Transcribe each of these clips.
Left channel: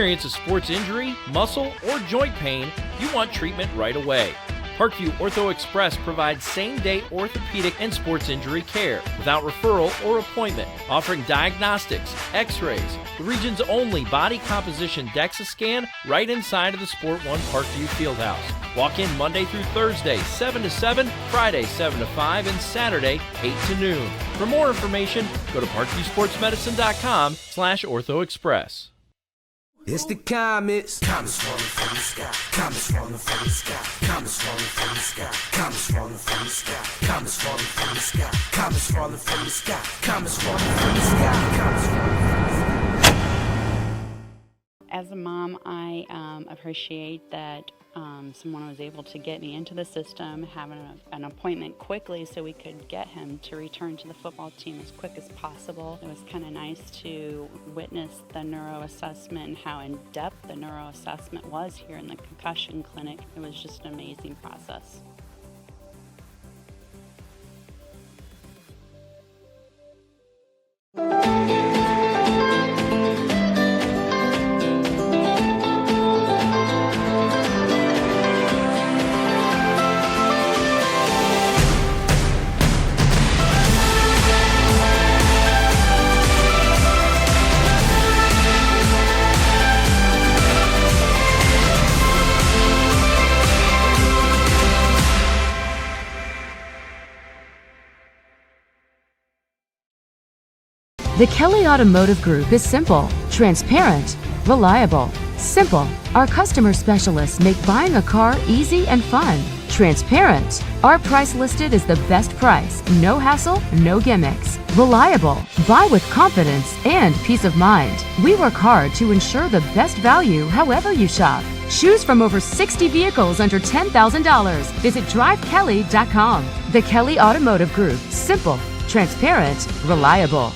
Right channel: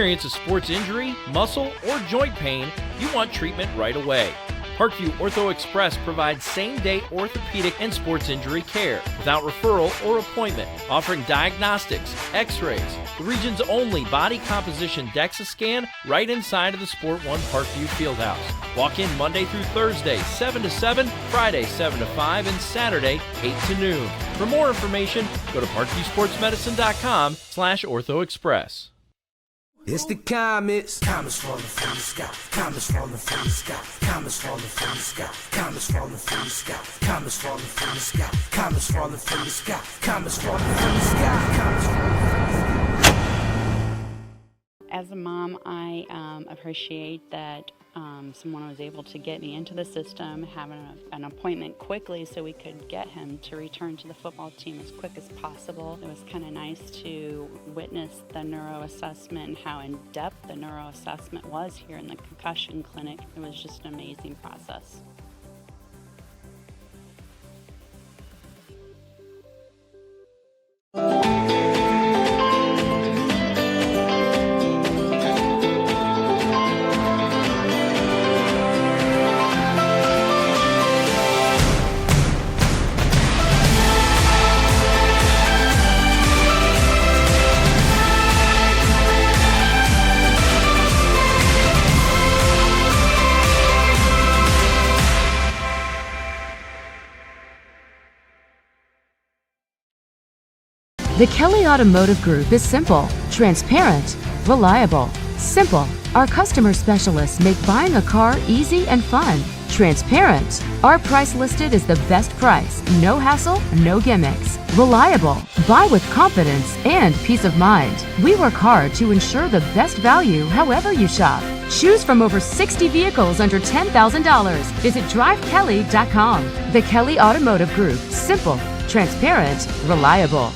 Experience a sports injury, muscle, or joint pain, you want treatment right away. Parkview Ortho Express provides same-day orthopedic and sports injury care without referral or appointment, offering diagnostics, x-rays, the region's only body composition DEXA scan right inside of the Sport One Parkview Fieldhouse. Walk in Monday through Thursday, 7 to 7, Friday, 7 to 5, and Saturday, 8 to noon. For more information, go to parkviewsportsmedicine.com/orthoexpress. It's the comets. Comets falling from the sky. Comets falling from the sky. Comets falling from the sky. Comets falling from the sky. Comets falling from the sky. Comets falling from the sky. Comets falling from the sky. Comets falling from the sky. As a mom, I appreciate that someone was able to get me into the system, having an appointment quickly so we could get him to return to the football team as quick as possible. It was kind of nice to witness the neuro assessment and how in-depth the neuro assessment was here in the concussion clinic. It was just an amazing process. The Kelly Automotive Group is simple, transparent, reliable. Simple. Our customer specialists make buying a car easy and fun. Transparent. Our price listed is the best price. No hassle, no gimmicks. Reliable. Buy with confidence and peace of mind. We work hard to ensure the best value however you shop. Choose from over 60 vehicles under $10,000. Visit drivekelly.com. The Kelly Automotive Group. Simple, transparent, reliable.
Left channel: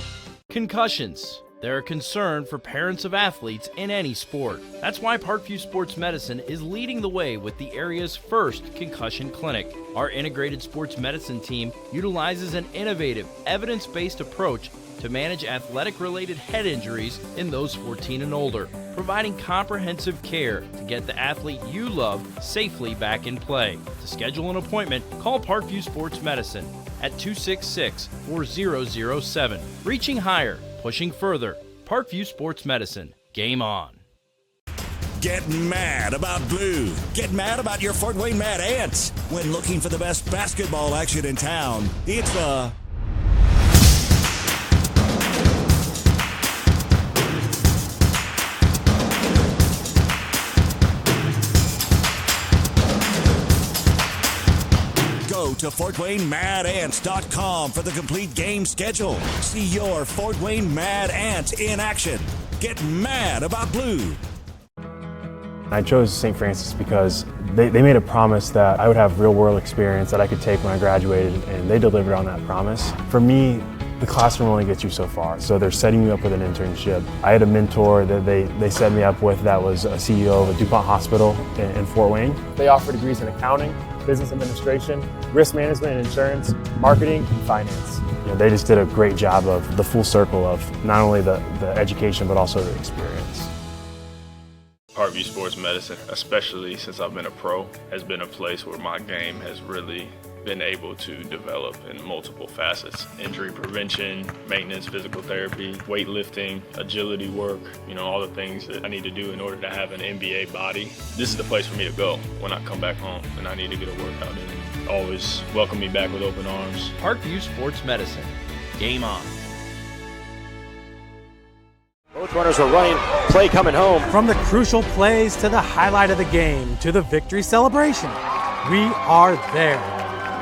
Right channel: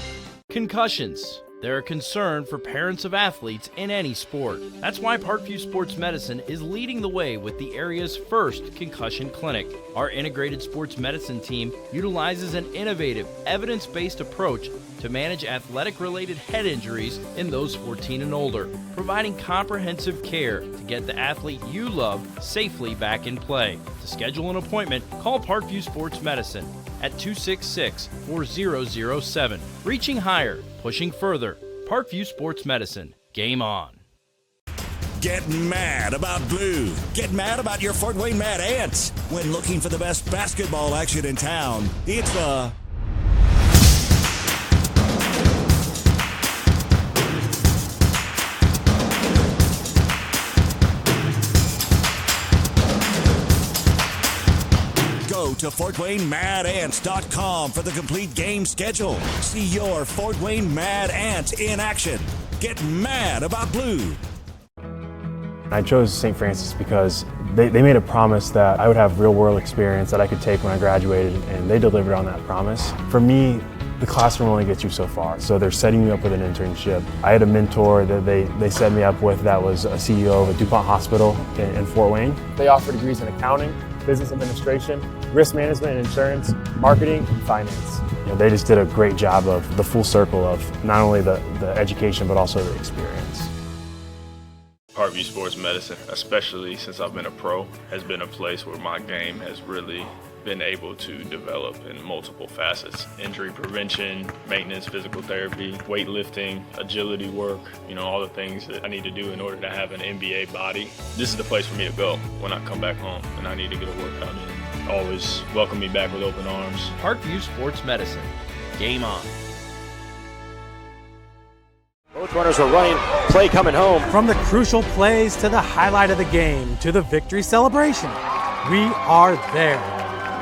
Concussions. They're a concern for parents of athletes in any sport. That's why Parkview Sports Medicine is leading the way with the area's first concussion clinic. Our integrated sports medicine team utilizes an innovative, evidence-based approach to manage athletic-related head injuries in those 14 and older, providing comprehensive care to get the athlete you love safely back in play. To schedule an appointment, call Parkview Sports Medicine at 266-4007. Reaching higher, pushing further. Parkview Sports Medicine. Game on. Get mad about blue. Get mad about your Fort Wayne Mad Ants. When looking for the best basketball action in town, it's Go to FortWayneMadAnts.com for the complete game schedule. See your Fort Wayne Mad Ants in action. Get mad about blue. I chose St. Francis because they made a promise that I would have real-world experience that I could take when I graduated, and they delivered on that promise. For me, the classroom only gets you so far, so they're setting you up with an internship. I had a mentor that they set me up with that was a CEO of a DuPont hospital in Fort Wayne. They offer degrees in accounting, business administration, risk management and insurance, marketing, and finance. You know, they just did a great job of the full circle of not only the education but also the experience. Parkview Sports Medicine, especially since I've been a pro, has been a place where my game has really been able to develop in multiple facets. Injury prevention, maintenance, physical therapy, weightlifting, agility work, all the things that I need to do in order to have an NBA body. This is the place for me to go when I come back home and I need to get a workout in. Always welcome me back with open arms. Parkview Sports Medicine. Game on. Both runners are running, play coming home. From the crucial plays to the highlight of the game to the victory celebration, we are there.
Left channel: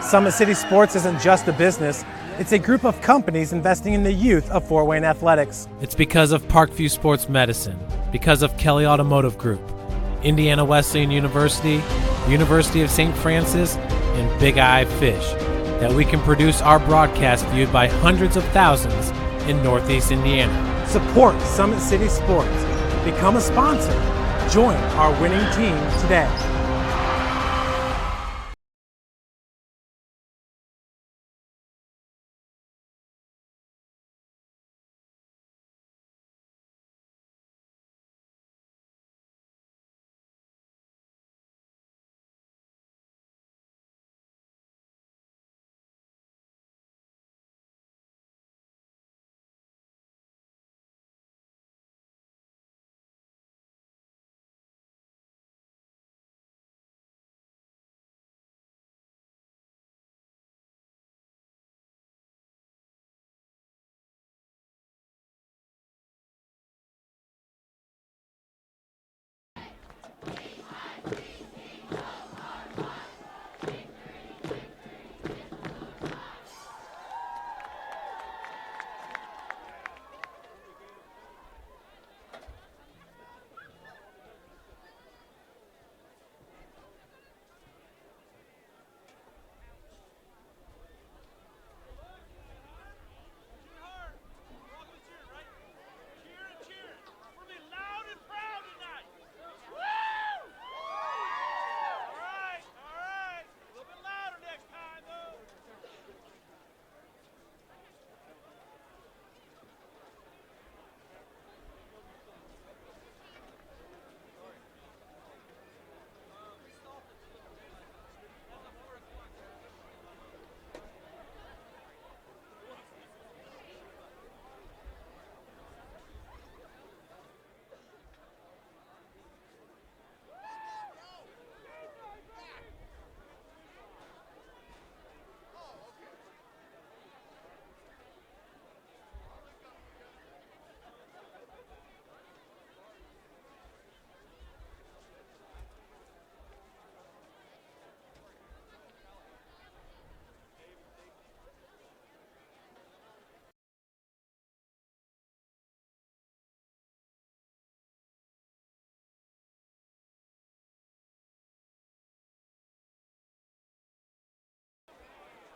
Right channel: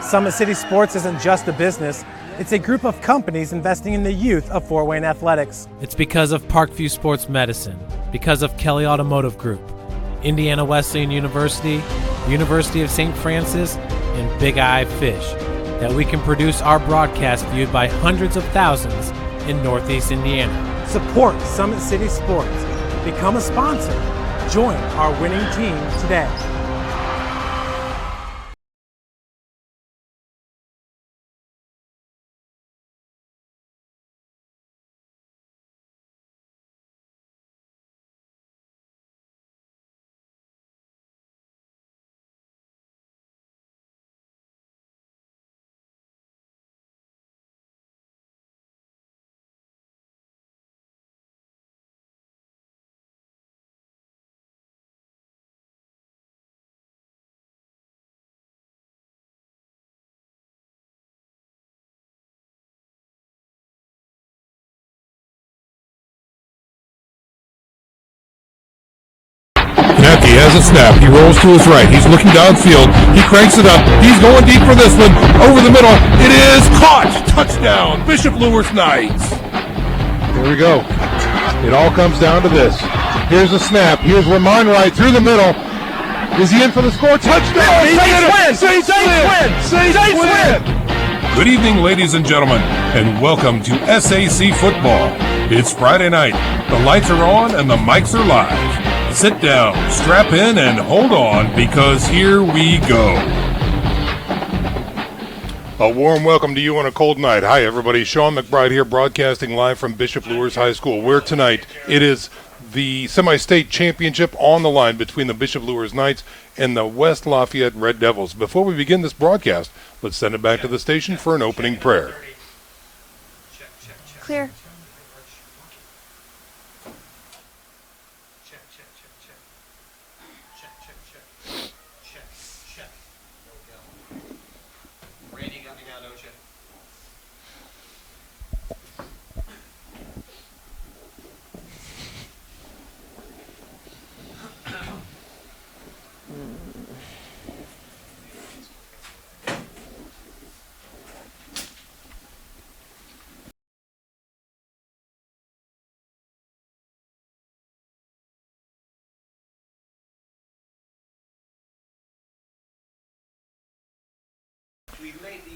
Summit City Sports isn't just a business, it's a group of companies investing in the youth of Fort Wayne athletics. It's because of Parkview Sports Medicine, because of Kelly Automotive Group, Indiana Wesleyan University, University of St. Francis, and Big Eye Fish, that we can produce our broadcast viewed by hundreds of thousands in Northeast Indiana. Support Summit City Sports. Become a sponsor. Join our winning team today. Mackey has a snap. He rolls to his right. He's looking downfield. He cranks it up. He's going deep for this one. Over the middle. It is caught. Touchdown. Bishop Luers Knights. Here we go. It all comes down to this. Here's the snap. Here's Ramon right through the middle. Is he in for the score? Touchdown! Saints win! Good evening, ladies and gentlemen, and welcome to SAC Football. It's Friday night. The lights are on and the mics are live. Sit down, strap in, and hold on, because here we go. A warm welcome to you on a cold night. Hi, everybody. Sean McBride here, broadcasting live from Bishop Luers High School, where tonight it is the semi-state championship on the line between the Bishop Luers Knights and the West Lafayette Red Devils. Before we begin this broadcast, let's send it back to the station for an opening prayer. Clear.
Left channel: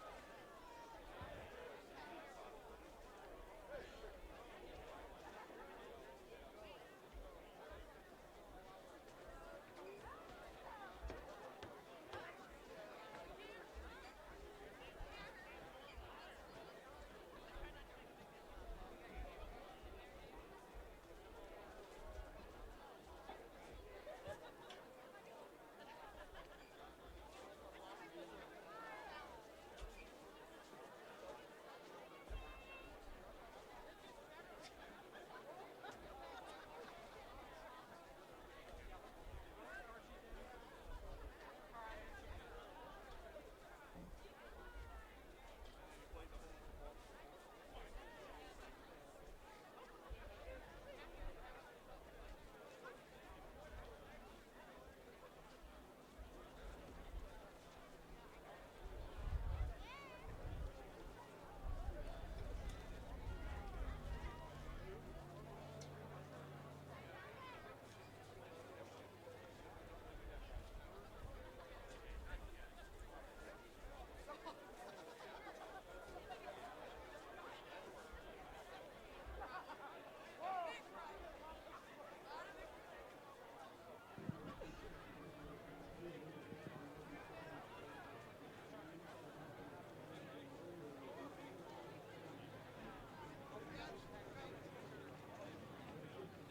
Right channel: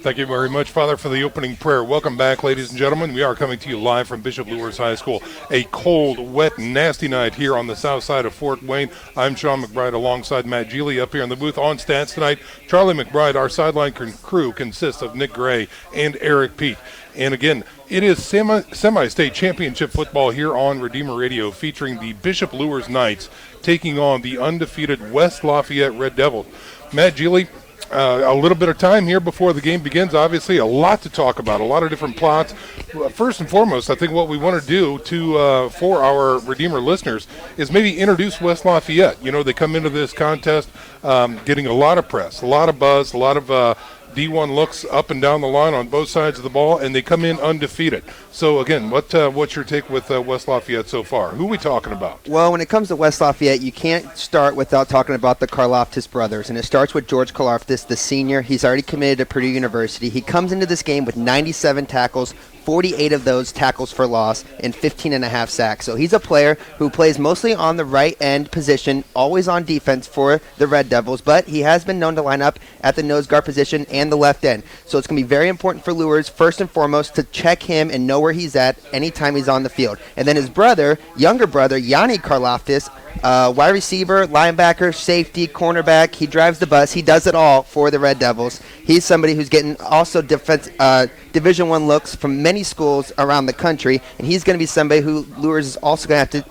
Thank you very much, Father, for the opening prayer. Welcome back, ladies and gentlemen. We are coming to you live from Bishop Luers High School. A cold, wet, nasty night here on the south side of Fort Wayne. I'm Sean McBride alongside Matt Geely up here in the booth. On stats tonight, Charlie McBride. Our sideline crew consists of Nick Gray and Eric Pete. And again, it is semi-state championship football here on Redeemer Radio, featuring the Bishop Luers Knights taking on the undefeated West Lafayette Red Devils. Matt Geely, a little bit of time here before the game begins. Obviously, a lot to talk about, a lot of different plots. First and foremost, I think what we want to do for our Redeemer listeners is maybe introduce West Lafayette. You know, they come into this contest getting a lot of press, a lot of buzz, a lot of D1 looks up and down the line on both sides of the ball, and they come in undefeated. So, again, what's your take with West Lafayette so far? Who are we talking about? Well, when it comes to West Lafayette, you can't start without talking about the Karloftis brothers, and it starts with George Karloftis, the senior. He's already committed to Purdue University. He comes into this game with 97 tackles, 48 of those tackles for loss, and 15.5 sacks. So he's a player who plays mostly on the right end position, always on defense for the Red Devils, but he has been known to line up at the nose guard position and the left end. So it's going to be very important for Luers, first and foremost, to check him and know where he's at anytime he's on the field. And then his brother, younger brother, Yanni Karloftis, wide receiver, linebacker, safety, cornerback. He drives the bus. He does it all for the Red Devils. He's somebody who's getting also Division I looks from many schools around the country, and he's going to be somebody who Luers is also going to have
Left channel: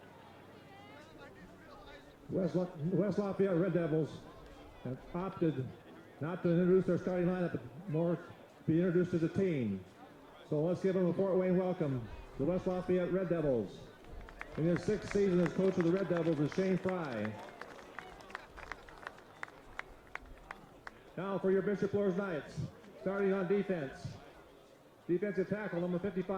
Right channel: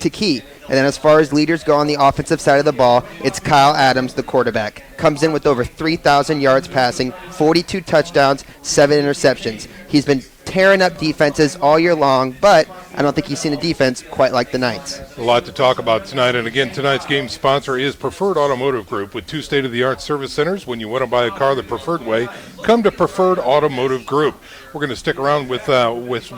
to key. And then as far as leaders go on the offensive side of the ball, it's Kyle Adams, the quarterback. Comes in with over 3,000 yards passing, 42 touchdowns, 7 interceptions. He's been tearing up defenses all year long, but I don't think he's seen a defense quite like the Knights. A lot to talk about tonight, and again, tonight's game sponsor is Preferred Automotive Group, with 2 state-of-the-art service centers. When you want to buy a car the preferred way, come to Preferred Automotive Group. We're going to stick around with West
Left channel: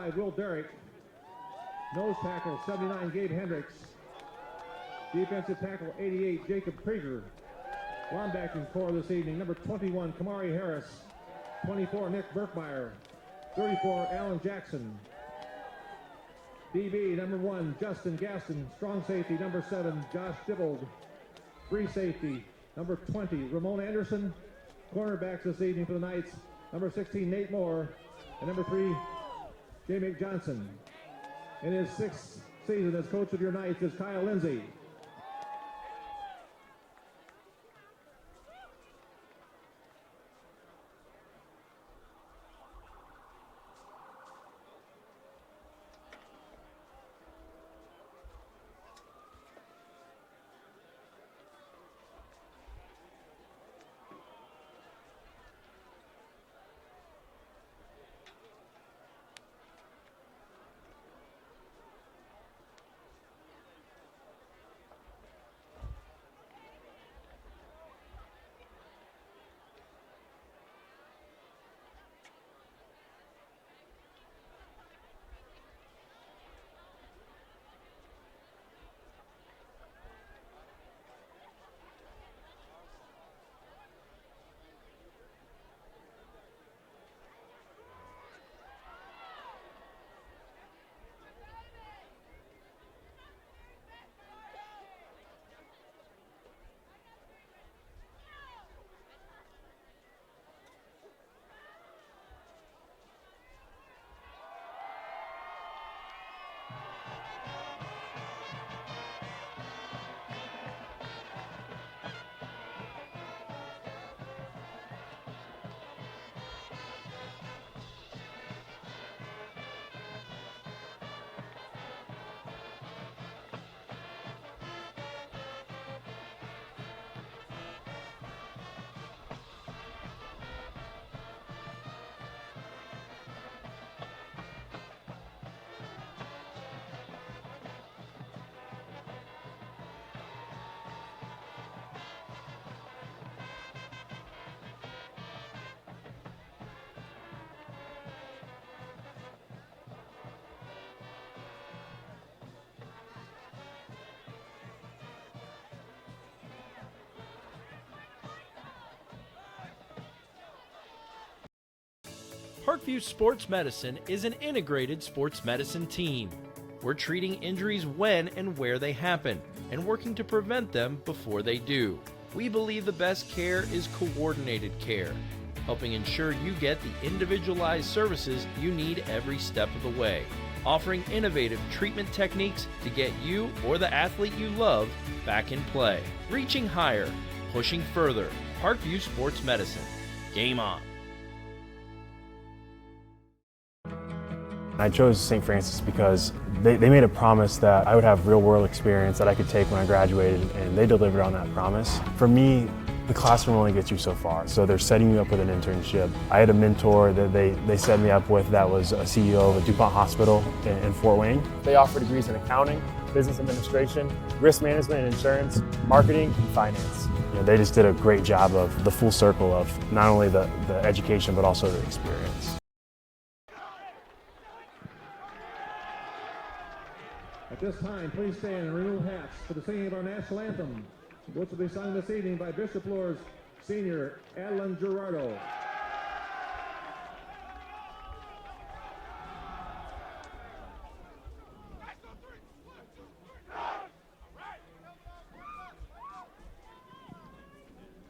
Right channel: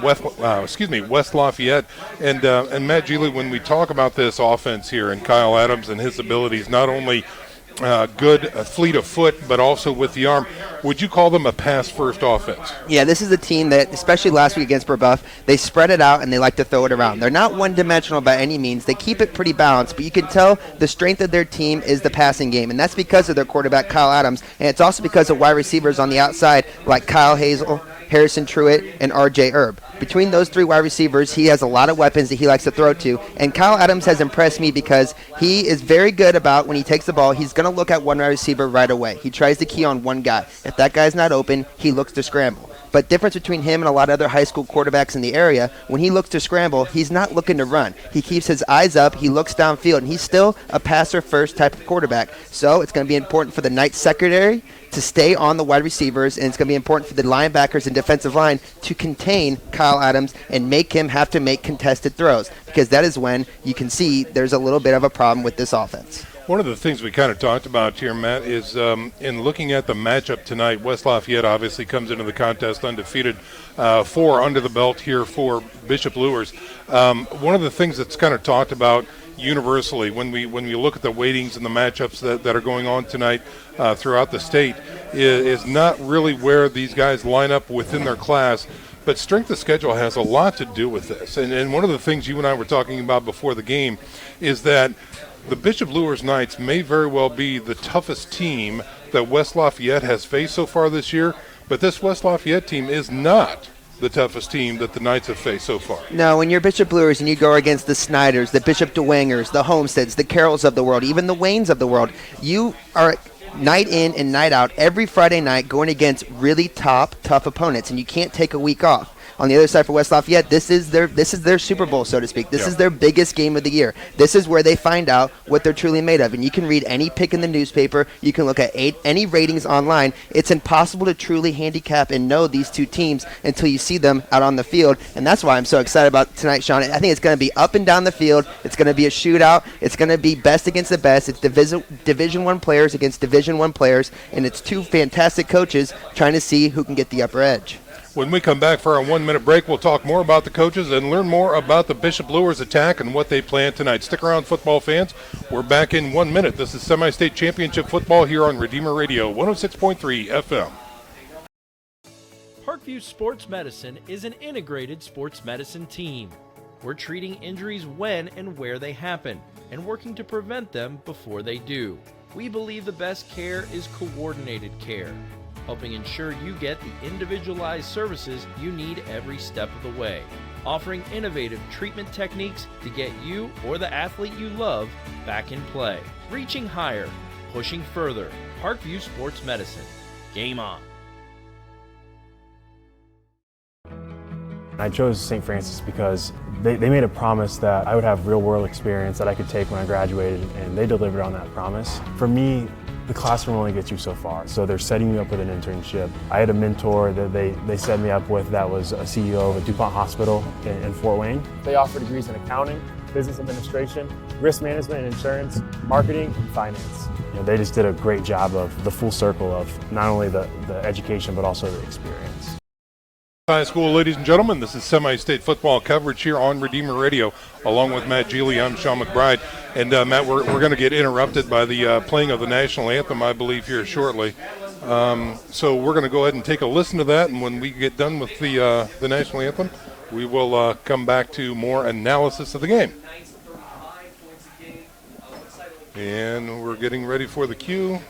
Lafayette, and Matt Geely, when we talk about this offense here and Kyle Adams and his abilities, not only good fleet of foot, but also with the arm. Would you call them a pass-first offense? Yeah, this is a team that, especially last week against Brebeuf, they spread it out and they like to throw it around. They're not one-dimensional by any means. They keep it pretty balanced, but you can tell the strength of their team is the passing game, and that's because of their quarterback, Kyle Adams, and it's also because of wide receivers on the outside like Kyle Hazel, Harrison Truitt, and R.J. Erb. Between those 3 wide receivers, he has a lot of weapons that he likes to throw to, and Kyle Adams has impressed me because he is very good about when he takes the ball, he's going to look at one wide receiver right away. He tries to key on one guy. If that guy's not open, he looks to scramble. But difference between him and a lot of other high school quarterbacks in the area, when he looks to scramble, he's not looking to run. He keeps his eyes up, he looks downfield, and he's still a passer-first type of quarterback. So it's going to be important for the Knights secondary to stay on the wide receivers, and it's going to be important for the linebackers and defensive line to contain Kyle Adams and make him have to make contested throws, because that is when you can see there's a little bit of a problem with this offense. One of the things we kind of talked about here, Matt, is in looking at the matchup tonight, West Lafayette obviously comes into the contest undefeated, 4 under the belt here for Bishop Luers. One of the things that's kind of talked about universally when we look at the weightings and the matchups that are going on tonight throughout the state is not really where these guys line up within their class. But strength of schedule has a lot to do with this. And one of the things you and I were talking about before the game is that the Bishop Luers Knights may very well be the toughest team that West Lafayette has faced so far this year, but this West Lafayette team is not the toughest team that the Knights have faced so far. No, when you're Bishop Luers and you go against the Snyders, the Bishop DeWangers, the Homesteads, the Carrolls of the world, even the Waynes of the world, you are night in and night out every Friday night going against really tough opponents, and you can't take a week off. On the other side for West Lafayette, this is their Super Bowl, so to speak. This is their biggest game of the year. This is where they find out what they're truly made of. And you can read any pick in the newspaper. You can look at any ratings online. It's impossible to truly handicap and know these two teams until you see them out on the field. And that's why I'm so excited about tonight, Sean. I think it's going to be up and down the field. It's going to be a shootout. It's going to be best against the best. It's Division I players against Division I players. And it's two fantastic coaches trying to see who can get the upper edge. When we come back for our 1-minute break, we'll talk more about the coaches and learn more about the Bishop Luers attack and what they plan tonight. Stick around, football fans. We're back in 1 minute. This is Semi-State Championship Football here on Redeemer Radio, 106.3 FM. Parkview Sports Medicine is an integrated sports medicine team. We're treating injuries when and where they happen and working to prevent them before they do. We believe the best care is coordinated care, helping ensure you get the individualized services you need every step of the way, offering innovative treatment techniques to get you or the athlete you love back in play. Reaching higher, pushing further. Parkview Sports Medicine. Game on. I chose St. Francis because they made a promise that I would have real-world experience that I could take when I graduated, and they delivered on that promise. For me, the classroom only gets you so far, so they're setting you up with an internship. I had a mentor that they set me up with that was a CEO of a DuPont hospital in Fort Wayne. They offer degrees in accounting, business administration, risk management and insurance, marketing, and finance. They just did a great job of the full circle of not only the education but also the experience. High school, ladies and gentlemen, this is semi-state football coverage here on Redeemer Radio. Along with Matt Geely, I'm Sean McBride. And Matt, we're going to get interrupted by the playing of the national anthem, I believe, here shortly. So we're going to go ahead and take a listen to that. And when we get done with the national anthem, we will come back to more analysis of the game. And we're getting ready for the cue.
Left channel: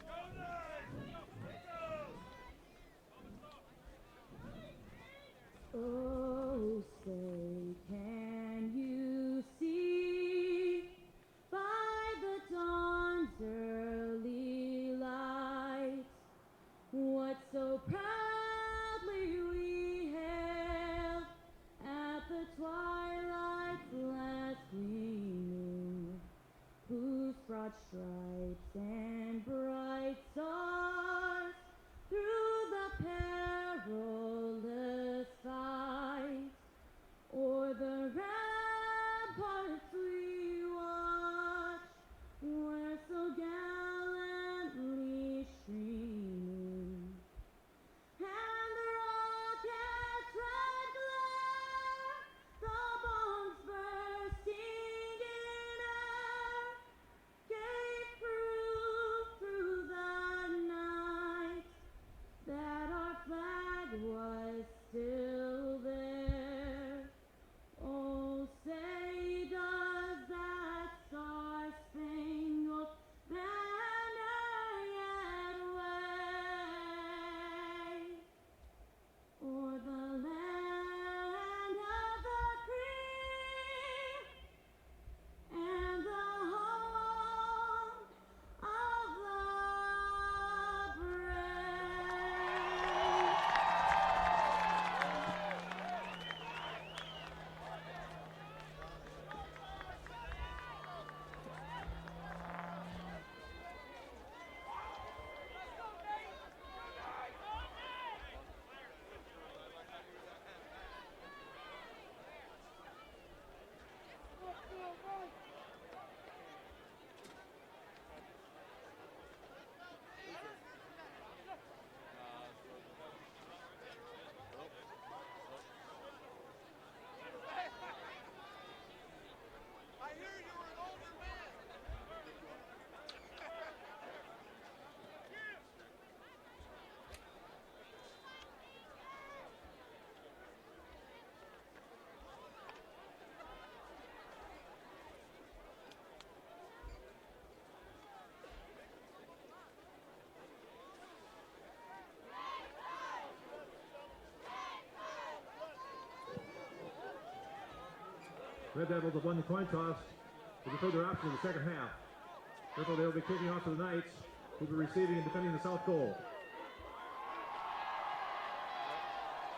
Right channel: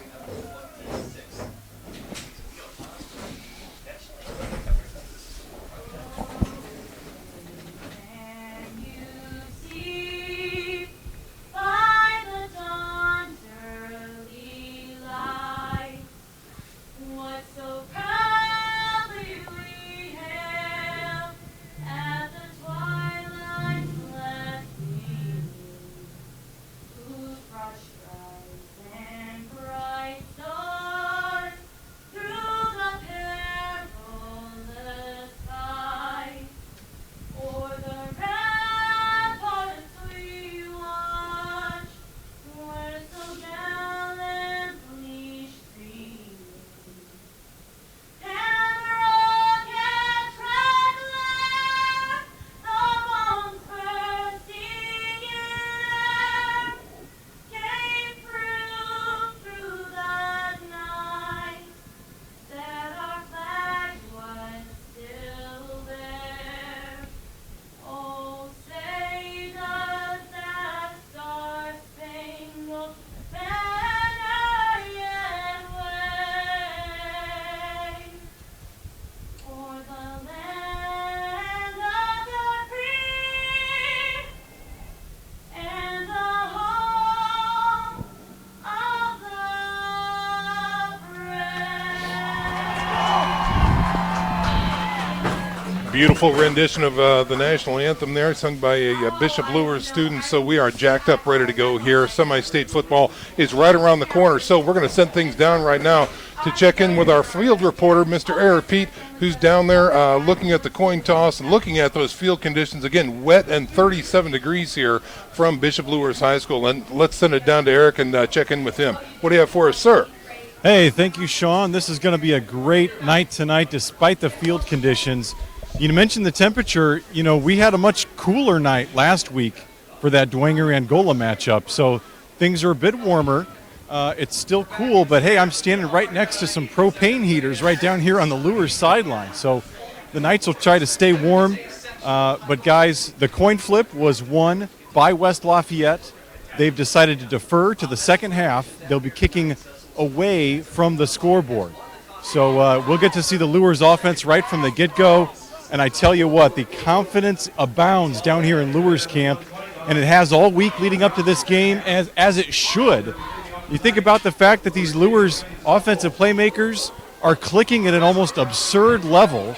Beautiful rendition of the national anthem there, sung by a Bishop Luers student. So we are jacked up, ready to go here. Semi-state football is right around the corner. So we're going to send things down right now to check in with our field reporter, Mr. Eric Pete, who's down there looking at the coin toss and looking at those field conditions. Again, wet and 37 degrees here from Bishop Luers High School. And let's send it down to Eric and check in with him. What do you have for us, sir? Hey, thank you, Sean. This is going to be a great night tonight despite the field conditions. You mentioned the temperature. We had a much cooler night last week for that Dwenger-Angola matchup. So things are a bit warmer. It's still cool, but hey, I'm standing right next to some propane heaters right down here on the Luers sideline. So the Knights will try to stay warm. But guys, the coin flip was won by West Lafayette. They've decided to defer to the second half. They'll be kicking away from the scoreboard. So we'll get to see the Luers offense right from the get-go. And I tell you what, the confidence abounds down here in Luers camp, and it has all week leading up to this game, as it should. You think about the fact that these Luers offensive playmakers are clicking at an almost absurd level.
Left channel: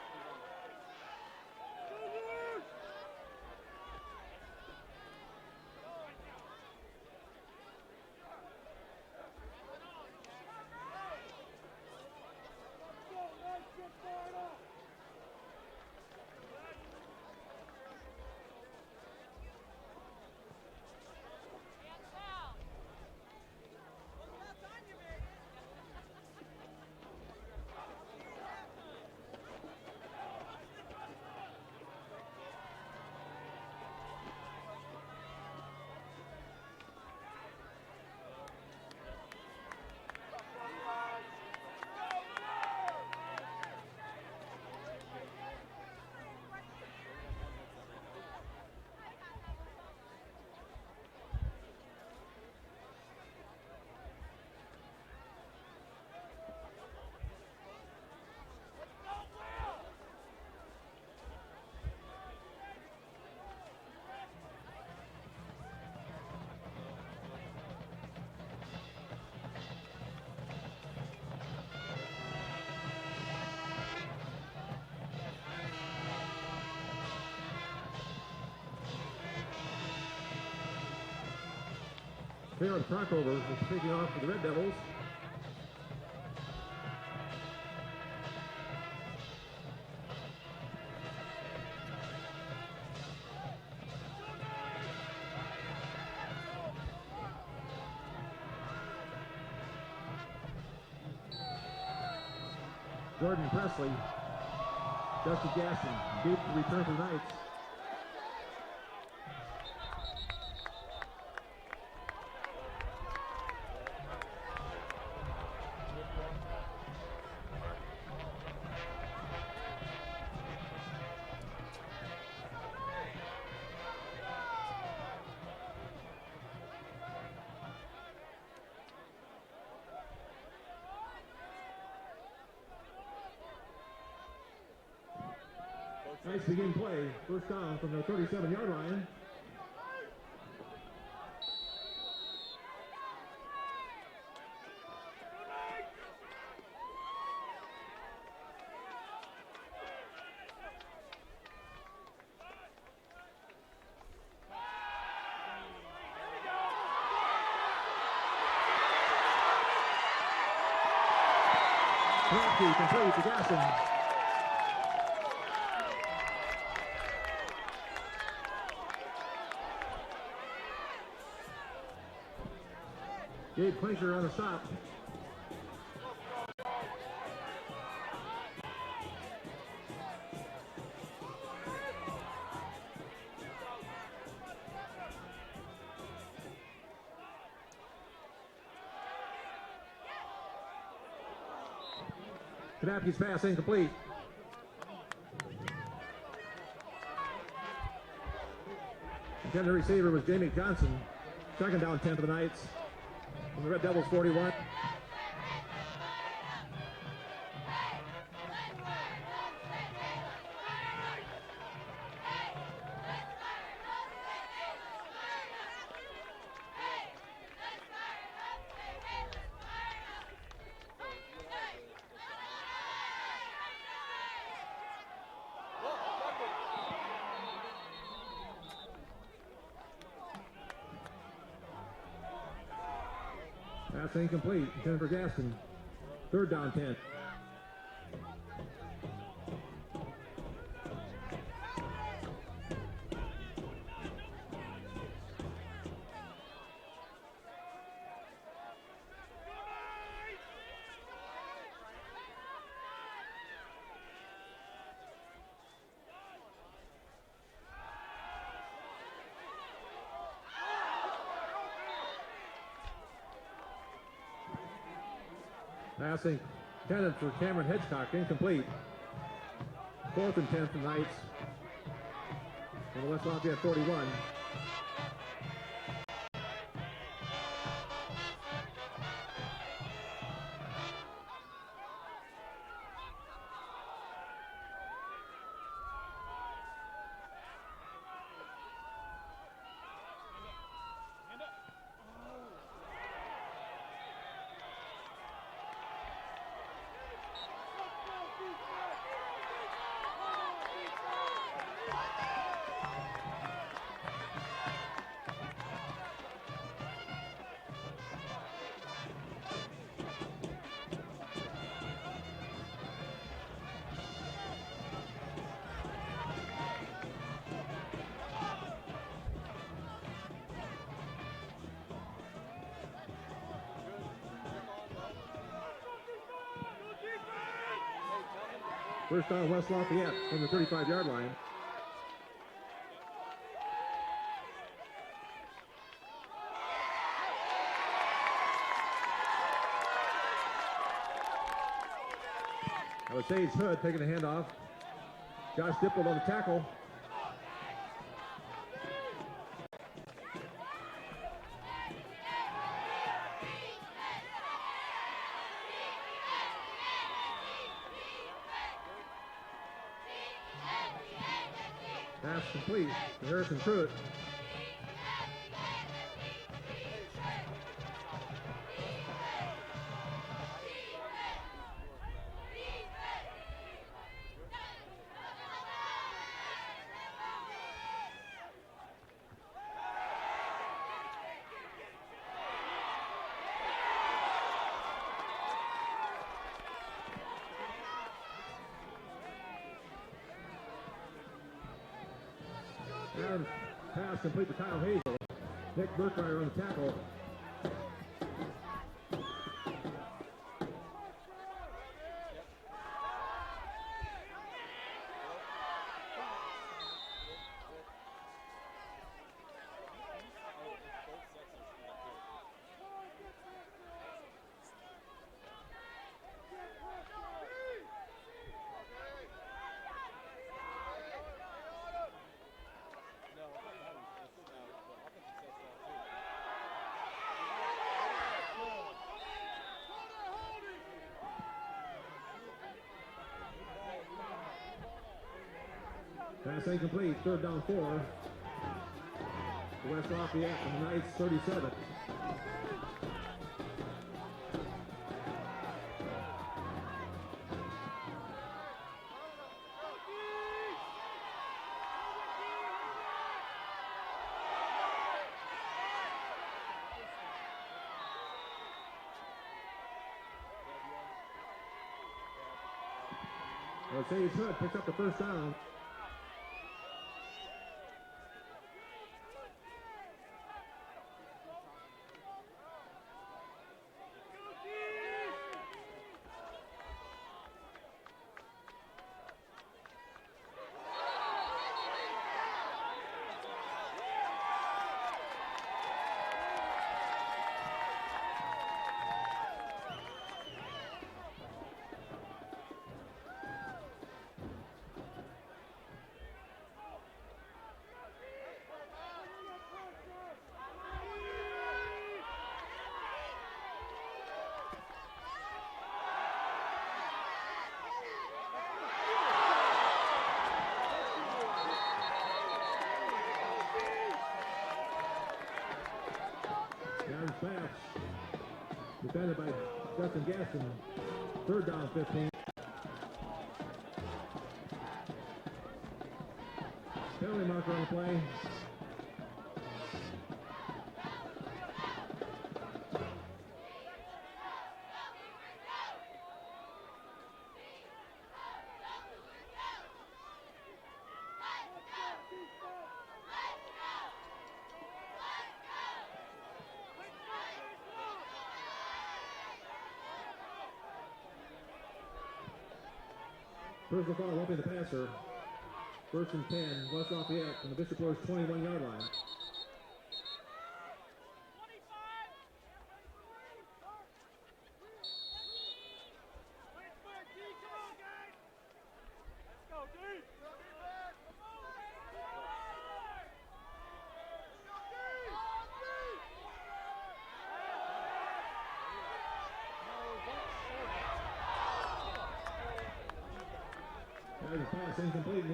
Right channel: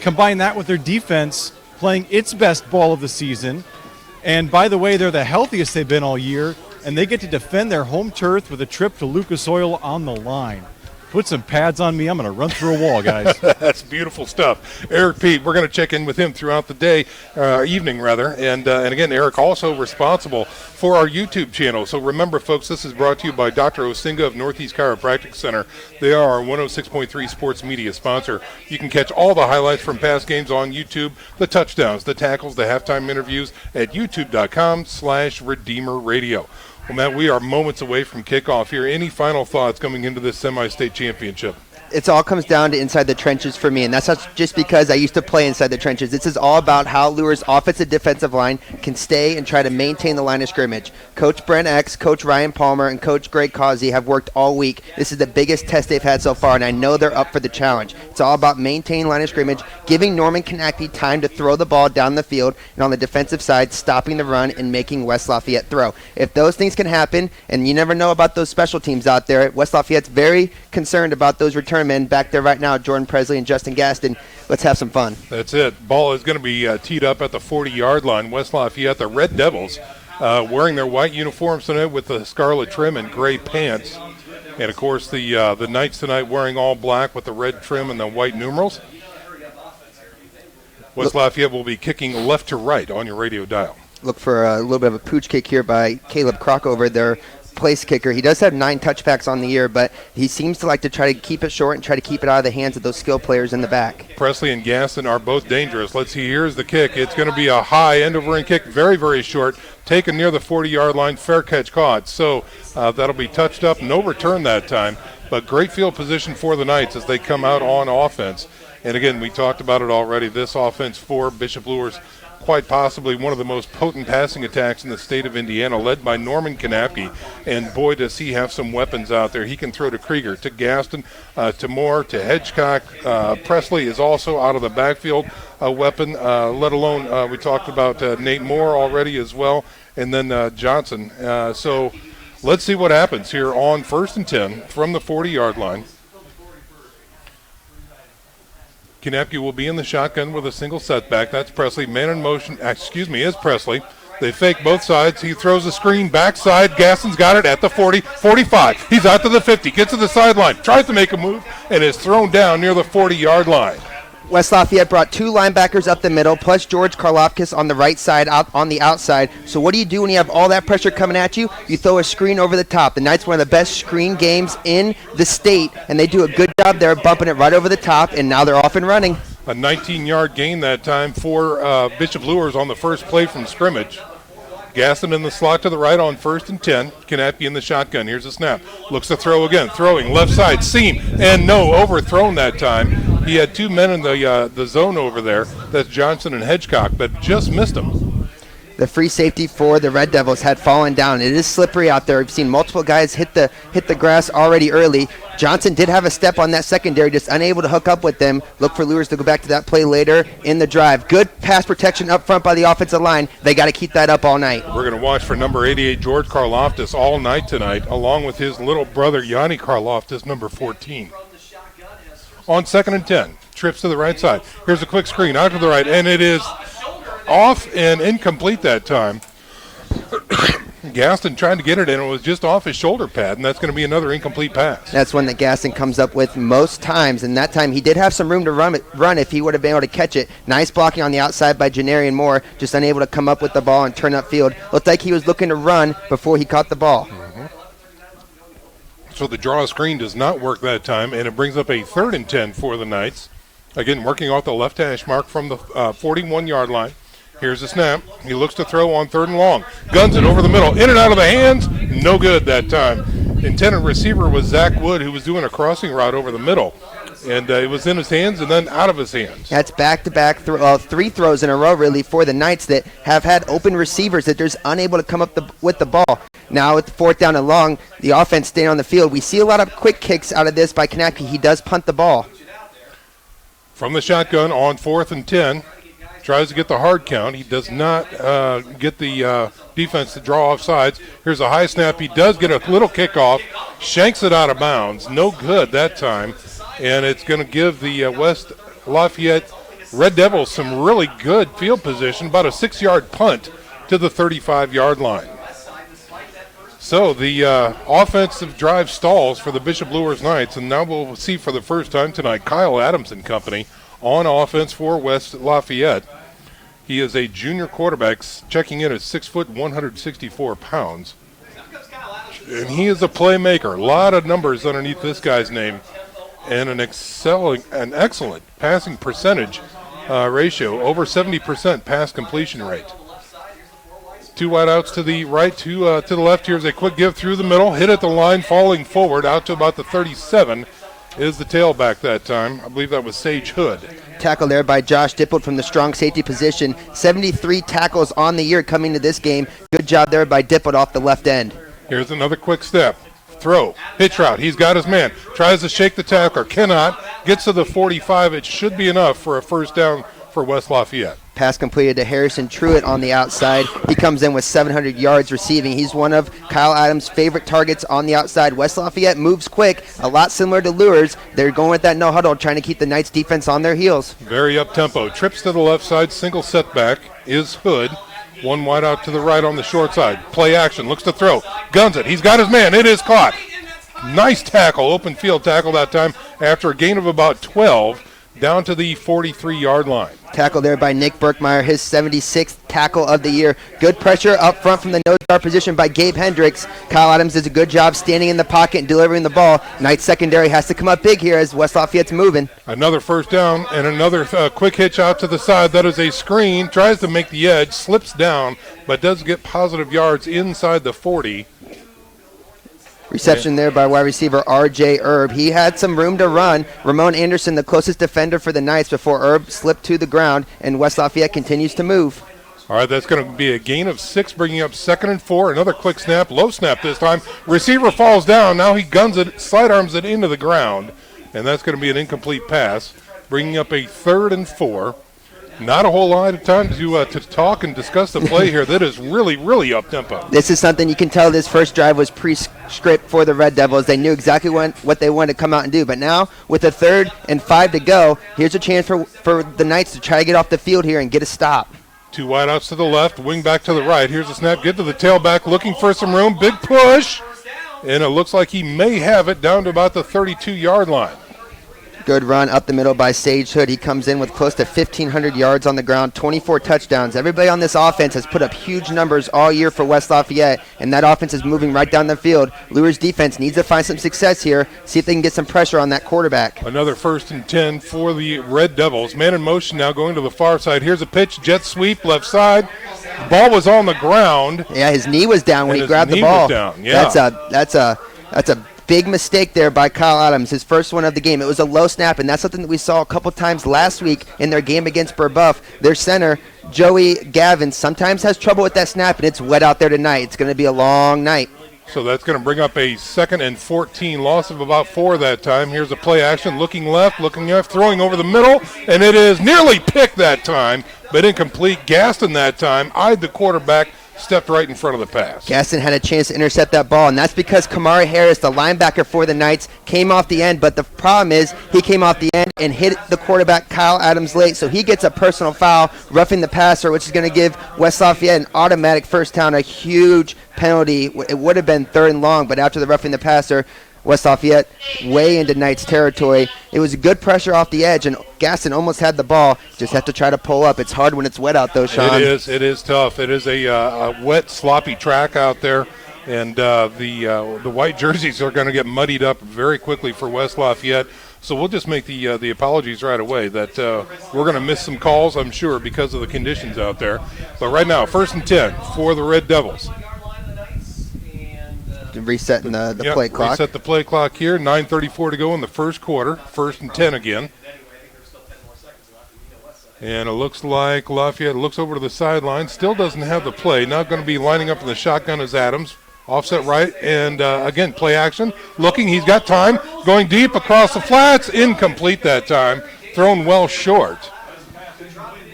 Combine that with their defense playing its best ball of the season. And by the way, they're the healthiest they've been all year, and they get to defend their home turf with a trip to Lucas Oil on the line. Put some pads on me. I'm going to run through a wall, guys. That's beautiful stuff. Eric Pete, we're going to check in with him throughout the day, evening rather. And again, Eric also responsible for our YouTube channel. So remember, folks, this is brought to you by Dr. Osinga of Northeast Chiropractic Center. They are our 106.3 sports media sponsor. You can catch all the highlights from past games on YouTube, the touchdowns, the tackles, the halftime interviews at youtube.com/Redeemer Radio. Well, Matt, we are moments away from kickoff here. Any final thoughts coming into this semi-state championship? It all comes down to inside the trenches for me, and that's not just because I used to play inside the trenches. This is all about how Luers' offensive defensive line can stay and try to maintain the line of scrimmage. Coach Brent X, Coach Ryan Palmer, and Coach Greg Causey have worked all week. This is the biggest test they've had so far, and I know they're up for the challenge. It's all about maintaining line of scrimmage, giving Norman Konecny time to throw the ball down the field, and on the defensive side, stopping the run and making West Lafayette throw. If those things can happen, and you never know about those special teams out there, West Lafayette's very concerned about those return men back there right now, Jordan Presley and Justin Gaston. Let's have some fun. That's it. Ball is going to be teed up at the 40-yard line. West Lafayette, the Red Devils, wearing their white uniforms tonight with the scarlet trim and gray pants. And, of course, the Knights tonight wearing all black with the red trim and the white numerals. West Lafayette will be kicking left to right on your radio dial. Look for a little bit of a pooch kick here by Caleb Crockover, their place kicker. He does have 9 touchbacks on the year, but he seems to like to try to keep it short and try to keep it out of the hands of those skill players in the back. Presley and Gaston are both dangerous. Let's see, here's the kick. It's going to be a high end-over-end kick, very, very short, taken near the 40-yard line, fair catch caught. So that'll be touched up, no return that time, but great field position for the Knights as they come out on offense. And again, we talked about it already, this offense for Bishop Luers, quite possibly one of the most potent passing attacks in the state of Indiana, led by Norman Konecny. And boy, does he have some weapons out there. He can throw to Krieger, to Gaston, to Moore, to Hedgecock. Presley is also out of the backfield a weapon, let alone we talked about Nate Moore already as well, and then Johnson. So let's see what happens here on 1st and 10 from the 40-yard line. Konecny will be in the shotgun with a single setback. That's Presley. Man in motion, is Presley. They fake both sides. He throws a screen backside. Gaston's got it at the 40, 45. He's out to the 50, gets to the sideline, tries to make a move, and is thrown down near the 40-yard line. West Lafayette brought 2 linebackers up the middle, plus George Karlofkis on the right side, out on the outside. So what do you do when you have all that pressure coming at you? You throw a screen over the top. The Knights, one of the best screen games in the state, and they do a good job there, bumping it right over the top, and now they're off and running. A 19-yard gain that time for Bishop Luers on the first play from scrimmage. Gaston in the slot to the right on 1st and 10. Konecny in the shotgun. Here's a snap. Looks to throw again. Throwing left side seam, and no, overthrown that time. He had 2 men in the zone over there. That's Johnson and Hedgecock, but just missed him. The free safety for the Red Devils had fallen down. It is slippery out there. We've seen multiple guys hit the grass already early. Johnson did have a step on that secondary, just unable to hook up with them. Look for Luers to go back to that play later in the drive. Good pass protection up front by the offensive line. They got to keep that up all night. We're going to watch for number 88, George Karloftis, all night tonight, along with his little brother, Yanni Karloftis, number 14. On 2nd and 10, trips to the right side. Here's a quick screen out to the right, and it is off and incomplete that time. Gaston trying to get it in. It was just off his shoulder pad, and that's going to be another incomplete pass. That's one that Gaston comes up with most times, and that time he did have some room to run if he would have been able to catch it. Nice blocking on the outside by Janarian Moore, just unable to come up with the ball and turn upfield. Looked like he was looking to run before he caught the ball. Mm-hmm. So the draw screen does not work that time, and it brings up a 3rd and 10 for the Knights. Again, working off the left hash mark from the 41-yard line. Here's the snap. He looks to throw on 3rd and long. Guns it over the middle. In and out of the hands. No good that time. Intended receiver was Zach Wood, who was doing a crossing route over the middle. And it was in his hands and then out of his hands. That's back-to-back 3 throws in a row, really, for the Knights that have had open receivers that they're just unable to come up with the ball. Now with the 4th down and long, the offense staying on the field. We see a lot of quick kicks out of this by Kanapke. He does punt the ball. From the shotgun on 4th and 10. Tries to get the hard count. He does not get the defense to draw off sides. Here's a high snap. He does get a little kickoff. Shanks it out of bounds. No good that time. And it's going to give the West Lafayette Red Devils some really good field position. About a 6-yard punt to the 35-yard line. So the offensive drive stalls for the Bishop Luers Knights. And now we'll see for the first time tonight Kyle Adams and company on offense for West Lafayette. He is a junior quarterback, checking in at 6 foot, 164 pounds. And he is a playmaker. A lot of numbers underneath this guy's name. And an excellent passing percentage ratio, over 70% pass completion rate. 2 wideouts to the right, 2 to the left. Here's a quick give through the middle. Hit at the line, falling forward out to about the 37. Is the tailback that time. I believe that was Sage Hood. Tackle there by Josh Dippold from the strong safety position. 73 tackles on the year coming to this game. Good job there by Dippold off the left end. Here's another quick step. Throw. Hitch route. He's got his man. Tries to shake the tackler. Cannot. Gets to the 45. It should be enough for a first down for West Lafayette. Pass completed to Harrison Truitt on the outside. He comes in with 700 yards receiving. He's one of Kyle Adams' favorite targets on the outside. West Lafayette moves quick, a lot similar to Luers. They're going with that no huddle, trying to keep the Knights defense on their heels. Very up-tempo. Trips to the left side, single setback is Hood. 1 wide out to the right on the short side. Play action, looks to throw. Guns it. He's got his man. It is caught. Nice tackle, open field tackle that time after a gain of about 12 down to the 43-yard line. Tackle there by Nick Berkmeyer, his 76th tackle of the year. Good pressure up front from the nose guard position by Gabe Hendricks. Kyle Adams does a good job standing in the pocket and delivering the ball. Knights secondary has to come up big here as West Lafayette's moving. Another first down and another quick hitch out to the side. That is a screen. Tries to make the edge, slips down, but does get positive yards inside the 40. Reception there by wide receiver R.J. Erb. He had some room to run. Ramon Anderson, the closest defender for the Knights, before Erb slipped to the ground, and West Lafayette continues to move. All right, that's going to be a gain of 6, bringing up 2nd and 4. Another quick snap, low snap this time. Receiver falls down. Now he guns it, sidearms it into the ground, and that's going to be an incomplete pass, bringing up a 3rd and 4. Not a whole lot of time to talk and discuss the play here. That is really, really up-tempo. This is something you can tell this first drive was pre-script for the Red Devils. They knew exactly what they wanted to come out and do. But now, with a 3rd and 5 to go, here's a chance for the Knights to try to get off the field here and get a stop. 2 wideouts to the left, wing back to the right. Here's a snap, get to the tailback, looking for some room. Big push, and it looks like he may have it down to about the 32-yard line. Good run up the middle by Sage Hood. He comes in with close to 1,500 yards on the ground, 24 touchdowns. Everybody on this offense has put up huge numbers all year for West Lafayette, and that offense is moving right down the field. Luers defense needs to find some success here, see if they can get some pressure on that quarterback. Another 1st and 10 for the Red Devils. Man in motion now going to the far side. Here's a pitch, jet sweep, left side. The ball was on the ground. Yeah, his knee was down when he grabbed the ball. Was down. Yeah. That's a big mistake there by Kyle Adams, his first one of the game. It was a low snap, and that's something that we saw a couple times last week in their game against Burbuff. Their center, Joey Gavin, sometimes has trouble with that snap, and it's wet out there tonight. It's going to be a long night. So that's going to bring up a 2nd and 14, loss of about 4 that time. Here's a play action, looking left, throwing over the middle, and it is nearly picked that time, but incomplete. Gaston that time eyed the quarterback, stepped right in front of the pass. Gaston had a chance to intercept that ball, and that's because Kamari Harris, the linebacker for the Knights, came off the end. But the problem is he came off the end and hit the quarterback, Kyle Adams, late. So he gets a personal foul, roughing the passer, which is going to give West Lafayette an automatic first down, a huge penalty. It would have been 3rd and long, but after the roughing the passer, West Lafayette way into Knights territory. It was good pressure off the edge, and Gaston almost had the ball. Just have to try to pull up. It's hard when it's wet out, though, Sean. It is tough. It is a wet, sloppy track out there. And the white jerseys are going to get muddied up very quickly for West Lafayette. So we'll just make the apologies right away that we're going to miss some calls, I'm sure, because of the conditions out there. But right now, 1st and 10 for the Red Devils. Resetting the play clock. Reset the play clock here. 9:34 to go in the first quarter. 1st and 10 again. And it looks like Lafayette looks over to the sideline. Still doesn't have the play. Now going to be lining up in the shotgun as Adams. Offset right, and again, play action. Looking, he's got time. Going deep across the flats. Incomplete that time. Thrown well short.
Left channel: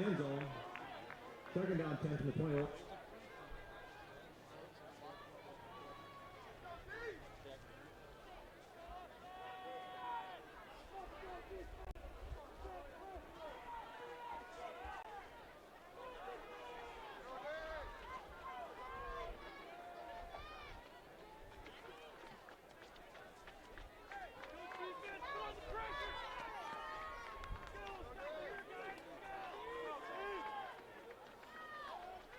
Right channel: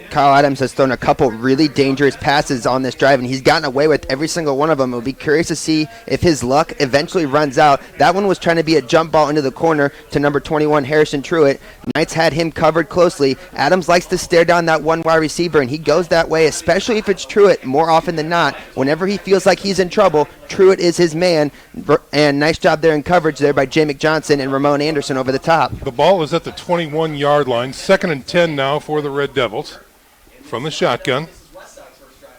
Kyle Adams has thrown a couple really dangerous passes on this drive, and he's gotten away with every single one of them. We'll be curious to see if his luck eventually runs out. That one was trying to be a jump ball into the corner to number 21, Harrison Truitt. Knights had him covered closely. Adams likes to stare down that one wide receiver, and he goes that way, especially if it's Truitt. More often than not, whenever he feels like he's in trouble, Truitt is his man. And nice job there in coverage there by Jay McJohnson and Ramon Anderson over the top. The ball is at the 21-yard line. 2nd and 10 now for the Red Devils. From the shotgun.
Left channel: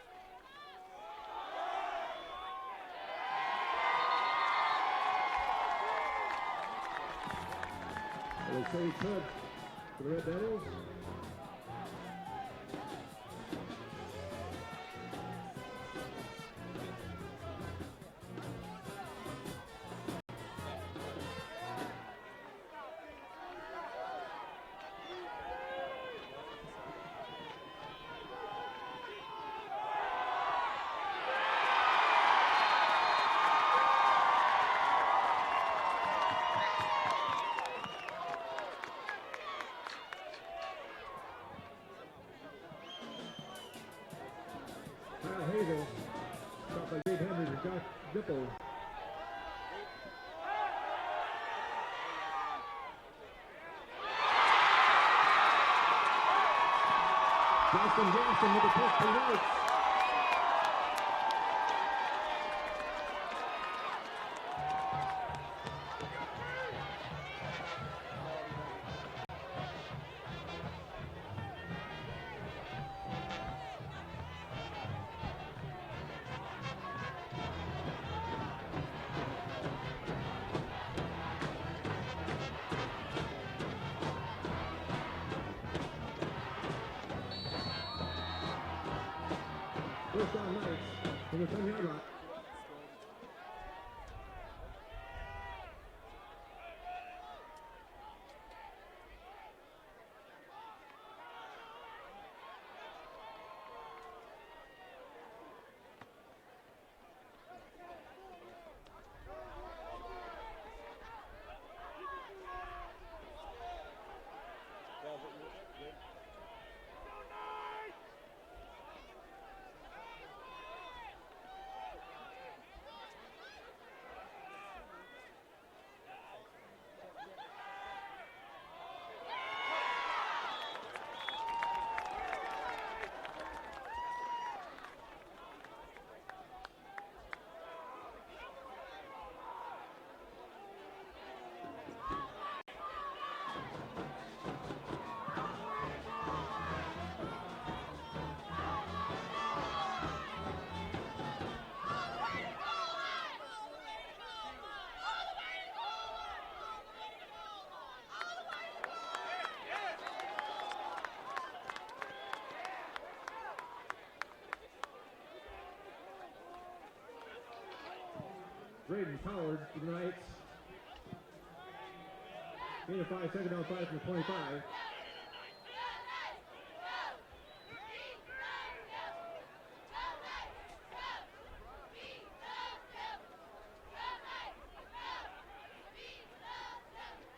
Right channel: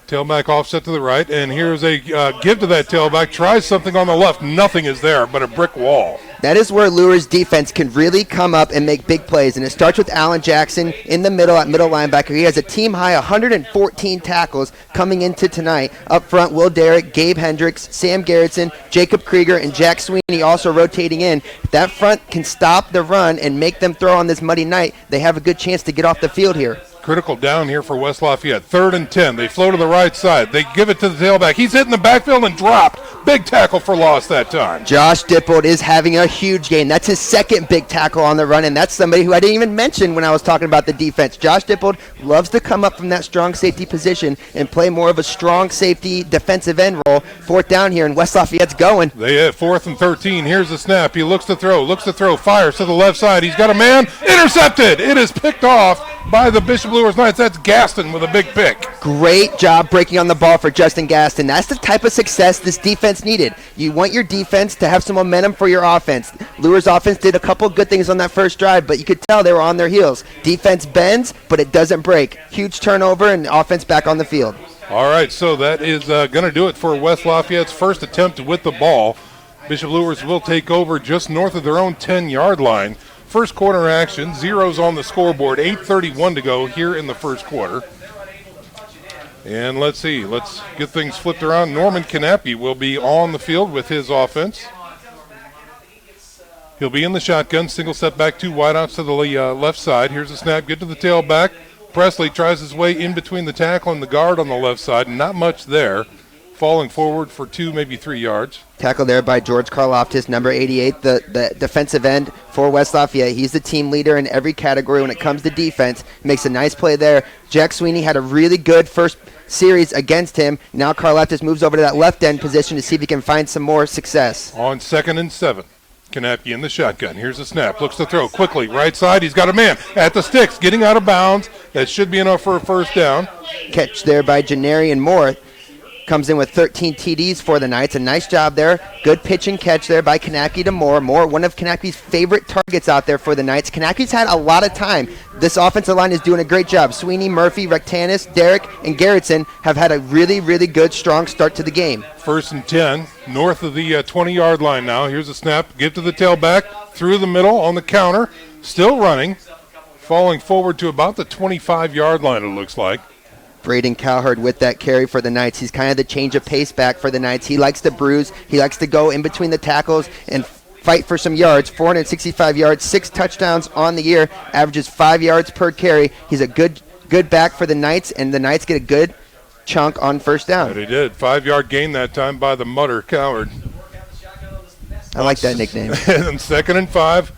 Tailback offset to the right, and here's a give to that tailback. Tries something on the left. Nothing is there but a brick wall. That is where Luers defense can really come up and make big plays, and it starts with Alan Jackson in the middle at middle linebacker. He has a team-high 114 tackles coming into tonight. Up front, Will Derrick, Gabe Hendricks, Sam Garrettson, Jacob Krieger, and Jack Sweeney also rotating in. If that front can stop the run and make them throw on this muddy night, they have a good chance to get off the field here. Critical down here for West Lafayette. 3rd and 10. They flow to the right side. They give it to the tailback. He's hitting the backfield and drop. Big tackle for loss that time. Josh Dippold is having a huge game. That's his second big tackle on the run, and that's somebody who I didn't even mention when I was talking about the defense. Josh Dippold loves to come up from that strong safety position and play more of a strong safety defensive end role. 4th down here, and West Lafayette's going. They hit 4th and 13. Here's the snap. He looks to throw, fires to the left side. He's got a man. Intercepted. It is picked off by the Bishop Luers Knights. That's Gaston with a big pick. Great job breaking on the ball for Justin Gaston. That's the type of success this defense needed. You want your defense to have some momentum for your offense. Luers offense did a couple good things on that first drive, but you could tell they were on their heels. Defense bends, but it doesn't break. Huge turnover and offense back on the field. All right, so that is going to do it for West Lafayette's first attempt with the ball. Bishop Luers will take over just north of their own 10-yard line. First quarter action, zeros on the scoreboard, 8:31 to go here in the first quarter. And let's see, let's get things flipped around. Norman Knappe will be on the field with his offense. He'll be in the shotgun, single set back, 2 wideouts to the left side. Here's a snap, get to the tailback. Presley tries his way in between the tackle and the guard on the left side, not much there. Falling forward for 2, maybe 3 yards. Tackle there by George Karloftis, number 88, the defensive end for West Lafayette. He's the team leader in every category when it comes to defense. Makes a nice play there. Jack Sweeney had a really good first series against him. Now Karloftis moves over to that left end position to see if he can find some more success. On 2nd and 7. Knappe in the shotgun. Here's a snap. Looks to throw quickly. Right side. He's got a man at the sticks. Getting out of bounds. That should be enough for a first down. Catch there by Janarian Moore. Comes in with 13 TDs for the Knights. A nice job there. Good pitch and catch there by Knappe to Moore. Moore, one of Knappe's favorite targets out there for the Knights. Knappe's had a lot of time. This offensive line is doing a great job. Sweeney, Murphy, Rectanis, Derrick, and Garrettson have had a really, really good, strong start to the game. 1st and 10, north of the 20-yard line now. Here's a snap. Give to the tailback. Through the middle on the counter. Still running. Falling forward to about the 25-yard line, it looks like. Braden Cowherd with that carry for the Knights. He's kind of the change of pace back for the Knights. He likes to bruise. He likes to go in between the tackles and fight for some yards. 465 yards, 6 touchdowns on the year, averages 5 yards per carry. He's a good back for the Knights, and the Knights get a good chunk on first down. They did. 5-yard gain that time by the mutter Cowherd. I like that nickname. And 2nd and 5.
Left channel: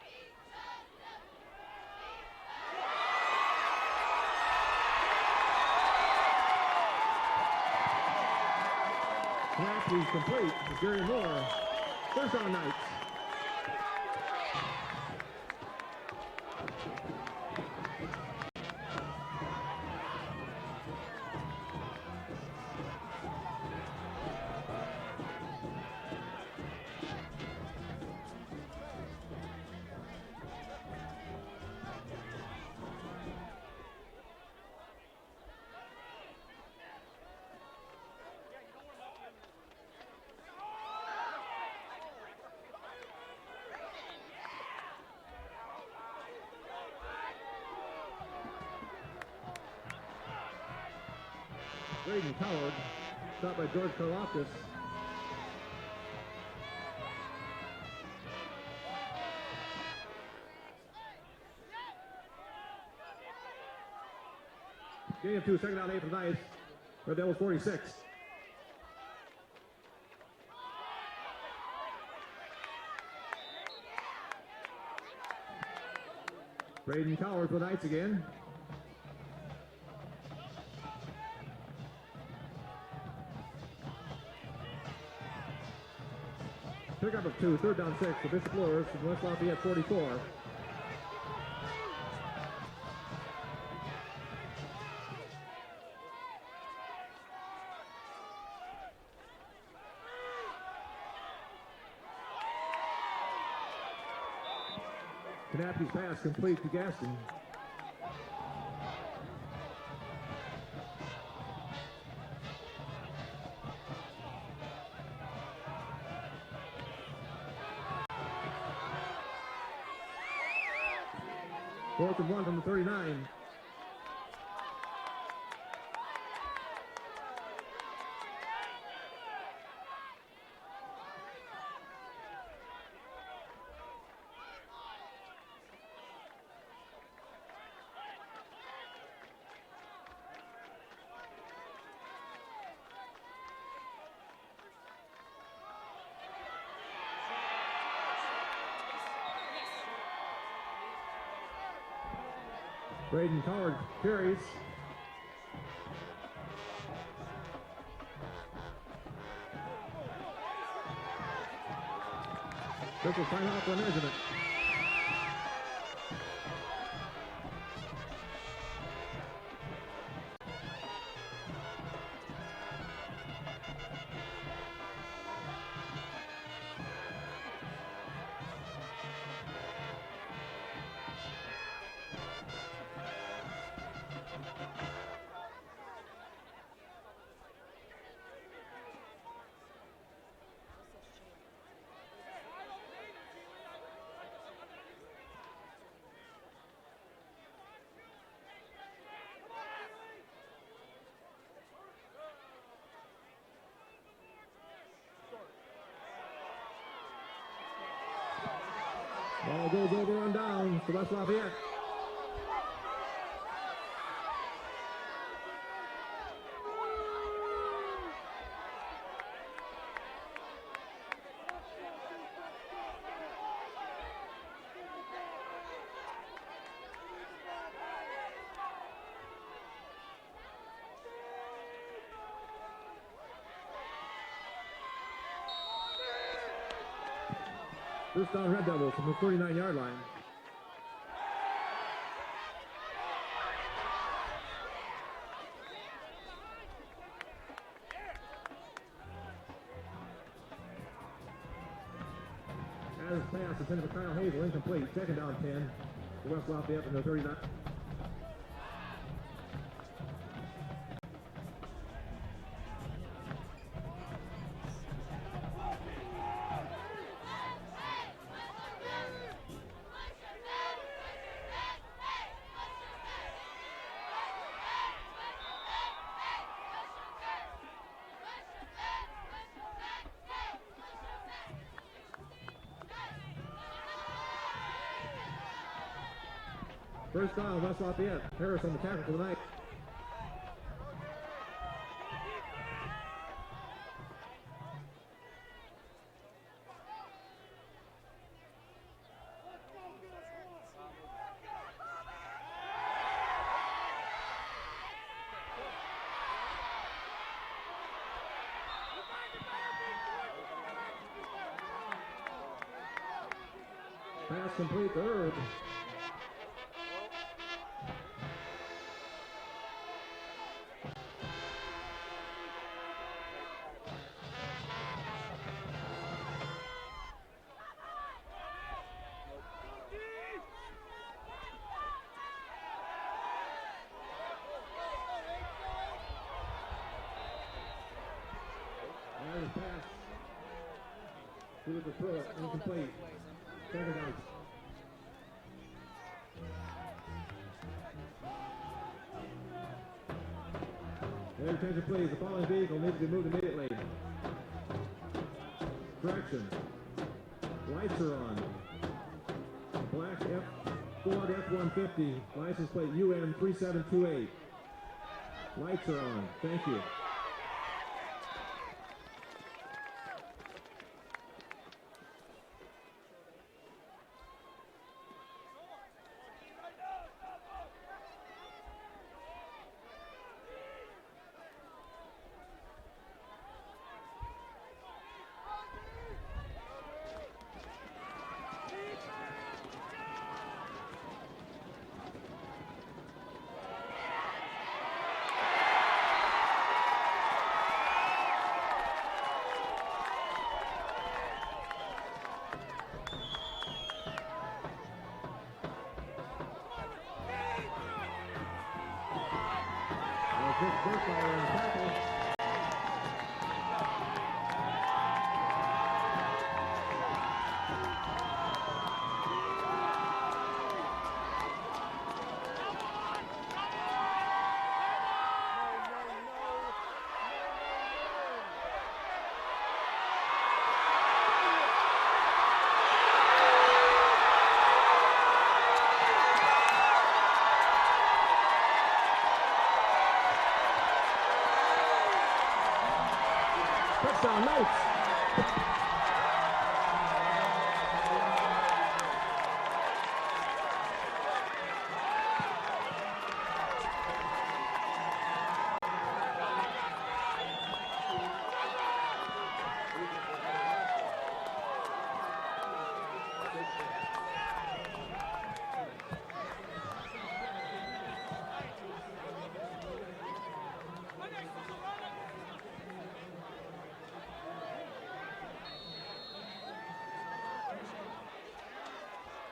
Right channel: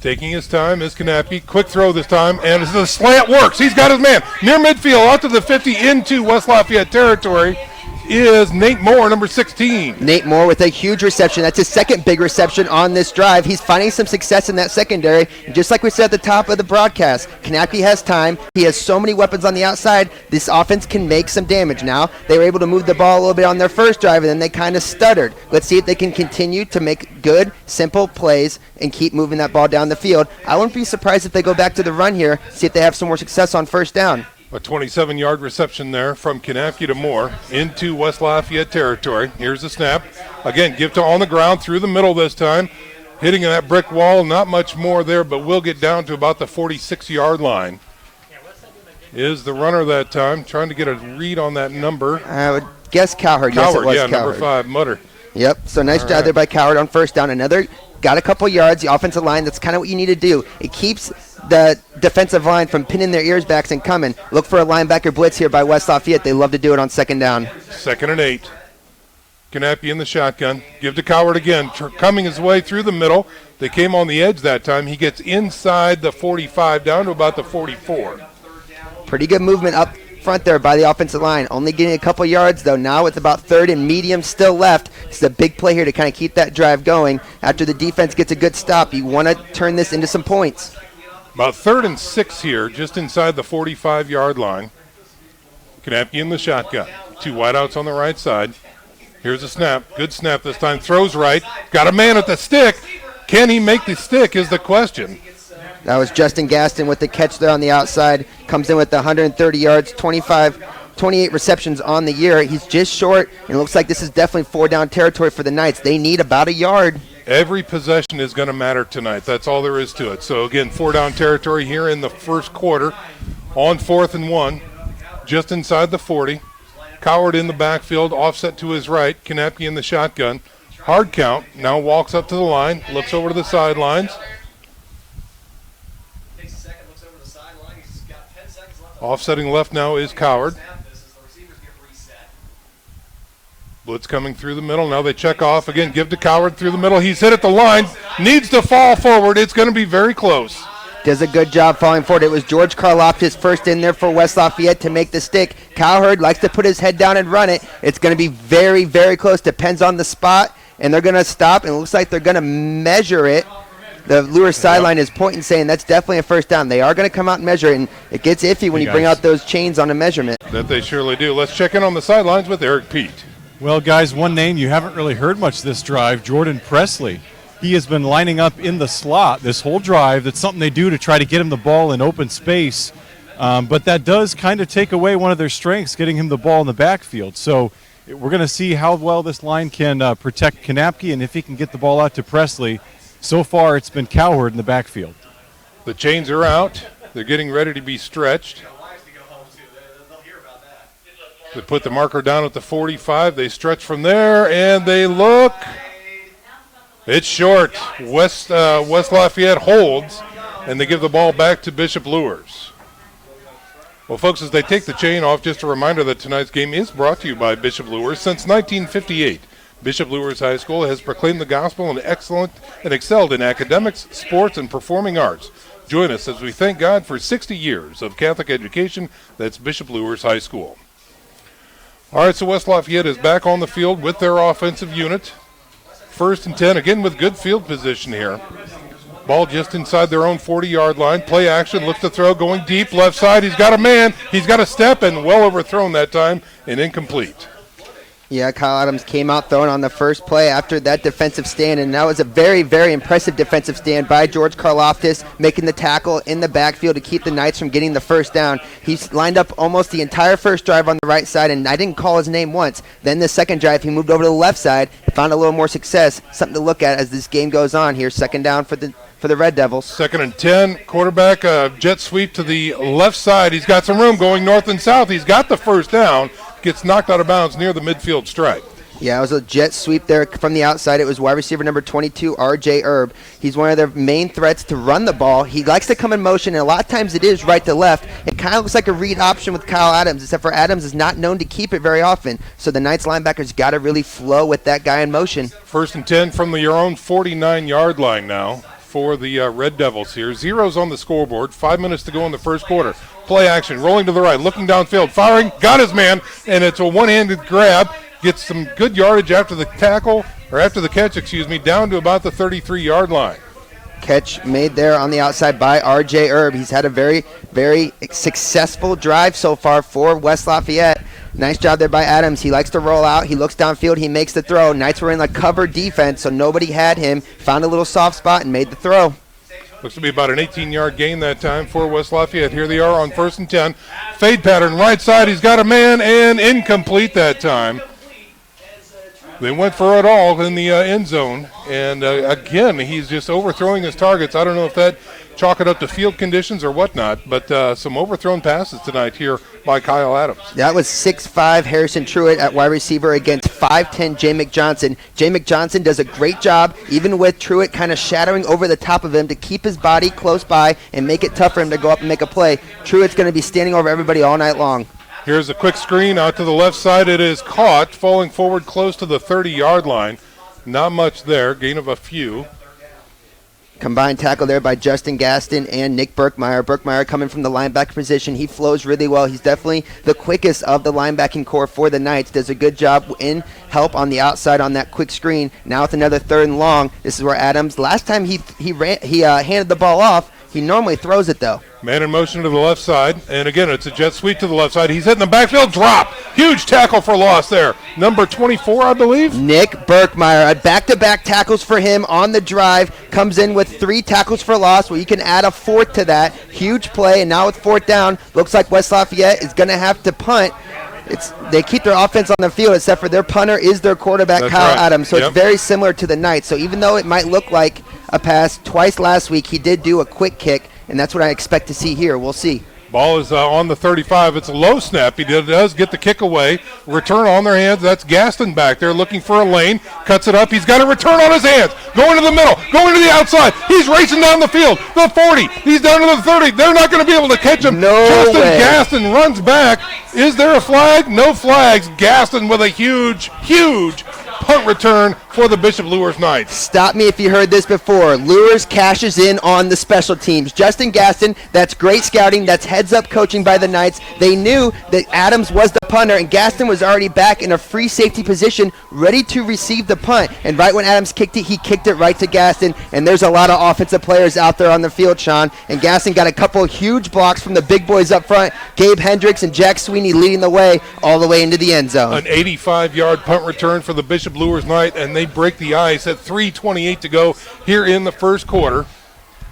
Taking his time is Knappe. Quick throw this time, and the slant works. He's got his man near midfield, out to the 50, into West Lafayette territory is Nate Moore, number 16. Nate Moore with a huge reception. That's his second big reception on this drive. He's finding some success in that secondary. Just like we said at the top of the broadcast, Knappe has time. He has so many weapons on the outside. This offense can make some damage now. They were able to move the ball a little bit on their first drive, and then they kind of stuttered. Let's see if they can continue to make good, simple plays and keep moving that ball down the field. I wouldn't be surprised if they go back to the run here, see if they have some more success on first down. A 27-yard reception there from Kanafke to Moore into West Lafayette territory. Here's the snap. Again, Gifta on the ground through the middle this time. Hitting that brick wall, not much more there, but we'll get down to about the 46-yard line. Is the runner that time, trying to get a read on that number. I would guess Cowherd. Yes, it was Cowherd. Number 5, Mutter. Yep, so nice job there by Cowherd on first down. Got a couple yards, the offensive line, that's kind of what you need to do. It keeps the defensive line from pinning their ears back and coming. Look for a linebacker blitz here by West Lafayette. They love to do it on second down. 2nd and 8. Kanafke in the shotgun. Give to Cowherd again. Coming his way through the middle. They came on the edge that time. He gets inside the 45 down to about the 44. Pretty good movement up front there by the offensive line. Only getting a couple yards, though. Now it's about 3rd and medium still left. It's a big play here to kind of keep that drive going. After the defense gets a good stop, you want to turn this into some points. About 3rd and 6 here, just inside the 45-yard line. Kanafke in the shotgun. 2 wideouts on the right side. Here's a snap. Good snap this time. Throws right. Got a man at the stick. Can he make the stick is the question. That was Justin Gaston with the catch there on the outside. Comes in with 130 yards, 28 receptions on the year. He's just short, and it looks like this is definitely 4-down territory for the Knights. They need about a yard. Every possession is going to matter tonight. That's all there is to it. So, again, 4-down territory here in the first quarter on 4th and 1, just inside the 40. Cowherd in the backfield, offset to his right. Kanafke in the shotgun. Hard count. Now walks up to the line, looks over to the sidelines. Offsetting left now is Cowherd. Blitz coming through the middle. Now they check off. Again, give to Cowherd through the middle. He's hit at the line. Needs to fall forward. It's going to be very close. Does a good job falling forward. It was George Karloftis first in there for West Lafayette to make the stick. Cowherd likes to put his head down and run it. It's going to be very, very close. Depends on the spot. And they're going to stop. And it looks like they're going to measure it. The Luers sideline is pointing, saying that's definitely a first down. They are going to come out and measure it, and it gets iffy when you bring out those chains on a measurement. That they surely do. Let's check in on the sidelines with Eric Pete. Well, guys, one name you haven't really heard much this drive, Jordan Presley. He has been lining up in the slot this whole drive. That's something they do to try to get him the ball in open space. But that does kind of take away one of their strengths, getting him the ball in the backfield. So we're going to see how well this line can protect Kanafke and if he can get the ball out to Presley. So far, it's been Cowherd in the backfield. The chains are out. They're getting ready to be stretched. They put the marker down at the 45. They stretch from there, and they look. It's short. West Lafayette holds, and they give the ball back to Bishop Luers. Well, folks, as they take the chain off, just a reminder that tonight's game is brought to you by Bishop Luers. Since 1958, Bishop Luers High School has proclaimed the gospel and excelled in academics, sports, and performing arts. Join us as we thank God for 60 years of Catholic education. That's Bishop Luers High School. All right, so West Lafayette is back on the field with their offensive unit. 1st and 10, again with good field position here. Ball just inside their own 40-yard line. Play action, looks to throw, going deep, left side. He's got a man. He's got a step, and well overthrown that time and incomplete. Yeah, Kyle Adams came out throwing on the first play after that defensive stand, and that was a very, very impressive defensive stand by George Karloftis, making the tackle in the backfield to keep the Knights from getting the first down. He's lined up almost the entire first drive on the right side, and I didn't call his name once. Then the second drive, he moved over to the left side, found a little more success, something to look at as this game goes on here. 2nd down for the Red Devils. 2nd and 10, quarterback jet sweep to the left side. He's got some room going north and south. He's got the first down. Gets knocked out of bounds near the midfield stripe. Yeah, it was a jet sweep there from the outside. It was wide receiver number 22, R.J. Erb. He's one of their main threats to run the ball. He likes to come in motion, and a lot of times it is right to left. It kind of looks like a read option with Kyle Adams, except for Adams is not known to keep it very often. So the Knights linebackers got to really flow with that guy in motion. 1st and 10 from your own 49-yard line now for the Red Devils here. 0's on the scoreboard. 5 minutes to go in the first quarter. Play action, rolling to the right, looking downfield, firing, got his man, and it's a one-handed grab. Gets some good yardage after the catch, down to about the 33-yard line. Catch made there on the outside by R.J. Erb. He's had a very, very successful drive so far for West Lafayette. Nice job there by Adams. He likes to roll out. He looks downfield. He makes the throw. Knights were in a cover defense, so nobody had him. Found a little soft spot and made the throw. Looks to be about an 18-yard gain that time for West Lafayette. Here they are on 1st and 10. Fade pattern, right side. He's got a man, and incomplete that time. They went for it all in the end zone. And, again, he's just overthrowing his targets. I don't know if that chalk it up to field conditions or whatnot, but some overthrown passes tonight here by Kyle Adams. That was 6'5" Harrison Truitt at wide receiver against 5'10" Jay McJohnson. Jay McJohnson does a great job, even with Truitt kind of shadowing over the top of him to keep his body close by and make it tough for him to go up and make a play. Truitt's going to be standing over everybody all night long. Here's a quick screen out to the left side. It is caught, falling forward close to the 30-yard line. Not much there, gain of a few. Combined tackle there by Justin Gaston and Nick Burkmeyer. Burkmeyer coming from the linebacker position. He flows really well. He's definitely the quickest of the linebacking core for the Knights. Does a good job in help on the outside on that quick screen. Now with another 3rd and long. This is where Adams, last time he handed the ball off, he normally throws it though. Man in motion to the left side, and again, it's a jet sweep to the left side. He's hitting the backfield, drop. Huge tackle for loss there. Number 24, I believe. Nick Burkmeyer, back-to-back tackles for him on the drive. Comes in with 3 tackles for loss. Well, you can add a 4th to that. Huge play, and now with 4th down, looks like West Lafayette is going to have to punt. They keep their offense on the field, except for their punter is their quarterback, That's Kyle right. Adams. So Yep. It's very similar to the Knights. So even though it might look like a pass twice last week, he did do a quick kick. And that's what I expect to see here. We'll see. Ball is on the 35. It's a low snap. He does get the kick away. Return on their hands. That's Gaston back there looking for a lane. Cuts it up. He's got a return on his hands. Going to the middle. Going to the outside. He's racing down the field. The 40. He's down to the 30. They're not going to be able to catch him. No Justin way. Gaston runs back. Is there a flag? No flags. Gaston with a huge punt return for the Bishop Luers Knights. Stop me if you heard this before. Luers cashes in on the special teams. Justin Gaston, that's great scouting. That's heads-up coaching by the Knights. They knew that Adams was the punter, and Gaston was already back in a free safety position, ready to receive the punt. And right when Adams kicked it, he kicked it right to Gaston. And there's a lot of offensive players out there on the field, Sean. And Gaston got a couple of huge blocks from the big boys up front. Gabe Hendricks and Jack Sweeney leading the way all the way into the end zone. An 85-yard punt return for the Bishop Luers Knight, and they break the ice at 3:28 to go here in the first quarter.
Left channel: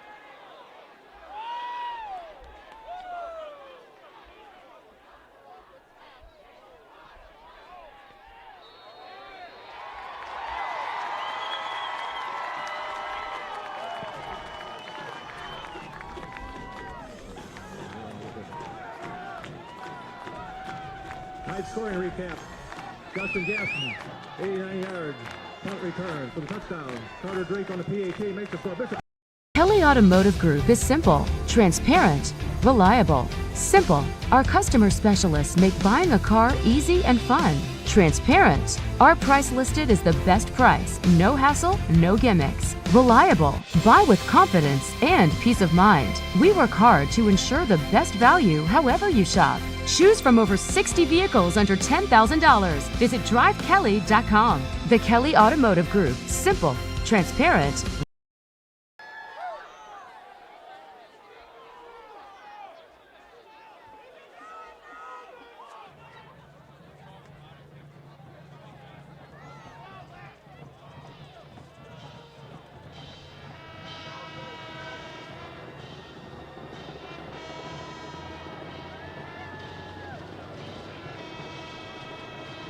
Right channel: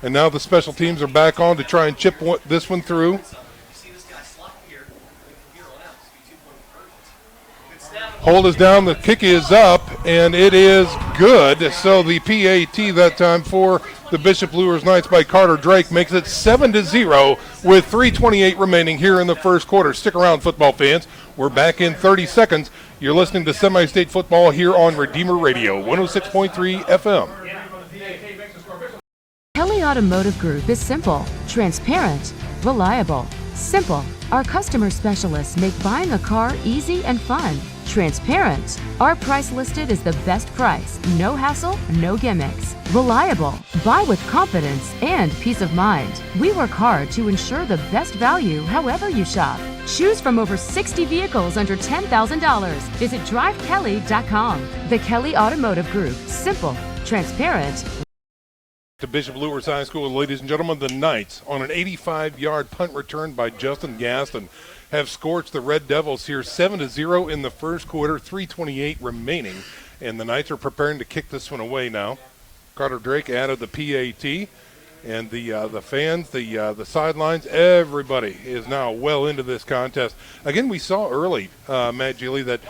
And now the special teams are back on to try and chip this one through. Hold is down, the kick is up, and it is good. So the PAT that time for the Bishop Luers Knights by Carter Drake makes it 7-0 with 3:28 remaining here in the first quarter. Stick around, football fans. We're back in 30 seconds. You're listening to Semi-State Football here on Redeemer Radio, 106.3 FM. Kelly Automotive Group is simple, transparent, reliable. Simple. Our customer specialists make buying a car easy and fun. Transparent. Our price listed is the best price. No hassle, no gimmicks. Reliable. Buy with confidence and peace of mind. We work hard to ensure the best value however you shop. Choose from over 60 vehicles under $10,000. Visit drivekelly.com. The Kelly Automotive Group. Simple, transparent. To Bishop Luers High School, ladies and gentlemen, the Knights on an 85-yard punt return by Justin Gaston have scorched the Red Devils here 7-0 in the first quarter, 3:28 remaining, and the Knights are preparing to kick this one away now. Carter Drake added the PAT, and the fans, the sidelines, everybody is now well into this contest. Again, we saw early, Matt Gilly, that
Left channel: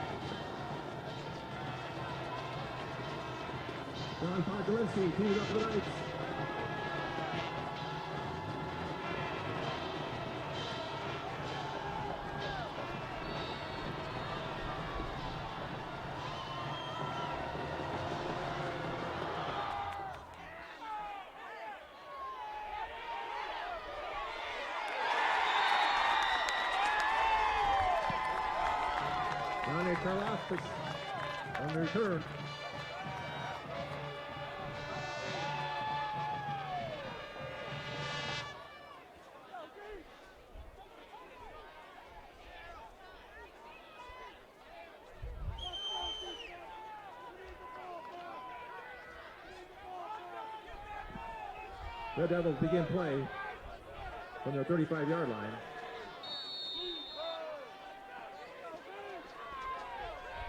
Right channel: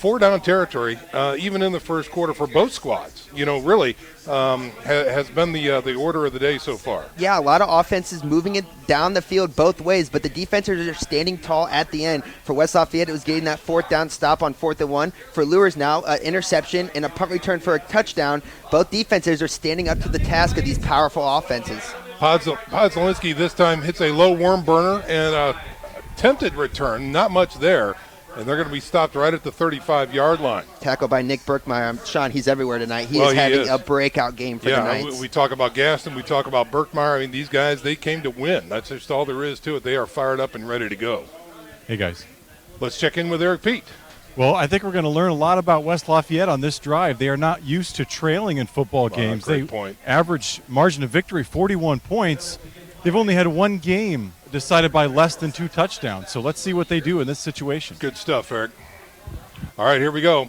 4-down territory, even in the first quarter for both squads, really has been the order of the day so far. Yeah, a lot of offenses moving it down the field both ways, but the defenses are standing tall at the end. For West Lafayette, it was getting that 4th down stop on 4th and 1. For Luers now, an interception and a punt return for a touchdown. Both defenses are standing up to the task of these powerful offenses. Podzolinski this time hits a low worm burner and a attempted return, not much there. And they're going to be stopped right at the 35-yard line. Tackle by Nick Burkmeyer. Sean, he's everywhere tonight. He is having a breakout game for the Knights. We talk about Gaston. We talk about Burkmeyer. I mean, these guys, they came to win. That's just all there is to it. They are fired up and ready to go. Hey, guys. Let's check in with Eric Pete. Well, I think we're going to learn a lot about West Lafayette on this drive. They are not used to trailing in football games. Great point. Average margin of victory, 41 points. They've only had one game decided by less than 2 touchdowns. So let's see what they do in this situation. Good stuff, Eric. All right, here we go.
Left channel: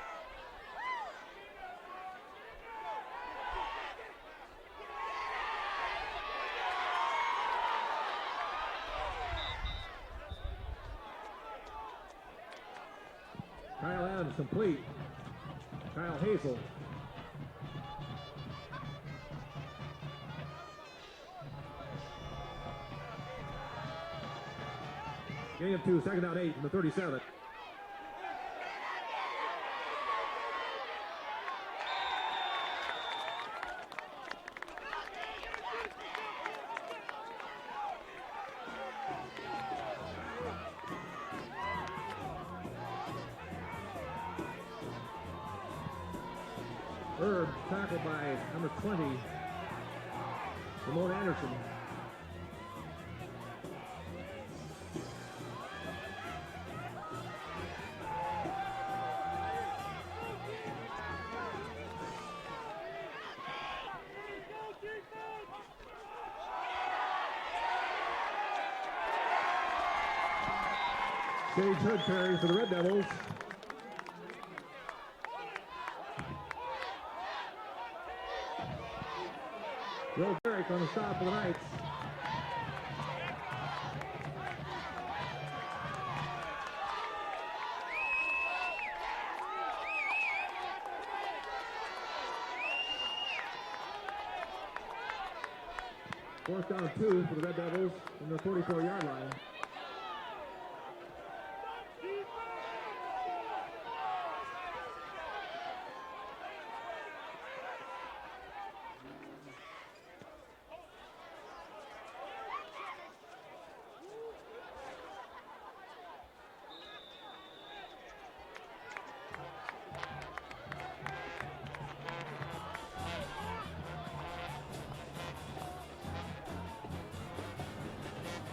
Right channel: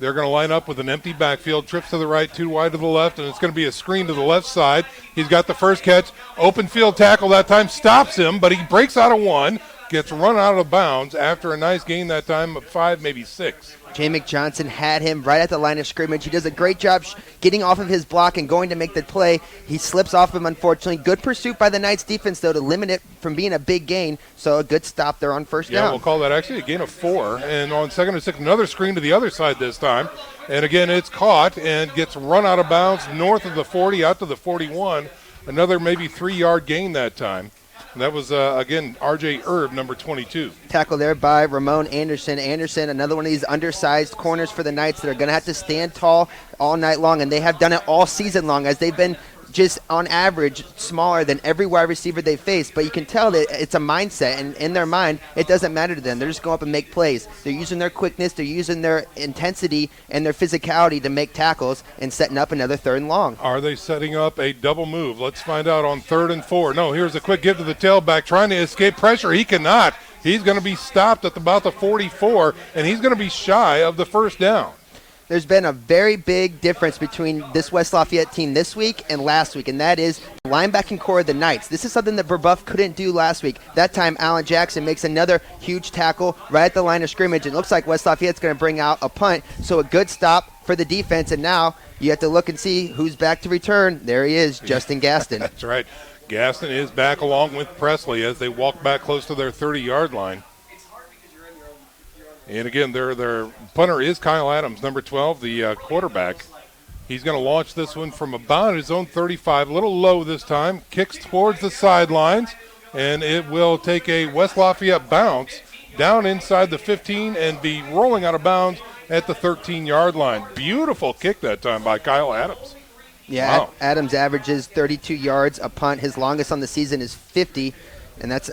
They're going to line up with an empty backfield, trips to the right, 2 wide to the left, and it's going to be a screen to the left side. He's got the first catch, open field tackle that time, stops him, but he breaks out of 1, gets run out of bounds after a nice gain that time of 5, maybe 6. Jamek Johnson had him right at the line of scrimmage. He does a great job getting off of his block and going to make the play. He slips off him, unfortunately. Good pursuit by the Knights defense, though, to limit it from being a big gain. So a good stop there on first down. Yeah, we'll call that actually a gain of 4. And on 2nd and 6, another screen to the other side this time. And again, it's caught and gets run out of bounds north of the 40, out to the 41. Another maybe 3-yard gain that time. And that was, again, R.J. Erb, number 22. Tackle there by Ramon Anderson. Anderson, another one of these undersized corners for the Knights that are going to have to stand tall all night long, and they have done it all season long as they've been just on average smaller than every wide receiver they face. But you can tell that it's a mindset, and in their mind, it doesn't matter to them. They're just going up and make plays. They're using their quickness, they're using their intensity and their physicality to make tackles and setting up another 3rd and long. Are they setting up a double move? Let's find out on 3rd and 4. No, here's a quick give to the tailback, trying to escape pressure. He cannot. He's going to be stopped at about the 44, and he's going to be shy of the first down. There's been a very big difference between this West Lafayette team this week and last week, and that is the linebacking core of the Knights. This is something that Brebeuf couldn't do last week. That time, Alan Jackson makes another huge tackle right at the line of scrimmage. It looks like West Lafayette's going to bring out a punt, so a good stop for the defense, and now you have to look and see who's back to return. There he is, Justin Gaston. That's right. Gaston is back along with Presley as they walk back close to their 30-yard line. And again, their punter is Kyle Adams, number 12, the quarterback. He's going to launch this one from about his own 35, a little low this time, kicks towards the sidelines, and it will take a West Lafayette bounce down inside the 15 and be rolling out of bounds at the 13-yard line. Beautiful kick that time by Kyle Adams. Yeah, wow. Adams averages 32 yards a punt. His longest on the season is 50. And that's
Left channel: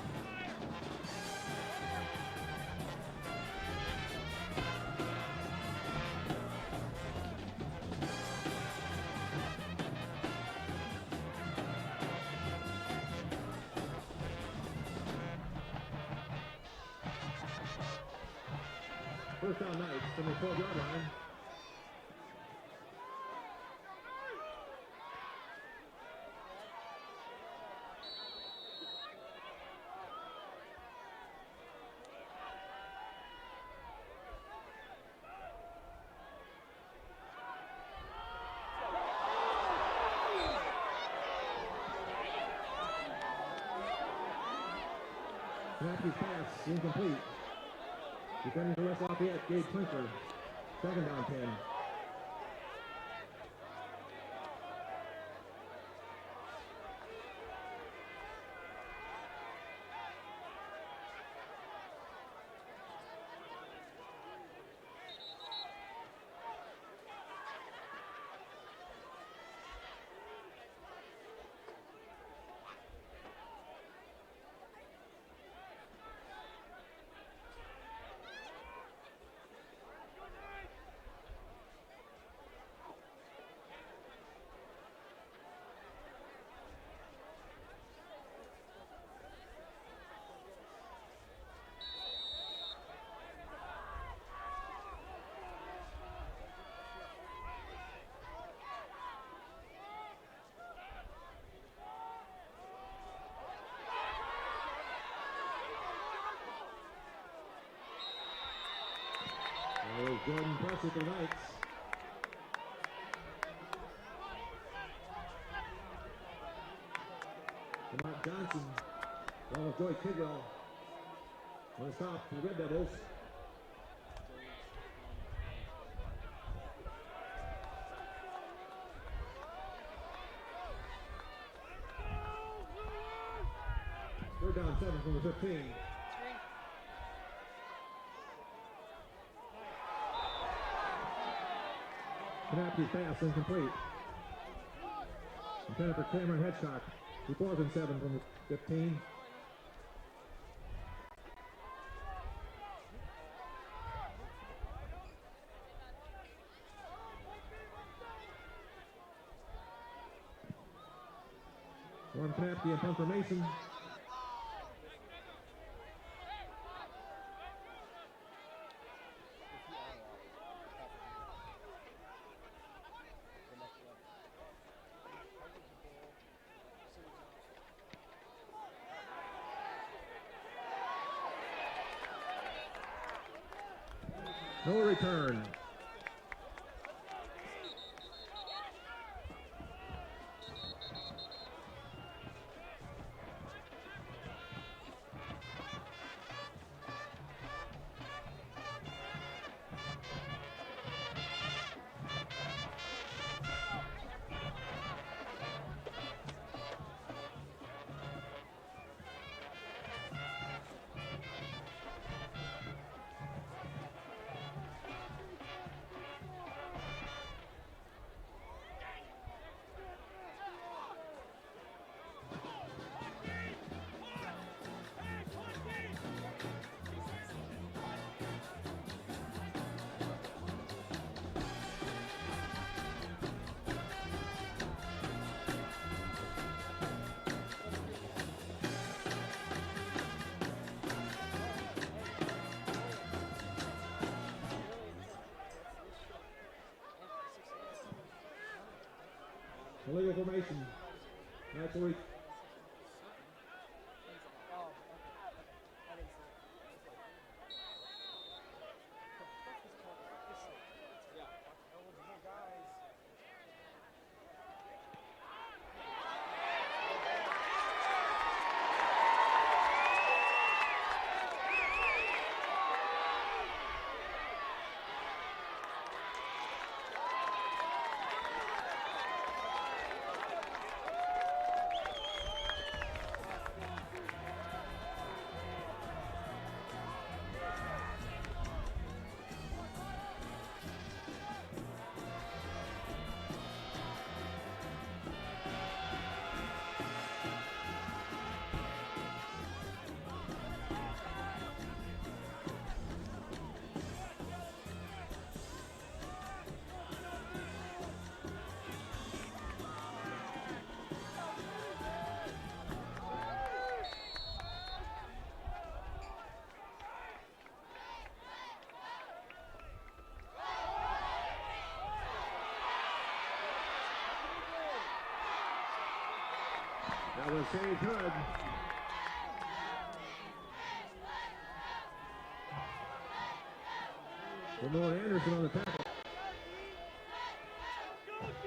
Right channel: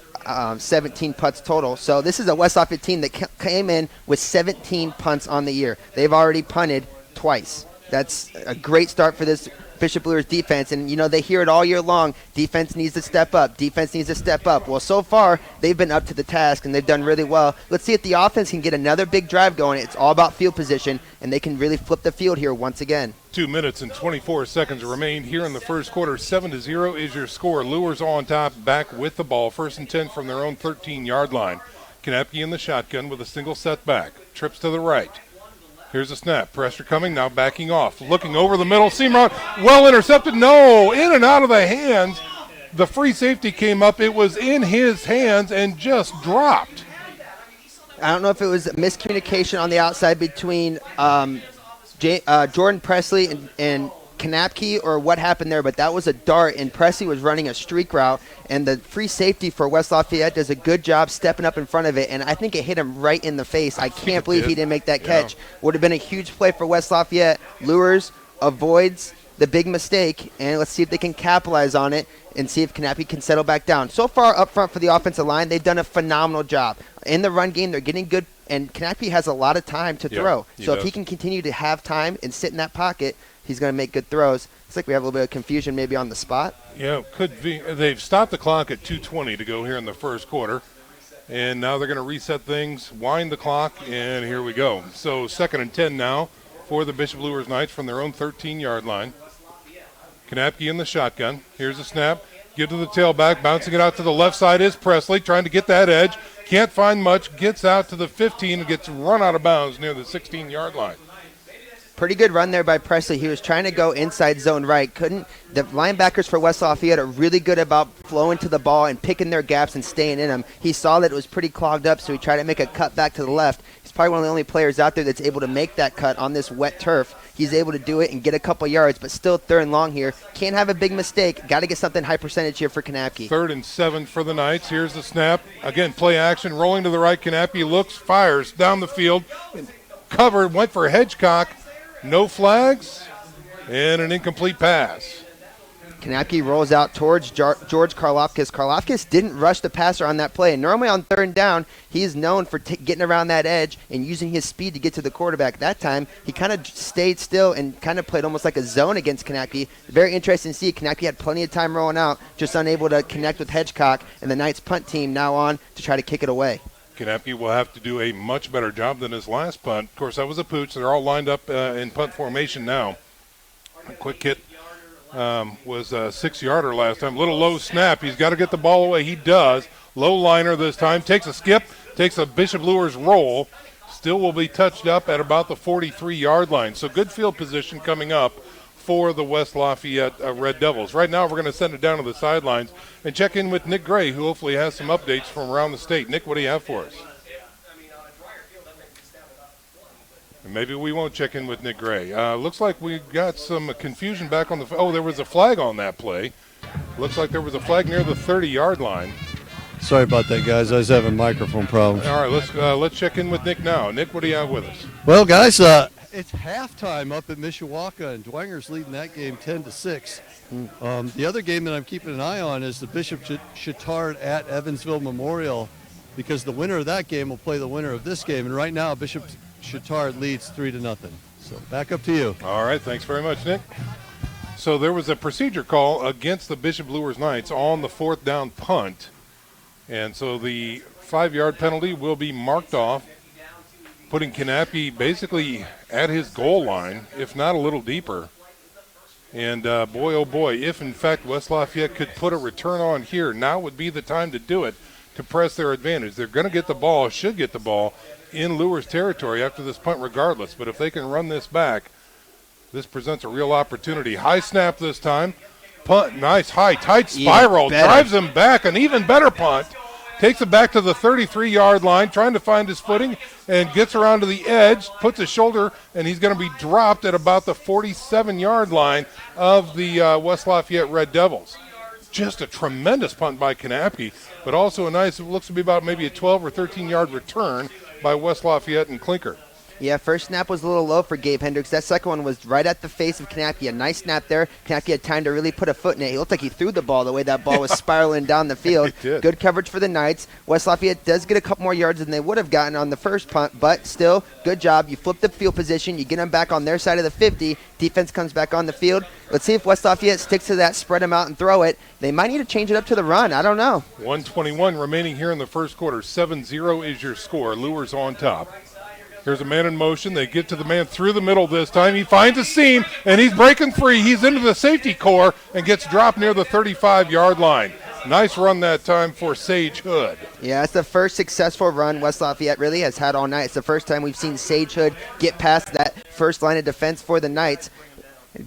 17 punts total. So this is a West Lafayette team that came in with 17 punts on the year. They've already punted twice. That's a great start for this Bishop Luers defense. And, you know, they hear it all year long. Defense needs to step up. Defense needs to step up. Well, so far, they've been up to the task, and they've done really well. Let's see if the offense can get another big drive going. It's all about field position, and they can really flip the field here once again. 2 minutes and 24 seconds remain here in the first quarter. 7-0 is your score. Luers on top, back with the ball. 1st and 10 from their own 13-yard line. Knapke in the shotgun with a single setback. Trips to the right. Here's a snap. Pressure coming, now backing off. Looking over the middle, seam route, well intercepted. No, in and out of the hands. The free safety came up. It was in his hands and just dropped. I don't know if it was miscommunication on the outside between Jordan Presley and Knapke or what happened there, but that was a dart, and Presley was running a streak route, and the free safety for West Lafayette does a good job stepping up in front of it, and I think it hit him right in the face. I can't believe he didn't make that catch. Would have been a huge play for West Lafayette. Luers avoids the big mistake, and let's see if they can capitalize on it and see if Knapke can settle back down. So far up front for the offensive line, they've done a phenomenal job. In the run game, they're getting good, and Knapke has a lot of time to throw. So if he can continue to have time and sit in that pocket, he's going to make good throws. It's like we have a little bit of confusion maybe on the spot. Yeah, could be. They've stopped the clock at 2:20 to go here in the first quarter. And now they're going to reset things, wind the clock, and here we go. So 2nd and 10 now for the Bishop Luers Knights from their own 13-yard line. Knapke in the shotgun. Here's a snap. Give to the tailback. Bouncing it out to the left side is Presley, trying to get that edge. Can't find much. Gets out to the 15 and gets run out of bounds near the 16-yard line. Pretty good run there by Presley. He was trying to go inside zone right. Couldn't. The linebackers for West Lafayette are really good about flowing to the ball and picking their gaps and staying in them. He saw that it was pretty clogged up, so he tried to make a cut back to the left. He's probably one of the only players out there that's able to make that cut on this wet turf. He's able to do it and get a couple yards, but still 3rd and long here. Can't have a big mistake. Got to get something high percentage here for Knapke. 3rd and 7 for the Knights. Here's the snap. Again, play action. Rolling to the right. Knapke looks, fires down the field. Covered, went for Hedgecock. No flags, and an incomplete pass. Knapke rolls out towards George Karlofkis. Karlofkis didn't rush the passer on that play. And normally on 3rd down, he is known for getting around that edge and using his speed to get to the quarterback. That time, he kind of stayed still and kind of played almost like a zone against Knapke. Very interesting to see. Knapke had plenty of time rolling out, just unable to connect with Hedgecock, and the Knights punt team now on to try to kick it away. Knappe will have to do a much better job than his last punt. Of course, that was a pooch. They're all lined up in punt formation now. A quick hit was a 6-yarder last time. Little low snap. He's got to get the ball away. He does. Low liner this time. Takes a skip. Takes a Bishop Luers roll. Still will be touched up at about the 43-yard line. So good field position coming up for the West Lafayette Red Devils. Right now we're going to send it down to the sidelines and check in with Nick Gray, who hopefully has some updates from around the state. Nick, what do you have for us? Maybe we won't check in with Nick Gray. Looks like we got some confusion back on the – oh, there was a flag on that play. Looks like there was a flag near the 30-yard line. Sorry about that, guys. I was having microphone problems. All right, let's check in with Nick now. Nick, what do you have with us? Well, guys, it's halftime up at Mishawaka, and Dwanger's leading that game 10-6. The other game that I'm keeping an eye on is the Bishop Chittard at Evansville Memorial, because the winner of that game will play the winner of this game. And right now, Bishop Chittard leads 3-0. So back up to you. All right, thanks very much, Nick. So there was a procedure call against the Bishop Luers Knights on the 4th down punt. And so the 5-yard penalty will be marked off, putting Knappe basically at his goal line, if not a little deeper. And boy, oh boy, if in fact West Lafayette could put a return on here, now would be the time to do it, to press their advantage. They're going to get the ball, should get the ball, in Luers territory after this punt regardless. But if they can run this back, this presents a real opportunity. High snap this time. Punt, nice high, tight spiral, drives him back, an even better punt. Takes it back to the 33-yard line, trying to find his footing, and gets around to the edge, puts his shoulder, and he's going to be dropped at about the 47-yard line of the West Lafayette Red Devils. Just a tremendous punt by Knappe, but also a nice, it looks to be about maybe a 12 or 13-yard return by West Lafayette and Klinker. Yeah, first snap was a little low for Gabe Hendricks. That second one was right at the face of Knappe. A nice snap there. Knappe had time to really put a foot in it. He looked like he threw the ball the way that ball was spiraling down the field. Good coverage for the Knights. West Lafayette does get a couple more yards than they would have gotten on the first punt, but still, good job. You flip the field position. You get them back on their side of the 50. Defense comes back on the field. Let's see if West Lafayette sticks to that, spread them out and throw it. They might need to change it up to the run. I don't know. 1:21 remaining here in the first quarter. 7-0 is your score. Luers on top. Here's a man in motion. They get to the man through the middle this time. He finds a seam, and he's breaking free. He's into the safety core and gets dropped near the 35-yard line. Nice run that time for Sage Hood. Yeah, it's the first successful run West Lafayette really has had all night. It's the first time we've seen Sage Hood get past that first line of defense for the Knights.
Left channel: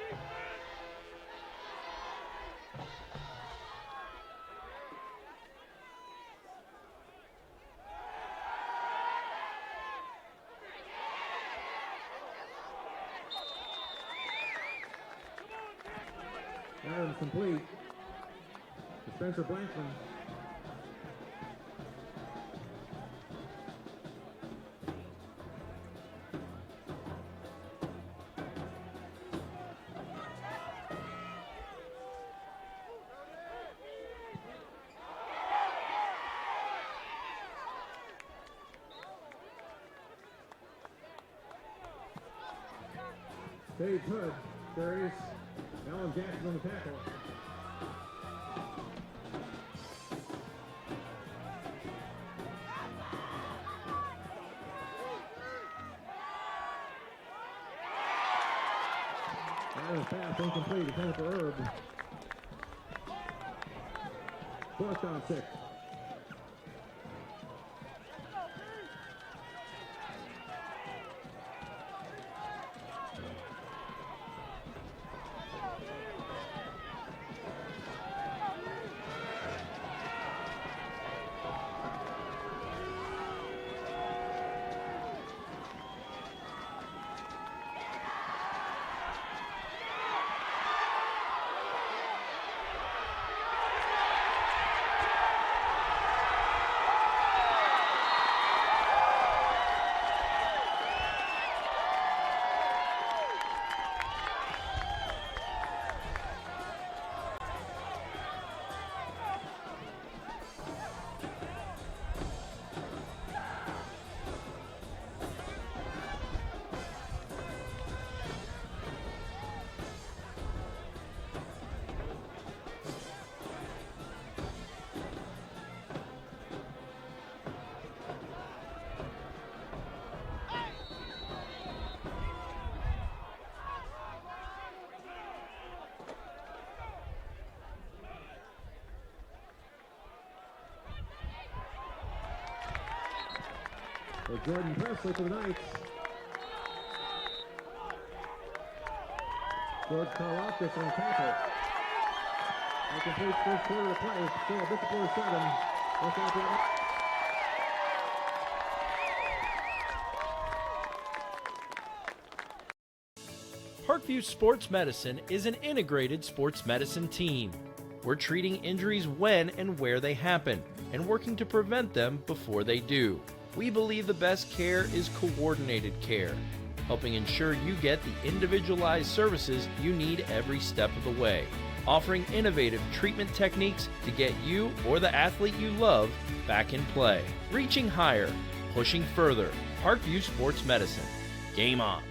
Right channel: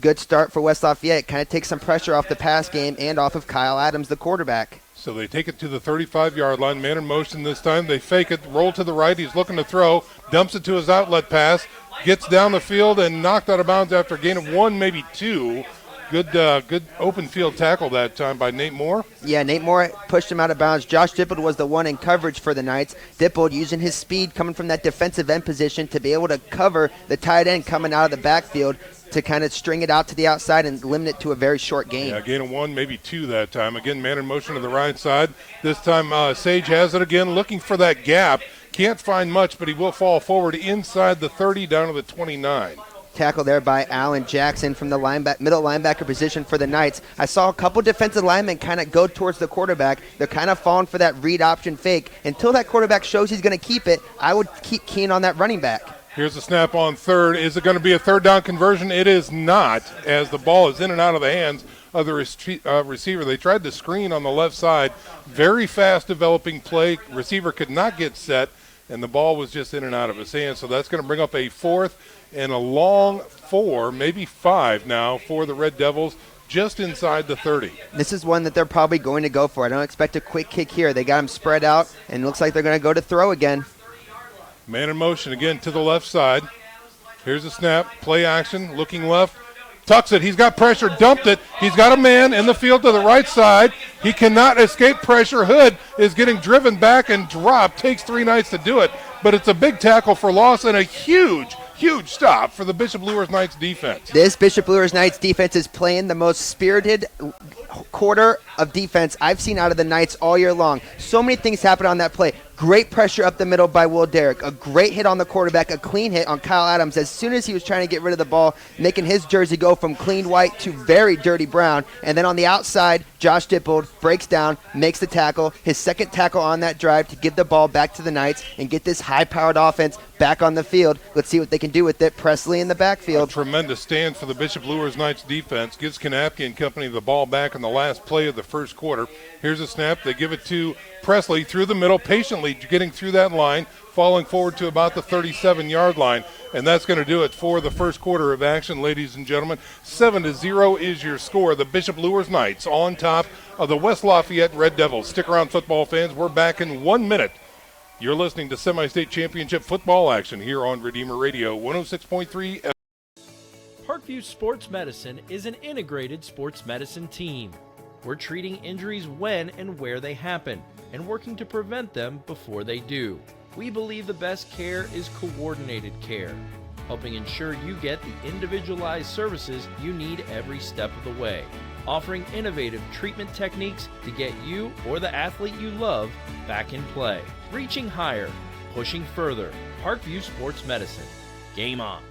Good start for West Lafayette. Kind of takes some pressure off the pass game and off of Kyle Adams, the quarterback. So they take it to the 35-yard line. Man in motion this time. They fake it, roll to the right. He's looking to throw, dumps it to his outlet pass, gets down the field and knocked out of bounds after a gain of 1, maybe 2. Good open field tackle that time by Nate Moore. Yeah, Nate Moore pushed him out of bounds. Josh Dippold was the one in coverage for the Knights. Dippold using his speed coming from that defensive end position to be able to cover the tight end coming out of the backfield to kind of string it out to the outside and limit it to a very short gain. Yeah, gain of 1, maybe 2 that time. Again, man in motion to the right side. This time Sage has it again, looking for that gap. Can't find much, but he will fall forward inside the 30 down to the 29. Tackle there by Alan Jackson from the middle linebacker position for the Knights. I saw a couple defensive linemen kind of go towards the quarterback. They're kind of falling for that read option fake. Until that quarterback shows he's going to keep it, I would keep keen on that running back. Here's a snap on third. Is it going to be a third down conversion? It is not, as the ball is in and out of the hands of the receiver. They tried to screen on the left side. Very fast developing play. Receiver could not get set, and the ball was just in and out of his hands. So that's going to bring up a 4th and a long 4, maybe 5 now for the Red Devils, just inside the 30. This is one that they're probably going to go for. I don't expect a quick kick here. They got him spread out, and it looks like they're going to go to throw again. Man in motion again to the left side. Here's a snap, play action, looking left, tucks it. He's got pressure, dumped it. He's got a man in the field to the right side. He cannot escape pressure. Hood is getting driven back and dropped. Takes 3 Knights to do it, but it's a big tackle for loss and a huge stop for the Bishop Luers Knights defense. This Bishop Luers Knights defense is playing the most spirited quarter of defense I've seen out of the Knights all year long. So many things happen on that play. Great pressure up the middle by Will Derrick. A great hit on the quarterback, a clean hit on Kyle Adams as soon as he was trying to get rid of the ball, making his jersey go from clean white to very dirty brown. And then on the outside, Josh Dippold breaks down, makes the tackle, his second tackle on that drive to give the ball back to the Knights and get this high-powered offense back on the field. Let's see what they can do with it. Presley in the backfield. A tremendous stand for the Bishop Luers Knights defense. Gives Kanapke and company the ball back in the last play of the first quarter. Here's a snap. They give it to Presley through the middle, patiently getting through that line, falling forward to about the 37-yard line. And that's going to do it for the first quarter of action, ladies and gentlemen. 7-0 is your score. The Bishop Luers Knights on top of the West Lafayette Red Devils. Stick around, football fans. We're back in 1 minute. You're listening to semi-state championship football action here on Redeemer Radio 106.3. Parkview Sports Medicine is an integrated sports medicine team. We're treating injuries when and where they happen and working to prevent them before they do. We believe the best care is coordinated care, helping ensure you get the individualized services you need every step of the way, offering innovative treatment techniques to get you or the athlete you love back in play. Reaching higher, pushing further. Parkview Sports Medicine. Game on.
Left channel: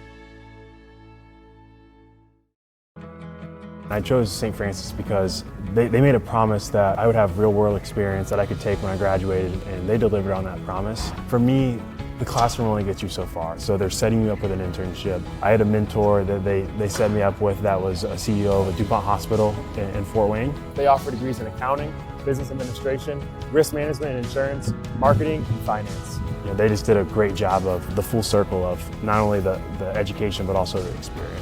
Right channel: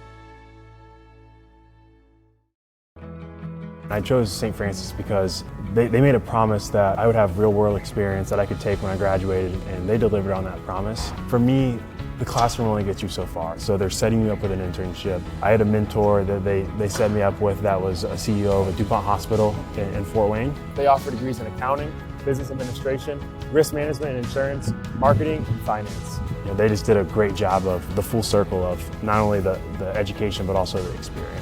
I chose St. Francis because they made a promise that I would have real-world experience that I could take when I graduated, and they delivered on that promise. For me, the classroom only gets you so far, so they're setting you up with an internship. I had a mentor that they set me up with that was a CEO of a DuPont hospital in Fort Wayne. They offer degrees in accounting, business administration, risk management and insurance, marketing, and finance. You know, they just did a great job of the full circle of not only the education but also the experience.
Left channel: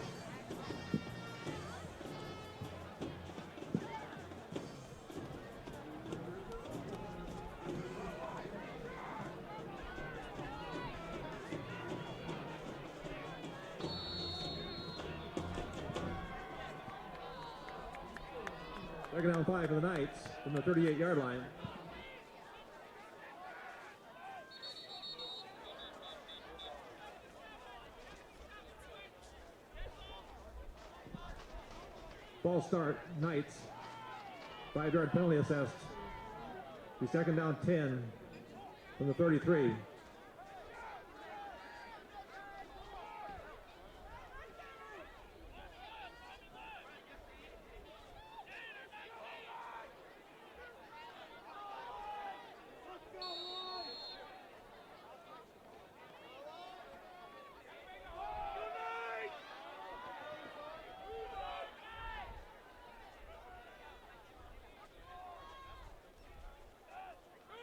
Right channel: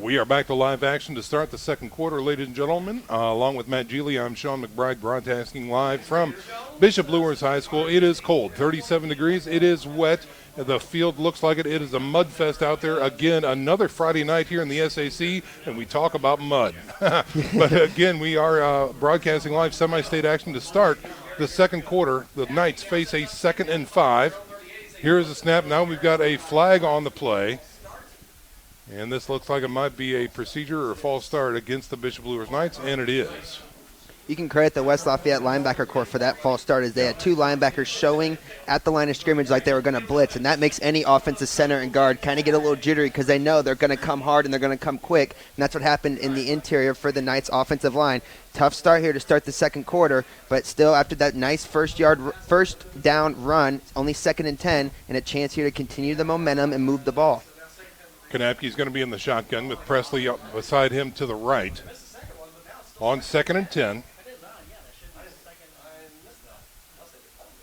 We are back to live action to start the second quarter, ladies and gentlemen. Along with Matt Geely, I'm Sean McBride, broadcasting live from Bishop Luers High School. It is cold, 37 degrees. It is wet. The field looks like it. It is a mud fest out there. Again, another Friday night here in the SAC, and we talk about mud. But again, we are broadcasting live semi-state action to start the second quarter. The Knights face a 2nd and 5. Here is the snap. Now we've got a flag on the play. And this looks like it might be a procedure or a false start against the Bishop Luers Knights, and it is. You can credit the West Lafayette linebacker corps for that false start, as they had two linebackers showing at the line of scrimmage like they were going to blitz, and that makes any offensive center and guard kind of get a little jittery because they know they're going to come hard and they're going to come quick, and that's what happened in the interior for the Knights offensive line. Tough start here to start the second quarter, but still after that nice first down run, only 2nd and 10, and a chance here to continue the momentum and move the ball. Kanapke's going to be in the shotgun with Presley up beside him to the right. On 2nd and 10.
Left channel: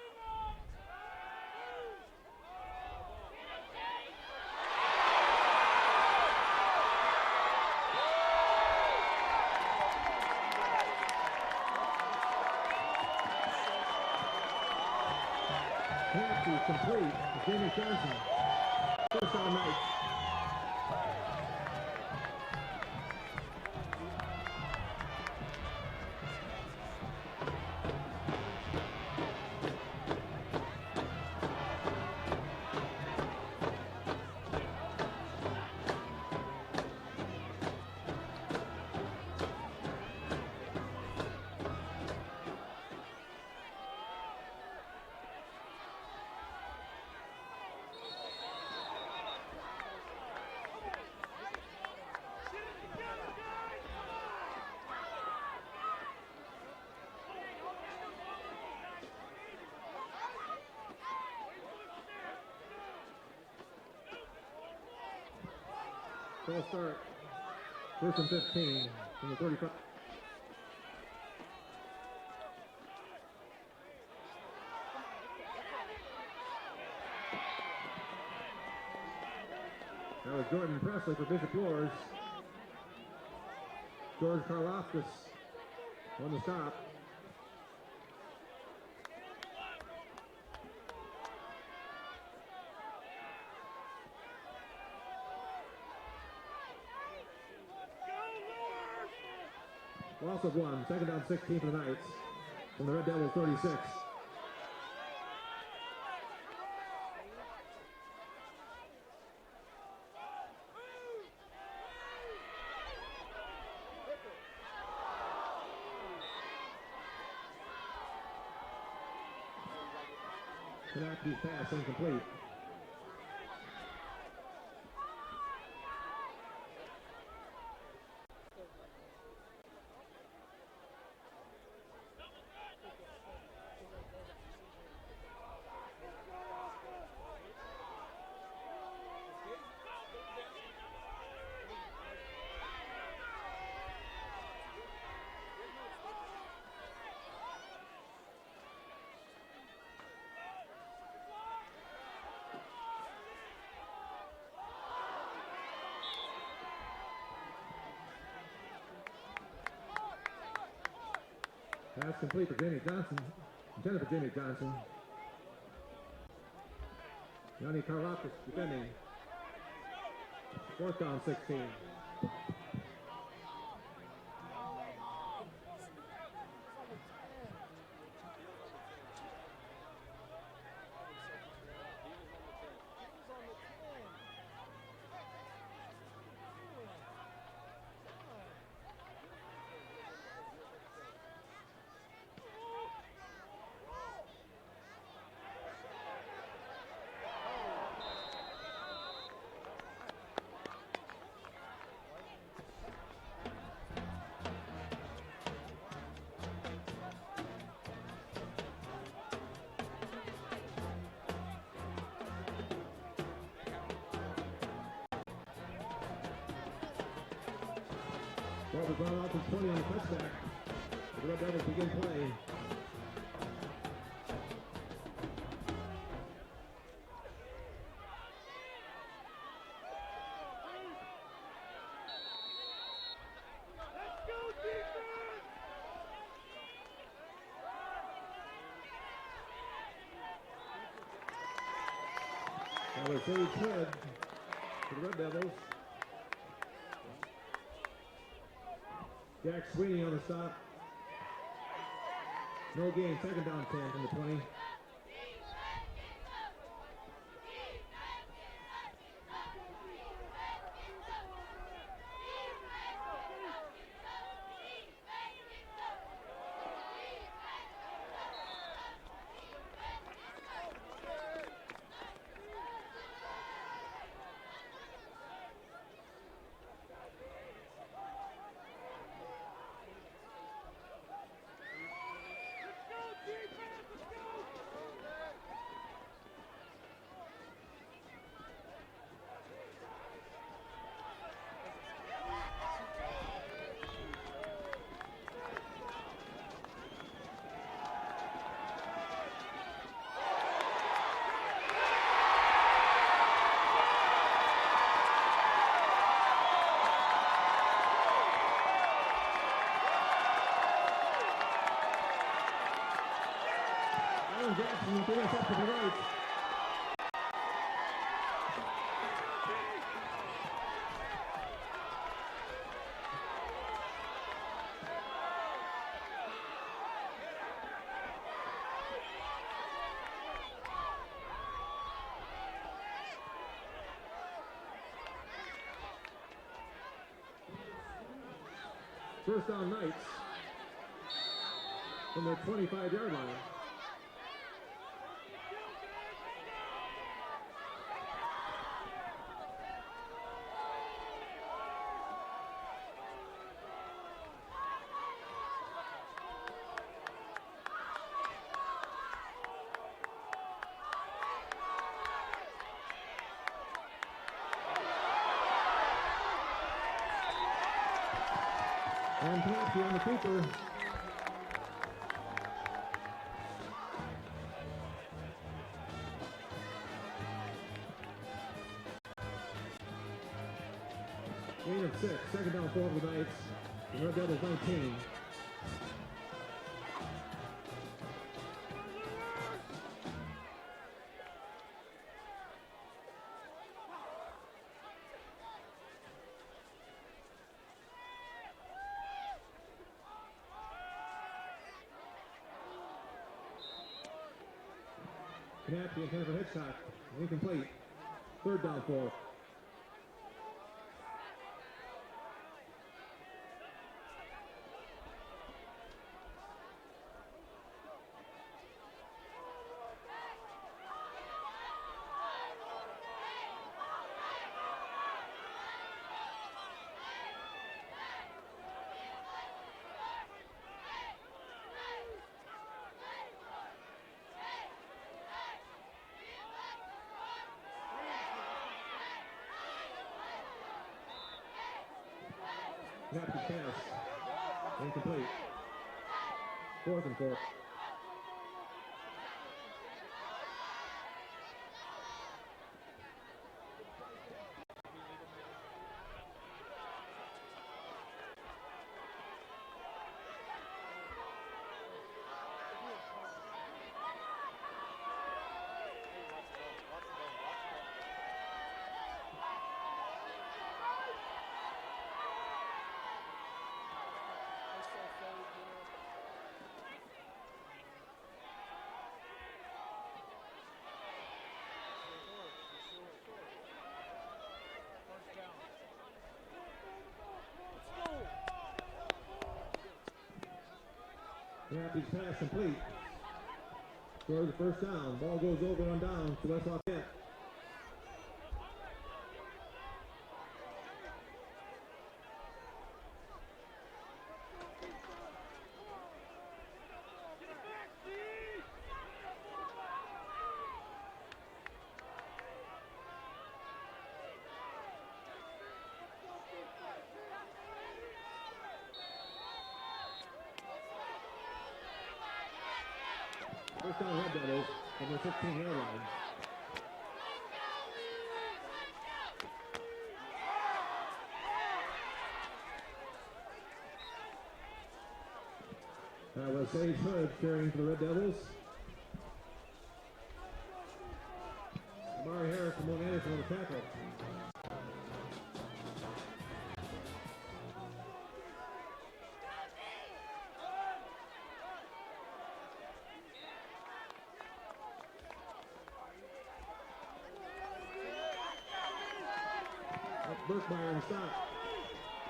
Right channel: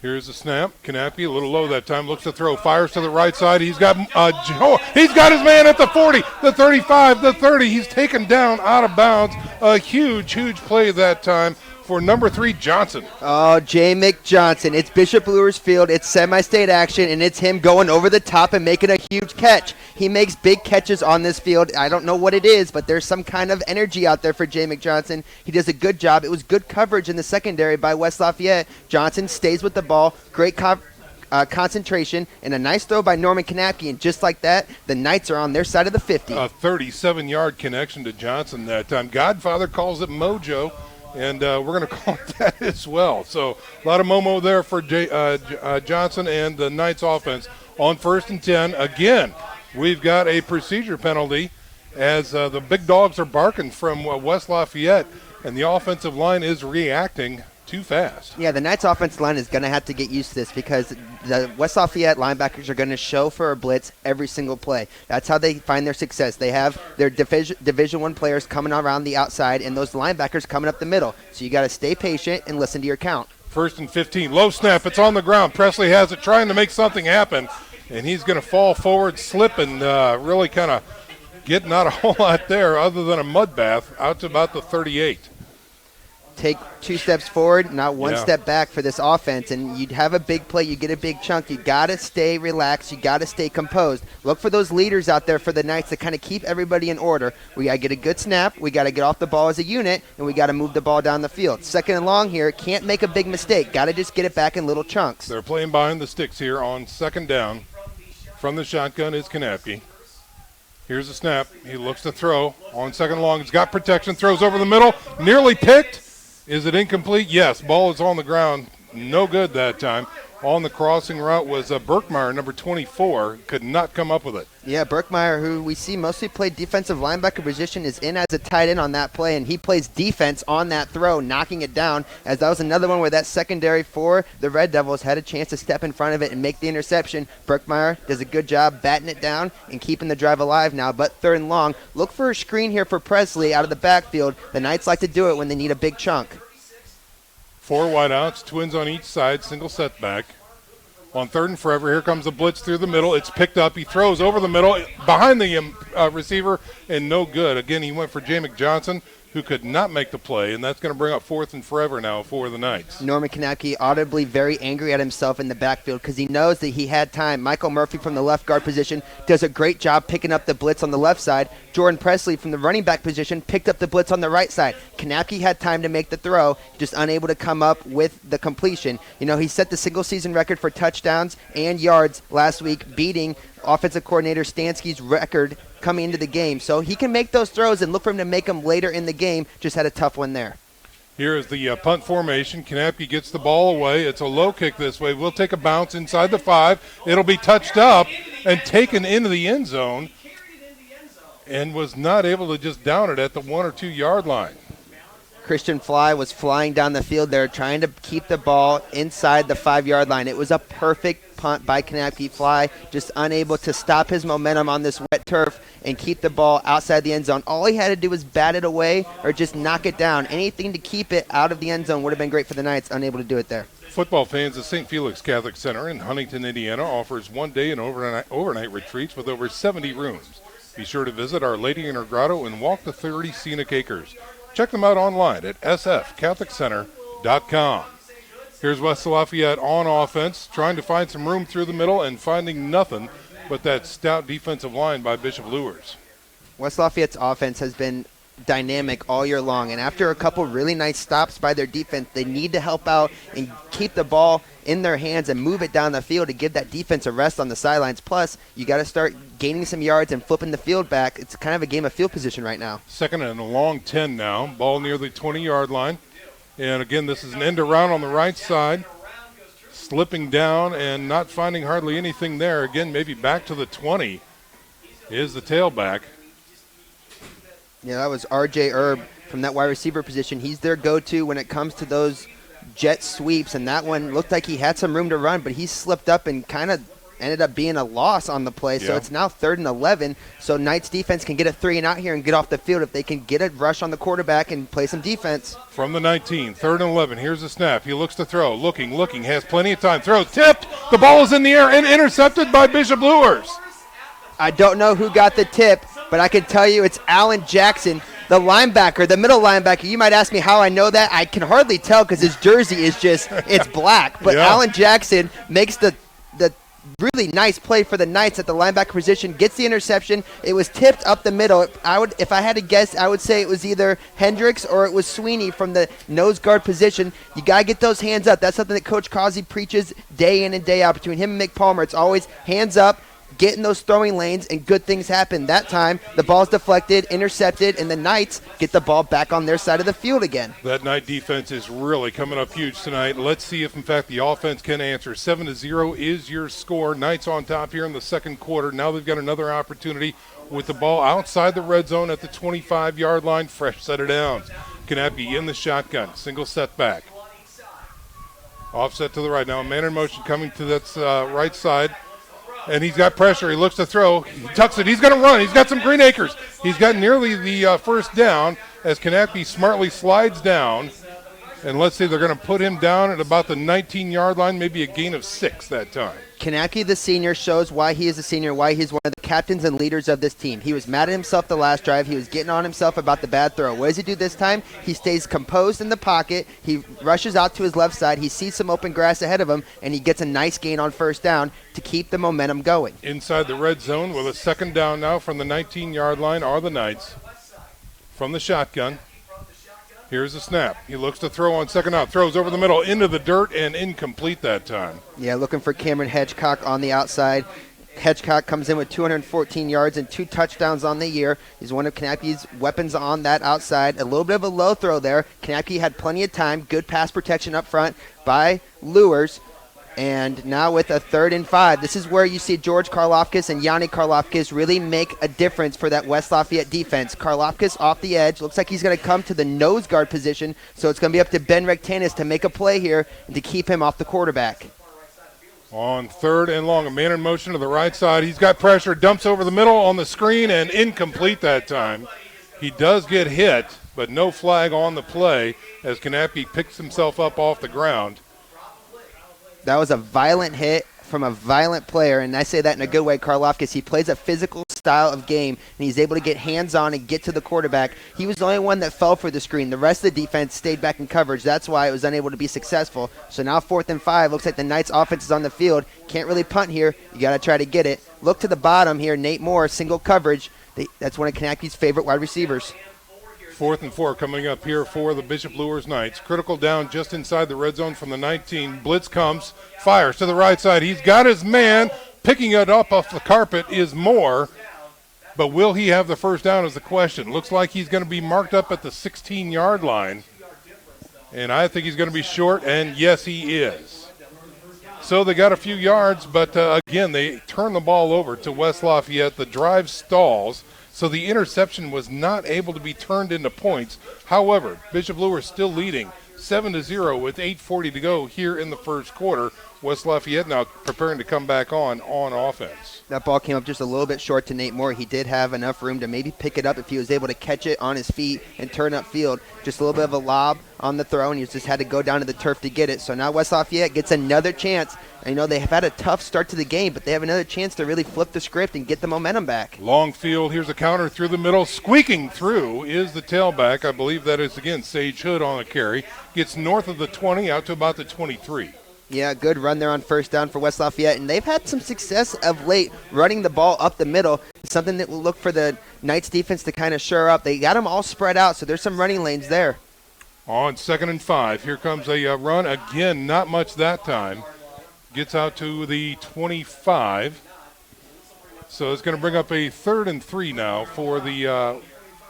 Here's the snap. Kanapke a little low that time. Looks to throw. Fires to the right side. He's got he's got his man at the 40, the 35, the 30. He's taken down out of bounds. A huge, huge play that time for number 3, Johnson. Oh, J. Johnson. It's Bishop Luers Field. It's semi-state action, and it's him going over the top and making a huge catch. He makes big catches on this field. I don't know what it is, but there's some kind of energy out there for J. Johnson. He does a good job. It was good coverage in the secondary by West Lafayette. Johnson stays with the ball. Great concentration, and a nice throw by Norman Kanapke, and just like that, the Knights are on their side of the 50. A 37-yard connection to Johnson that time. Godfather calls it mojo. And we're going to call it that as well. So a lot of Momo there for Johnson and the Knights offense. On 1st and 10, again, we've got a procedure penalty as the big dogs are barking from West Lafayette, and the offensive line is reacting too fast. Yeah, the Knights offensive line is going to have to get used to this because the West Lafayette linebackers are going to show for a blitz every single play. That's how they find their success. They have their Division I players coming around the outside and those linebackers coming up the middle. So you got to stay patient and listen to your count. 1st and 15. Low snap. It's on the ground. Presley has it, trying to make something happen. And he's going to fall forward, slip, and really kind of getting not a whole lot there other than a mud bath out to about the 38. Take 2 steps forward, not one step back for this offense, and you'd have a big play, you get a big chunk. You got to stay relaxed, you got to stay composed. Look for those leaders out there for the Knights to kind of keep everybody in order. We got to get a good snap, we got to get off the ball as a unit, and we got to move the ball down the field. 2nd and long here, can't make a big mistake, got to just get it back in little chunks. They're playing behind the sticks here on 2nd down. From the shotgun is Kanapke. Here's the snap, he looks to throw on 2nd long, he's got protection, throws over the middle, nearly picked. Is it incomplete? Yes. Ball is on the ground. no good that time. On the crossing route was Berkmeyer, number 24, could not come up with it. Yeah, Berkmeyer, who we see mostly play defensive linebacker position, is in as a tight end on that play, and he plays defense on that throw, knocking it down, as that was another one where that secondary for the Red Devils had a chance to step in front of it and make the interception. Berkmeyer does a good job batting it down and keeping the drive alive now, but 3rd and long. Look for a screen here for Presley out of the backfield. The Knights like to do it when they need a big chunk. 4 wideouts, twins on each side, single setback. On 3rd and forever, here comes a blitz through the middle. It's picked up. He throws over the middle, behind the receiver, and no good. Again, he went for Jamek Johnson, who could not make the play, and that's going to bring up 4th and forever now for the Knights. Norman Kanapke audibly very angry at himself in the backfield because he knows that he had time. Michael Murphy from the left guard position does a great job picking up the blitz on the left side. Jordan Presley from the running back position picked up the blitz on the right side. Kanapke had time to make the throw, just unable to come up with the completion. You know, he set the single-season record for touchdowns and yards last week, beating offensive coordinator Stansky's record coming into the game. So he can make those throws and look for him to make them later in the game. Just had a tough one there. Here is the punt formation. Kanapke gets the ball away. It's a low kick this way. We'll take a bounce inside the 5. It'll be touched up and taken into the end zone and was not able to just down it at the 1 or 2 yard line. Christian Fly was flying down the field there trying to keep the ball inside the 5 yard line. It was a perfect punt by Kanapke. Fly just unable to stop his momentum on this wet turf and keep the ball outside the end zone. All he had to do was bat it away or just knock it down. Anything to keep it out of the end zone would have been great for the Knights, unable to do it there. Football fans, the St. Felix Catholic Center in Huntington, Indiana offers 1-day and overnight retreats with over 70 rooms. Be sure to visit Our Lady in her grotto and walk the 30 scenic acres. Check them out online at sfcatholiccenter.com. Here's West Lafayette on offense, trying to find some room through the middle and finding nothing but that stout defensive line by Bishop Luers. West Lafayette's offense has been dynamic all year long, and after a couple really nice stops by their defense, they need to help out and keep the ball in their hands and move it down the field to give that defense a rest on the sidelines. Plus, you got to start gaining some yards and flipping the field back. It's kind of a game of field position right now. 2nd and a long 10 now. Ball near the 20-yard line. And again, this is an end around on the right side. Slipping down and not finding hardly anything there. Again, maybe back to the 20 is the tailback. Yeah, that was R.J. Erb from that wide receiver position. He's their go-to when it comes to those jet sweeps, and that one looked like he had some room to run, but he slipped up and kind of ended up being a loss on the play. So it's now 3rd and 11. So Knights defense can get a 3 and out here and get off the field if they can get a rush on the quarterback and play some defense. From the 19, 3rd and 11. Here's the snap. He looks to throw. Looking, has plenty of time. Throw tipped. The ball is in the air and intercepted by Bishop Luers. I don't know who got the tip, but I can tell you it's Alan Jackson, the linebacker, the middle linebacker. You might ask me how I know that. I can hardly tell because his jersey is just, it's black. But Alan Jackson makes the really nice play for the Knights at the linebacker position, gets the interception. It was tipped up the middle. If I had to guess, I would say it was either Hendricks or it was Sweeney from the nose guard position. You got to get those hands up. That's something that Coach Causey preaches day in and day out. Between him and Mick Palmer, it's always hands up, get in those throwing lanes, and good things happen. That time, the ball's deflected, intercepted, and the Knights get the ball back on their side of the field again. That Knight defense is really coming up huge tonight. Let's see if, in fact, the offense can answer. 7-0 is your score. Knights on top here in the 2nd quarter. Now they've got another opportunity with the ball outside the red zone at the 25-yard line. Fresh set of downs. Kanapke in the shotgun. Single setback. Offset to the right. Now a man in motion coming to that right side. And he's got pressure. He looks to throw. He tucks it. He's going to run. He's got some green acres. He's got nearly the first down as Kanapke smartly slides down. And let's see, they're going to put him down at about the 19-yard line, maybe a gain of 6 that time. Kanapke, the senior, shows why he is a senior, why he's one of the captains and leaders of this team. He was mad at himself the last drive. He was getting on himself about the bad throw. What does he do this time? He stays composed in the pocket. He rushes out to his left side. He sees some open grass ahead of him, and he gets a nice gain on first down to keep the momentum going. Inside the red zone with a 2nd down now from the 19-yard line are the Knights. From the shotgun. Here's the snap. He looks to throw on 2nd out. Throws over the middle into the dirt and incomplete that time. Yeah, looking for Cameron Hedgecock on the outside. Hedgecock comes in with 214 yards and 2 touchdowns on the year. He's one of Kanapke's weapons on that outside. A little bit of a low throw there. Kanapke had plenty of time. Good pass protection up front by Luers. And now with a 3rd and 5, this is where you see George Karlofkis and Yanni Karlofkis really make a difference for that West Lafayette defense. Karlofkis off the edge. Looks like he's going to come to the nose guard position. So it's going to be up to Ben Rectanis to make a play here and to keep him off the quarterback. On 3rd and long, a man in motion to the right side. He's got pressure, dumps over the middle on the screen, and incomplete that time. He does get hit, but no flag on the play as Kanapke picks himself up off the ground. That was a violent hit from a violent player, and I say that in a good way. Karlofkis, he plays a physical style of game, and he's able to get hands-on and get to the quarterback. He was the only one that fell for the screen. The rest of the defense stayed back in coverage. That's why it was unable to be successful. So now 4th and 5. Looks like the Knights offense is on the field. Can't really punt here. You got to try to get it. Look to the bottom here. Nate Moore, single coverage. That's one of Kanapke's favorite wide receivers. 4th and 4 coming up here for the Bishop Luers Knights. Critical down just inside the red zone from the 19. Blitz comes, fires to the right side. He's got his man. Picking it up off the carpet is Moore. But will he have the first down is the question. Looks like he's going to be marked up at the 16-yard line. And I think he's going to be short, and yes, he is. So they got a few yards, but again, they turn the ball over to West Lafayette. The drive stalls. So the interception was not able to be turned into points. However, Bishop Luers still leading 7-0 with 8:40 to go here in the first quarter. West Lafayette now preparing to come back on offense. That ball came up just a little bit short to Nate Moore. He did have enough room to maybe pick it up if he was able to catch it on his feet and turn upfield. Just a little bit of a lob on the throw, and he just had to go down to the turf to get it. So now West Lafayette gets another chance. And, you know, they have had a tough start to the game, but they have another chance to really flip the script and get the momentum back. Long field. Here's a counter through the middle. Squeaking through is the tailback. I believe that is, again, Sage Hood on the carry. Gets north of the 20 out to about the 23. Yeah, good run there on first down for West Lafayette, and they've had some success of late running the ball up the middle. Something that will look for the Knights defense to kind of shore up. They got them all spread out, so there's some running lanes there. On 2nd and 5, here comes a run. Again, not much that time. Gets out to the 25. So it's going to bring up a 3rd and 3 now for the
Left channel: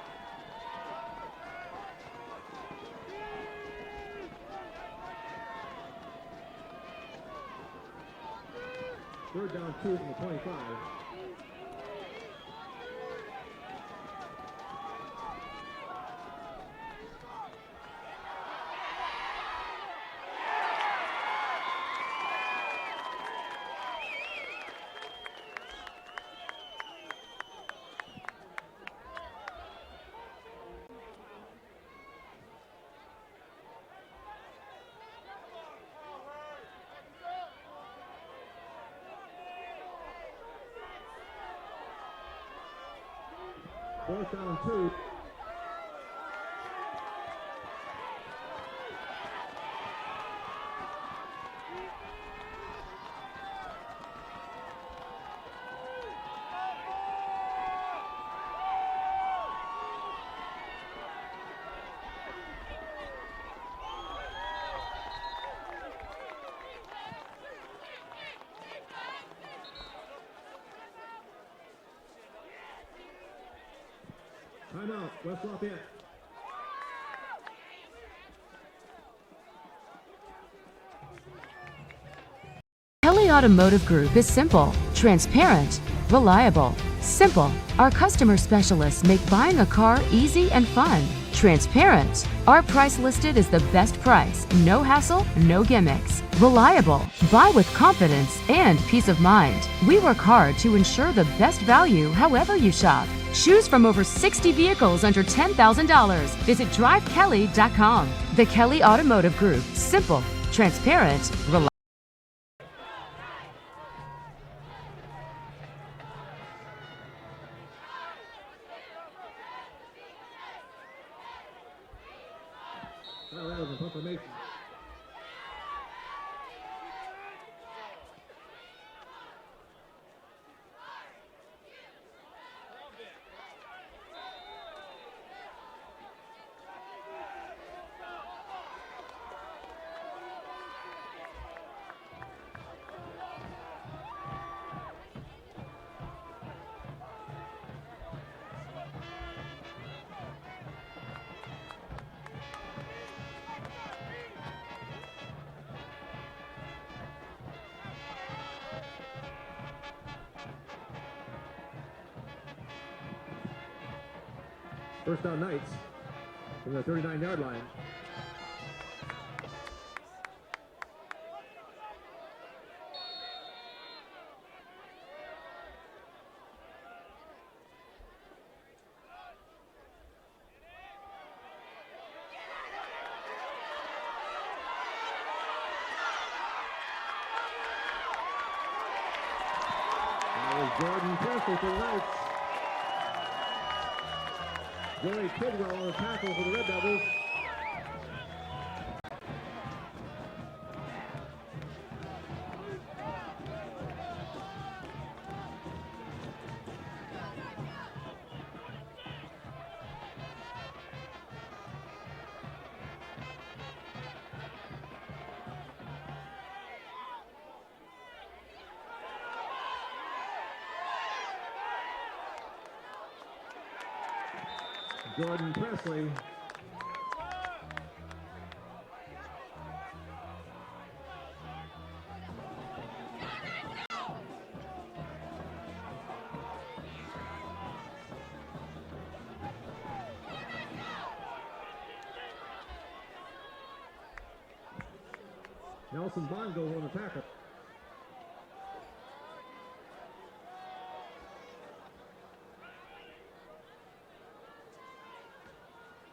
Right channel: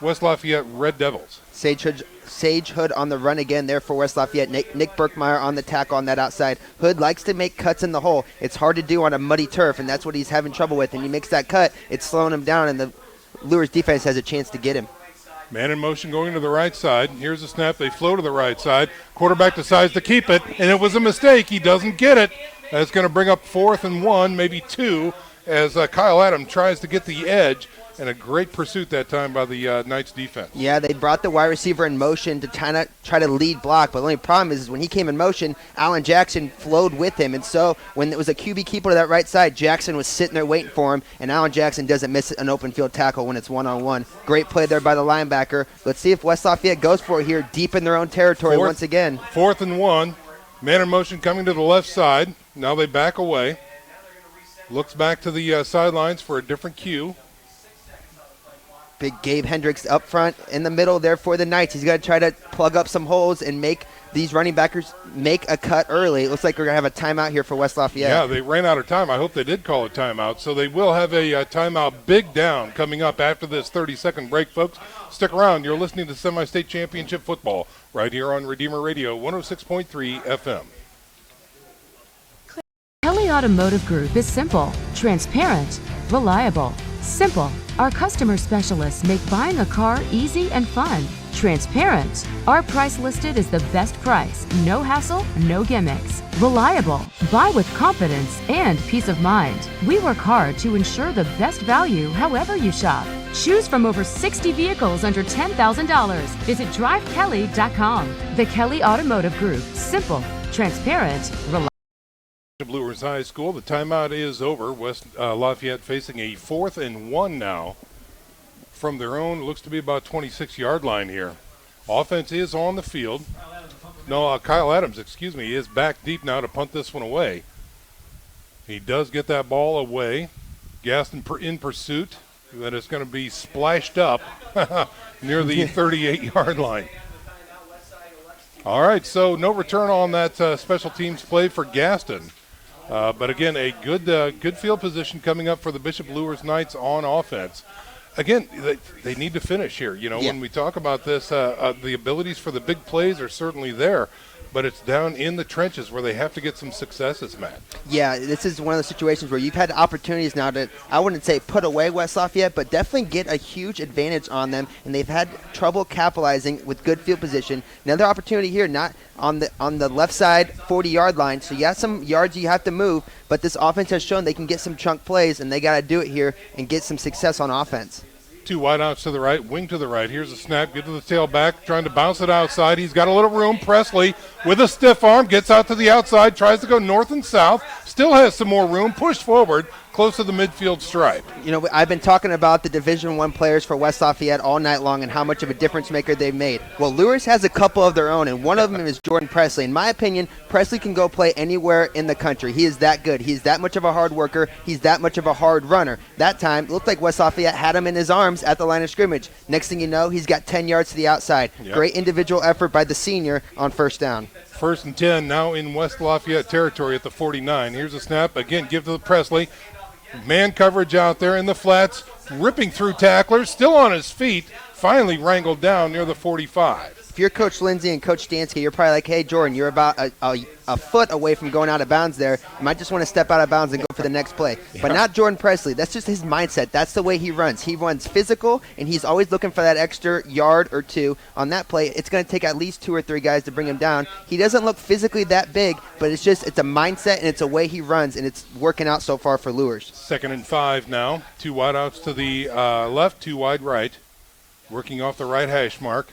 West Lafayette Red Devils. Sage Hood on the run again there for West Lafayette. Nick Berkmeyer on the tackle on that outside. Hood likes to make cuts in the hole. It's hard to do on a muddy turf, and that's what he's having trouble with. And he makes that cut, it's slowing him down, and the Luers defense has a chance to get him. Man in motion going to the right side. Here's a snap. They flow to the right side. Quarterback decides to keep it, and it was a mistake. He doesn't get it. That's going to bring up 4th and 1, maybe 2, as Kyle Adams tries to get the edge. And a great pursuit that time by the Knights defense. Yeah, they brought the wide receiver in motion to try to lead block. But the only problem is when he came in motion, Alan Jackson flowed with him. And so when it was a QB keeper to that right side, Jackson was sitting there waiting for him. And Alan Jackson doesn't miss an open field tackle when it's one-on-one. Great play there by the linebacker. Let's see if West Lafayette goes for it here deep in their own territory once again. 4th and 1. Man in motion coming to the left side. Now they back away. Looks back to the sidelines for a different cue. Big Gabe Hendricks up front in the middle there for the Knights. He's going to try to plug up some holes and make these running backers make a cut early. It looks like we're going to have a timeout here for West Lafayette. Yeah, they ran out of time. I hope they did call a timeout. So they will have a timeout big down coming up after this 30-second break, folks. Stick around. You're listening to Semi-State Championship Football right here on Redeemer Radio 106.3 FM. Kelly Automotive Group is simple, transparent, reliable. Simple. Our customer specialists make buying a car easy and fun. Transparent. Our price listed is the best price. No hassle, no gimmicks. Reliable. Buy with confidence and peace of mind. We work hard to ensure the best value however you shop. Choose from over 60 vehicles under $10,000. Visit drivekelly.com. The Kelly Automotive Group. Simple, transparent, reliable. Luers High School. The timeout is over. West Lafayette facing a 4th and 1 now from their own, looks to be about 26-yard line here. Offense is on the field. No, Kyle Adams, is back deep now to punt this one away. He does get that ball away. Gaston in pursuit. That is going to be splashed up near the 38-yard line. All right, so no return on that special teams play for Gaston. But again, a good field position coming up for the Bishop Luers Knights on offense. Again, they need to finish here. When we talk about this, the abilities for the big plays are certainly there, but it's down in the trenches where they have to get some successes, Matt. Yeah, this is one of the situations where you've had opportunities now to, I wouldn't say put away West Lafayette, but definitely get a huge advantage on them, and they've had trouble capitalizing with good field position. Another opportunity here, not on the left side 40-yard line, so you have some yards you have to move, but this offense has shown they can get some chunk plays, and they got to do it here and get some success on offense. 2 wideouts to the right, wing to the right. Here's a snap, get to the tailback, trying to bounce it outside. He's got a little room. Presley with a stiff arm, gets out to the outside, tries to go north and south, still has some more room, pushed forward, close to the midfield stripe. I've been talking about the Division I players for West Lafayette all night long and how much of a difference maker they've made. Well, Luers has a couple of their own, and one of them is Jordan Presley. In my opinion, Presley can go play anywhere in the country. He is that good. He's that much of a hard worker. He's that much of a hard runner. That time, it looked like West Lafayette had him in his arms at the line of scrimmage. Next thing you know, he's got 10 yards to the outside. Yep. Great individual effort by the senior on first down. 1st and 10 now in West Lafayette territory at the 49. Here's a snap. Again, give to the Presley. Man coverage out there in the flats, ripping through tacklers, still on his feet, finally wrangled down near the 45. If you're Coach Lindsay and Coach Stansky, you're probably like, hey, Jordan, you're about a foot away from going out of bounds there. You might just want to step out of bounds and go for the next play. Yeah. But not Jordan Presley. That's just his mindset. That's the way he runs. He runs physical, and he's always looking for that extra yard or two on that play. It's going to take at least 2 or 3 guys to bring him down. He doesn't look physically that big, but it's a mindset, and it's a way he runs, and it's working out so far for Luers. 2nd and 5 now. 2 wideouts to the left, 2 wide right. Working off the right hash mark.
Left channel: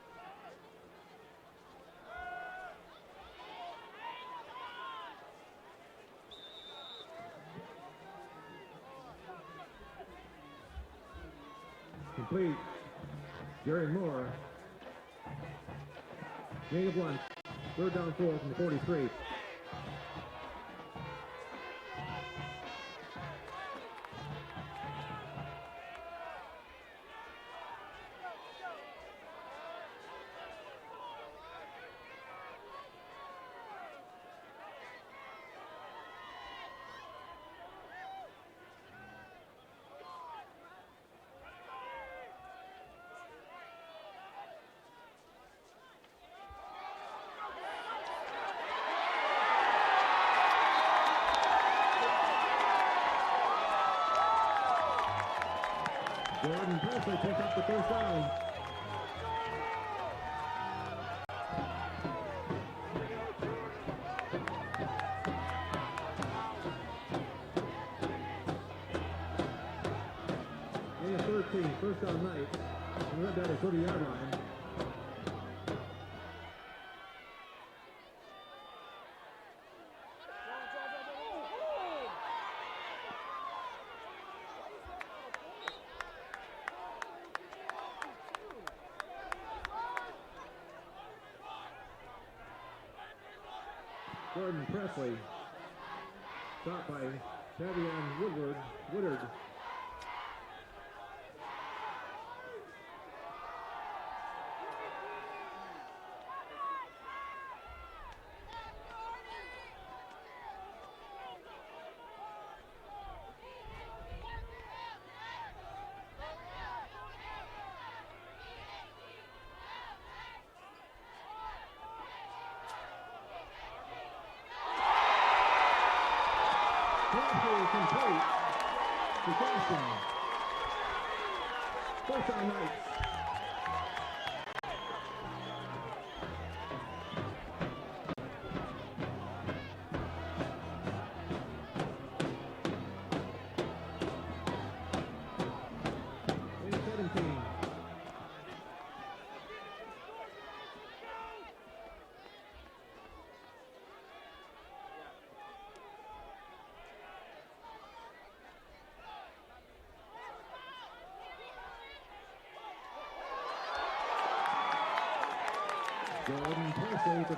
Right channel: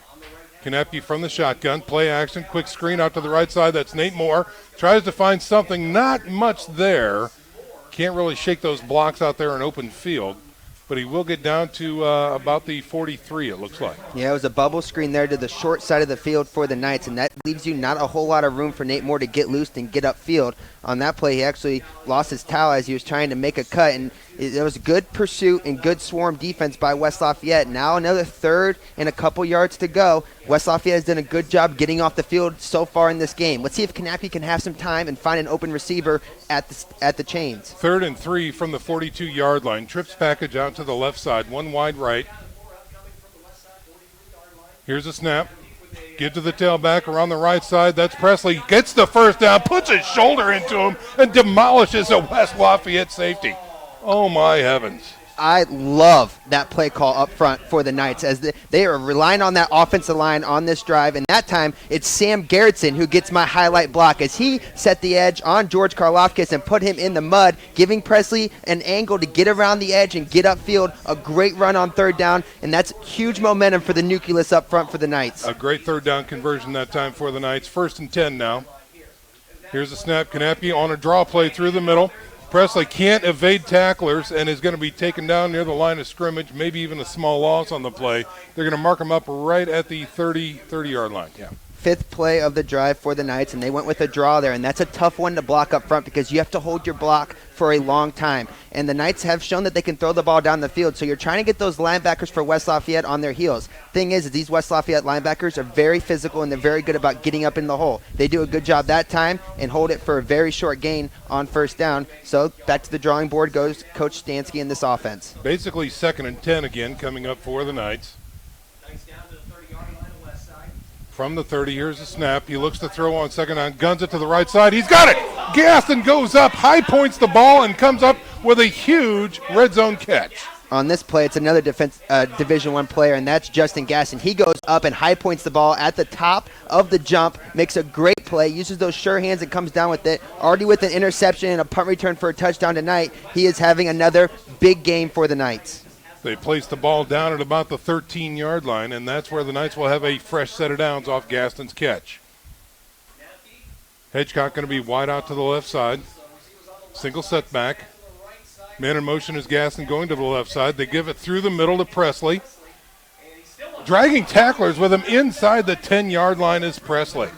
Knappe from the shotgun, play action, quick screen out to the right side. That's Nate Moore. Tries to find something, not much there. Can't really shake those blocks out there in open field, but he will get down to about the 43, it looks like. Yeah, it was a bubble screen there to the short side of the field for the Knights, and that leaves you not a whole lot of room for Nate Moore to get loose and get upfield. On that play, he actually lost his towel as he was trying to make a cut, and it was good pursuit and good swarm defense by West Lafayette. Now another 3rd and a couple yards to go. West Lafayette has done a good job getting off the field so far in this game. Let's see if Knappe can have some time and find an open receiver at the chains. 3rd and 3 from the 42-yard line. Trips package out to the left side, 1 wide right. Here's a snap. Get to the tailback around the right side. That's Presley. Gets the first down, puts his shoulder into him, and demolishes a West Lafayette safety. Oh, my heavens. I love that play call up front for the Knights as they are relying on that offensive line on this drive. And that time, it's Sam Gerritsen who gets my highlight block as he set the edge on George Karlofkis and put him in the mud, giving Presley an angle to get around the edge and get upfield. A great run on 3rd down, and that's huge momentum for the nucleus up front for the Knights. A great 3rd down conversion that time for the Knights. 1st and 10 now. Here's a snap. Knappe on a draw play through the middle. Presley can't evade tacklers and is going to be taken down near the line of scrimmage, maybe even a small loss on the play. They're going to mark him up right at the 30-yard line. Yeah. 5th play of the drive for the Knights, and they went with a draw there, and that's a tough one to block up front because you have to hold your block for a long time. And the Knights have shown that they can throw the ball down the field, so you're trying to get those linebackers for West Lafayette on their heels. Thing is these West Lafayette linebackers are very physical, and they're very good about getting up in the hole. They do a good job that time and hold it for a very short gain on 1st down. So back to the drawing board goes Coach Stansky in this offense. Basically 2nd and 10 again coming up for the Knights. From the 30, here's a snap. He looks to throw on 2nd down, guns it to the right side. He's got it! Gaston goes up, high points the ball, and comes up with a huge red zone catch. On this play, it's another Division I player, and that's Justin Gaston. He goes up and high points the ball at the top of the jump, makes a great play, uses those sure hands and comes down with it. Already with an interception and a punt return for a touchdown tonight, he is having another big game for the Knights. They place the ball down at about the 13-yard line, and that's where the Knights will have a fresh set of downs off Gaston's catch. Hedgecock going to be wide out to the left side. Single setback. Man in motion is Gaston going to the left side. They give it through the middle to Presley. Dragging tacklers with him inside the 10-yard line is Presley.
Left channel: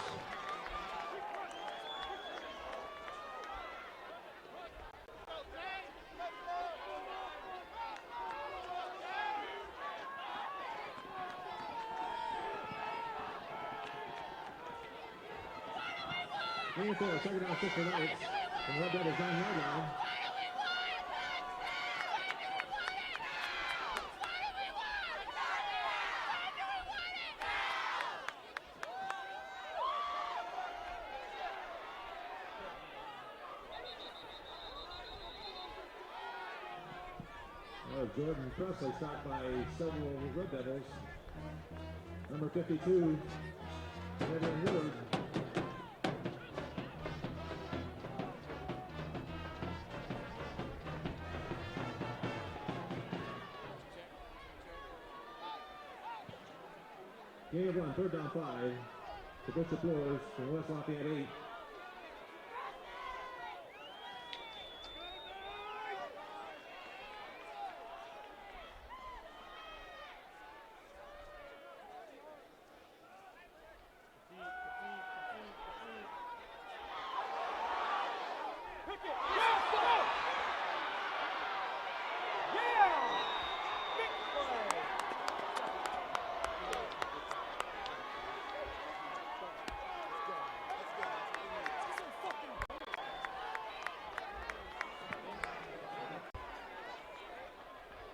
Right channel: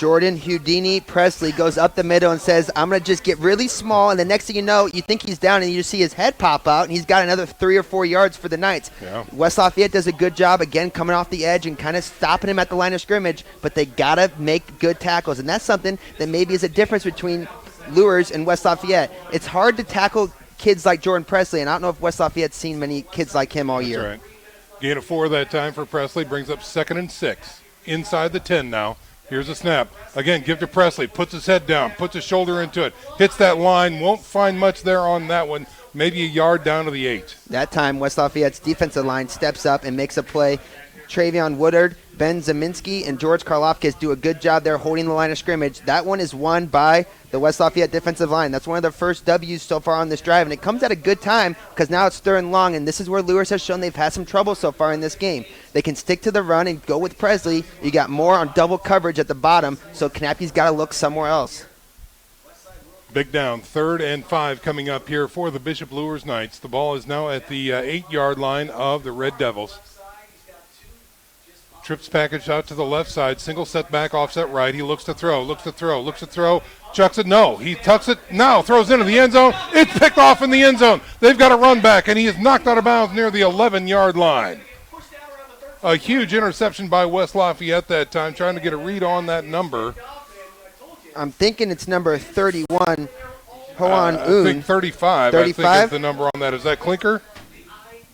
Jordan Houdini Presley goes up the middle and says, I'm going to just get really small, and the next thing you know, you think he's down, and you just see his head pop out, and he's got another 3 or 4 yards for the Knights. Yeah. West Lafayette does a good job, again, coming off the edge and kind of stopping him at the line of scrimmage, but they got to make good tackles, and that's something that maybe is a difference between Luers and West Lafayette. It's hard to tackle kids like Jordan Presley, and I don't know if West Lafayette's seen many kids like him all year. That's right. Gain of 4 that time for Presley, brings up 2nd and 6. Inside the 10 now. Here's a snap. Again, give to Presley. Puts his head down. Puts his shoulder into it. Hits that line. Won't find much there on that one. Maybe a yard down to the 8. That time, West Lafayette's defensive line steps up and makes a play. Travion Woodard, Ben Zeminski, and George Karlofkis do a good job there holding the line of scrimmage. That one is won by the West Lafayette defensive line. That's one of the first W's so far on this drive, and it comes at a good time because now it's 3rd and long, and this is where Luers has shown they've had some trouble so far in this game. They can stick to the run and go with Presley. You got more on double coverage at the bottom, so Knappy's got to look somewhere else. Big down, 3rd and 5 coming up here for the Bishop Luers Knights. The ball is now at the 8-yard line of the Red Devils. Trips package out to the left side, single set back, offset right. He looks to throw, chucks it, no. He tucks it, now throws into the end zone. It's picked off in the end zone. They've got a run back, and he is knocked out of bounds near the 11-yard line. A huge interception by West Lafayette that time, trying to get a read on that number. I'm thinking it's number 31, Hoan I think 35. 35? I think is the number on that. Is that Clinker?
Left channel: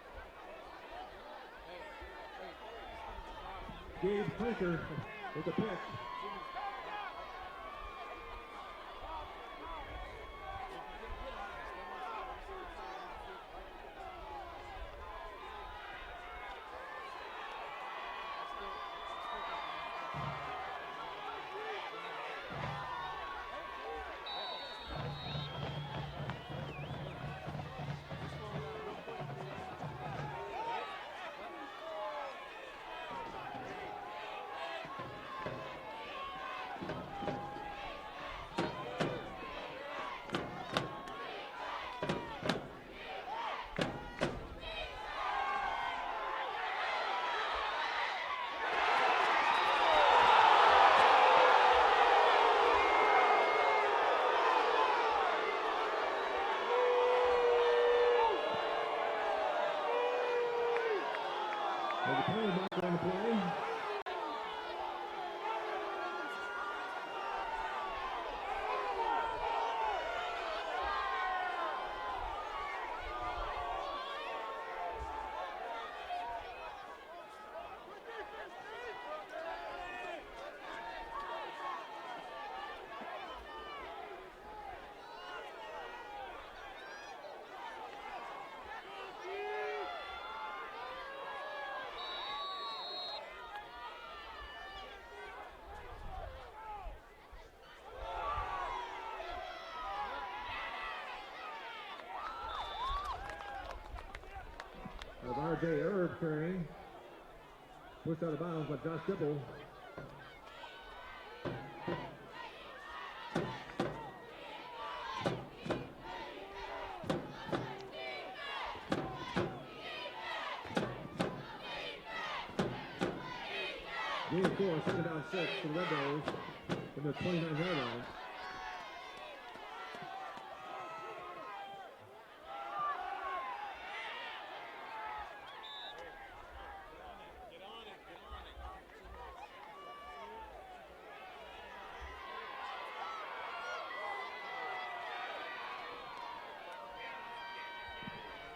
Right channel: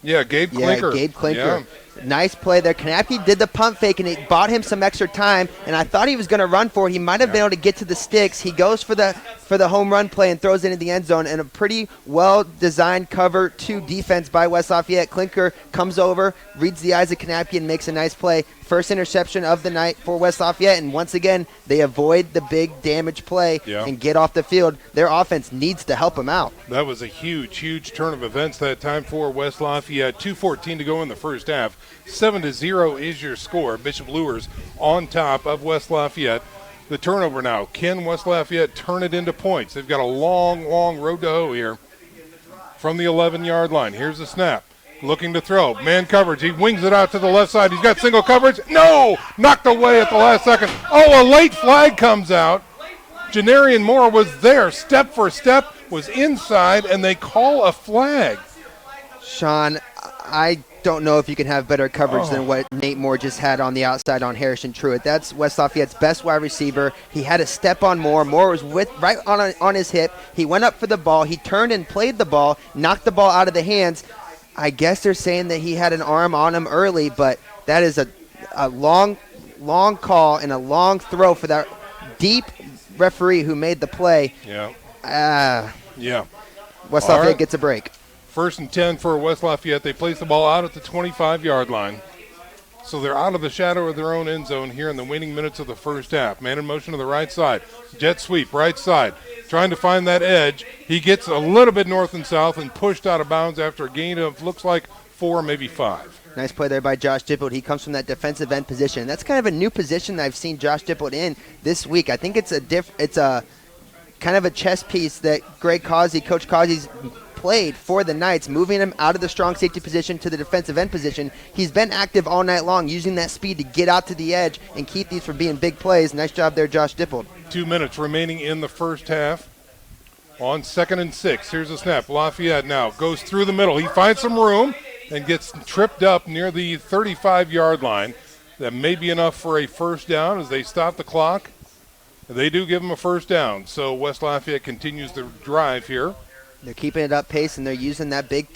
Yeah, Gabe Clinker. Yeah, Gabe Clinker. Yeah. Nice play there. Knappy did the pump fake, and it bought him some extra time, and I thought he was going to run for it. He might have been able to get to the sticks. He goes for the home run play and throws it into the end zone, and a pretty well-designed cover 2 defense by West Lafayette. Clinker comes over, reads the eyes of Knappy, and makes a nice play. First interception of the night for West Lafayette, and once again, they avoid the big damage play and get off the field. Their offense needs to help them out. That was a huge, huge turn of events that time for West Lafayette. 2:14 to go in the first half. 7-0 is your score. Bishop Luers on top of West Lafayette. The turnover now. Can West Lafayette turn it into points? They've got a long, long road to hoe here from the 11-yard line. Here's the snap. Looking to throw. Man coverage. He wings it out to the left side. He's got single coverage. No! Knocked away at the last second. Oh, a late flag comes out. Janarian Moore was there. Step for step. Was inside, and they call a flag. Sean, I don't know if you can have better coverage than what Nate Moore just had on the outside on Harrison Truitt. That's West Lafayette's best wide receiver. He had a step on Moore. Moore was right on his hip. He went up for the ball. He turned and played the ball, knocked the ball out of the hands. I guess they're saying that he had an arm on him early, but that is a long call and a long throw for that deep referee who made the play. Yeah. West Lafayette gets a break. 1st and 10 for West Lafayette. They place the ball out at the 25-yard line. So they're out of the shadow of their own end zone here in the waning minutes of the first half. Man in motion to the right side. Jet sweep, right side. Trying to find that edge. He gets a little bit north and south and pushed out of bounds after a gain of, looks like, 4, maybe 5. Nice play there by Josh Dippold. He comes from that defensive end position. That's kind of a new position that I've seen Josh Dippold in this week. I think it's a kind of a chess piece that Coach Causey's played for the Knights, moving him out of the strong safety position to the defensive end position. He's been active all night long, using that speed to get out to the edge and keep these from being big plays. Nice job there, Josh Dippold. 2 minutes remaining in the first half. On 2nd and 6, here's a snap. Lafayette now goes through the middle. He finds some room and gets tripped up near the 35-yard line. That may be enough for a first down as they stop the clock. They do give him a first down, so West Lafayette continues the drive here. They're keeping it up pace, and they're using that big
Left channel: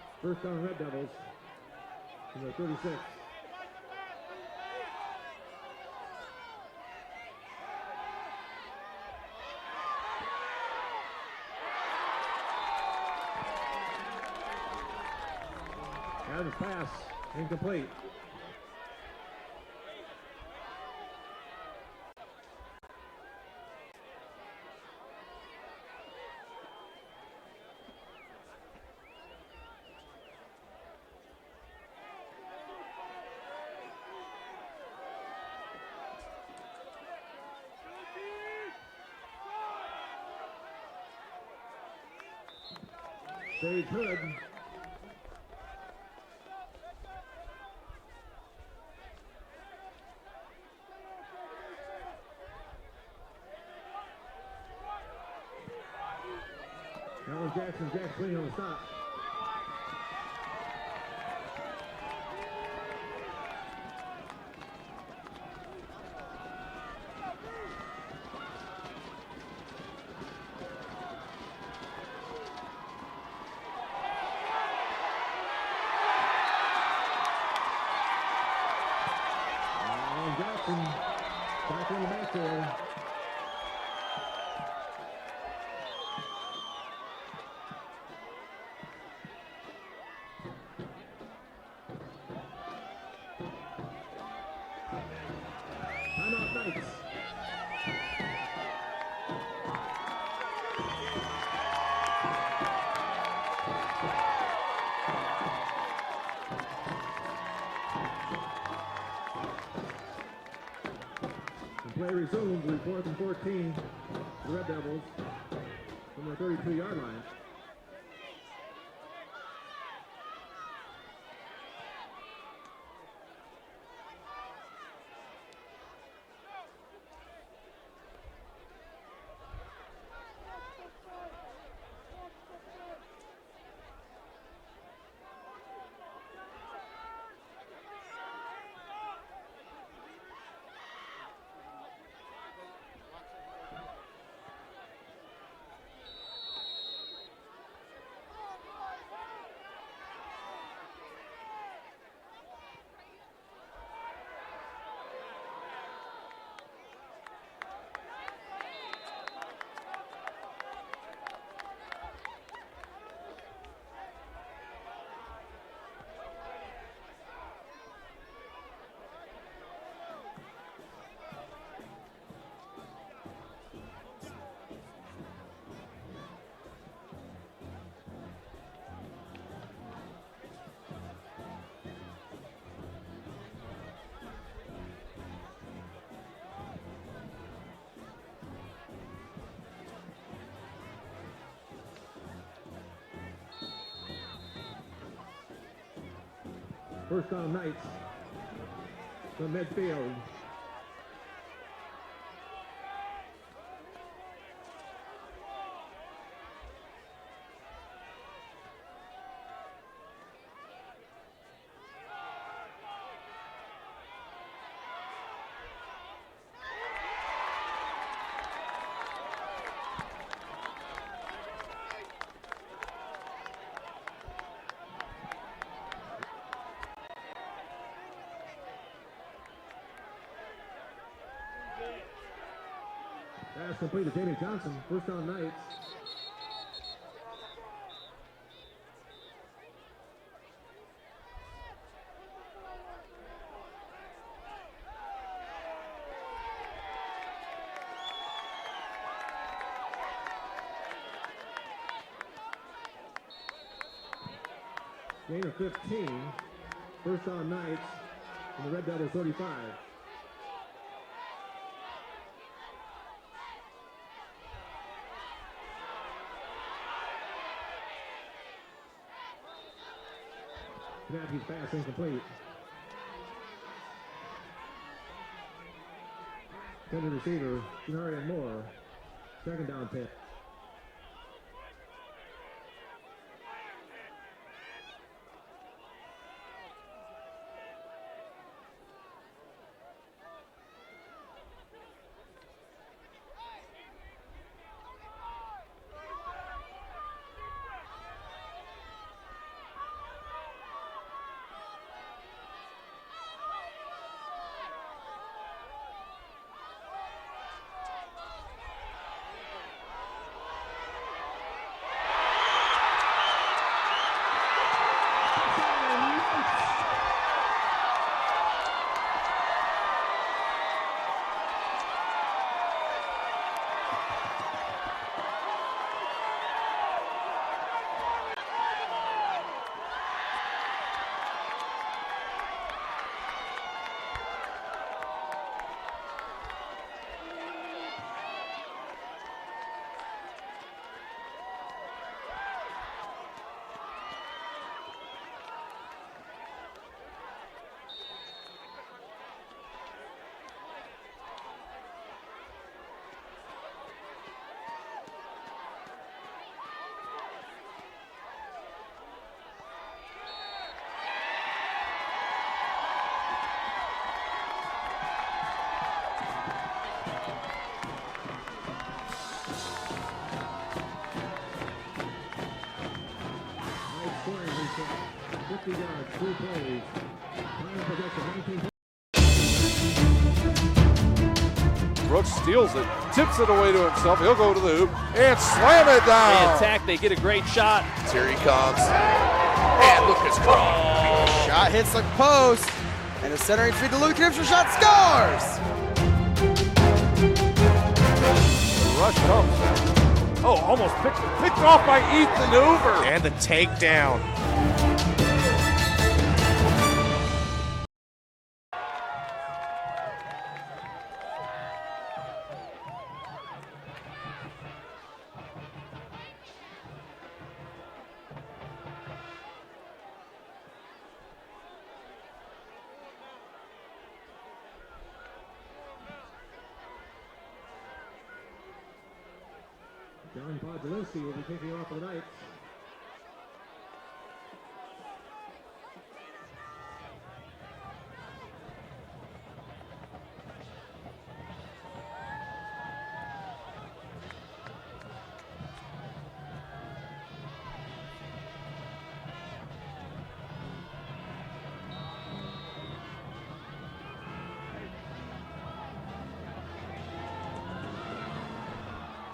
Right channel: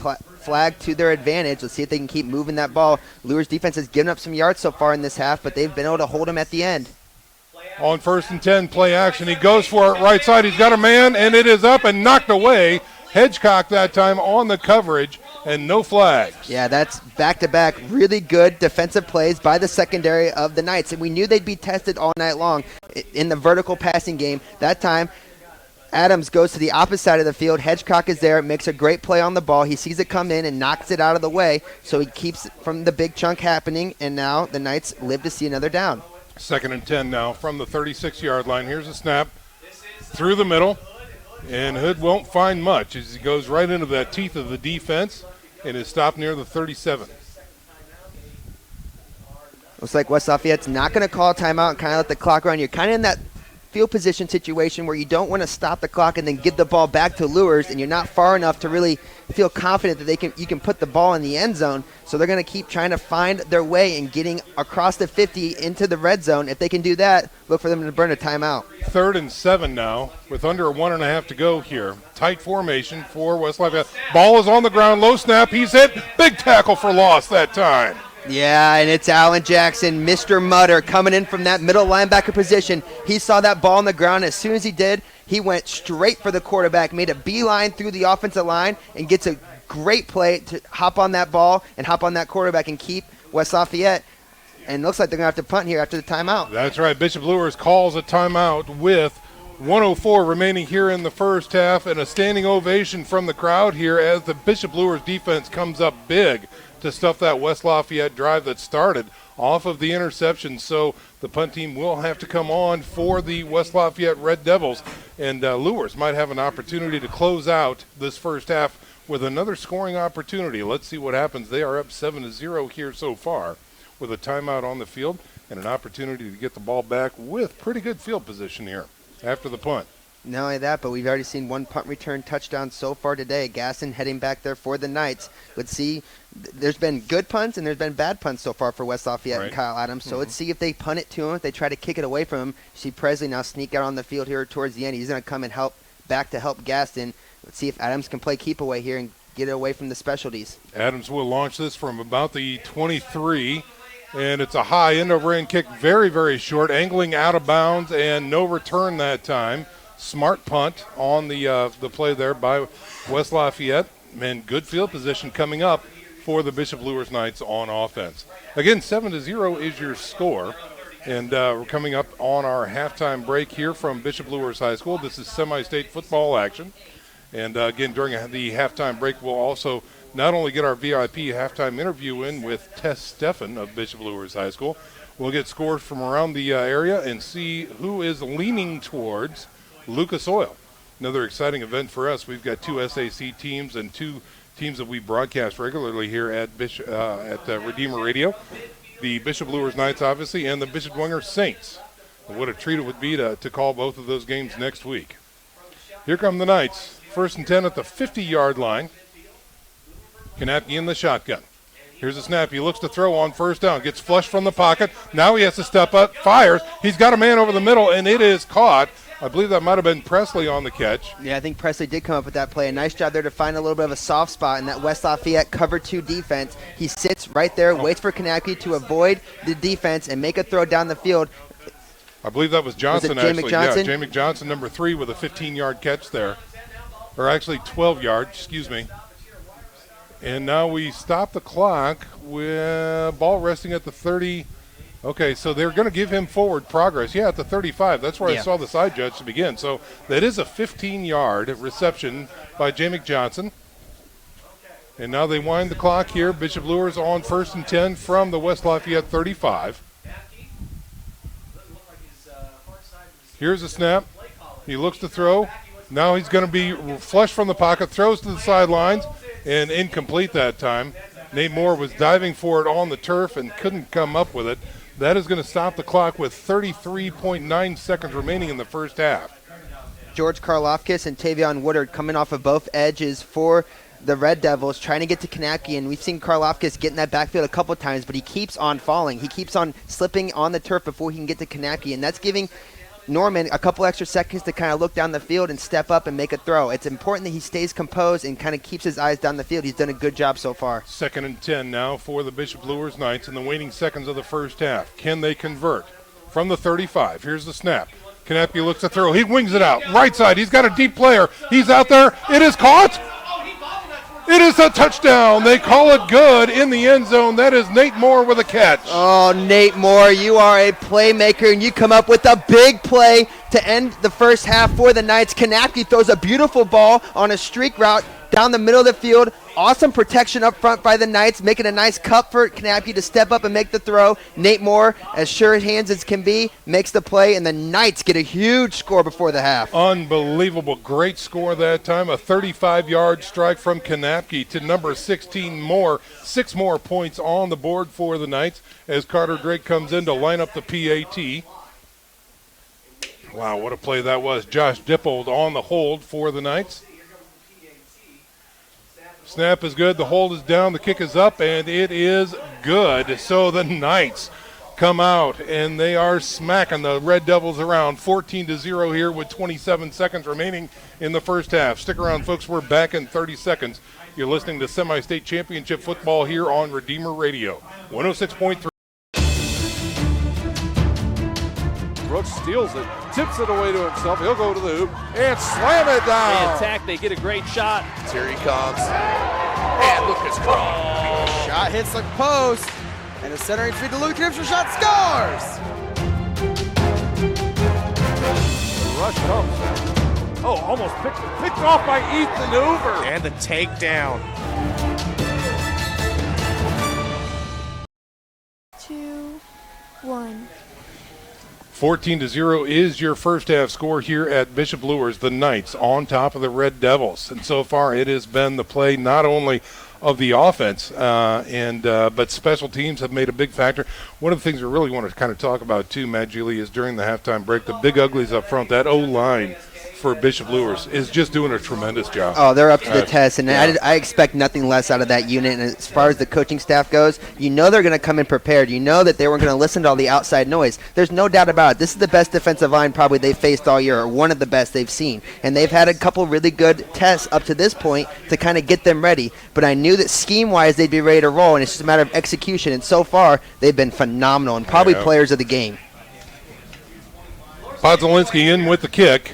flag to their advantage. Let's see if they can keep moving that ball. Luers defense has given up some yards so far in this half, but they've been able to hold them at the end. On 1st and 10, play action. He goes for it right side. He's got a man, and it is up and knocked away. Hedgecock that time on the coverage, and no flags. Yeah, that's back-to-back really good defensive plays by the secondary of the Knights. And we knew they'd be tested all night long in the vertical passing game. That time, Adams goes to the opposite side of the field. Hedgecock is there, makes a great play on the ball. He sees it come in and knocks it out of the way, so he keeps it from the big chunk happening, and now the Knights live to see another down. 2nd and 10 now from the 36-yard line. Here's a snap through the middle, and Hood won't find much as he goes right into the teeth of the defense and is stopped near the 37. Looks like West Lafayette's not going to call a timeout and kind of let the clock run. You're kind of in that field position situation where you don't want to stop the clock and then give the ball back to Luers, and you're not far enough to really feel confident that you can put the ball in the end zone. So they're going to keep trying to find their way and getting across the 50 into the red zone. If they can do that, look for them to burn a timeout. 3rd and 7 now with under 1.5 to go here. Tight formation for West Lafayette. Ball is on the ground, low snap, he's hit. Big tackle for loss that time. Yeah, and it's Alan Jackson, Mr. Mutter, coming in from that middle linebacker position. He saw that ball on the ground. As soon as he did, he went straight for the quarterback, made a beeline through the offensive line, and gets a great play to hop on that ball and hop on that quarterback and keep West Lafayette. And it looks like they're going to have to punt here after the timeout. That's right. Bishop Luers calls a timeout with 1:04 remaining here in the first half, and a standing ovation from the crowd here as the Bishop Luers defense comes up big to stuff that West Lafayette drive that started off of the interception. So the punt team will have to come on for the West Lafayette Red Devils, and Luers might have an opportunity to close out this first half with another scoring opportunity. Let's see what happens. They are up 7-0 here so far with a timeout on the field and an opportunity to get the ball back with pretty good field position here after the punt. Not only that, but we've already seen one punt return touchdown so far today. Gaston heading back there for the Knights. Let's see. There's been good punts and there's been bad punts so far for West Lafayette and Kyle Adams. So let's see if they punt it to him, if they try to kick it away from him. See Presley now sneak out on the field here towards the end. He's going to come and help Gaston. Let's see if Adams can play keep away here and get it away from the specialties. Adams will launch this from about the 23, and it's a high end-over-end kick, very, very short, angling out of bounds, and no return that time. Smart punt on the play there by West Lafayette, and good field position coming up for the Bishop Luers Knights on offense. Again, 7-0 is your score, and we're coming up on our halftime break here from Bishop Luers High School. This is semi-state football action, and again, during the halftime break, we'll also not only get our VIP halftime interview in with Tess Steffen of Bishop Luers High School, we'll get scores from around the area and see who is leaning towards Lucas Oil. Another exciting event for us. We've got 2 SAC teams and 2 teams that we broadcast regularly here at Redeemer Radio. The Bishop Luers Knights, obviously, and the Bishop Dwenger Saints. And what a treat it would be to call both of those games next week. Here come the Knights. 1st and 10 at the 50-yard line. Kanapke in the shotgun. Here's a snap. He looks to throw on 1st down. Gets flushed from the pocket. Now he has to step up. Fires. He's got a man over the middle, and it is caught. I believe that might have been Presley on the catch. Yeah, I think Presley did come up with that play. A nice job there to find a little bit of a soft spot in that West Lafayette cover 2 defense. He sits right there, waits for Kanapke to avoid the defense and make a throw down the field. I believe that was Johnson, Jay actually. McJohnson? Yeah, Jay McJohnson, number 3, with a 15-yard catch there. Or actually 12-yard, excuse me. And now we stop the clock with ball resting at the 30. Okay, so they're going to give him forward progress. Yeah, at the 35. That's where I saw the side judge to begin. So that is a 15-yard reception by Jay McJohnson. And now they wind the clock here. Bishop Luers on 1st and 10 from the West Lafayette 35. Here's a snap. He looks to throw. Now he's going to be flushed from the pocket, throws to the sidelines, and incomplete that time. Nate Moore was diving for it on the turf and couldn't come up with it. That is going to stop the clock with 33.9 seconds remaining in the first half. George Karlofkis and Tavion Woodard coming off of both edges for the Red Devils, trying to get to Kanapke, and we've seen Karlofkis get in that backfield a couple of times, but he keeps on falling. He keeps on slipping on the turf before he can get to Kanapke, and that's giving Norman a couple extra seconds to kind of look down the field and step up and make a throw. It's important that he stays composed and kind of keeps his eyes down the field. He's done a good job so far. 2nd and 10 now for the Bishop Luers Knights in the waning seconds of the first half. Can they convert? From the 35, here's the snap. Kanapke looks to throw. He wings it out. Right side, he's got a deep player. He's out there. It is caught. It is a touchdown. They call it good in the end zone. That is Nate Moore with a catch. Oh, Nate Moore, you are a playmaker, and you come up with a big play to end the first half for the Knights. Kanapke throws a beautiful ball on a streak route down the middle of the field, awesome protection up front by the Knights, making a nice cut for Knapke to step up and make the throw. Nate Moore, as sure hands as can be, makes the play, and the Knights get a huge score before the half. Unbelievable. Great score that time. A 35-yard strike from Knapke to number 16 Moore. 6 more points on the board for the Knights as Carter Drake comes in to line up the PAT. Wow, what a play that was. Josh Dippold on the hold for the Knights. Snap is good. The hold is down. The kick is up, and it is good. So the Knights come out, and they are smacking the Red Devils around 14-0 here with 27 seconds remaining in the first half. Stick around, folks. We're back in 30 seconds. You're listening to Semi-State Championship football here on Redeemer Radio, 106.3. Brooks steals it, tips it away to himself. He'll go to the hoop and slam it down. They attack, they get a great shot. Here he comes. And Lucas Cross. Shot hits the post. And a centering feed to Luke Gibson. Shot scores. The rush comes. Oh, almost picked off by Ethan Hoover. And the takedown. 14-0 is your first half score here at Bishop Luers. The Knights on top of the Red Devils. And so far it has been the play not only of the offense, but special teams have made a big factor. One of the things we really want to kind of talk about too, Matt Gili, is during the halftime break, the big uglies up front, that O-line for Bishop Luers is just doing a tremendous job. Oh, they're up to the test, and yeah. I expect nothing less out of that unit. And as far as the coaching staff goes, you know they're going to come in prepared. You know that they weren't going to listen to all the outside noise. There's no doubt about it. This is the best defensive line probably they've faced all year, or one of the best they've seen. And they've had a couple really good tests up to this point to kind of get them ready. But I knew that scheme-wise they'd be ready to roll, and it's just a matter of execution. And so far, they've been phenomenal and probably players of the game. Podzolinski in with the kick.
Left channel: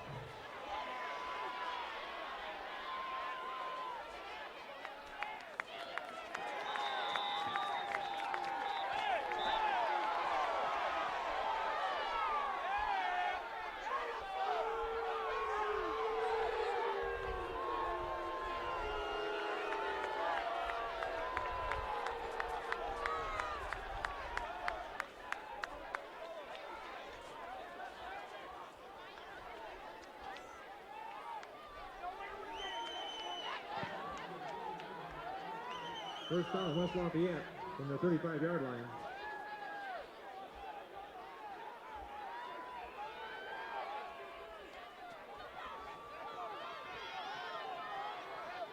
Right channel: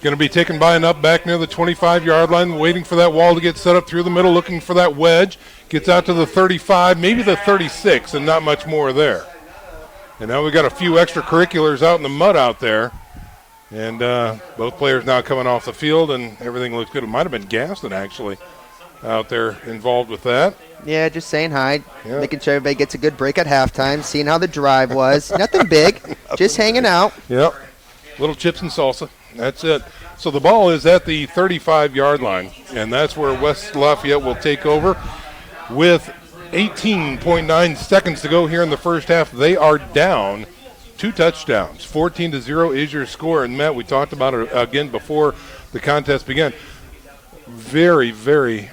Going to be taken by an up back near the 25-yard line, waiting for that wall to get set up through the middle, looking for that wedge. Gets out to the 35, maybe the 36, and not much more there. And now we've got a few extracurriculars out in the mud out there. And both players now coming off the field, and everything looks good. It might have been Gaston, actually, out there involved with that. Yeah, just saying hi, making sure everybody gets a good break at halftime, seeing how the drive was. Nothing big, just hanging out. Yep, little chips and salsa. That's it. So the ball is at the 35-yard line, and that's where West Lafayette will take over. With 18.9 seconds to go here in the first half, they are down 2 touchdowns. 14-0 is your score. And, Matt, we talked about it again before the contest began. Very, very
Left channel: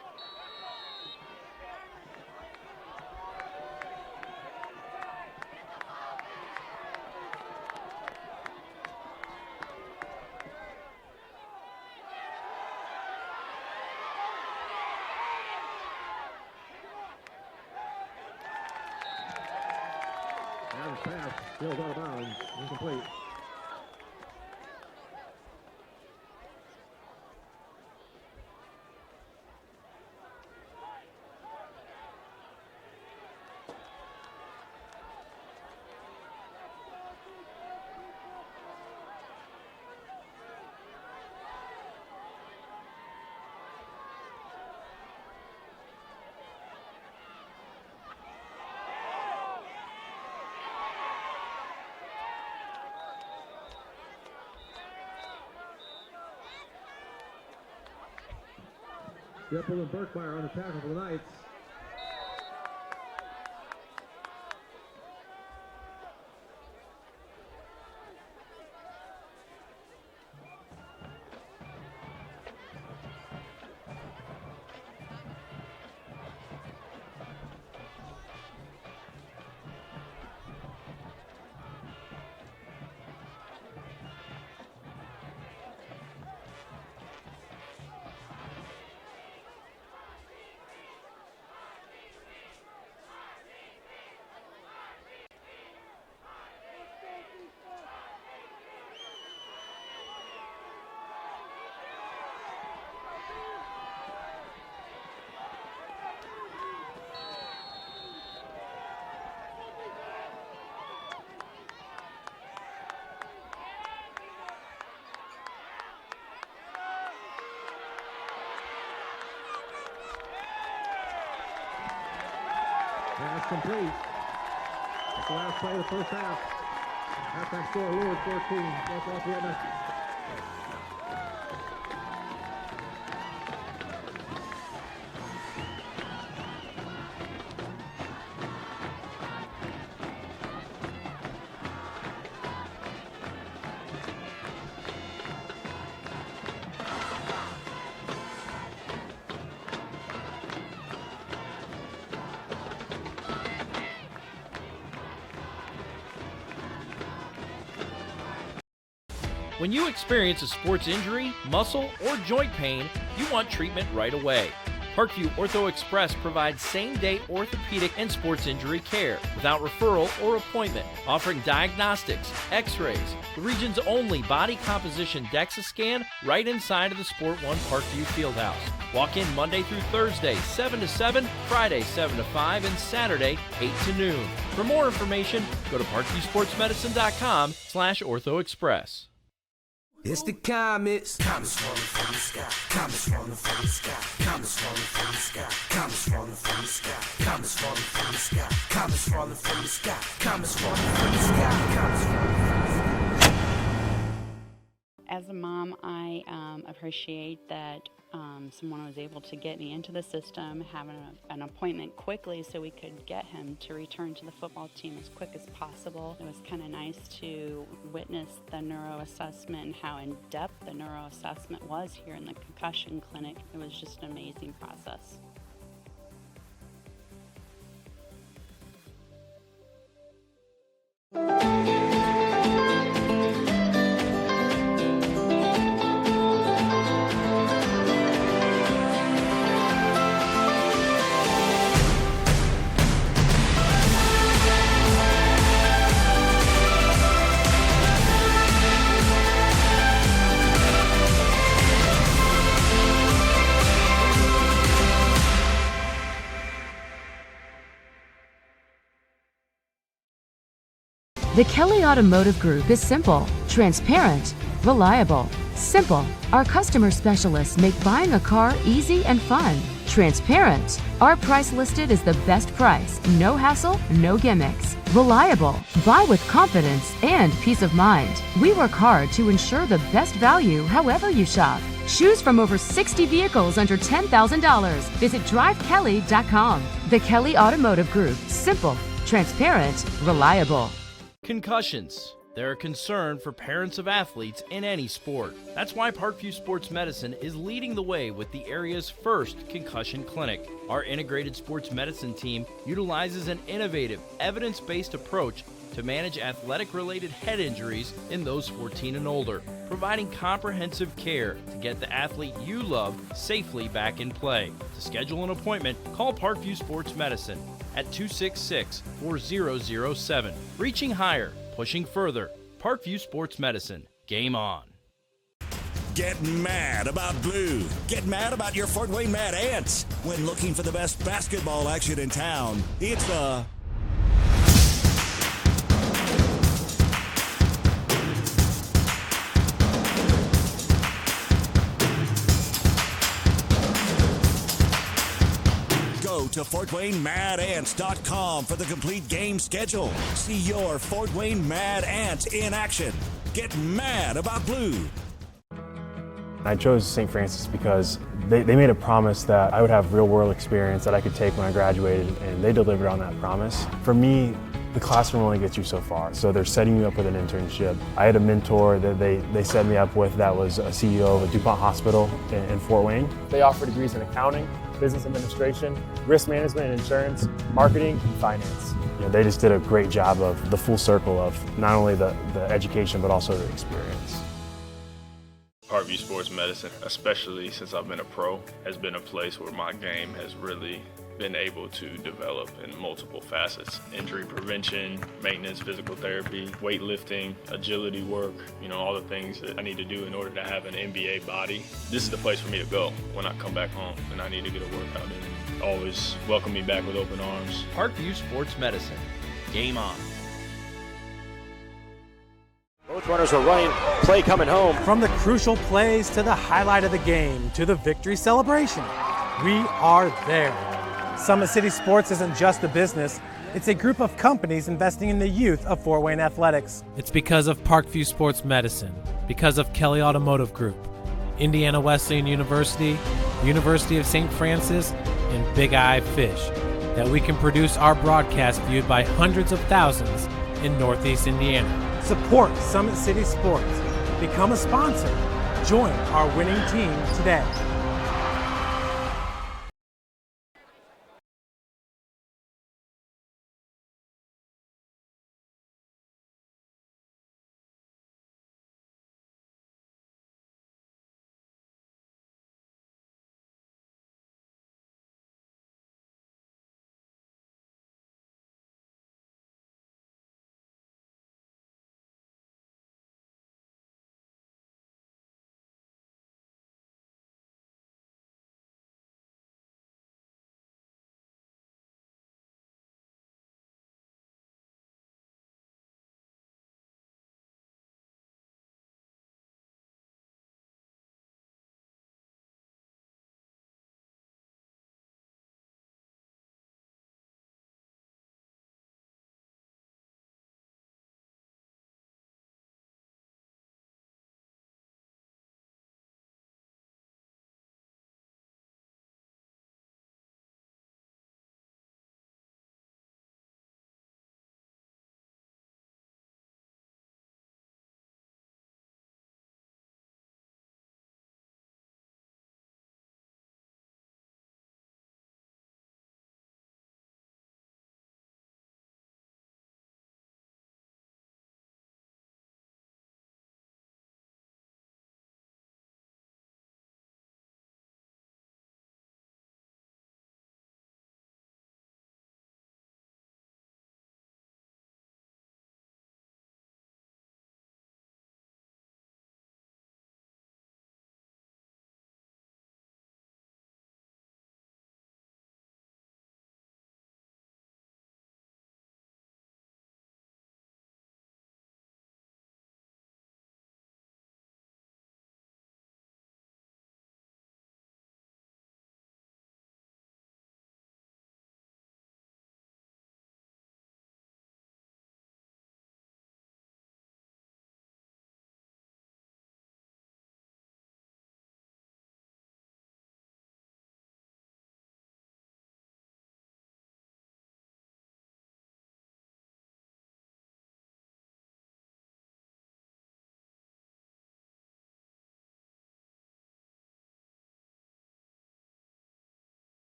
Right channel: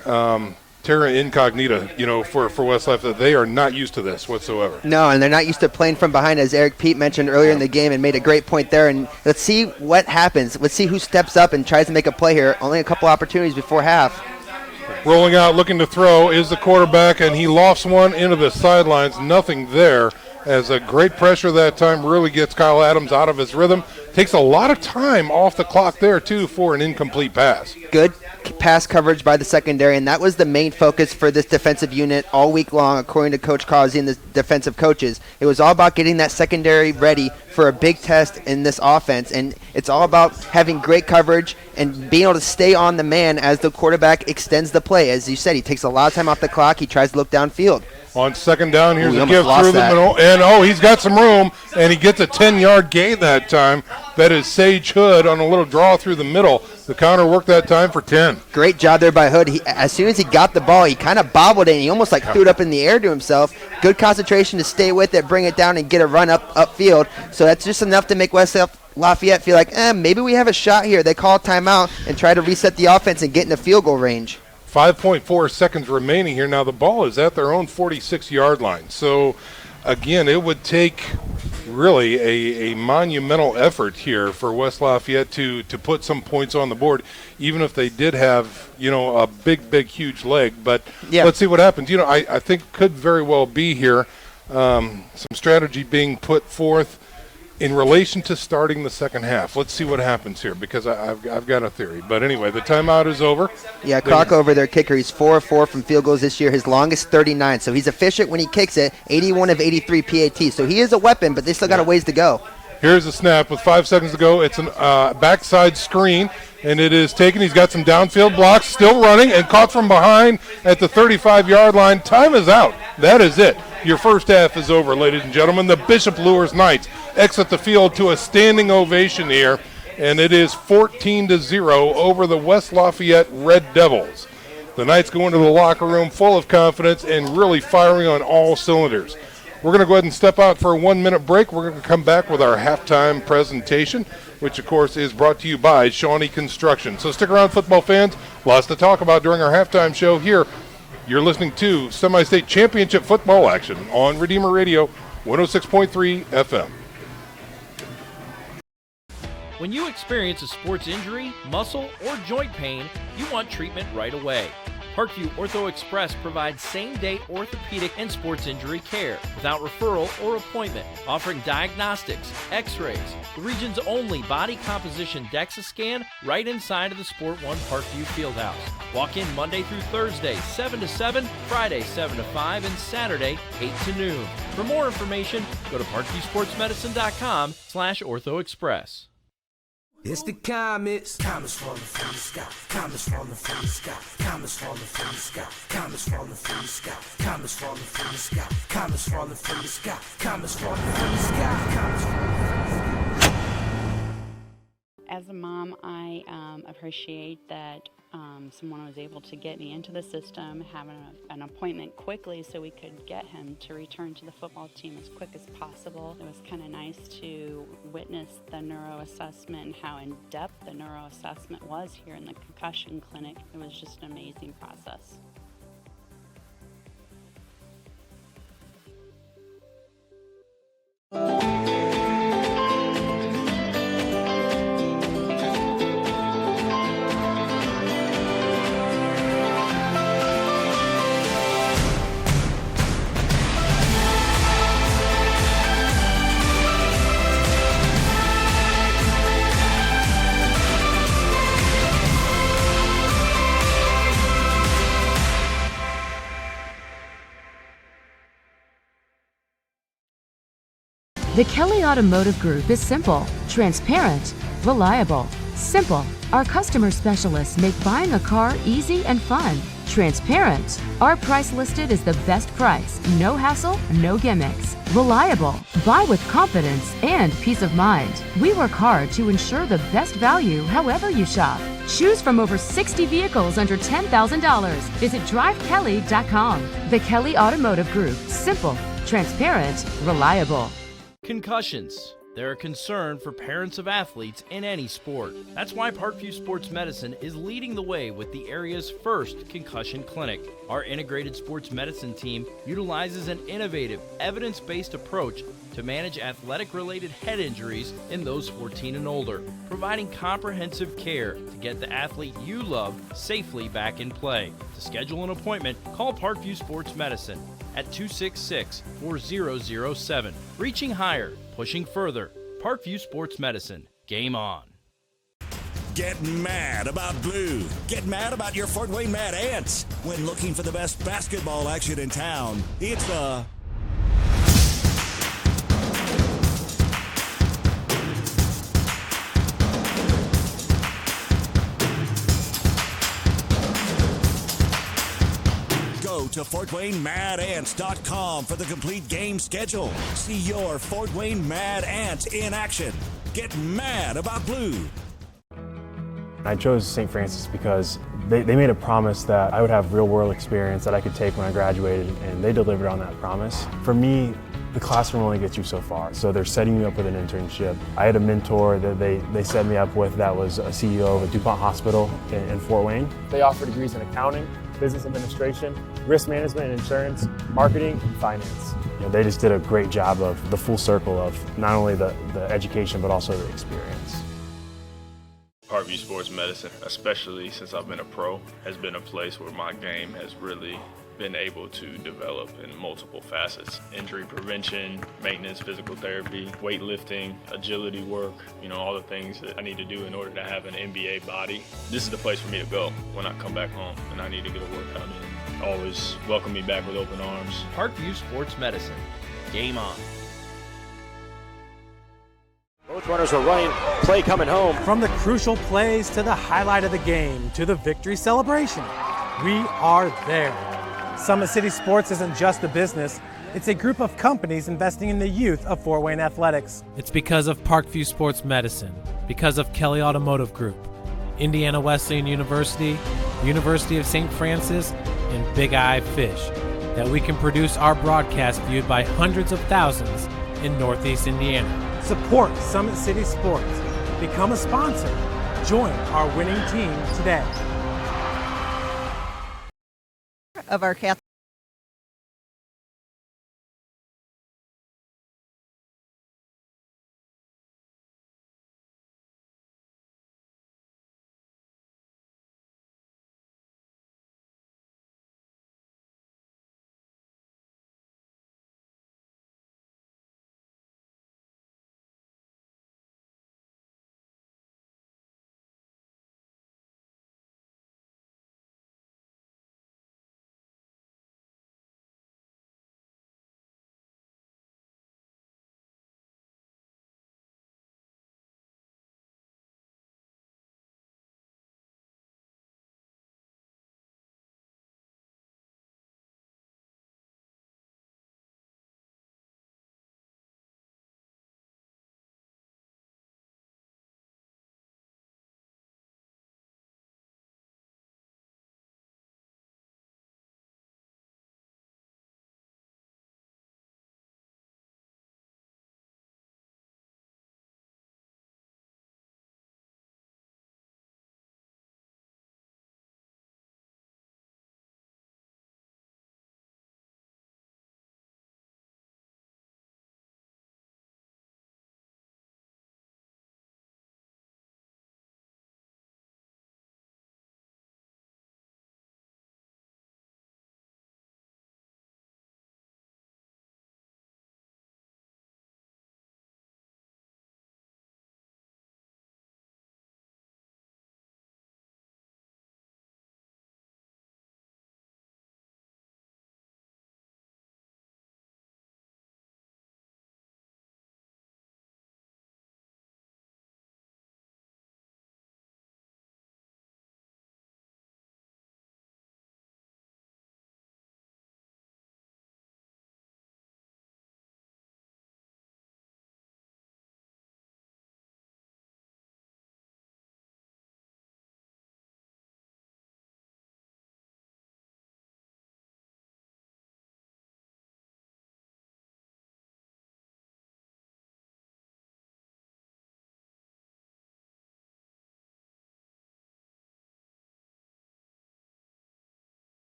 terra incognita, for West Lafayette. They are not used to this whatsoever. No, and they're not used to playing from behind, as Eric Pete mentioned earlier in the game and made a great point there. And let's see what happens. Let's see who steps up and tries to make a play here. Only a couple opportunities before half. Rolling out, looking to throw is the quarterback, and he lofts one into the sidelines. Nothing there, as a great pressure that time really gets Kyle Adams out of his rhythm. Takes a lot of time off the clock there, too, for an incomplete pass. Good pass coverage by the secondary, and that was the main focus for this defensive unit all week long, according to Coach Causey and the defensive coaches. It was all about getting that secondary ready for a big test in this offense, and it's all about having great coverage and being able to stay on the man as the quarterback extends the play. As you said, he takes a lot of time off the clock. He tries to look downfield. On second down, here's a give through the middle, and he's got some room, and he gets a 10-yard gain that time. That is Sage Hood on a little draw through the middle. The counter worked that time for 10. Great job there by Hood. As soon as he got the ball, he kind of bobbled it, and he almost threw it up in the air to himself. Good concentration to stay with it, bring it down, and get a run upfield. So that's just enough to make West Lafayette feel like, maybe we have a shot here. They call a timeout and try to reset the offense and get in the field goal range. 5.4 seconds remaining here. Now the ball is at their own 46-yard line. So, again, it would take really a monumental effort here for West Lafayette to put some points on the board, even if they did have, a big, huge leg. But let's see what happens. I think could very well be here some strategy being put forth in relation to starting the second half. Let's see what happens here, because I've got a theory. But anyway, the timeout is over. Yeah, Croc over their kicker. He's 4-4 from field goals this year. His longest 39. So he's efficient when he kicks it. 81 of 83 PAT. So he is a weapon, but they still got a ways to go. Here's the snap with 5 seconds to go. It's a backside screen. and it is taken. He's got some downfield blocks, still running, and caught from behind at the 35-yard line. Time is out. That is it. Your first half is over, ladies and gentlemen. The Bishop Luers Knights exit the field to a standing ovation here, and it is 14-0 over the West Lafayette Red Devils. The Knights go into the locker room full of confidence and really firing on all cylinders. We're going to go ahead and step out for a 1-minute break. We're going to come back with our halftime presentation, which, of course, is brought to you by Shawnee Construction. So stick around, football fans. Lots to talk about during our halftime show here. You're listening to Semi-State Championship football action on Redeemer Radio, 106.3 FM. When you experience a sports injury, muscle, or joint pain, you want treatment right away. Parkview Ortho Express provides same-day orthopedic and sports injury care without referral or appointment, offering diagnostics, x-rays, the region's only body composition DEXA scan right inside of the Sport One Parkview Fieldhouse. Walk in Monday through Thursday, 7 to 7, Friday, 7 to 5, and Saturday, 8 to noon. For more information, go to parkviewsportsmedicine.com/orthoexpress. It's the comets. Comets falling from the sky. Comets falling from the sky. Comets falling from the sky. Comets falling from the sky. Comets falling from the sky. Comets falling from the sky. Comets falling from the sky. Comets falling from the sky. As a mom, I appreciate that someone was able to get me into the system, having an appointment quickly so we could get him to return to the football team as quick as possible. It was kind of nice to witness the neuroassessment and how in-depth the neuroassessment was here in the concussion clinic. It was just an amazing process. The Kelly Automotive Group is simple, transparent, reliable. Simple. Our customer specialists make buying a car easy and fun. Transparent. Our price listed is the best price. No hassle, no gimmicks. Reliable. Buy with confidence and peace of mind. We work hard to ensure the best value however you shop. Choose from over 60 vehicles under $10,000. Visit drivekelly.com. The Kelly Automotive Group. Simple, transparent, reliable. Concussions. They're a concern for parents of athletes in any sport. That's why Parkview Sports Medicine is leading the way with the area's first concussion clinic. Our integrated sports medicine team utilizes an innovative, evidence-based approach to manage athletic-related head injuries in those 14 and older, providing comprehensive care to get the athlete you love safely back in play. To schedule an appointment, call Parkview Sports Medicine at 266-4007. Reaching higher, pushing further. Parkview Sports Medicine. Game on. Get mad about blue. Get mad about your Fort Wayne Mad Ants. When looking for the best basketball action in town, it's the Go to FortWayneMadAnts.com for the complete game schedule. See your Fort Wayne Mad Ants in action. Get mad about blue. I chose St. Francis because they made a promise that I would have real-world experience that I could take when I graduated, and they delivered on that promise. For me, the classroom only gets you so far, so they're setting you up with an internship. I had a mentor that they set me up with that was a CEO of a DuPont hospital in Fort Wayne. They offer degrees in accounting, business administration, risk management and insurance, marketing, and finance. You know, they just did a great job of the full circle of not only the education, but also the experience. Parkview Sports Medicine, especially since I've been a pro, has been a place where my game has really been able to develop in multiple facets. Injury prevention, maintenance, physical therapy, weightlifting, agility work, all the things that I need to do in order to have an NBA body. This is the place for me to go when I come back home and I need to get a workout in. Always welcome me back with open arms. Parkview Sports Medicine. Game on. Both runners are running. Play coming home. From the crucial plays to the highlight of the game to the victory celebration, we are there. Summit City Sports isn't just a business, it's a group of companies investing in the youth of Fort Wayne athletics. It's because of Parkview Sports Medicine, because of Kelly Automotive Group, Indiana Wesleyan University, University of St. Francis, and Big Eye Fish, that we can produce our broadcast viewed by hundreds of thousands in Northeast Indiana. Support Summit City Sports. Become a sponsor. Join our winning team today. Of our Catholic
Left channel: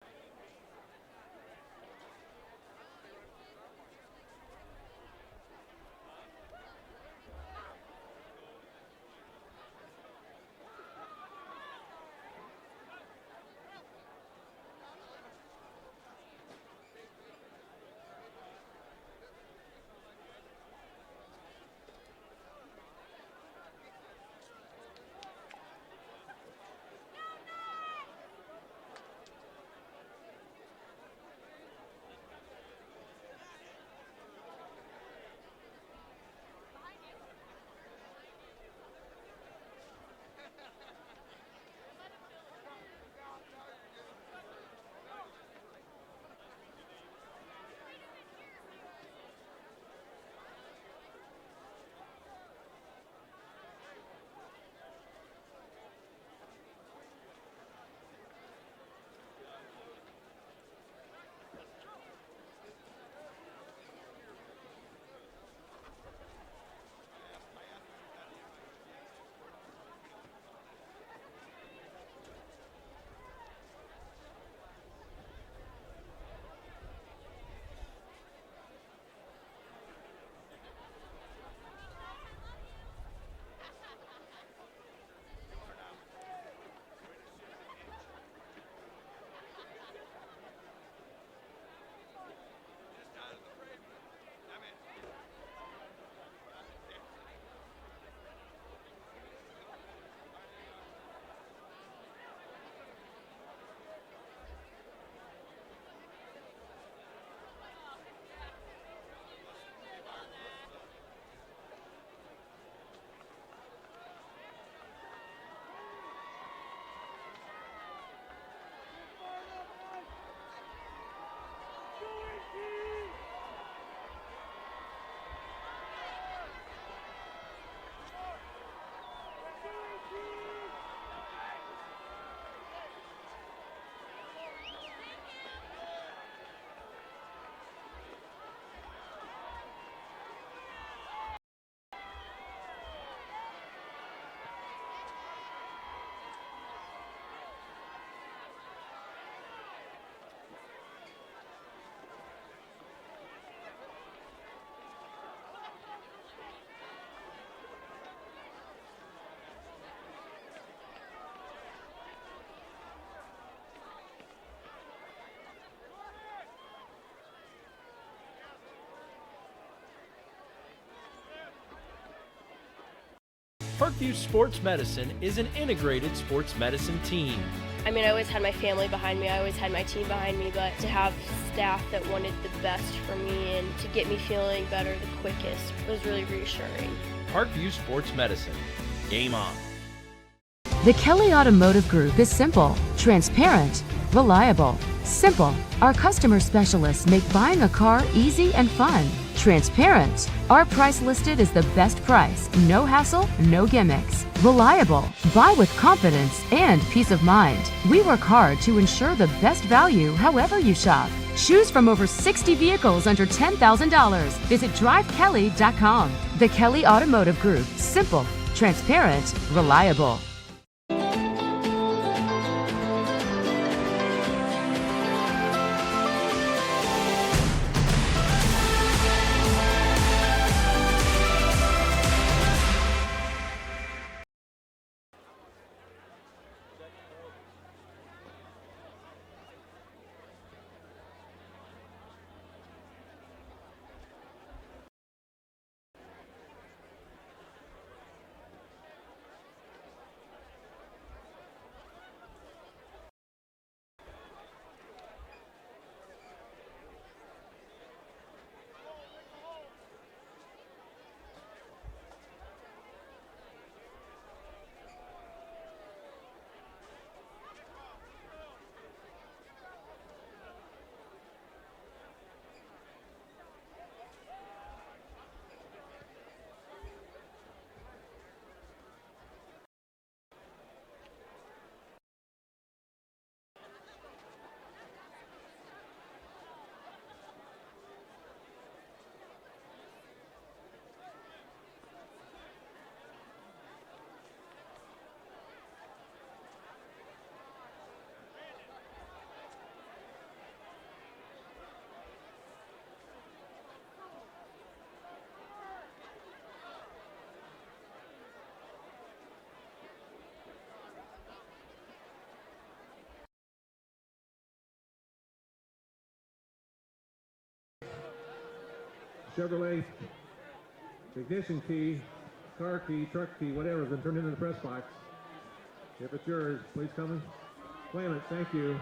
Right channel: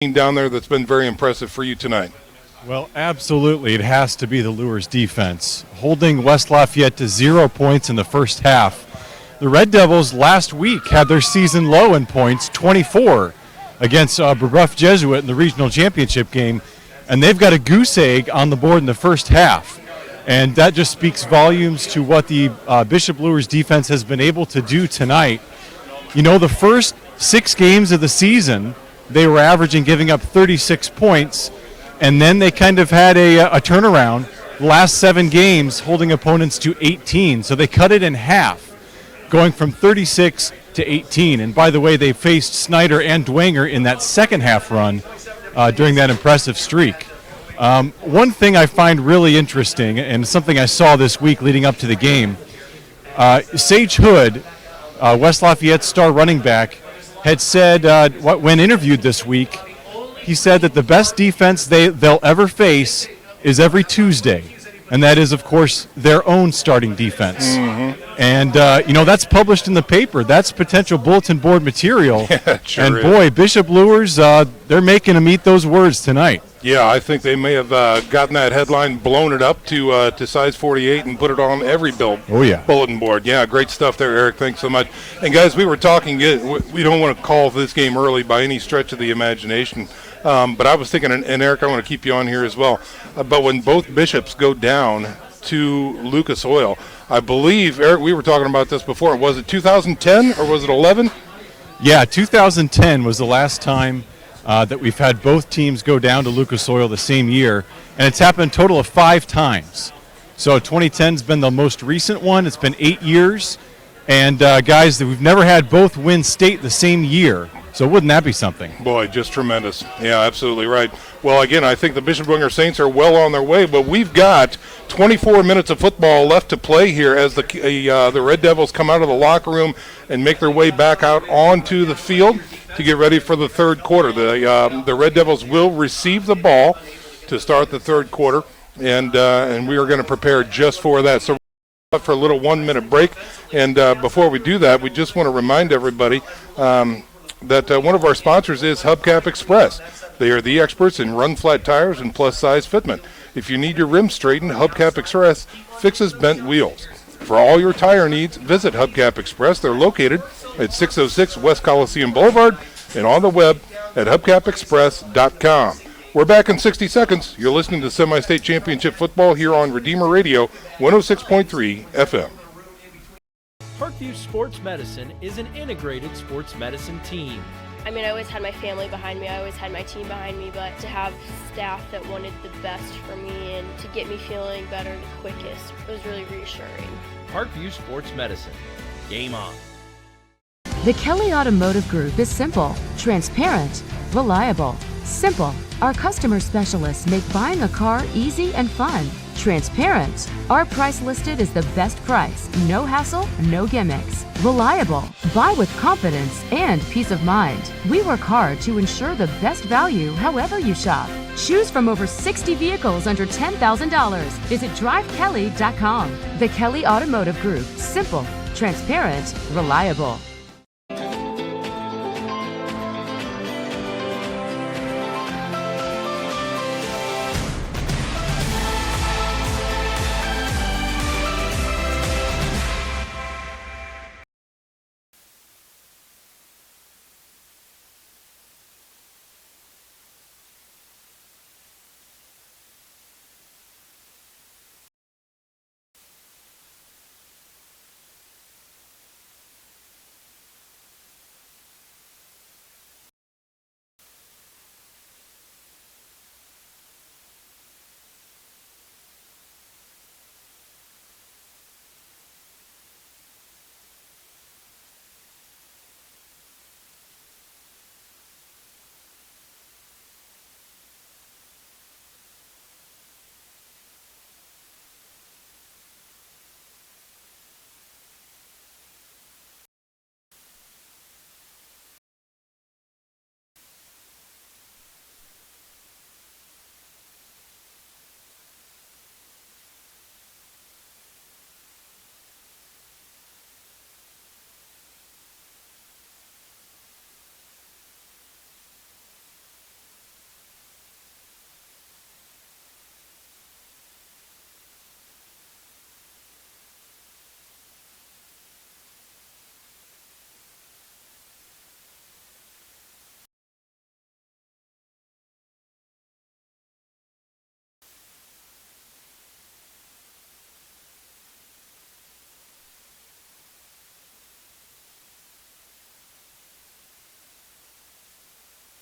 down there that's been very impressive for you tonight? Well, absolutely. It has to be the Luers defense, holding West Lafayette to 0 points in the first half. The Red Devils last week had their season low in points, 24, against Brebeuf Jesuit in the regional championship game, and they've got a goose egg on the board in the first half. And that just speaks volumes to what the Bishop Luers defense has been able to do tonight. You know, the first 6 games of the season, they were averaging giving up 36 points, and then they kind of had a turnaround. The last 7 games holding opponents to 18, so they cut it in half, going from 36 to 18. And by the way, they faced Snyder and Dwenger in that second half run during that impressive streak. One thing I find really interesting, and something I saw this week leading up to the game, Sage Hood, West Lafayette's star running back, had said, when interviewed this week, he said that the best defense they'll ever face is every Tuesday. And that is, of course, their own starting defense. Mm-hmm. And, that's published in the paper. That's potential bulletin board material. Yeah, sure and, is. boy, Bishop Luers, they're making them eat those words tonight. Yeah, I think they may have gotten that headline, blown it up to size 48 and put it on every bulletin board. Yeah, great stuff there, Eric. Thanks so much. And, guys, we were talking, we don't want to call this game early by any stretch of the imagination. But I was thinking, and Eric, I want to keep you on here as well, but when both bishops go down to Lucas Oil, I believe, Eric, we were talking about this before. Was it 2010 or was it 11? Yeah, 2010 was the last time that we've had both teams go down to Lucas Oil the same year, and it's happened a total of 5 times. So 2010's been the most recent one. It's been 8 years, and guys, that we've never had both win state the same year. So wouldn't that be something? Boy, just tremendous. Yeah, absolutely right. Well, again, I think the Bishop Dwenger Saints are well on their way, but we've got 24 minutes of football left to play here as the Red Devils come out of the locker room and make their way back out onto the field to get ready for the third quarter. The Red Devils will receive the ball to start the third quarter, and we are going to prepare just for that. So for a little 1-minute break, and before we do that, we just want to remind everybody that one of our sponsors is Hubcap Express. They are the experts in run-flat tires and plus-size fitment. If you need your rims straightened, Hubcap Express fixes bent wheels. For all your tire needs, visit Hubcap Express. They're located at 606 West Coliseum Boulevard and on the web at hubcapexpress.com. We're back in 60 seconds. You're listening to Semi-State Championship Football here on Redeemer Radio 106.3 FM. Parkview Sports Medicine is an integrated sports medicine team. I mean, I always had my family behind me. I always had my team behind me, but to have staff that wanted the best for me and to get me feeling better the quickest was really reassuring. Parkview Sports Medicine. Game on. The Kelly Automotive Group is simple, transparent, reliable. Simple. Our customer specialists make buying a car easy and fun. Transparent. Our price listed is the best price. No hassle, no gimmicks. Reliable. Buy with confidence and peace of mind. We work hard to ensure the best value however you shop. Choose from over 60 vehicles under $10,000. Visit drivekelly.com. The Kelly Automotive Group. Simple, transparent, reliable. Chevrolet ignition key, car key, truck key, whatever, has been turned into the press box. If it's yours, please come and claim it. Thank you.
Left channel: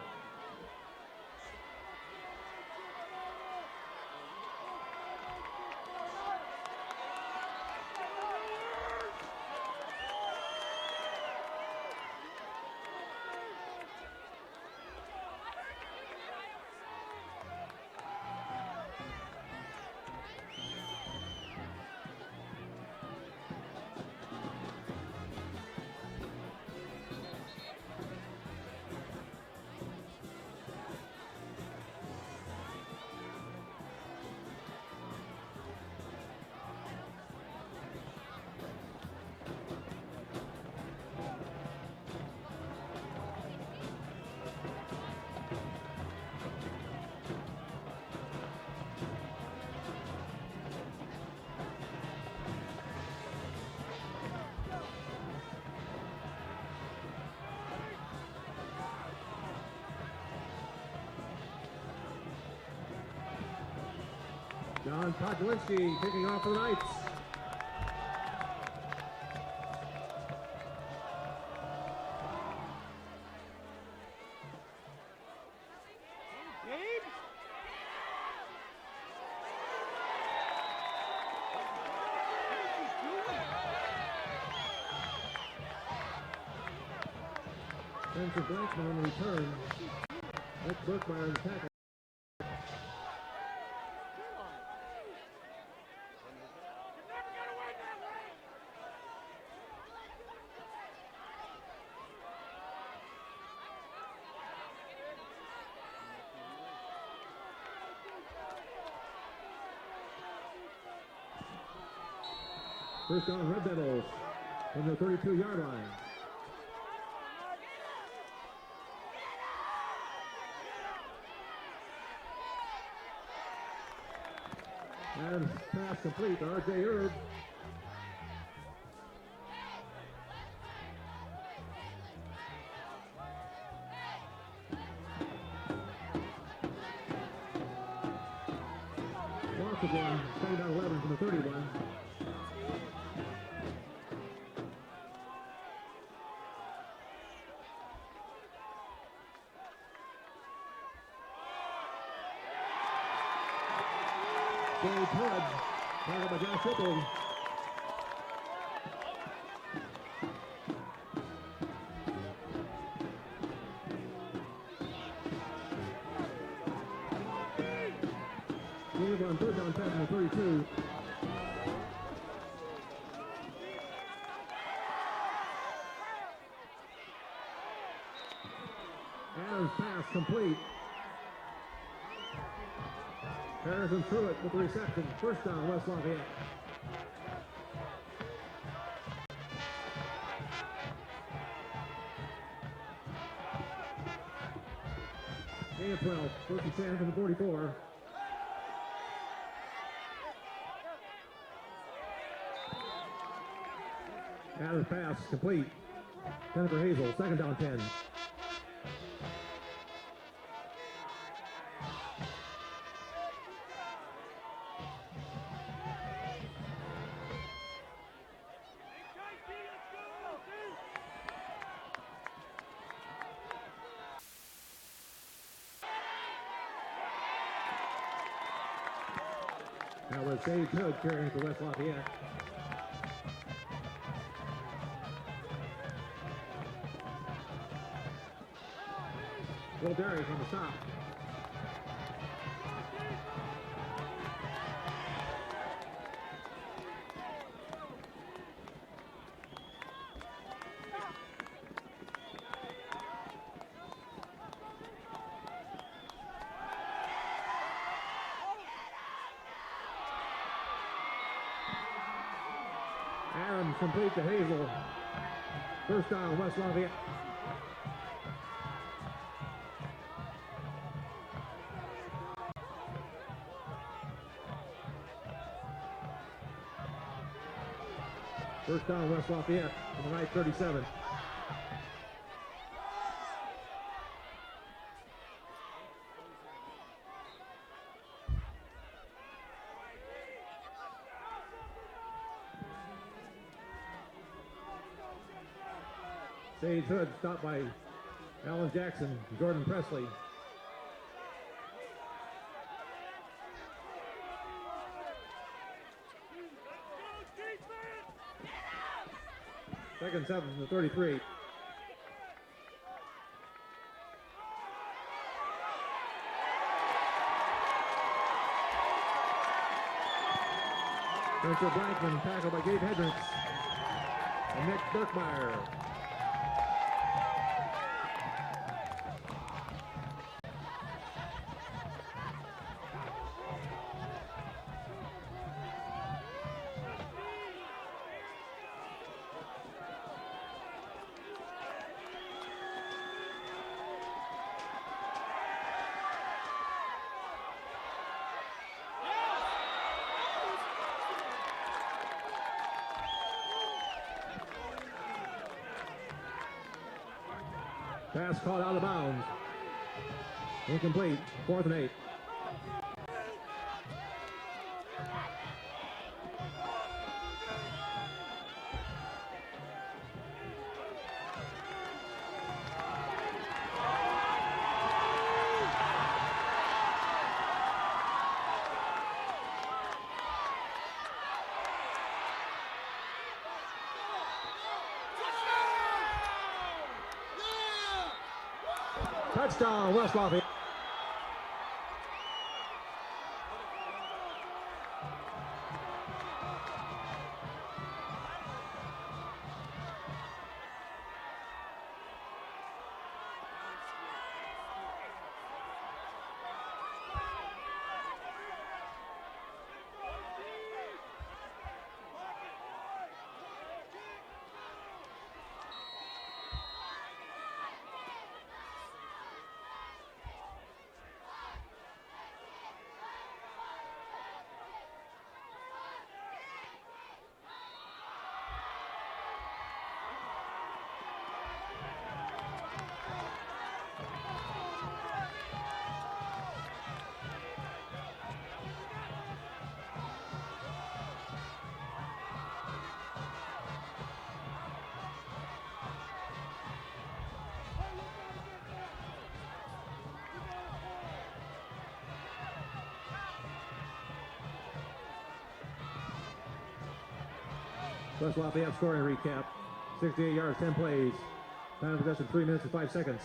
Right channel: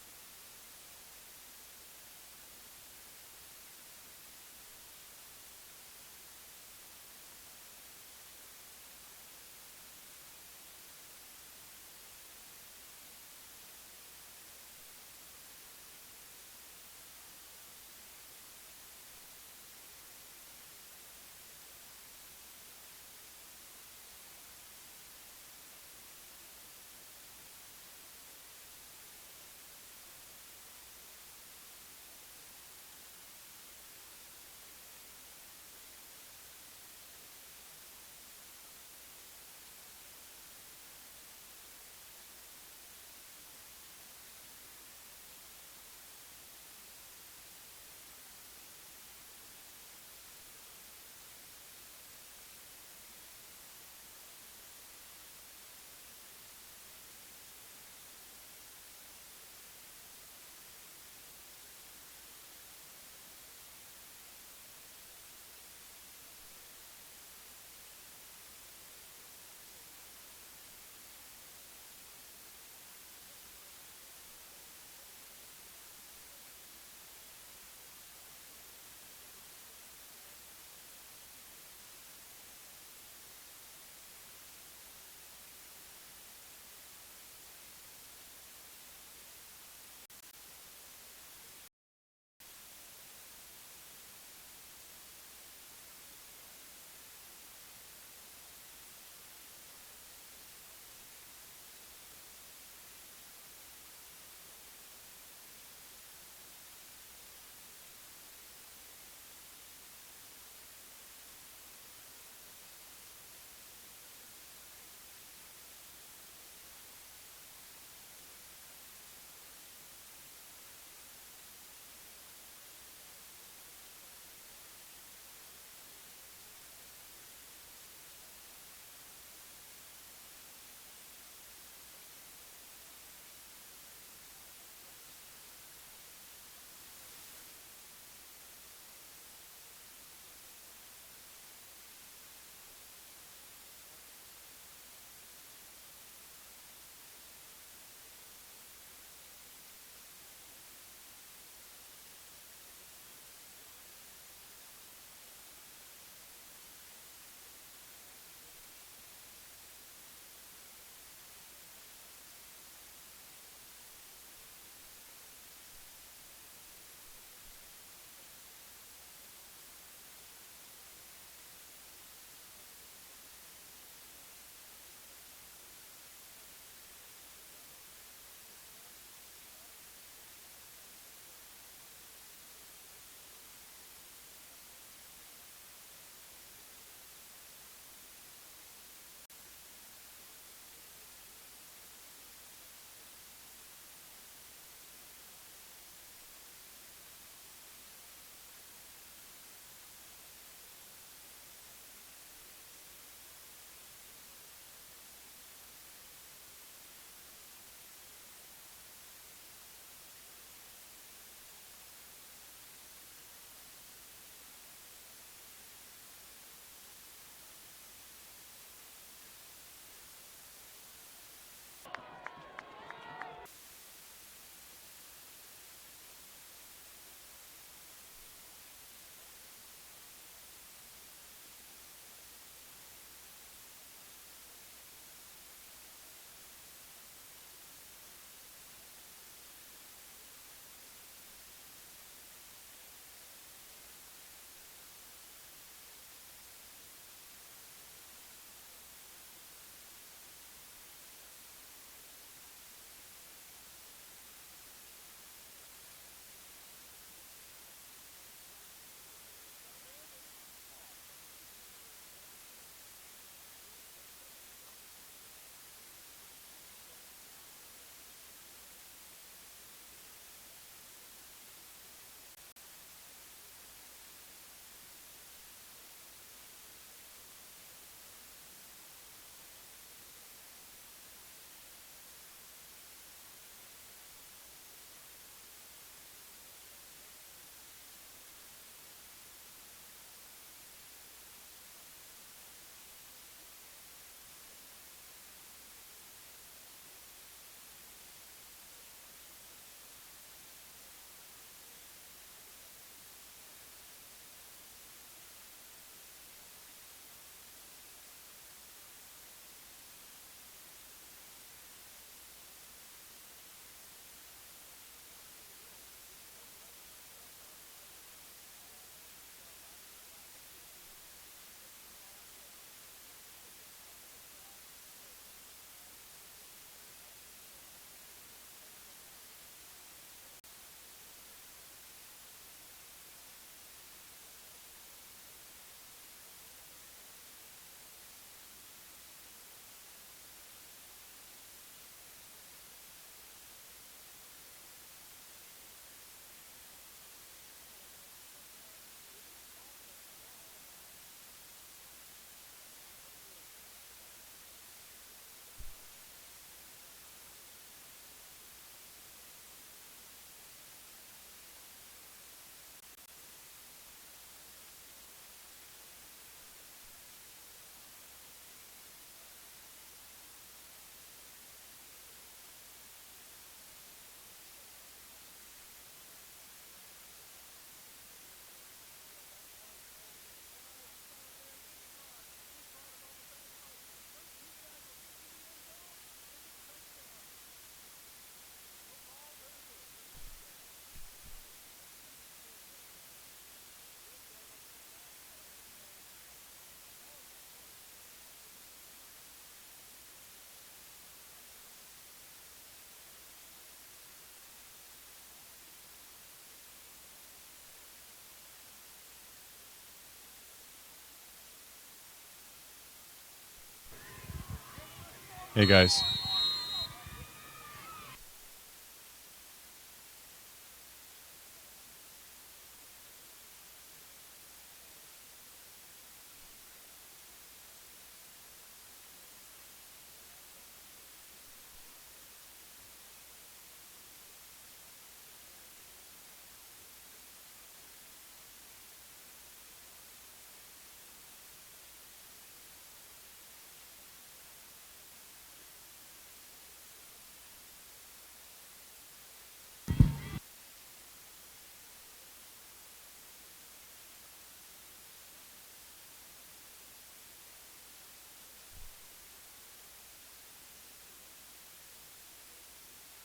John Podglinski kicking off for the Knights. Spencer Blackman on the return. That's Burkmeyer in the tackle. First down, Red Devils from the 32-yard line. And pass complete to R.J. Erb. Loss of one, second down 11 from the 31. Dave Hood, followed by Josh Ripley. Dave on third down, 10 and 32. Adams pass complete. Harrison threw it with the reception. First down, West Lafayette. Gain of 12, first and 10 from the 44. Adams pass complete. Jennifer Hazel, second down 10. That was Dave Hood carrying for West Lafayette. Will Darius on the stop. Adams complete to Hazel. First down, West Lafayette. First down, West Lafayette from the right 37. Sage Hood stopped by Alan Jackson, Jordan Presley. Second 7 to 33. Spencer Blankman tackled by Gabe Hendricks and Nick Burkmeyer. Pass caught out of bounds. Incomplete. 4th and 8. Touchdown, West Lafayette. Hey, guys. West Lafayette scoring recap. 68 yards, 10 plays. Time of possession 3 minutes and 5 seconds.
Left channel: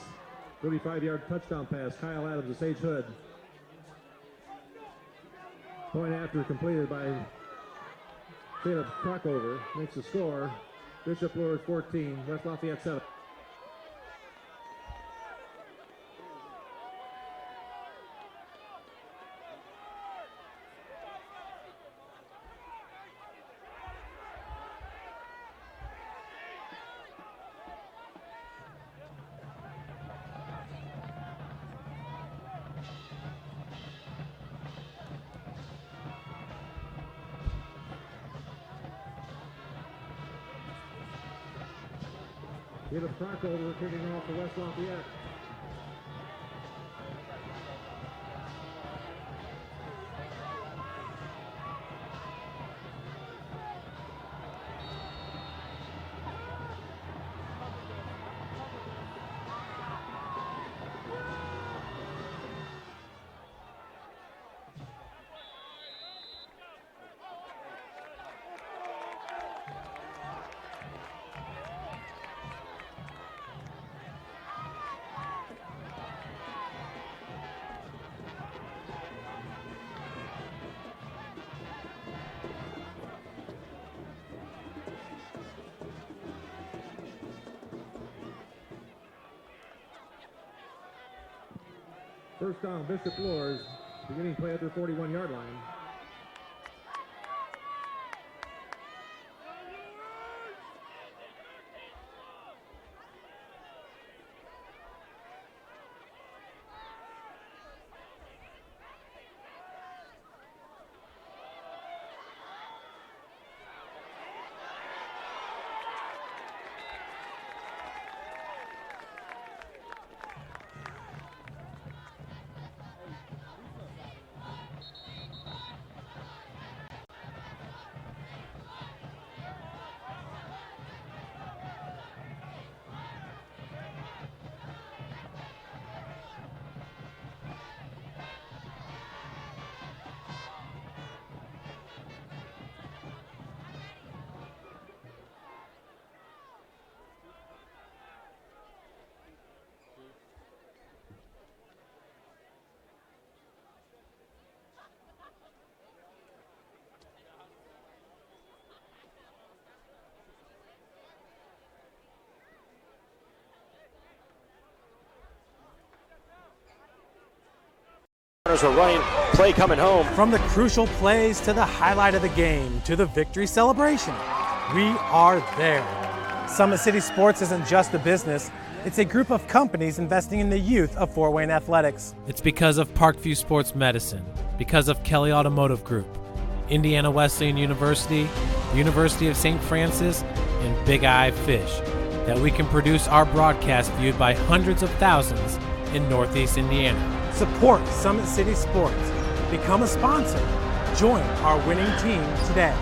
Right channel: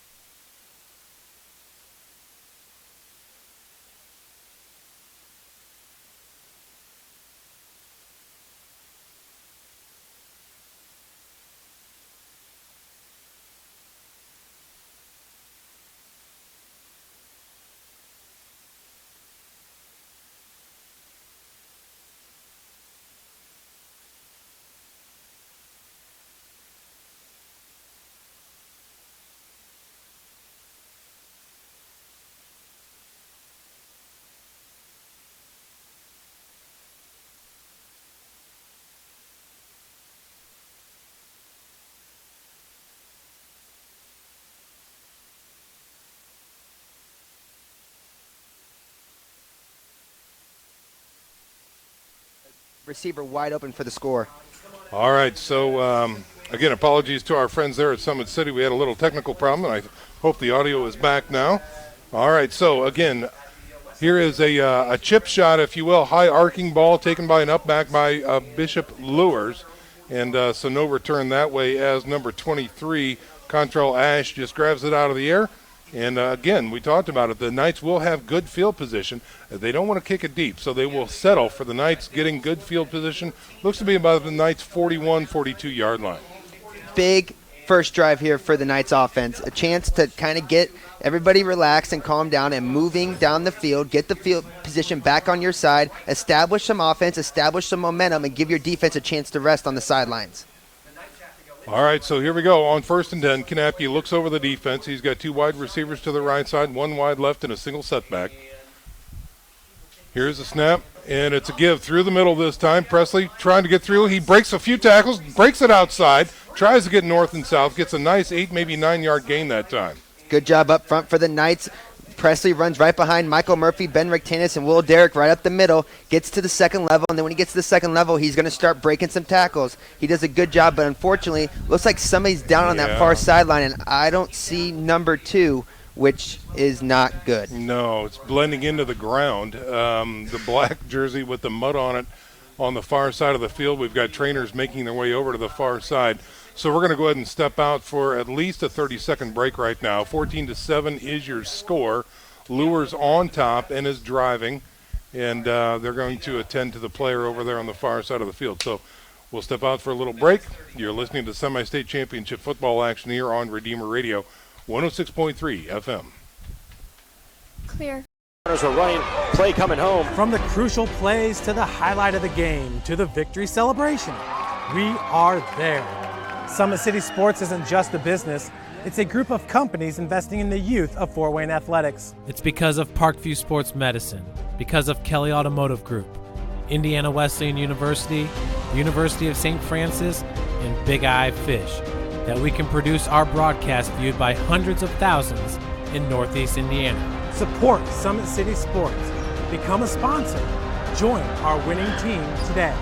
35-yard touchdown pass. Kyle Adams to Sage Hood. Point after completed by Caleb Truckover. Makes the score. Bishop Luers 14, West Lafayette 7. Caleb Truckover kicking off for West Lafayette. Receiver wide open for the score. All right, so again, apologies to our friends there at Summit City. We had a little technical problem, and I hope the audio is back now. All right, so again, here is a chip shot, if you will, high arcing ball taken by an up back by Bishop Luers. And so no return that way as number 23, Contral Ash, just grabs it out of the air. And again, we talked about it. The Knights will have good field position. They don't want to kick it deep, so they will settle for the Knights getting good field position. Looks to be about the Knights' 41, 42-yard line. Big first drive here for the Knights offense. A chance to kind of get everybody relaxed and calm down and moving down the field, get the field position back on your side, establish some offense, establish some momentum, and give your defense a chance to rest on the sidelines. All right, so here we go. On 1st and 10, Kanapke looks over the defense. He's got 2 wide receivers to the right side, 1 wide left, and a single setback. Here's the snap, and it's a give through the middle this time. Presley trying to get through. He breaks a few tackles, breaks it outside, tries to get north and south, gets a nice 8, maybe 9-yard gain that time. Good job up front for the Knights, Presley runs right behind Michael Murphy, Ben Rectanis, and Will Derrick right up the middle, gets to the second level, and then when he gets to the second level, he's going to start breaking some tackles. He does a good job, but unfortunately, looks like somebody's down on that far sideline, and I don't see number 2, which is not good. No, it's blending into the ground. The black jersey with the mud on it on the far side of the field. We've got trainers making their way over to the far side. So we're going to go ahead and step out for at least a 30-second break right now. 14-7 is your score. Luers on top and is driving, and they're going to attend to the player over there on the far side of the field. So we'll step out for a little break. You're listening to semi-state championship football action here on Redeemer Radio, 106.3 FM. Clear. Runners are running, play coming home. From the crucial plays to the highlight of the game to the victory celebration, we are there. Summit City Sports isn't just a business, it's a group of companies investing in the youth of Fort Wayne athletics. It's because of Parkview Sports Medicine, because of Kelly Automotive Group, Indiana Wesleyan University, University of St. Francis, and Big Eye Fish, that we can produce our broadcast viewed by hundreds of thousands in Northeast Indiana. Support Summit City Sports. Become a sponsor. Join our winning team today.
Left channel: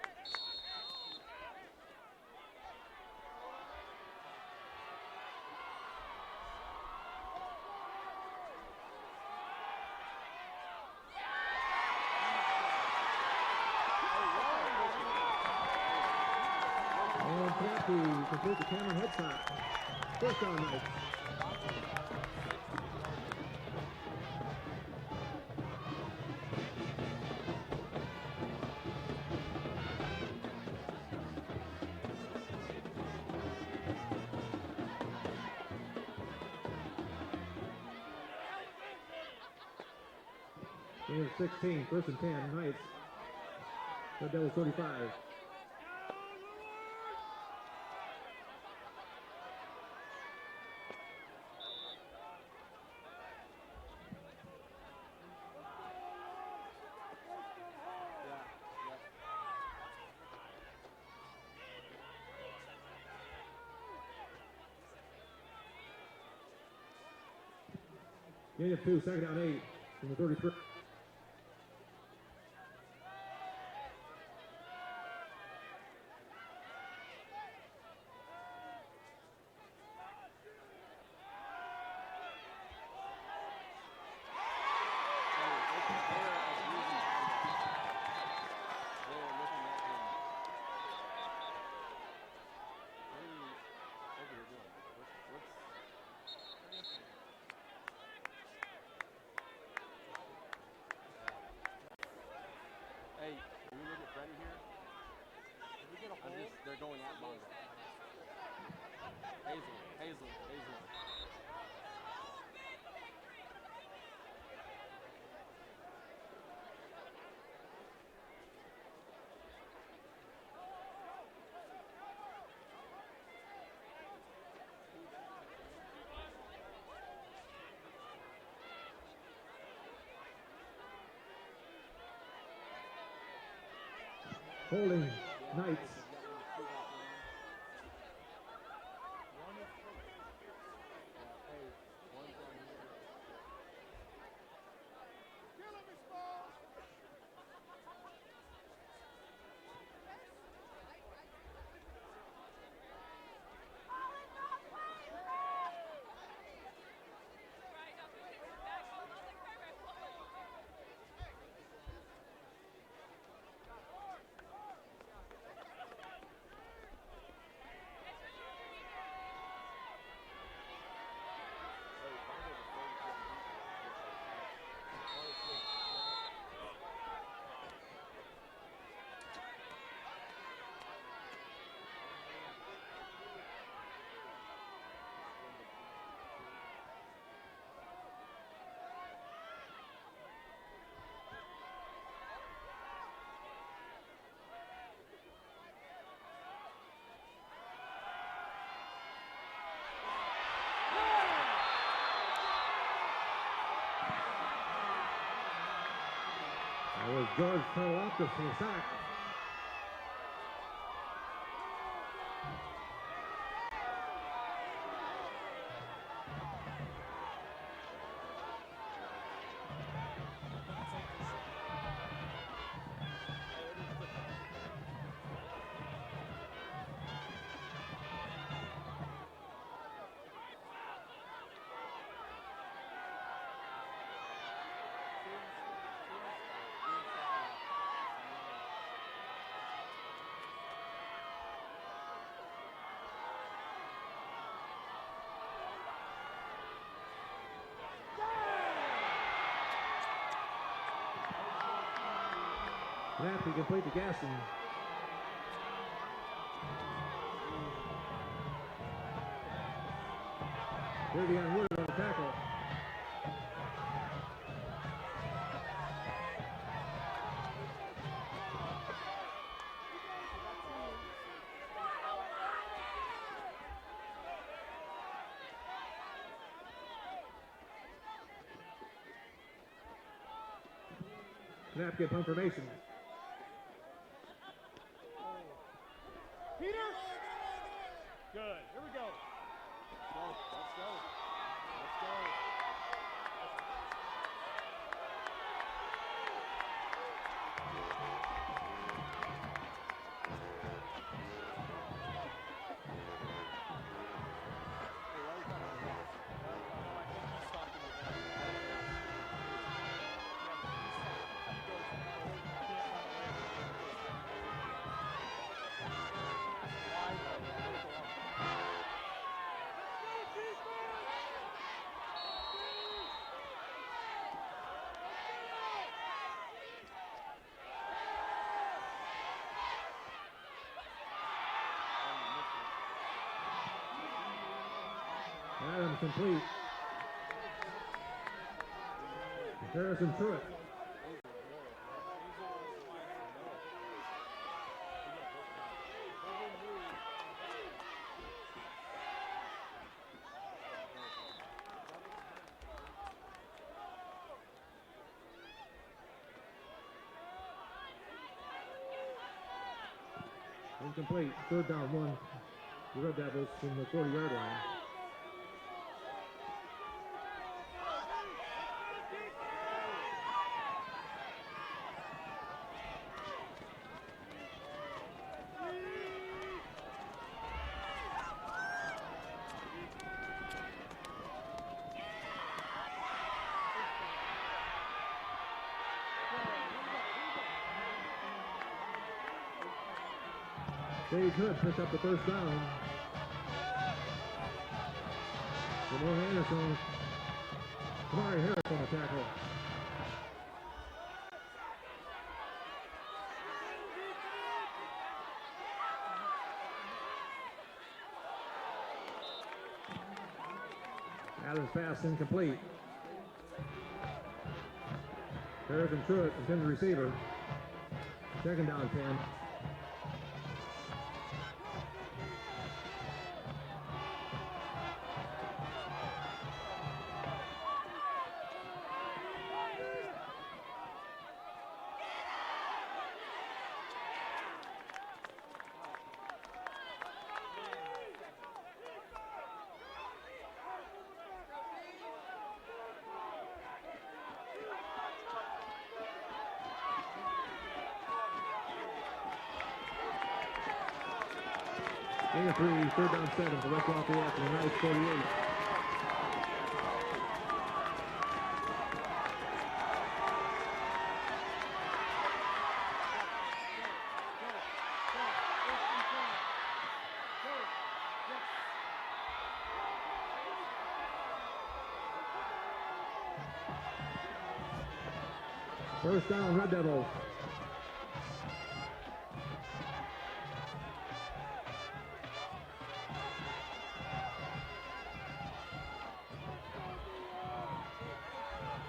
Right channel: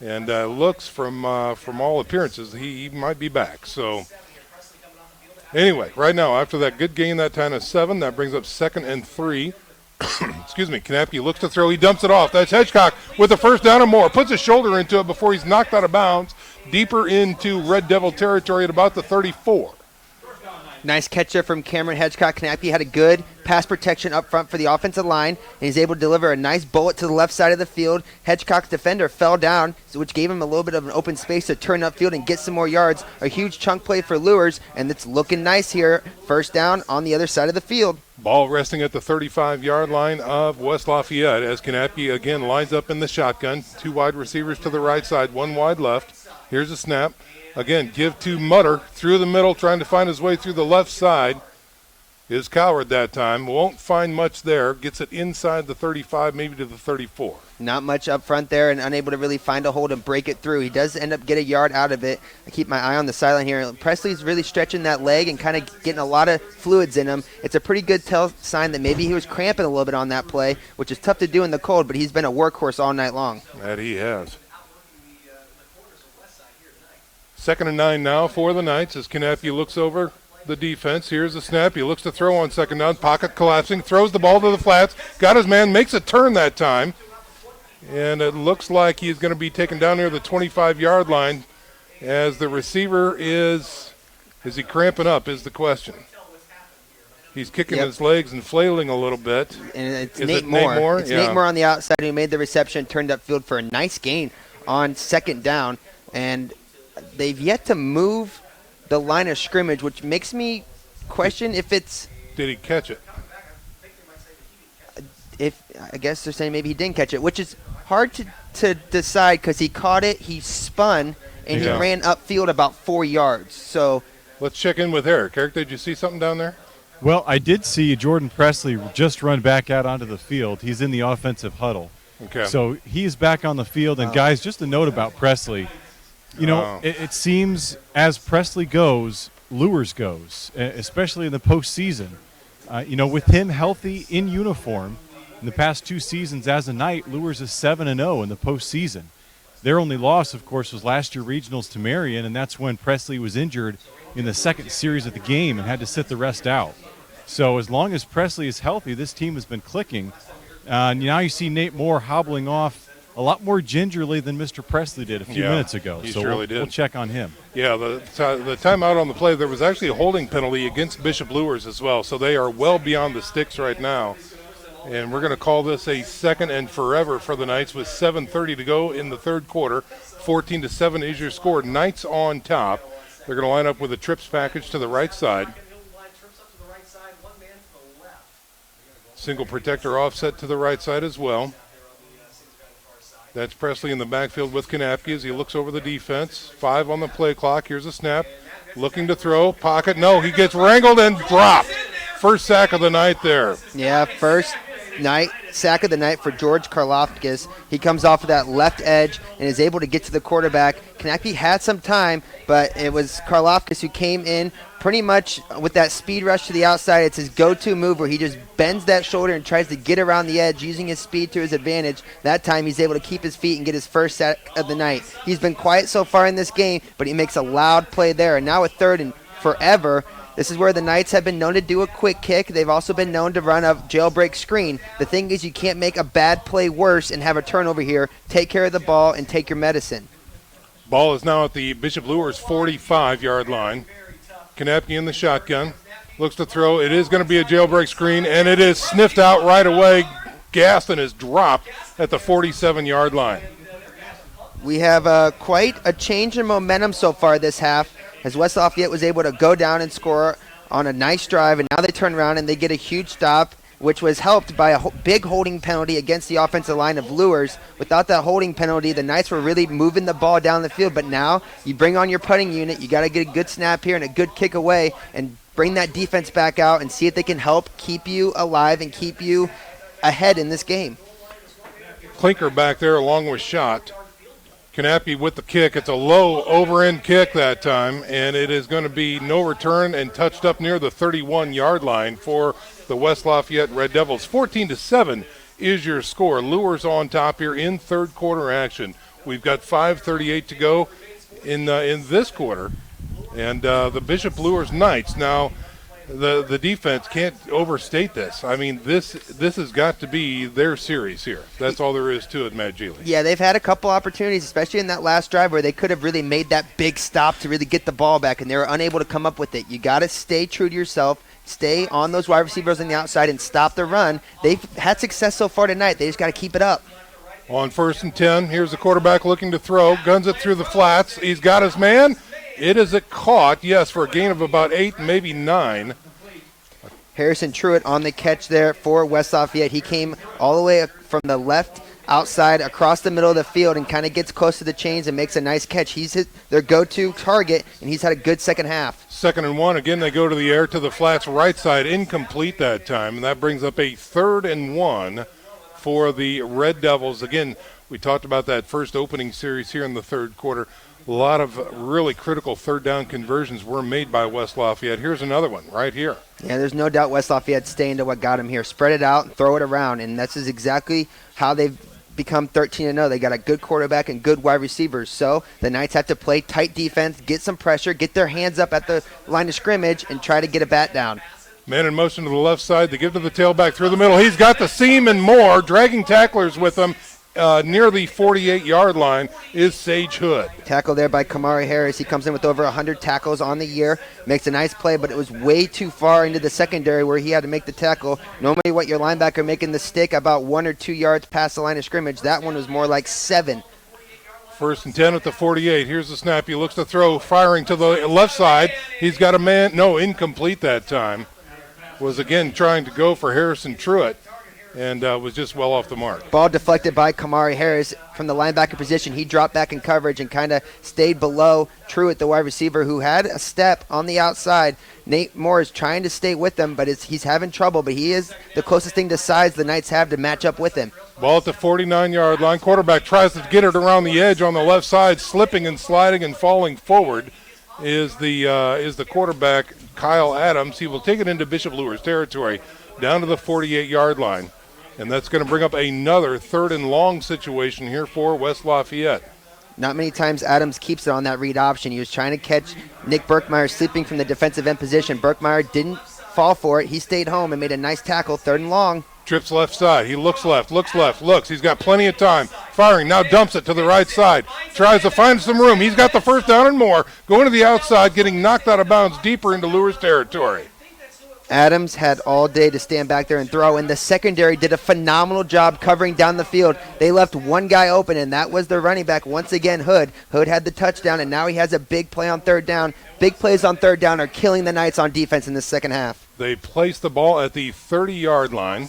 And looks from all appearances, he might be back. So anyway, right now, after that good gain that time of 7, that brings up 2nd and 3. Excuse me, Knapke looks to throw, he dumps it off. That's Hedgecock with the first down and more. Puts his shoulder into it before he's knocked out of bounds, deeper into Red Devil territory at about the 34. Nice catch there from Cameron Hedgecock. Knapke had a good pass protection up front for the offensive line, and he's able to deliver a nice bullet to the left side of the field. Hedgecock's defender fell down, which gave him a little bit of an open space to turn upfield and get some more yards. A huge chunk play for Luers, and it's looking nice here. First down on the other side of the field. Ball resting at the 35-yard line of West Lafayette as Knapke again lines up in the shotgun. 2 wide receivers to the right side, 1 wide left. Here's a snap. Again, give to Mutter through the middle, trying to find his way through the left side. Is Coward that time. Won't find much there. Gets it inside the 35, maybe to the 34. Not much up front there and unable to really find a hold and break it through. He does end up get a yard out of it. I keep my eye on the sideline here. Presley's really stretching that leg and kind of getting a lot of fluids in him. It's a pretty good sign that maybe he was cramping a little bit on that play, which is tough to do in the cold, but he's been a workhorse all night long. That he has. 2nd and 9 now for the Knights as Knapke looks over the defense. Here's the snap. He looks to throw on 2nd down. Pocket collapsing. Throws the ball to the flats. Got his man. Makes a turn that time. And it looks like he's going to be taken down near the 25-yard line as the receiver is he cramping up is the question. He's kicking his legs and flailing a little bit. And it's Nate Moore. It's Nate Moore on the outside who made the reception, turned upfield for a nice gain on 2nd down. And they've yet to move the line of scrimmage, which makes me question if it's... Did he catch it? I guess they're saying maybe he didn't catch it, which is hard to decide because he caught it, he spun, and he ran upfield about 4 yards. So let's check in with Eric. Eric, did you see something down there? Well, I did see Jordan Presley just run back out onto the field. He's in the offensive huddle. Okay. So he's back on the field. And, guys, just a note about Presley. You know, it seems as Presley goes, Luers goes, especially in the postseason. You know, with him healthy in uniform, in the past 2 seasons as a Knight, Luers is 7-0 in the postseason. Their only loss, of course, was last year regionals to Marion, and that's when Presley was injured in the 2nd series of the game and had to sit the rest out. So as long as Presley is healthy, this team has been clicking. Now you see Nate Moore hobbling off a lot more gingerly than Mr. Presley did a few minutes ago. He so surely did. We'll check on him. Yeah, the timeout on the play, there was actually a holding penalty against Bishop Luers as well, so they are well beyond the sticks right now. And we're going to call this a 2nd and forever for the Knights with 7:30 to go in the 3rd quarter. 14-7 is your score. Knights on top. They're going to line up with a trips package to the right side. Single protector offset to the right side as well. That's Presley in the backfield with Knapke as he looks over the defense. 5 on the play clock. Here's a snap. Looking to throw. Pocket. No, he gets wrangled and dropped. First sack of the night there. Yeah, first sack of the night for George Karloftis. He comes off of that left edge and is able to get to the quarterback. Konecny had some time, but it was Karloftis who came in pretty much with that speed rush to the outside. It's his go-to move where he just bends that shoulder and tries to get around the edge using his speed to his advantage. That time he's able to keep his feet and get his first sack of the night. He's been quiet so far in this game, but he makes a loud play there. And now with 3rd and forever, this is where the Knights have been known to do a quick kick. They've also been known to run a jailbreak screen. The thing is, you can't make a bad play worse and have a turnover here. Take care of the ball and take your medicine. Ball is now at the Bishop Luers 45-yard line. Konecny in the shotgun. Looks to throw. It is going to be a jailbreak screen, and it is sniffed out right away. Gaston is dropped at the 47-yard line. We have quite a change in momentum so far this half, as West Lafayette was able to go down and score on a nice drive, and now they turn around and they get a huge stop, which was helped by a big holding penalty against the offensive line of Luers. Without that holding penalty, the Knights were really moving the ball down the field, but now you bring on your putting unit. You got to get a good snap here and a good kick away and bring that defense back out and see if they can help keep you alive and keep you ahead in this game. Clinker back there along with Schott. Konecny with the kick. It's a low over-end kick that time, and it is going to be no return and touched up near the 31-yard line for the West Lafayette Red Devils. 14-7 is your score. Luers on top here in third quarter action. We've got 5:38 to go in this quarter, and the Bishop Luers Knights now. The defense can't overstate this. I mean, this has got to be their series here. That's all there is to it, Matt Geely. Yeah, they've had a couple opportunities, especially in that last drive where they could have really made that big stop to really get the ball back, and they were unable to come up with it. You got to stay true to yourself, stay on those wide receivers on the outside, and stop the run. They've had success so far tonight. They just got to keep it up. On 1st and 10, here's the quarterback looking to throw. Guns it through the flats. He's got his man. It is caught, yes, for a gain of about 8, maybe 9. Harrison Truitt on the catch there for West Lafayette. He came all the way from the left outside across the middle of the field and kind of gets close to the chains and makes a nice catch. He's their go-to target, and he's had a good second half. 2nd and 1. Again, they go to the air to the flats right side. Incomplete that time, and that brings up a 3rd and 1 for the Red Devils. Again, we talked about that first opening series here in the third quarter. A lot of really critical third down conversions were made by West Lafayette. Here's another one right here. Yeah, there's no doubt West Lafayette staying to what got him here. Spread it out and throw it around, and this is exactly how they've become 13-0. They got a good quarterback and good wide receivers. So the Knights have to play tight defense, get some pressure, get their hands up at the line of scrimmage, and try to get a bat down. Man in motion to the left side. They give to the tailback through the middle. He's got the seam and more, dragging tacklers with him. Near the 48-yard line is Sage Hood. Tackle there by Kamari Harris. He comes in with over 100 tackles on the year. Makes a nice play, but it was way too far into the secondary where he had to make the tackle. Normally what your linebacker making the stick about 1 or 2 yards past the line of scrimmage. That one was more like 7. 1st and 10 at the 48. Here's the snap. He looks to throw, firing to the left side. He's got a man. No, incomplete that time. Was again trying to go for Harrison Truitt. And was just well off the mark. Ball deflected by Kamari Harris from the linebacker position. He dropped back in coverage and kind of stayed below Truitt, the wide receiver, who had a step on the outside. Nate Moore is trying to stay with him, but he's having trouble. But he is the closest thing to size the Knights have to match up with him. Ball at the 49-yard line. Quarterback tries to get it around the edge on the left side, slipping and sliding and falling forward is the quarterback, Kyle Adams. He will take it into Bishop Luers territory down to the 48-yard line. And that's going to bring up another 3rd and long situation here for West Lafayette. Not many times Adams keeps it on that read option. He was trying to catch Nick Berkmeyer sleeping from the defensive end position. Berkmeyer didn't fall for it. He stayed home and made a nice tackle, 3rd and long. Trips left side. He looks left. He's got plenty of time. Firing, now dumps it to the right side. Tries to find some room. He's got the first down and more. Going to the outside, getting knocked out of bounds deeper into Luers territory. Adams had all day to stand back there and throw, and the secondary did a phenomenal job covering down the field. They left one guy open, and that was their running back, once again, Hood. Hood had the touchdown, and now he has a big play on 3rd down. Big plays on 3rd down are killing the Knights on defense in the second half. They placed the ball at the 30-yard line.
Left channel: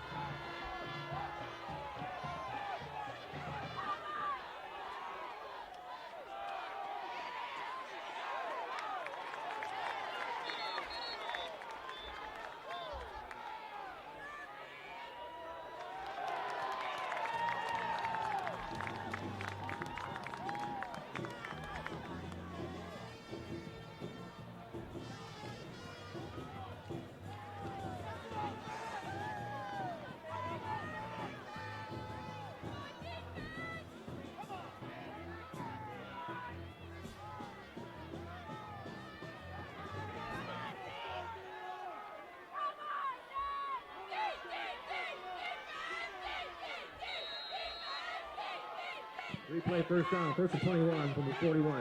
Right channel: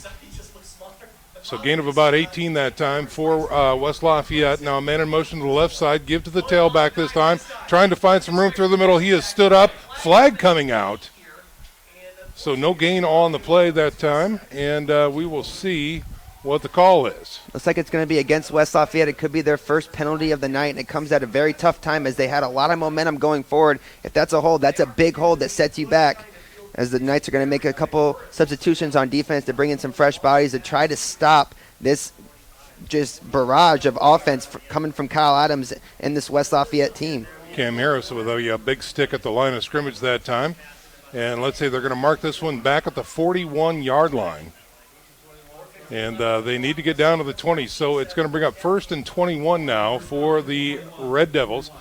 So gain of about 18 that time for West Lafayette. Now a man in motion to the left side. Give to the tailback this time. Trying to find some room through the middle. He has stood up. Flag coming out. So no gain on the play that time, and we will see what the call is. Looks like it's going to be against West Lafayette. It could be their first penalty of the night, and it comes at a very tough time as they had a lot of momentum going forward. If that's a hold, that's a big hold that sets you back, as the Knights are going to make a couple substitutions on defense to bring in some fresh bodies to try to stop this just barrage of offense coming from Kyle Adams and this West Lafayette team. Cam Harris with a big stick at the line of scrimmage that time. And let's say they're going to mark this one back at the 41-yard line. And they need to get down to the 20, so it's going to bring up 1st and 21 now for the Red Devils.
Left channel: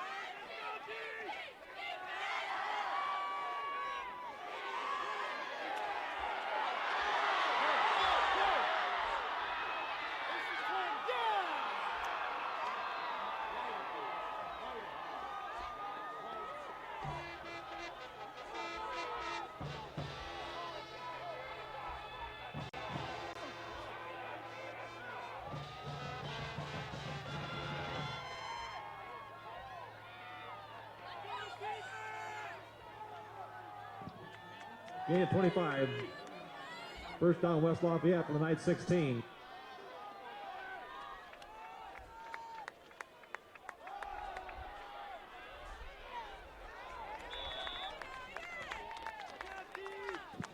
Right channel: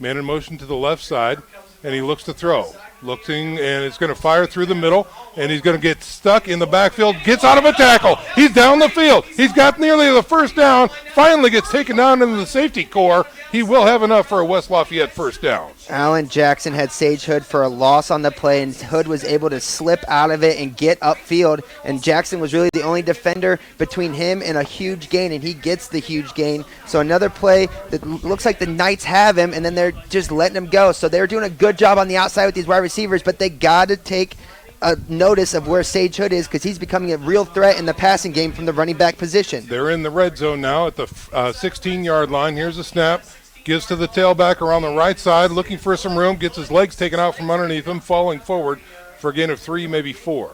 Man in motion to the left side, and he looks to throw. Looking, and it's going to fire through the middle, and he's going to get stuck in the backfield, gets out of a tackle. He's down the field. He's got nearly the first down, finally gets taken down into the safety core. He will have enough for a West Lafayette first down. Allen Jackson had Sage Hood for a loss on the play, and Hood was able to slip out of it and get upfield, and Jackson was really the only defender between him and a huge gain, and he gets the huge gain. So another play that looks like the Knights have him, and then they're just letting him go. So they're doing a good job on the outside with these wide receivers, but they got to take a notice of where Sage Hood is, because he's becoming a real threat in the passing game from the running back position. They're in the red zone now at the 16-yard line. Here's a snap. Gives to the tailback around the right side, looking for some room, gets his legs taken out from underneath him, falling forward for a gain of 3, maybe 4.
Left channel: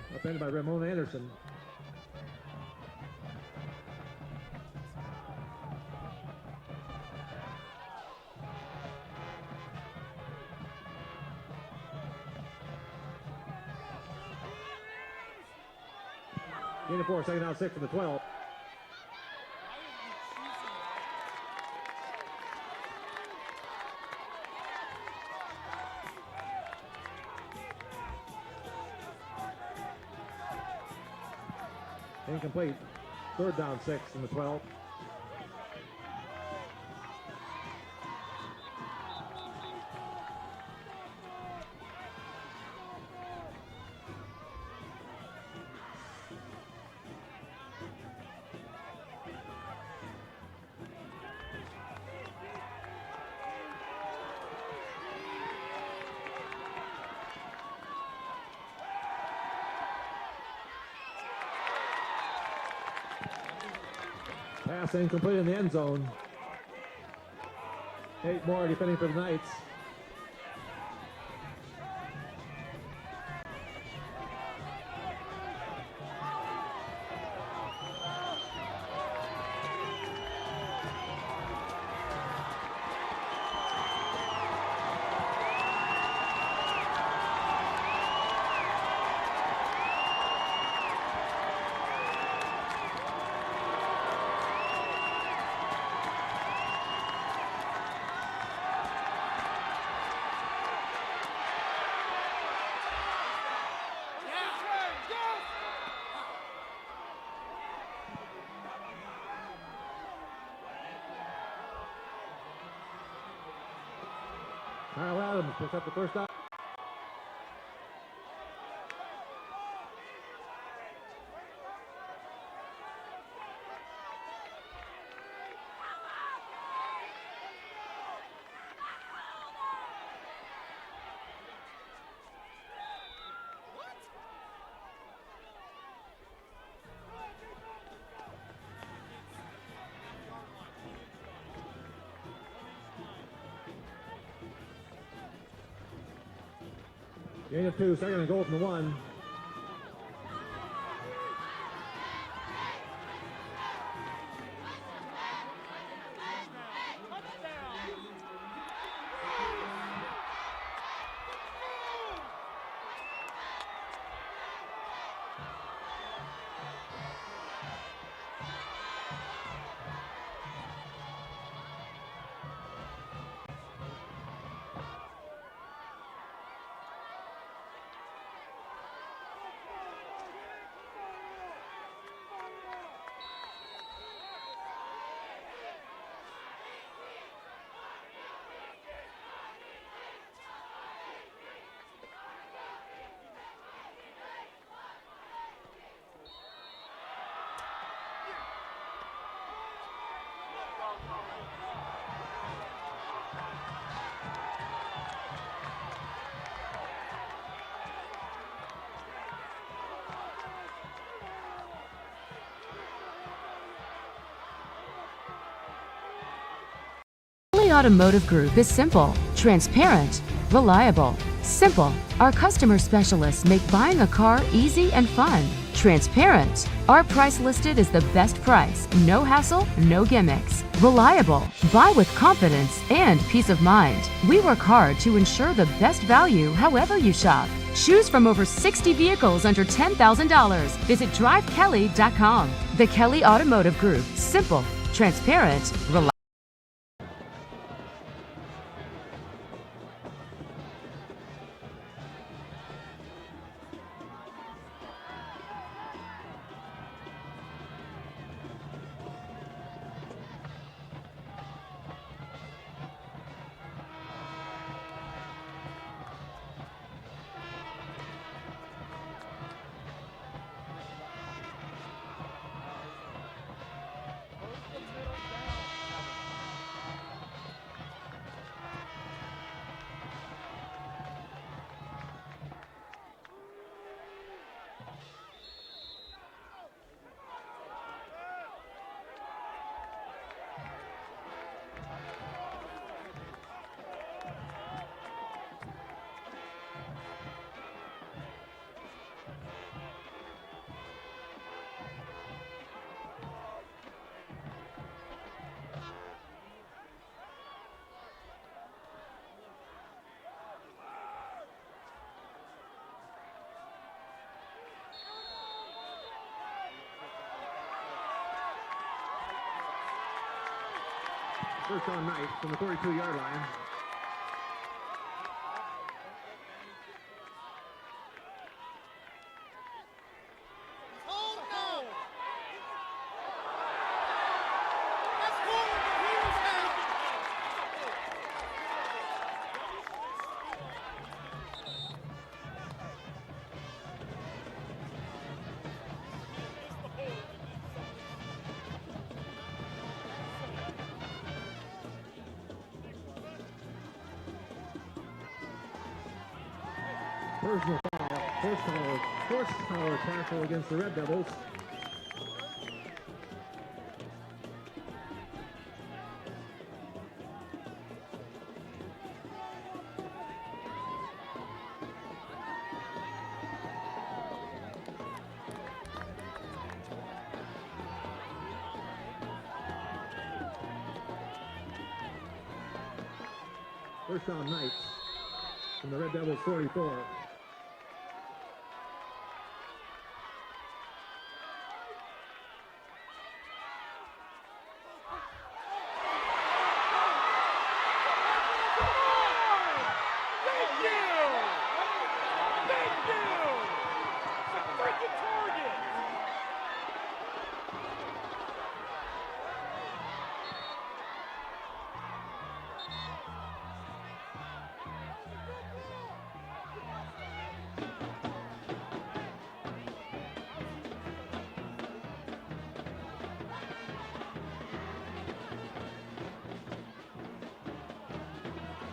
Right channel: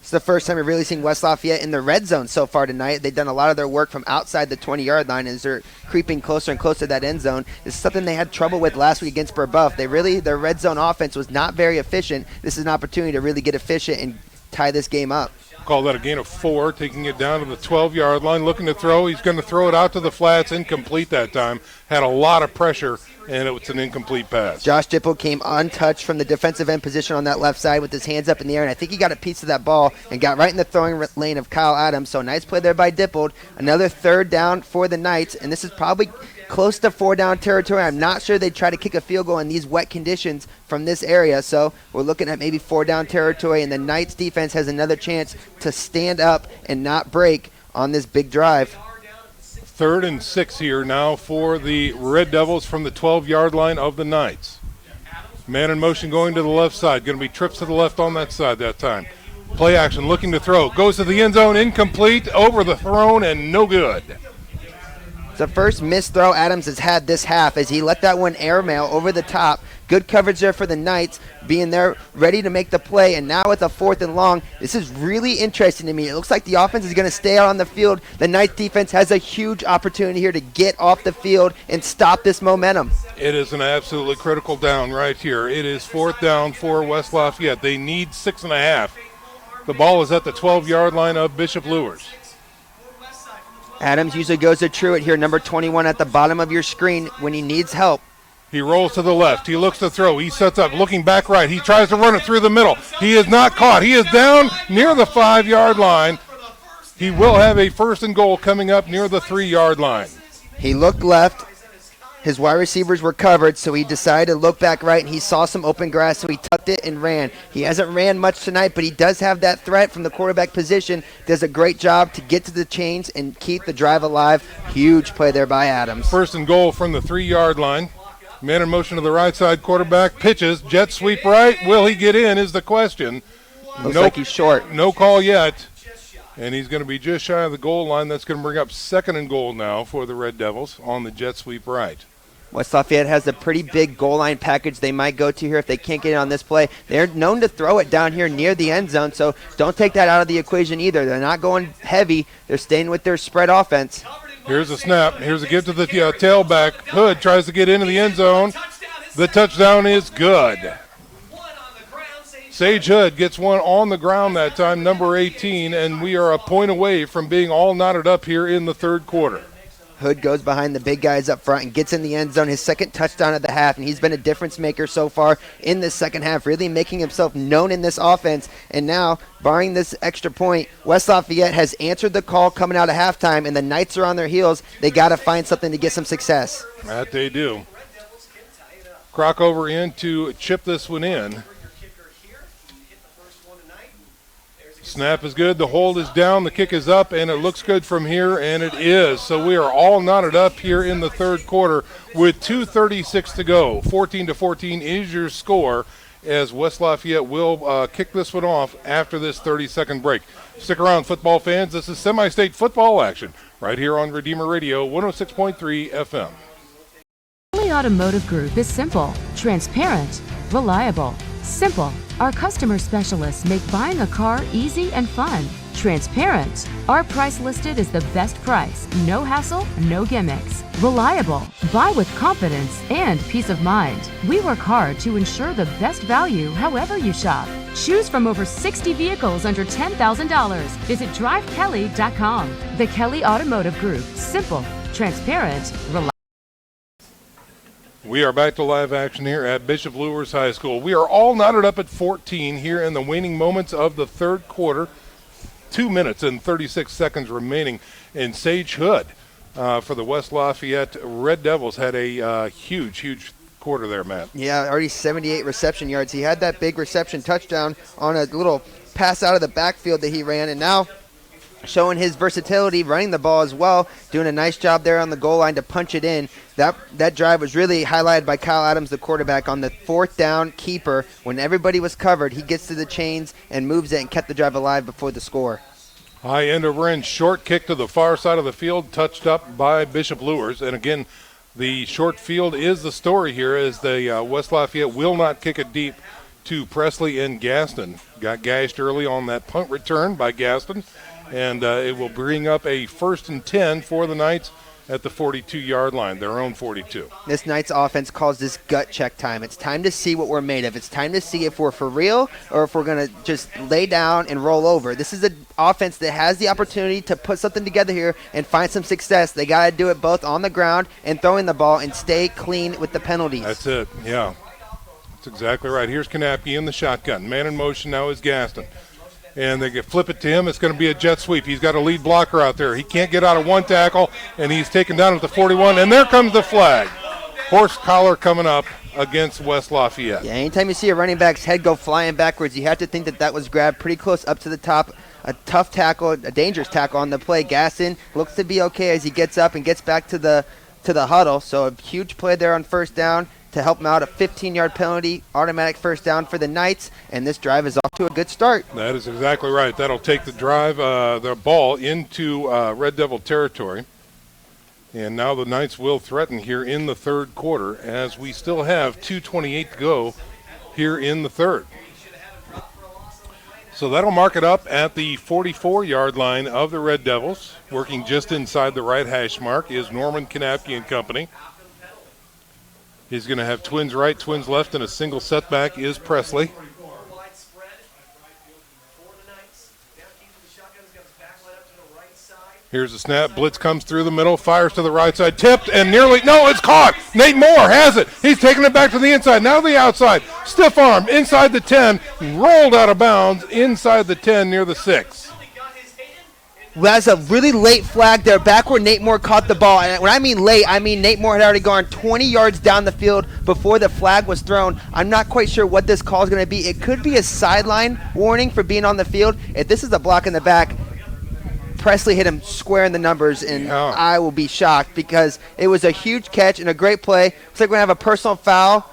It's the first time we've really seen West Lafayette in the red zone so far tonight. They've done a lot of their work from outside the 20-yard line as they're creeping closer and closer to that end zone. This is something they had trouble with last week against Brebeuf. Their red zone offense was not very efficient. This is an opportunity to really get efficient and tie this game up. Call that a gain of 4, taking it down to the 12-yard line, looking to throw. He's going to throw it out to the flats, incomplete that time. Had a lot of pressure, and it was an incomplete pass. Josh Dipple came untouched from the defensive end position on that left side with his hands up in the air, and I think he got a piece of that ball and got right in the throwing lane of Kyle Adams. So nice play there by Dipple. Another third down for the Knights, and this is probably close to 4-down territory. I'm not sure they'd try to kick a field goal in these wet conditions from this area, so we're looking at maybe 4-down territory, and the Knights defense has another chance to stand up and not break on this big drive. 3rd and 6 here now for the Red Devils from the 12-yard line of the Knights. Man in motion going to the left side. Going to be trips to the left on that side that time. Play action, looking to throw. Goes to the end zone, incomplete, over the throne, and no good. It's the first missed throw Adams has had this half as he let that one airmail over the top. Good coverage there for the Knights, being there ready to make the play. And now with a 4th and long, this is really interesting to me. It looks like the offense is going to stay out on the field. The Knights defense has a huge opportunity here to get off the field and stop this momentum. It is an absolutely critical down right here. It is 4th down for West Lafayette. They need 6.5. The ball is at the 12-yard line of Bishop Luers. Adams usually goes to Truitt here, number 21 at the bottom of your screen when he needs help. He rolls to the left. He looks to throw. He sets up, looking back right. He tries to run it through the middle. He is not caught. He is down near the 5-yard line. He will have a 1st and goal coming up near the 3-yard line. He looked left. His wide receivers were covered, so he decided to look back right, and he saw some open grass, so he tucked it and ran. He hasn't ran much tonight, but he does have that threat from the quarterback position. Does a great job to get to the chains and keep the drive alive. Huge play there by Adams. 1st and goal from the 3-yard line. Man in motion to the right side, quarterback pitches, jet sweep right. Will he get in is the question. Looks like he's short. No call yet. And he's going to be just shy of the goal line. That's going to bring up 2nd and goal now for the Red Devils on the jet sweep right. West Lafayette has a pretty big goal line package they might go to here if they can't get it on this play. They're known to throw it down here near the end zone, so don't take that out of the equation either. They're not going heavy. They're staying with their spread offense. Here's a snap. Here's a give to the tailback. Hood tries to get into the end zone. The touchdown is good. Sage Hood gets one on the ground that time, number 18, and we are a point away from being all knotted up here in the 3rd quarter. Hood goes behind the big guys up front and gets in the end zone, his 2nd touchdown of the half, and he's been a difference maker so far in this 2nd half, really making himself known in this offense. And now, barring this extra point, West Lafayette has answered the call coming out of halftime, and the Knights are on their heels. They got to find something to get some success. That they do. Crockover in to chip this one in. Snap is good. The hold is down. The kick is up, and it looks good from here, and it is. So we are all knotted up here in the 3rd quarter with 2:36 to go. 14-14 is your score as West Lafayette will kick this one off after this 30-second break. Stick around, football fans. This is semi-state football action right here on Redeemer Radio 106.3 FM. Kelly Automotive Group is simple, transparent, reliable. Simple. Our customer specialists make buying a car easy and fun. Transparent. Our price listed is the best price. No hassle, no gimmicks. Reliable. Buy with confidence and peace of mind. We work hard to ensure the best value however you shop. Choose from over 60 vehicles under $10,000. Visit drivekelly.com. The Kelly Automotive Group. Simple, transparent, reliable. We are back to live action here at Bishop Luers High School. We are all knotted up at 14 here in the waning moments of the third quarter. 2 minutes and 36 seconds remaining. And Sage Hood for the West Lafayette Red Devils had a huge quarter there, Matt. Yeah, already 78 reception yards. He had that big reception touchdown on a little pass out of the backfield that he ran, and now showing his versatility, running the ball as well, doing a nice job there on the goal line to punch it in. That drive was really highlighted by Kyle Adams, the quarterback, on the fourth down keeper. When everybody was covered, he gets to the chains and moves it and kept the drive alive before the score. High end over end, short kick to the far side of the field, touched up by Bishop Luers. And again, the short field is the story here, as the West Lafayette will not kick it deep to Presley and Gaston. Got gashed early on that punt return by Gaston, and it will bring up a 1st and 10 for the Knights at the 42-yard line, their own 42. This Knights offense calls this gut check time. It's time to see what we're made of. It's time to see if we're for real or if we're going to just lay down and roll over. This is an offense that has the opportunity to put something together here and find some success. They got to do it both on the ground and throwing the ball and stay clean with the penalties. That's it, yeah. That's exactly right. Here's Knappke in the shotgun. Man in motion now is Gaston. And they can flip it to him. It's going to be a jet sweep. He's got a lead blocker out there. He can't get out of one tackle, and he's taken down at the 41. And there comes the flag. Horse collar coming up against West Lafayette. Yeah, anytime you see a running back's head go flying backwards, you have to think that was grabbed pretty close up to the top. A tough tackle, a dangerous tackle on the play. Gaston looks to be okay as he gets up and gets back to the huddle. So a huge play there on first down to help him out. A 15-yard penalty, automatic first down for the Knights, and this drive is off to a good start. That is exactly right. That'll take the drive, the ball into Red Devil territory. And now the Knights will threaten here in the third quarter, as we still have 2:28 to go here in the third. So that'll mark it up at the 44-yard line of the Red Devils. Working just inside the right hash mark is Norman Knappke and company. He's going to have twins right, twins left, and a single setback is Presley. Here's the snap. Blitz comes through the middle, fires to the right side, tipped, and nearly, no, it's caught. Nate Moore has it. He's taking it back to the inside, now the outside. Stiff arm inside the 10, rolled out of bounds inside the 10 near the 6. That's a really late flag there, back where Nate Moore caught the ball. And when I mean late, I mean Nate Moore had already gone 20 yards down the field before the flag was thrown. I'm not quite sure what this call is going to be. It could be a sideline warning for being on the field. If this is a block in the back, Presley hit him square in the numbers, and I will be shocked because it was a huge catch and a great play. Looks like we're going to have a personal foul,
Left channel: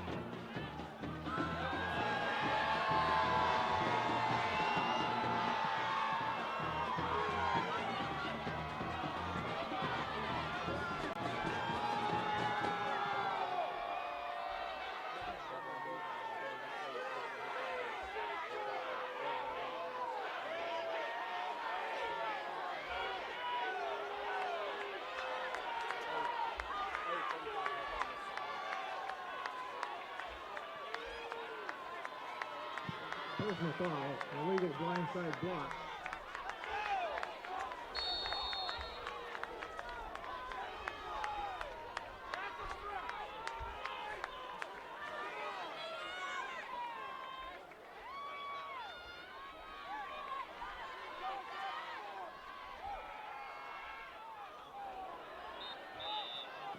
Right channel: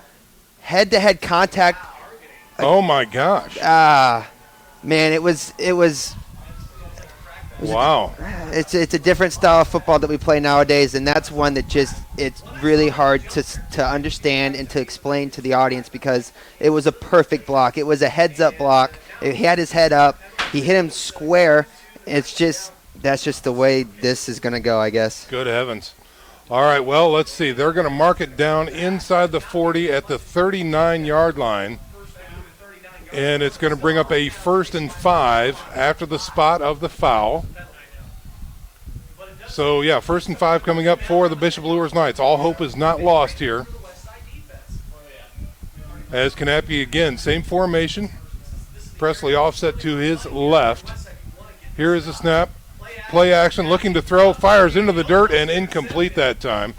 head-to-head contact. Oh, my gosh. Man, it was wow. It's a different style of football that we play nowadays, and that's one that it's really hard to understand and to explain to the audience because it was a perfect block. It was a heads-up block. He had his head up. He hit him square. That's just the way this is going to go, I guess. Good heavens. All right, well, let's see. They're going to mark it down inside the 40 at the 39-yard line. And it's going to bring up a 1st and 5 after the spot of the foul. So, yeah, 1st and 5 coming up for the Bishop Luers Knights. All hope is not lost here. As Knappke again, same formation. Presley offset to his left. Here is the snap. Play action, looking to throw, fires into the dirt, and incomplete that time.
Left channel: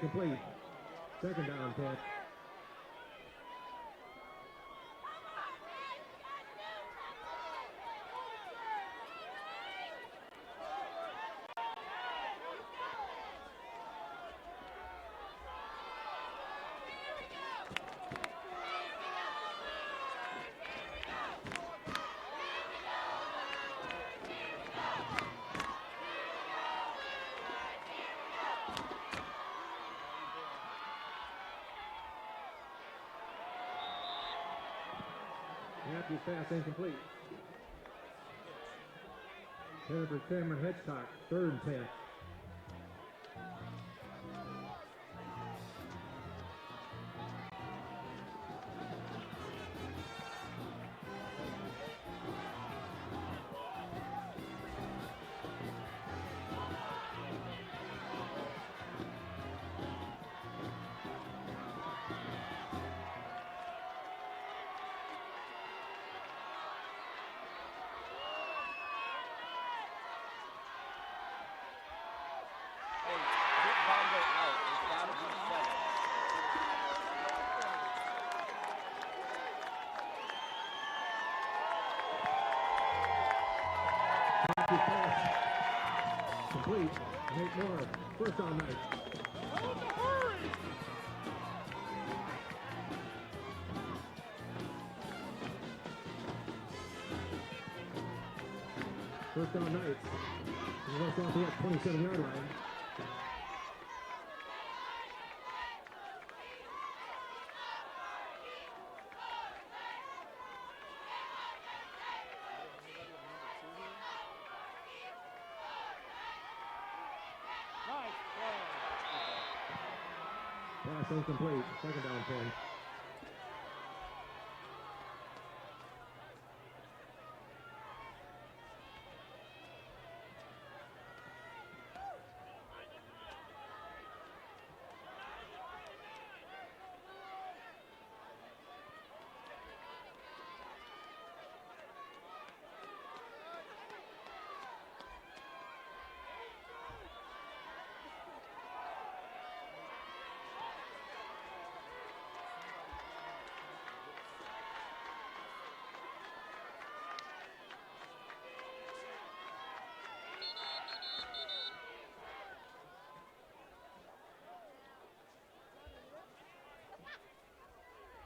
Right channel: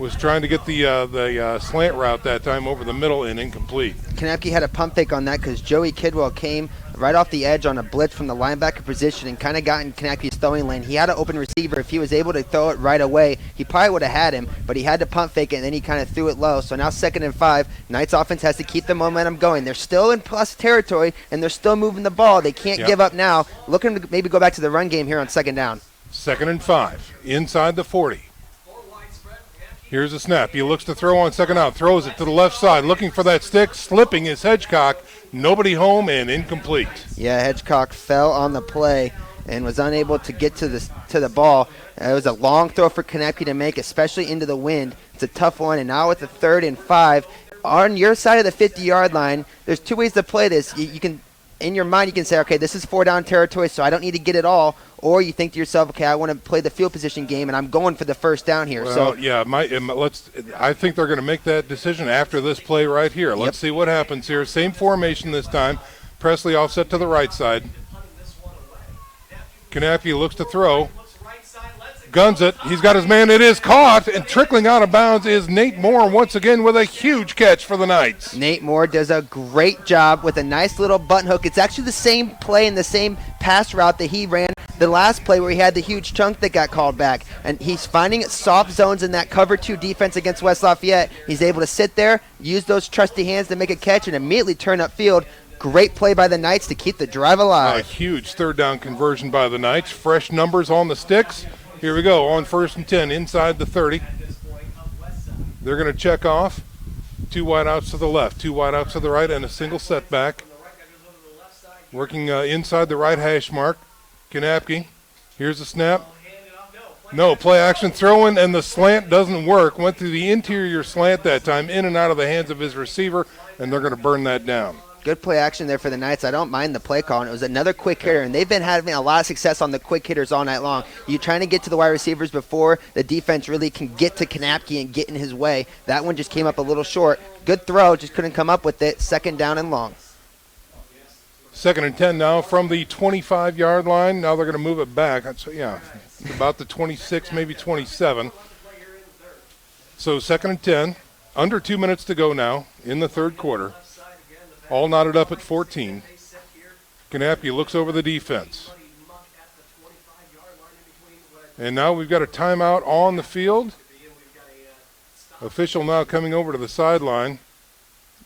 Was trying to get the slant route that time over the middle and incomplete. Knappke had a pump fake on that because Joey Kidwell came right off the edge on a blitz from the linebacker position and kind of got in Kanapke's throwing lane. He had an open receiver. If he was able to throw it right away, he probably would have had him, but he had to pump fake it, and then he kind of threw it low. So now 2nd and 5. Knights offense has to keep the momentum going. They're still in plus territory, and they're still moving the ball. They can't give up now. Looking to maybe go back to the run game here on 2nd down. 2nd and 5, inside the 40. Here's a snap. He looks to throw on 2nd out, throws it to the left side, looking for that stick, slipping is Hedgecock. Nobody home and incomplete. Yeah, Hedgecock fell on the play and was unable to get to the ball. It was a long throw for Kanapke to make, especially into the wind. It's a tough one, and now with the 3rd and 5, on your side of the 50-yard line, there's 2 ways to play this. You can, in your mind, you can say, okay, this is 4 down territory, so I don't need to get it all. Or you think to yourself, okay, I want to play the field position game, and I'm going for the 1st down here. Well, so yeah, I think they're going to make that decision after this play right here. Let's see what happens here. Same formation this time. Presley offset to the right side. Kanapke looks to throw. Guns it. He's got his man. It is caught, and trickling out of bounds is Nate Moore once again with a huge catch for the Knights. Nate Moore does a great job with a nice little button hook. It's actually the same play and the same pass route that he ran the last play where he had the huge chunk that got called back. And he's finding soft zones in that cover 2 defense against West Lafayette. He's able to sit there, use those trusty hands to make a catch, and immediately turn upfield. Great play by the Knights to keep the drive alive. A huge 3rd down conversion by the Knights. Fresh numbers on the sticks. Here we go on 1st and 10 inside the 30. They're going to check off. 2 wideouts to the left, 2 wideouts to the right, and a single setback. Working inside the right hash mark. Kanapke. Here's the snap. No, play action throwing, and the slant doesn't work. Went through the interior slant that time, in and out of the hands of his receiver, and they're going to burn that down. Good play action there for the Knights. I don't mind the play call. And it was another quick hitter, and they've been having a lot of success on the quick hitters all night long. You're trying to get to the wide receivers before the defense really can get to Kanapke and get in his way. That one just came up a little short. Good throw, just couldn't come up with it. 2nd down and long. 2nd and 10 now from the 25-yard line. Now they're going to move it back. About the 26, maybe 27. So 2nd and 10. Under 2 minutes to go now in the 3rd quarter. All knotted up at 14. Kanapke looks over the defense. And now we've got a timeout on the field. Official now coming over to the sideline.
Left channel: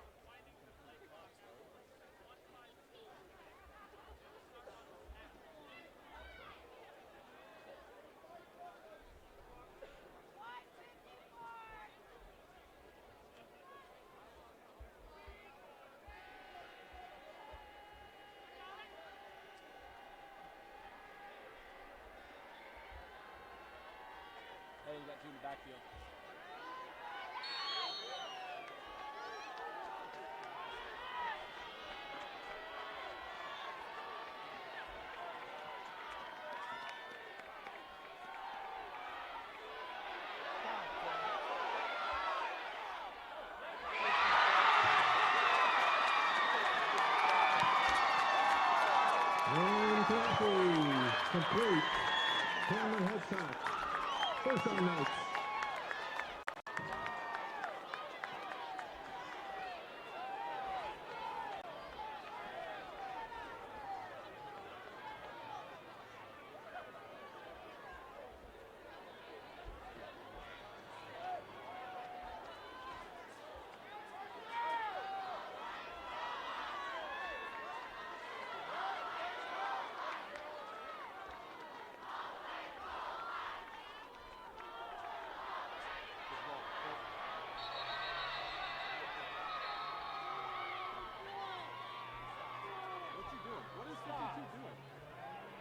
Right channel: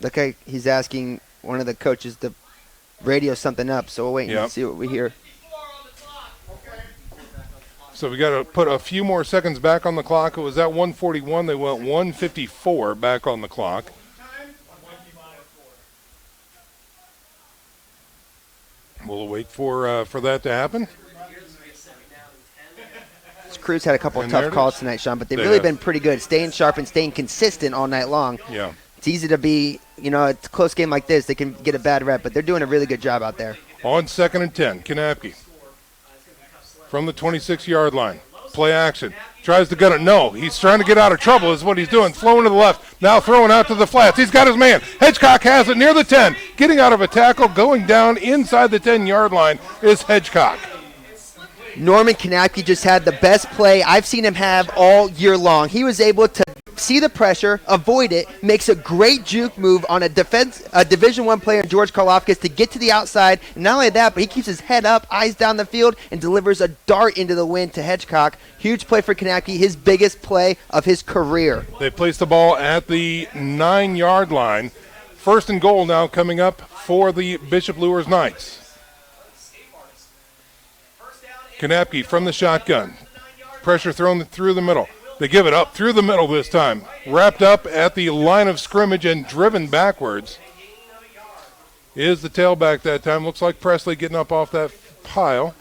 Look like he's asking one of the coaches to radio something up, so we'll wait and see what we hear. So we got to put a few more seconds back on the clock. It was at 1:41. They went 1:54 back on the clock. We'll wait for that to happen. This crew's had a couple of tough calls tonight, Sean, but they've really been pretty good, staying sharp and staying consistent all night long. Yeah. It's easy to be, it's a close game like this, they can get a bad rep, but they're doing a really good job out there. On 2nd and 10, Kanapke from the 26-yard line. Play action. Tries to gun it. No, he's trying to get out of trouble is what he's doing. Flowing to the left. Now throwing out to the flats. He's got his man. Hedgecock has it near the 10. Getting out of a tackle, going down inside the 10-yard line is Hedgecock. Norman Kanapke just had the best play I've seen him have all year long. He was able to see the pressure, avoid it, makes a great juke move on a Division I player, George Karlofkis, to get to the outside. And not only that, but he keeps his head up, eyes down the field, and delivers a dart into the wind to Hedgecock. Huge play for Kanapke, his biggest play of his career. They place the ball at the 9-yard line. 1st and goal now coming up for the Bishop Luers Knights. Kanapke from the shotgun. Pressure thrown through the middle. They give it up through the middle this time. Wrapped up at the line of scrimmage and driven backwards is the tailback that time. Looks like Presley getting up off that pile.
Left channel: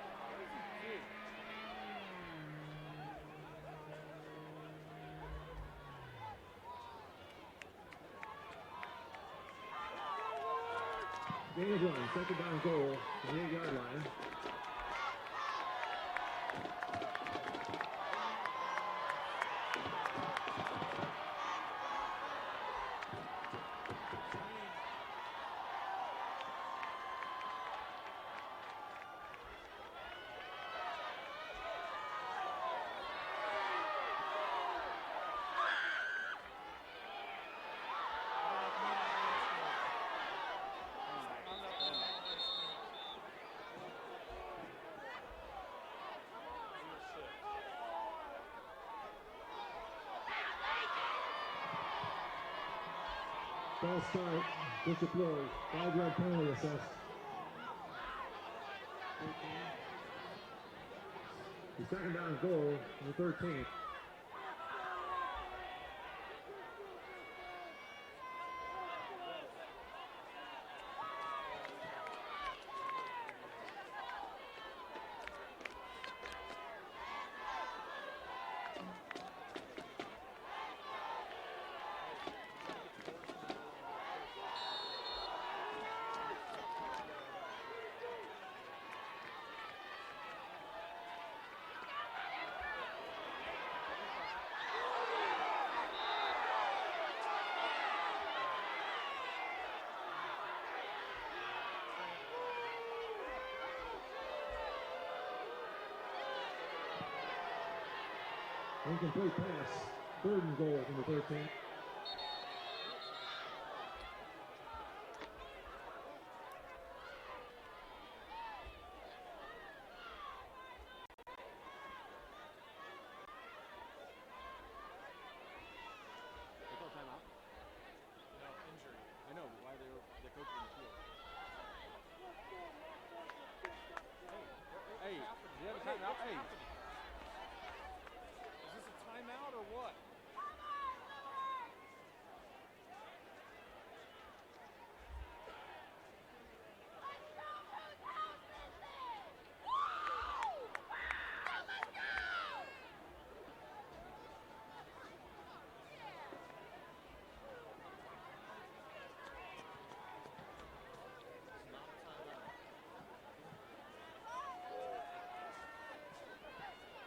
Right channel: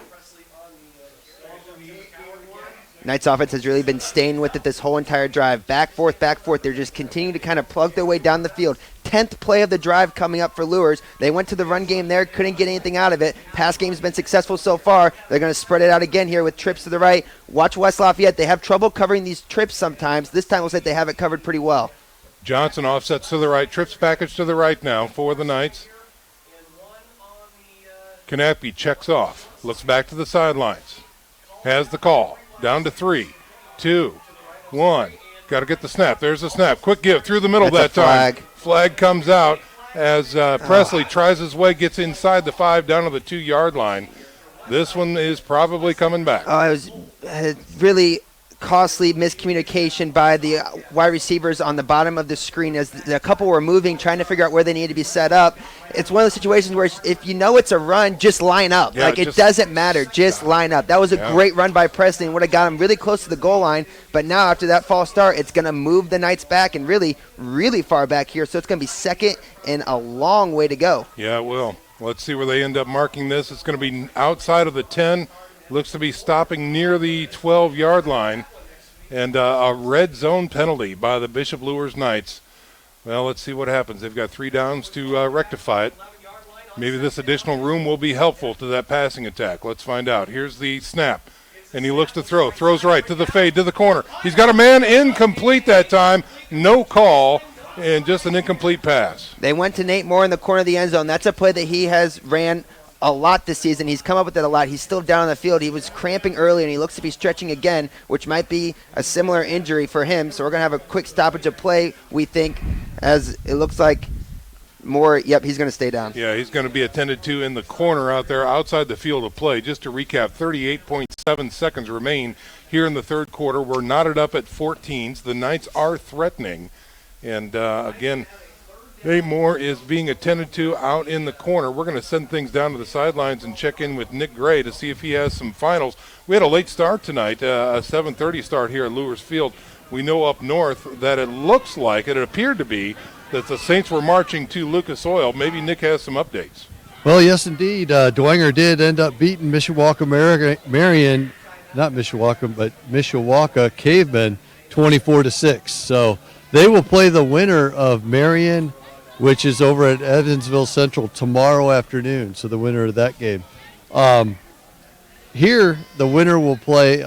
Knights offense has really been staying with it this whole entire drive. Back, forth. They're just continuing to kind of plug their way down the field. 10th play of the drive coming up for Luers. They went to the run game there, couldn't get anything out of it. Pass game's been successful so far. They're going to spread it out again here with trips to the right. Watch West Lafayette. They have trouble covering these trips sometimes. This time looks like they have it covered pretty well. Johnson offsets to the right. Trips package to the right now for the Knights. Kanapke checks off. Looks back to the sidelines. Has the call. Down to 3, 2, 1. Got to get the snap. There's the snap. Quick give through the middle that time. Flag comes out. as Presley tries his way, gets inside the 5 down to the 2-yard line. This one is probably coming back. It was really costly miscommunication by the wide receivers on the bottom of the screen as a couple were moving, trying to figure out where they need to be set up. It's one of those situations where if you know it's a run, just line up. Yeah, it doesn't matter. Just line up. That was a great run by Presley and would have got him really close to the goal line. But now after that false start, it's going to move the Knights back and really, really far back here. So it's going to be second and a long way to go. Yeah, it will. Let's see where they end up marking this. It's going to be outside of the 10. Looks to be stopping near the 12-yard line. And a red zone penalty by the Bishop Luers Knights. Well, let's see what happens. They've got 3 downs to rectify it. Maybe this additional room will be helpful to that passing attack. Let's find out. Here's the snap. And he looks to throw. Throws right to the fade, to the corner. He's got a man incomplete that time. No call. And just an incomplete pass. They went to Nate Moore in the corner of the end zone. That's a play that he has ran a lot this season. He's come up with it a lot. He's still down on the field. He was cramping early, and he looks to be stretching again, which might be a similar injury for him. So we're going to have a quick stoppage of play, we think, as it looks like Moore, he's going to stay down. Yeah, he's going to be attended to in the corner out there outside the field of play. Just to recap, 38.7 seconds remain here in the third quarter. We're knotted up at 14s. The Knights are threatening. And, again, Nate Moore is being attended to out in the corner. We're going to send things down to the sidelines and check in with Nick Gray to see if he has some finals. We had a late start tonight, a 7:30 start here at Luers Field. We know up north that it looks like, it appeared to be, that the Saints were marching to Lucas Oil. Maybe Nick has some updates. Well, yes, indeed. Dwenger did end up beating Mishawaka Cavemen 24-6. So they will play the winner of Marion, which is over at Evansville Central tomorrow afternoon. So the winner of that game. Here, the winner will play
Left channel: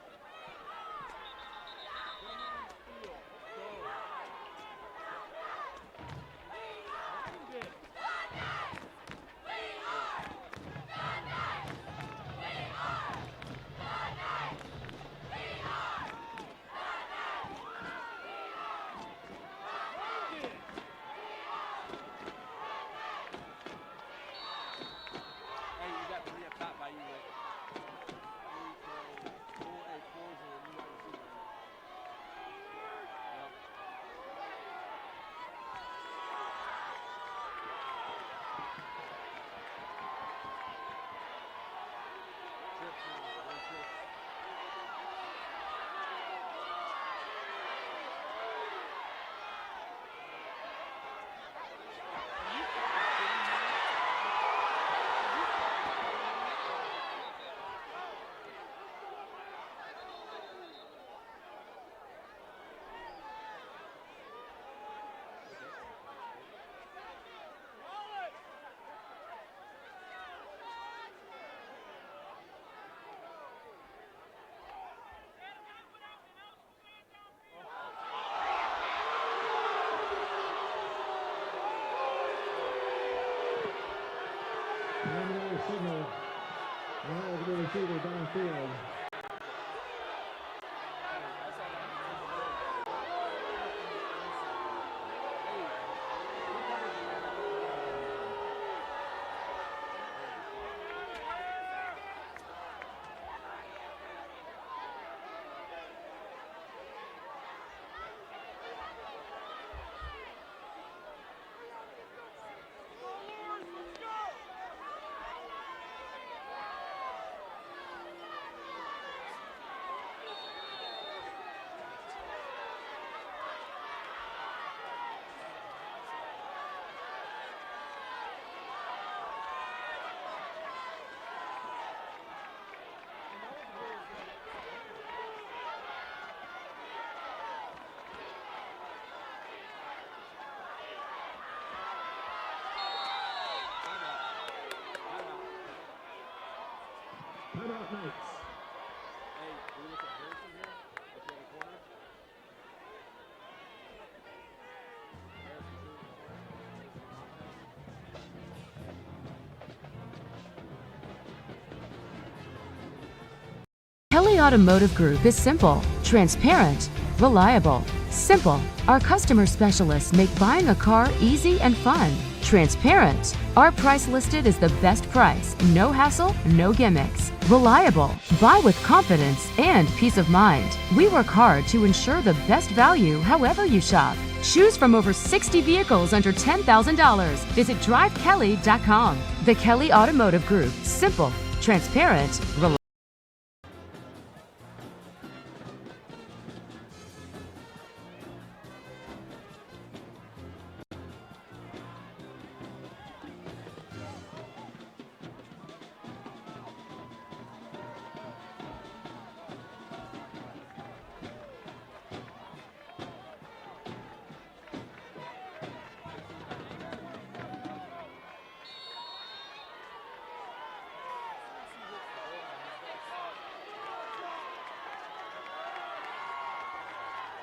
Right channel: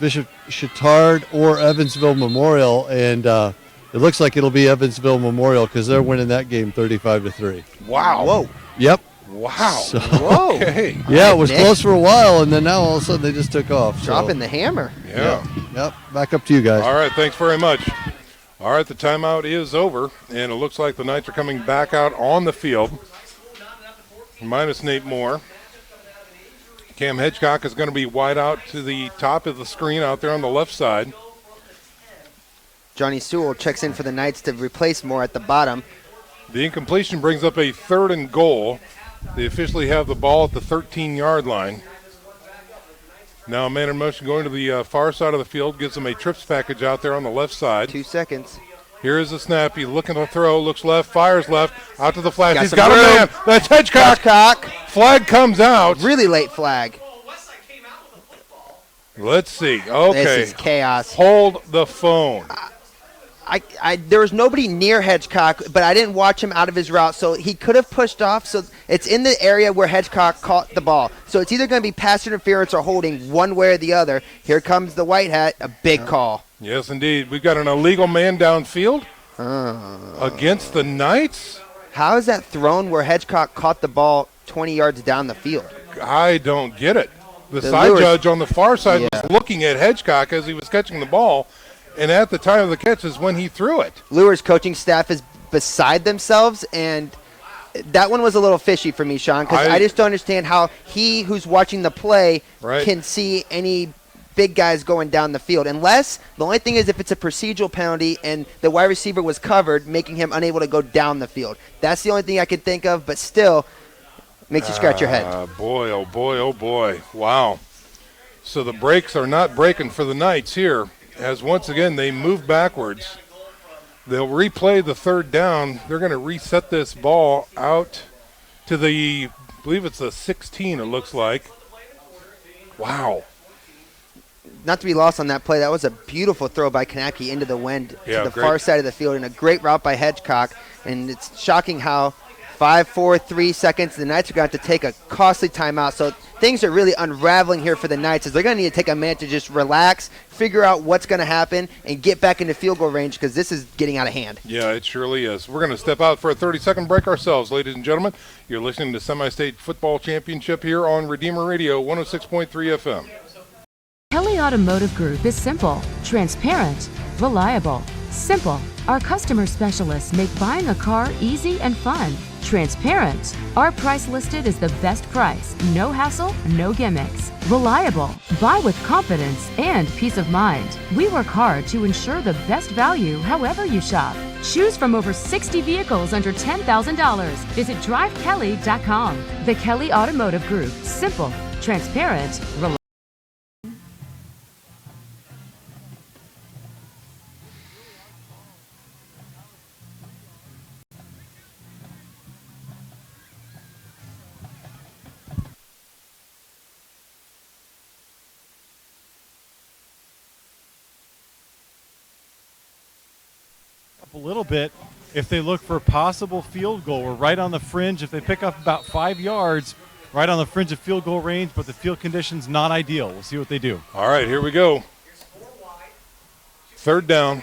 Bishop Chittard or Evansville Memorial, and it looks like it'll be Evansville Memorial because they're winning that game 35-3. Wow. Whoa. Yep. Wow. So, whoa. Okay. Yeah, it was close for a while, and then now all of a sudden they just took off. Dropping the hammer. Yeah. Yep. Back up to you guys. All right, thanks very much. All right, the timeout is over, and it looks like the Knights are coming back out on the field, minus Nate Moore. Cam Hedgecock is going to be wide out to the top of the screen out there on the left side. Johnny Sewell checks in for the Knights to replace Moore at the bottom. The incompletion brings up a 3rd and goal. They officially have the ball at the 13-yard line. Now a man in motion going to the far side of the field, gives him a trips package out there on the left side. 2 seconds. Here is the snap. He's looking to throw, looks left, fires left, out to the flash. He's some got a room. man. That's Hedgecock. Flag comes out. Really late flag. Let's see. Okay. This is chaos. Hold the phone. There was nobody near Hedgecock, but I didn't watch him out of his route, so he could have pushed off. So it's in the area where Hedgecock caught the ball. So it's either going to be pass interference or holding, one way or the other. Here comes the white hat, a big call. Yes, indeed. We've got an illegal man downfield against the Knights. How is that thrown where Hedgecock caught the ball 20 yards down the field? I don't get it. The side judge on the far side was looking at Hedgecock as he was catching the ball, and at the time of the catch is when he threw it. Luers coaching staff is beside themselves, and that one was a little fishy for me, Sean, because I just don't understand how he, who's watching the play, can see any big guys going down the field. Unless, the only thing is if it's a procedural penalty and the wide receiver was covered, making him unable to go down the field. That's the only thing I could think of, but still makes you scratch your head. Boy, oh boy, oh boy. Wow. So the brakes are not breaking for the Knights here, as once again they move backwards. They'll replay the 3rd down. They're going to reset this ball out to the, I believe it's the 16, it looks like. Wow. Not to be lost on that play, that was a beautiful throw by Kanaki into the wind to the far side of the field, and a great route by Hedgecock. And it's shocking how 5, 4, 3 seconds, the Knights are going to have to take a costly timeout. So things are really unraveling here for the Knights, as they're going to need to take a minute to just relax, figure out what's going to happen, and get back into field goal range, because this is getting out of hand. Yeah, it surely is. We're going to step out for a 30-second break ourselves, ladies and gentlemen. You're listening to Semi-State Football Championship here on Redeemer Radio 106.3 FM. Kelly Automotive Group is simple, transparent, reliable, simple. Our customer specialists make buying a car easy and fun. Transparent. Our price listed is the best price. No hassle, no gimmicks. Reliable. Buy with confidence and peace of mind. We work hard to ensure the best value however you shop. Choose from over 60 vehicles under $10,000. Visit drivekelly.com. The Kelly Automotive Group. Simple, transparent, reliable. A little bit if they look for a possible field goal. We're right on the fringe. If they pick up about 5 yards, right on the fringe of field goal range, but the field conditions not ideal. We'll see what they do. All right, here we go. Third down.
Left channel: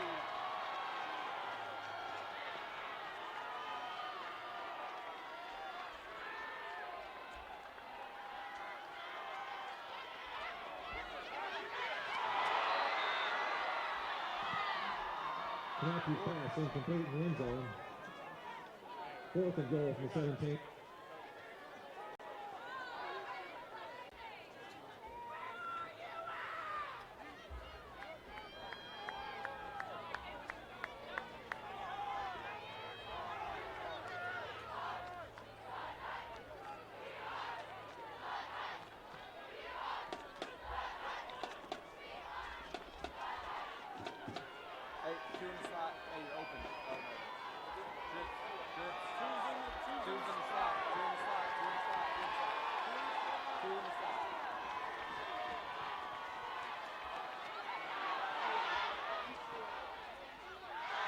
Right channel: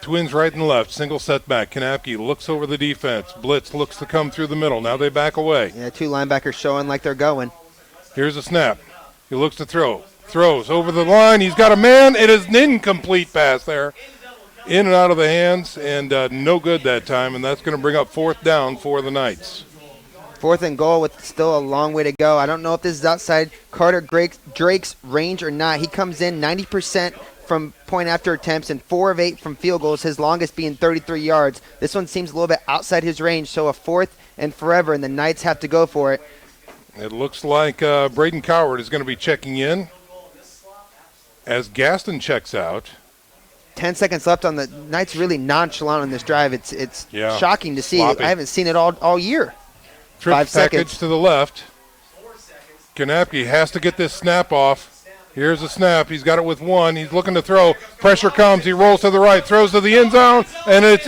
Twins right and left. Single setback. Kanapke looks over the defense. Blitz looks to come through the middle. Now they back away. Yeah, two linebackers showing like they're going. Here's a snap. He looks to throw. Throws over the line. He's got a man. It is an incomplete pass there. In and out of the hands, and no good that time, and that's going to bring up fourth down for the Knights. Fourth and goal with still a long way to go. I don't know if this is outside Carter Drake's range or not. He comes in 90% from point after attempts and 4 of 8 from field goals, his longest being 33 yards. This one seems a little bit outside his range, so a fourth and forever, and the Knights have to go for it. It looks like Braden Coward is going to be checking in as Gaston checks out. 10 seconds left on the Knights, really nonchalant on this drive. It's yeah, shocking to see. sloppy. I haven't seen it all year. Trip 5 package seconds. to the left. Kanapke has to get this snap off. Here's a snap. He's got it with one. He's looking to throw. Pressure comes. He rolls to the right, throws to the end zone, and it's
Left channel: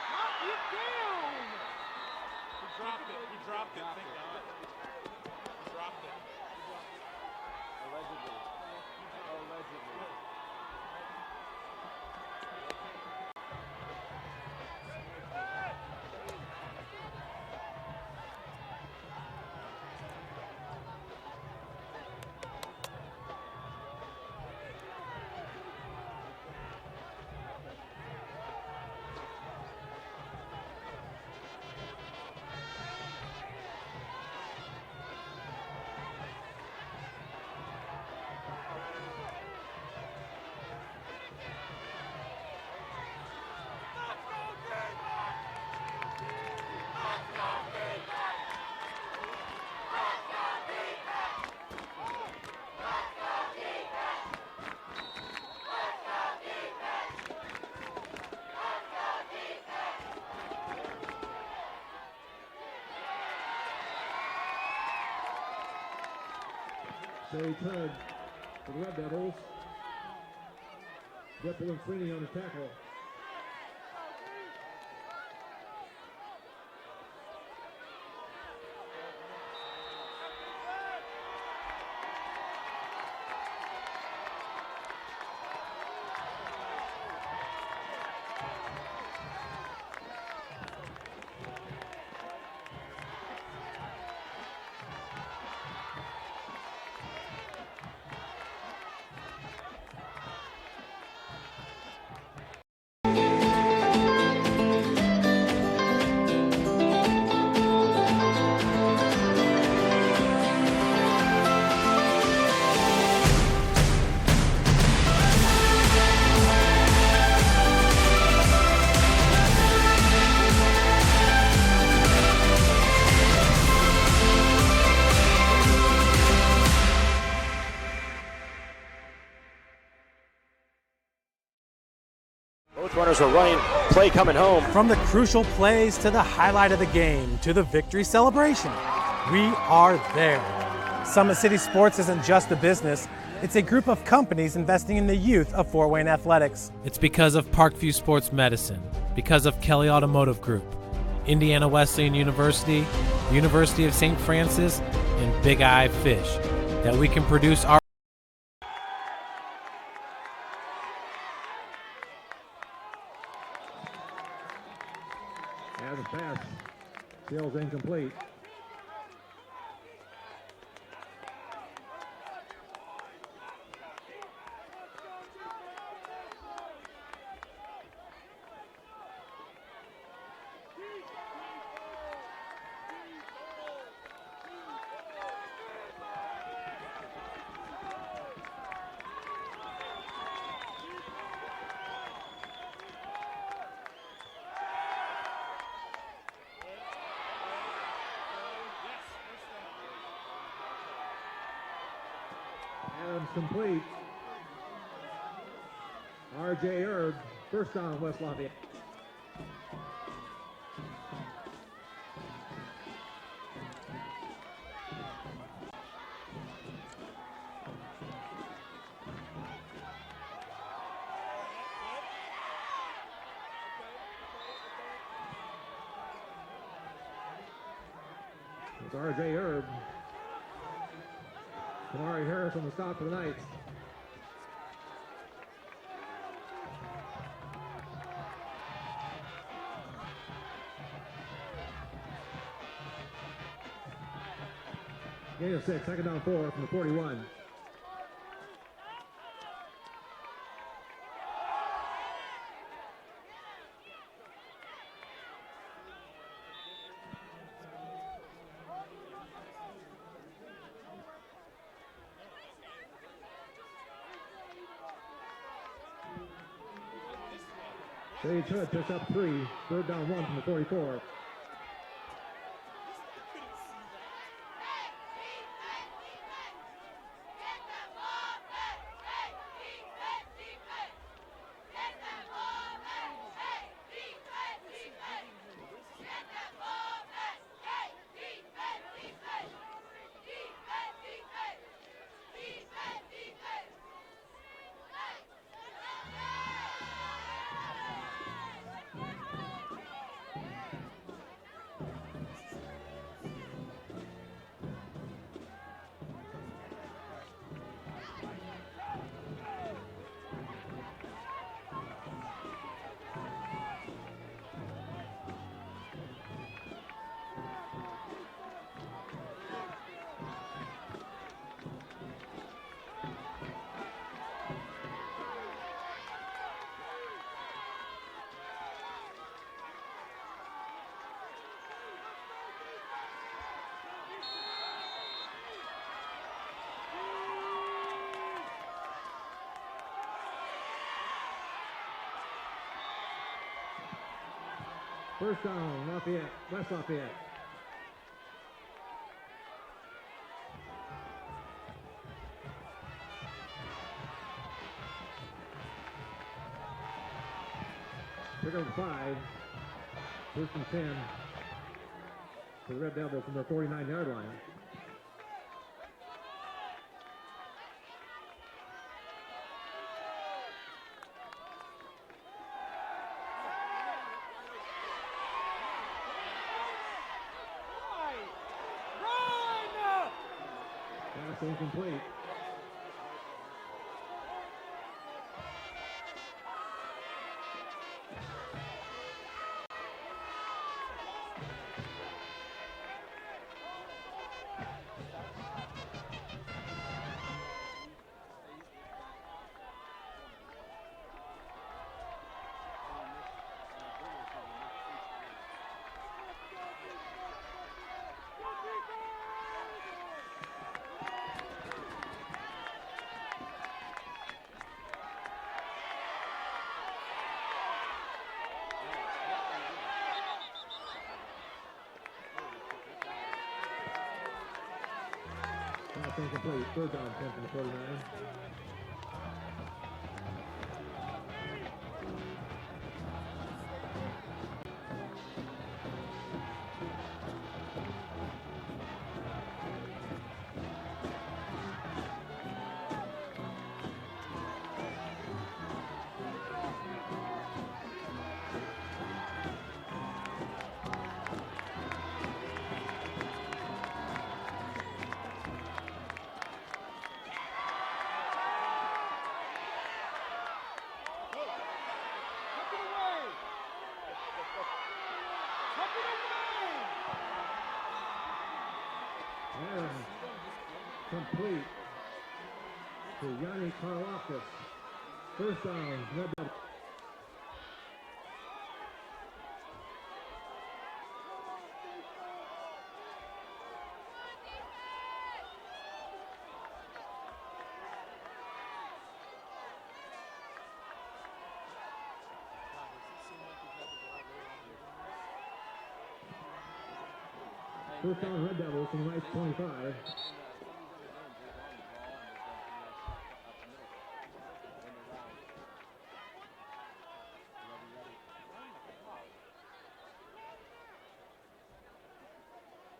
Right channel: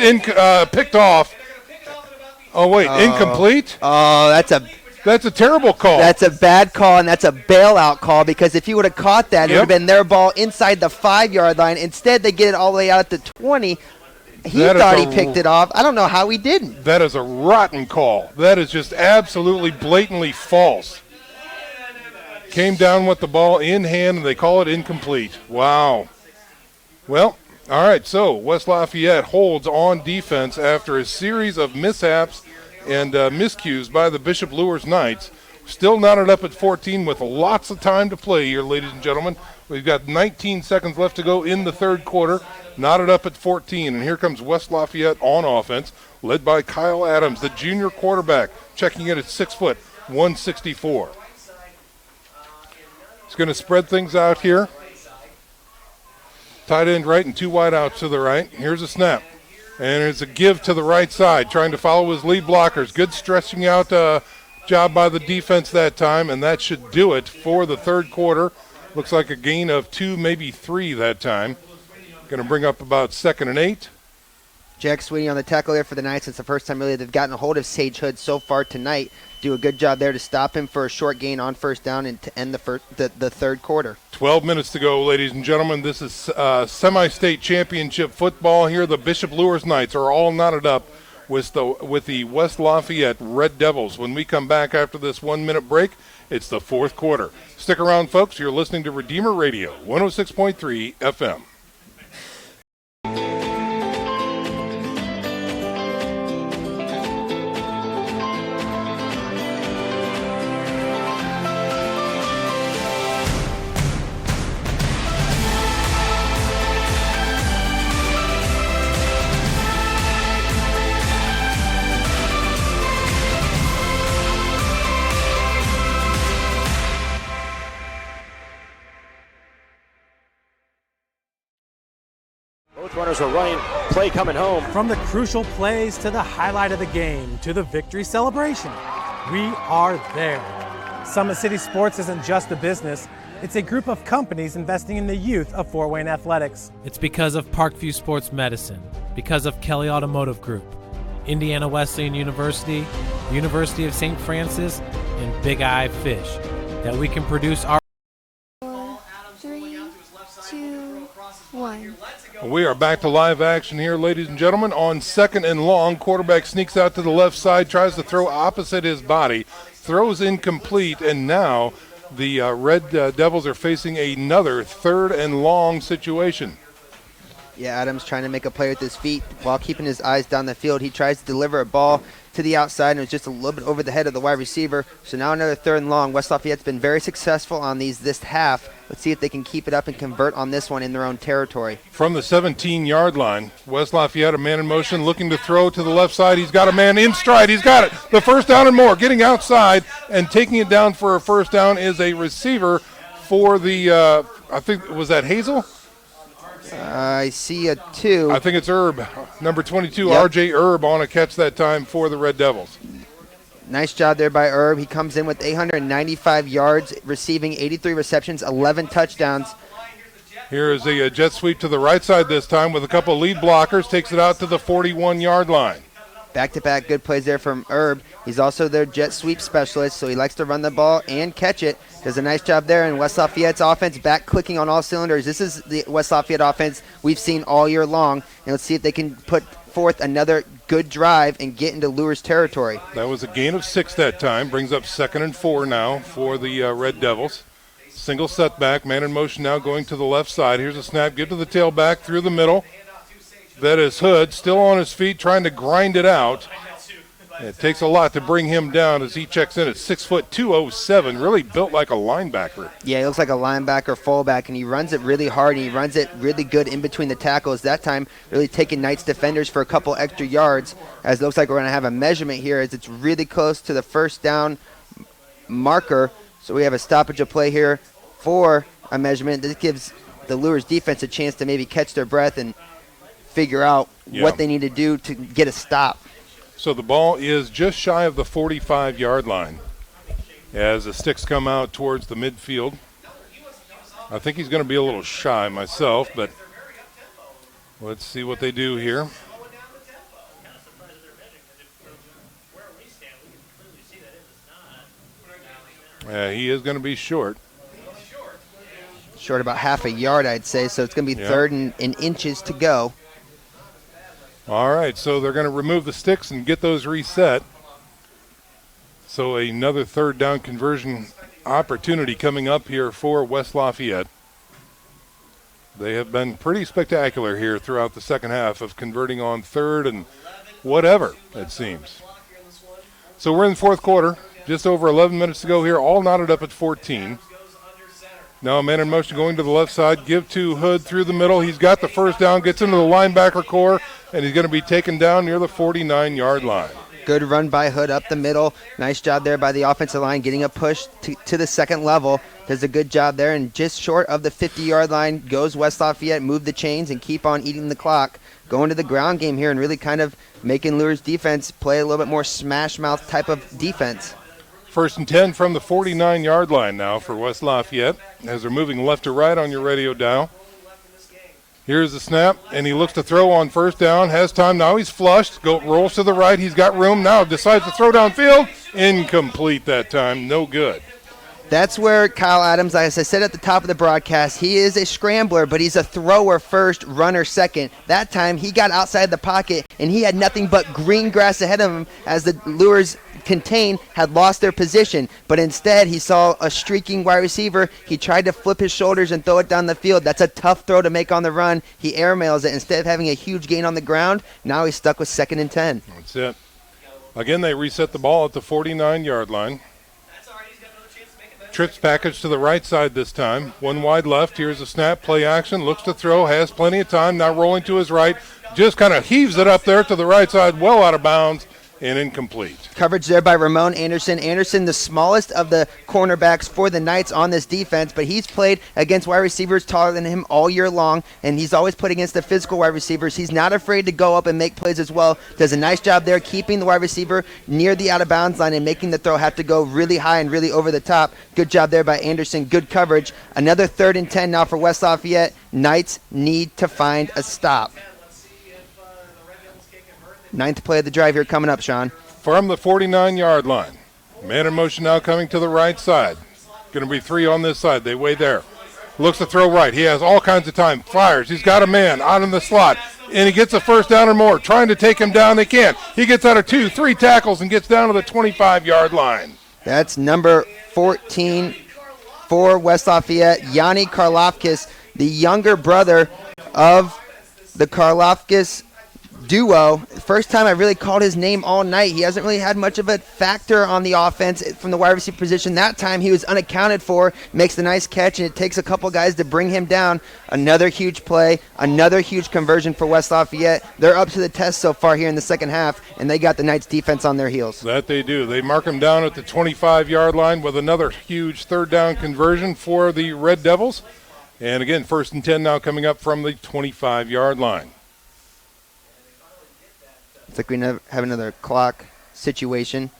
picked off. Oh, wait, incomplete? Oh, that's a terrible call. That's a bad call, and that's a bailout call, because if he would have caught that, it would have been their ball inside the 5-yard line. Instead, they get it all the way out at the 20. He thought he picked it off. I don't know how he didn't. That is a rotten call. That is just absolutely blatantly false. Came down with the ball in hand, and they call it incomplete. Wow. Well, all right, so West Lafayette holds on defense after a series of mishaps and miscues by the Bishop Luers Knights. Still knotted up at 14 with lots of time to play here, ladies and gentlemen. We've got 19 seconds left to go in the third quarter. Knotted up at 14, and here comes West Lafayette on offense, led by Kyle Adams, the junior quarterback, checking in at 6 foot, 164. He's going to spread things out here. Tight end right and 2 wide outs to the right. Here's a snap. And it's a give to the right side, trying to follow his lead blockers. Good stretching out job by the defense that time, and that should do it for the third quarter. Looks like a gain of 2, maybe 3 that time. Going to bring up about 2nd and 8. Jack Sweeney on the tackle there for the Knights. It's the first time really they've gotten a hold of Sage Hood so far tonight. Do a good job there to stop him for a short gain on first down and to end the third quarter. 12 minutes to go, ladies and gentlemen. This is semi-state championship football here. The Bishop Luers Knights are all knotted up with the West Lafayette Red Devils. When we come back after this 1-minute break, it's the fourth quarter. Stick around, folks. You're listening to Redeemer Radio, 106.3 FM. Both runners are running, play coming home. From the crucial plays to the highlight of the game to the victory celebration, we are there. Summit City Sports isn't just a business, it's a group of companies investing in the youth of Fort Wayne athletics. It's because of Parkview Sports Medicine, because of Kelly Automotive Group, Indiana Wesleyan University, University of St. Francis, and Big Eye Fish, that we can produce our... 3, 2, 1. We are back to live action here, ladies and gentlemen. On 2nd and long, quarterback sneaks out to the left side, tries to throw opposite his body, throws incomplete, and now the Red Devils are facing another 3rd and long situation. Yeah, Adams trying to make a play with his feet while keeping his eyes down the field. He tries to deliver a ball to the outside, and it was just a little bit over the head of the wide receiver. So now another 3rd and long. West Lafayette's been very successful on these this half. Let's see if they can keep it up and convert on this one in their own territory. From the 17-yard line, West Lafayette, a man in motion, looking to throw to the left side. He's got a man in stride. He's got it. The first down and more. Getting outside and taking it down for a first down is a receiver for the, I think, was that Hazel? I see a 2. I think it's Erb, number 22, Yep. R.J. Erb on a catch that time for the Red Devils. Nice job there by Erb. He comes in with 895 yards, receiving 83 receptions, 11 touchdowns. Here is a jet sweep to the right side this time with a couple lead blockers. Takes it out to the 41-yard line. Back-to-back good plays there from Erb. He's also their jet sweep specialist, so he likes to run the ball and catch it. Does a nice job there, and West Lafayette's offense back clicking on all cylinders. This is the West Lafayette offense we've seen all year long, and let's see if they can put forth another good drive and get into Luers territory. That was a gain of 6 that time. Brings up 2nd and 4 now for the Red Devils. Single setback, man in motion now going to the left side. Here's a snap, give to the tailback through the middle. That is Hood, still on his feet, trying to grind it out. It takes a lot to bring him down as he checks in at 6 foot 207, really built like a linebacker. Yeah, he looks like a linebacker fullback, and he runs it really hard, and he runs it really good in between the tackles. That time, really taking Knights defenders for a couple extra yards, as it looks like we're going to have a measurement here as it's really close to the first down marker. So we have a stoppage of play here for a measurement. This gives the Luers defense a chance to maybe catch their breath and figure out what they need to do to get a stop. So the ball is just shy of the 45-yard line as the sticks come out towards the midfield. I think he's going to be a little shy myself, but let's see what they do here. He is going to be short. Short about half a yard, I'd say, so it's going to be 3rd and inches to go. All right, so they're going to remove the sticks and get those reset. So another 3rd down conversion opportunity coming up here for West Lafayette. They have been pretty spectacular here throughout the second half of converting on 3rd and whatever, it seems. So we're in the 4th quarter, just over 11 minutes to go here, all knotted up at 14. Now a man in motion going to the left side, give to Hood through the middle. He's got the first down, gets into the linebacker core, and he's going to be taken down near the 49-yard line. Good run by Hood up the middle. Nice job there by the offensive line, getting a push to the 2nd level. Does a good job there, and just short of the 50-yard line goes West Lafayette, move the chains, and keep on eating the clock. Going to the ground game here and really kind of making Luers defense play a little bit more smash mouth type of defense. 1st and 10 from the 49-yard line now for West Lafayette as they're moving left to right on your radio dial. Here's the snap, and he looks to throw on 1st down. Has time now. He's flushed. Rolls to the right. He's got room now. Decides to throw downfield. Incomplete that time. No good. That's where Kyle Adams, as I said at the top of the broadcast, he is a scrambler, but he's a thrower first, runner second. That time he got outside the pocket, and he had nothing but green grass ahead of him as the Luers contained had lost their position. But instead, he saw a streaking wide receiver. He tried to flip his shoulders and throw it down the field. That's a tough throw to make on the run. He airmails it. Instead of having a huge gain on the ground, now he's stuck with 2nd and 10. That's it. Again, they reset the ball at the 49-yard line. Trips package to the right side this time. One wide left. Here's a snap, play action. Looks to throw, has plenty of time. Now rolling to his right. Just kind of heaves it up there to the right side, well out of bounds and incomplete. Coverage there by Ramon Anderson. Anderson, the smallest of the cornerbacks for the Knights on this defense, but he's played against wide receivers taller than him all year long, and he's always put against the physical wide receivers. He's not afraid to go up and make plays as well. Does a nice job there keeping the wide receiver near the out-of-bounds line and making the throw have to go really high and really over the top. Good job there by Anderson. Good coverage. Another 3rd and 10 now for West Lafayette. Knights need to find a stop. 9th play of the drive here coming up, Sean. From the 49-yard line. Man in motion now coming to the right side. Going to be 3 on this side. They wait there. Looks to throw right. He has all kinds of time. Fires. He's got a man out in the slot. And he gets a 1st down or more. Trying to take him down. They can't. He gets out of 2, 3 tackles and gets down to the 25-yard line. That's number 14 for West Lafayette. Yanni Karlofkis, the younger brother of the Karloftis duo. First time I really called his name all night. He hasn't really had much of a factor on the offense from the wide receiver position. That time he was unaccounted for, makes a nice catch, and it takes a couple guys to bring him down. Another huge play, another huge conversion for West Lafayette. They're up to the test so far here in the second half, and they got the Knights defense on their heels. That they do. They mark him down at the 25-yard line with another huge third down conversion for the Red Devils. And again, 1st and 10 now coming up from the 25-yard line. It's like we have another clock situation.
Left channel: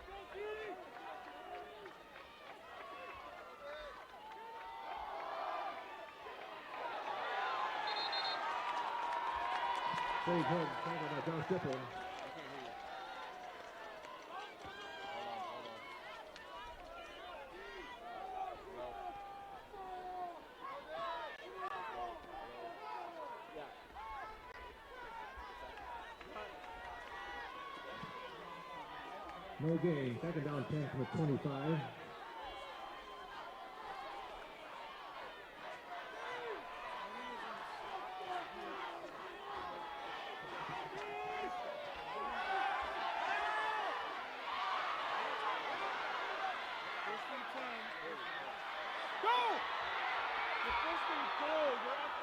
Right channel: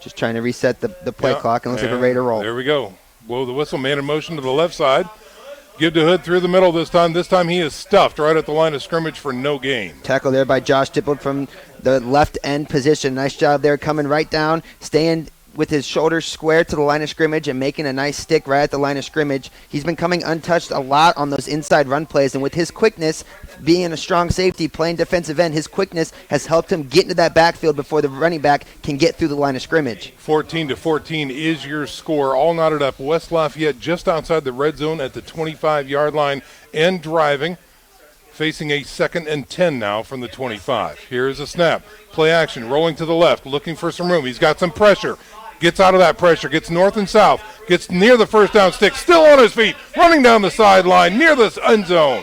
Just trying to reset the play clock, and looks like we're ready to roll. There we go. Blow the whistle, man in motion to the left side. Give to Hood through the middle this time. This time he is stuffed right at the line of scrimmage for no gain. Tackle there by Josh Dippold from the left end position. Nice job there, coming right down, staying with his shoulders square to the line of scrimmage and making a nice stick right at the line of scrimmage. He's been coming untouched a lot on those inside run plays, and with his quickness, being a strong safety, playing defensive end, his quickness has helped him get into that backfield before the running back can get through the line of scrimmage. 14-14 is your score. All knotted up. West Lafayette just outside the red zone at the 25-yard line and driving. Facing a 2nd and 10 now from the 25. Here's a snap. Play action, rolling to the left, looking for some room. He's got some pressure. Gets out of that pressure, gets north and south, gets near the first down stick, still on his feet, running down the sideline near the end zone.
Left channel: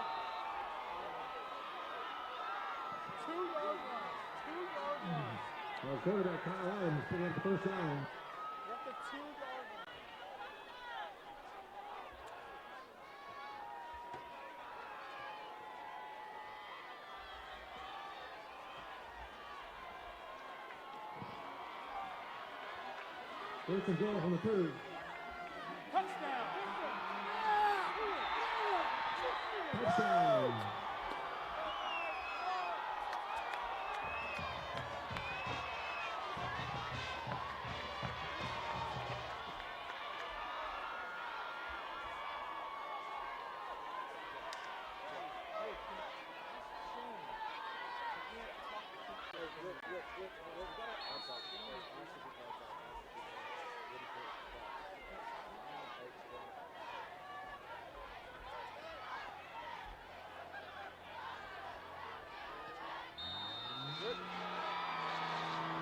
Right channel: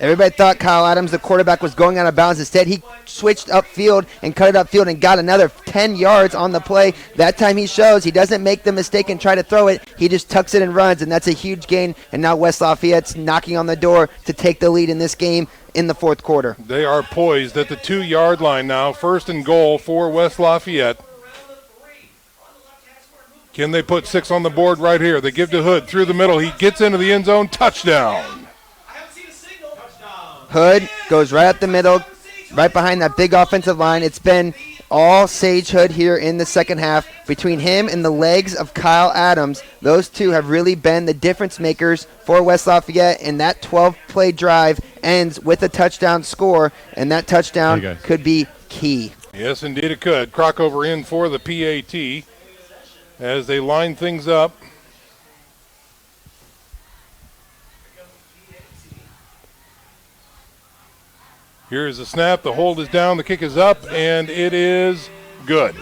Everybody thought Kyle Adams, the quarterback, was going out of bounds. Instead, he switched upfield and cut it upfield and got another 10 yards on the play. That time he shows he doesn't make the mistake and try to throw it. He just tucks it and runs, and that's a huge gain. And now West Lafayette's knocking on the door to take the lead in this game in the fourth quarter. They are poised at the 2-yard line now. 1st and goal for West Lafayette. Can they put 6 on the board right here? They give to Hood through the middle. He gets into the end zone. Touchdown. Hood goes right up the middle, right behind that big offensive line. It's been all Sage Hood here in the second half. Between him and the legs of Kyle Adams, those two have really been the difference makers for West Lafayette, and that 12-play drive ends with a touchdown score, and that touchdown could be key. Yes, indeed it could. Crockover in for the PAT as they line things up. Here's the snap. The hold is down. The kick is up, and it is good.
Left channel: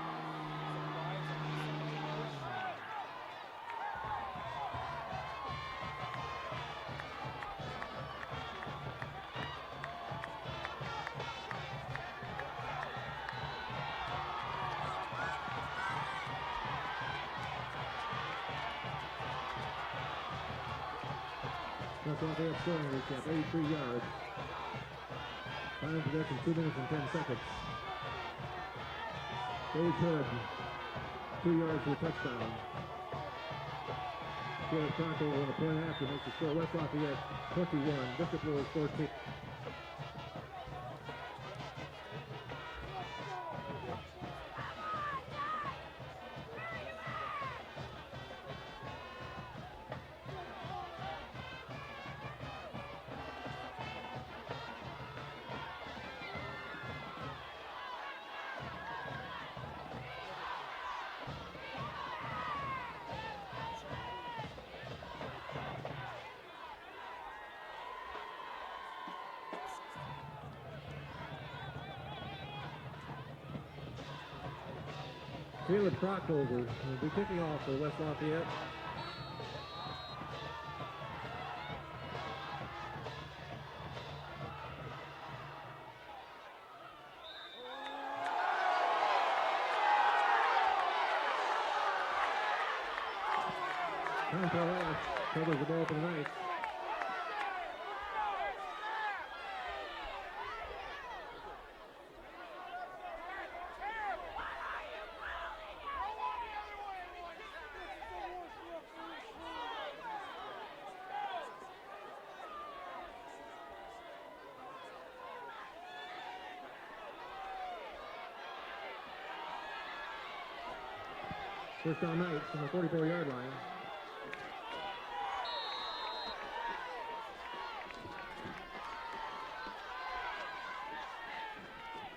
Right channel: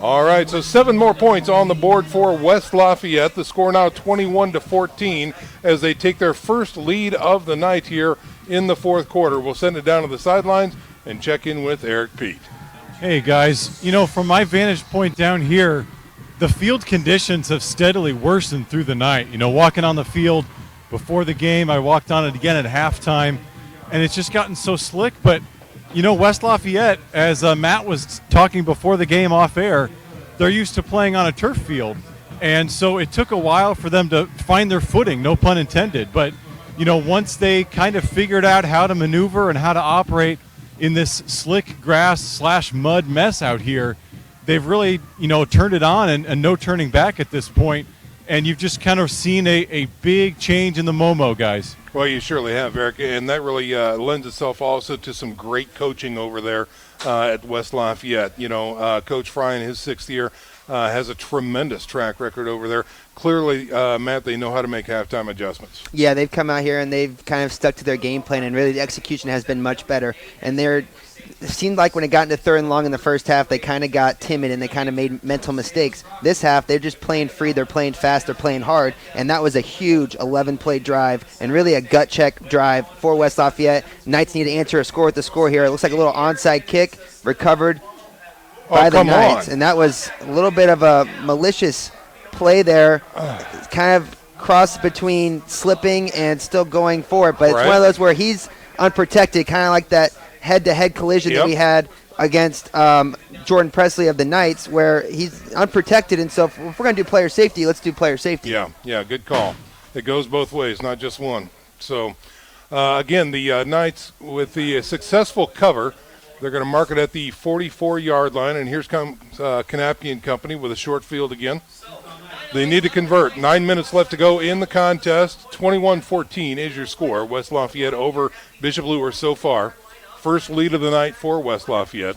All right, so 7 more points on the board for West Lafayette. The score now 21-14 as they take their first lead of the night here in the fourth quarter. We'll send it down to the sidelines and check in with Eric Peete. Hey, guys. You know, from my vantage point down here, the field conditions have steadily worsened through the night. You know, walking on the field before the game, I walked on it again at halftime, and it's just gotten so slick. But, you know, West Lafayette, as Matt was talking before the game off air, they're used to playing on a turf field. And so it took a while for them to find their footing, no pun intended. But, you know, once they kind of figured out how to maneuver and how to operate in this slick grass/mud mess out here, they've really, you know, turned it on and no turning back at this point. And you've just kind of seen a big change in the Momo, guys. Well, you surely have, Eric, and that really lends itself also to some great coaching over there at West Lafayette. You know, Coach Fry in his 6th year has a tremendous track record over there. Clearly, Matt, they know how to make halftime adjustments. Yeah, they've come out here and they've kind of stuck to their game plan, and really the execution has been much better. And it seemed like when it got into 3rd and long in the first half, they kind of got timid and they kind of made mental mistakes. This half, they're just playing free, they're playing fast, they're playing hard, and that was a huge 11-play drive and really a gut check drive for West Lafayette. Knights need to answer a score with the score here. It looks like a little onside kick recovered by the Knights, and that was a little bit of a malicious play there. Kind of crossed between slipping and still going for it, but it's one of those where he's unprotected, kind of like that head-to-head collision that we had against Jordan Presley of the Knights, where he's unprotected. And so if we're going to do player safety, let's do player safety. Yeah, good call. It goes both ways, not just one. So, again, the Knights with the successful cover, they're going to mark it at the 44-yard line. And here's comes Kanapke and company with a short field again. They need to convert. 9 minutes left to go in the contest. 21-14 is your score. West Lafayette over Bishop Luers so far. First lead of the night for West Lafayette.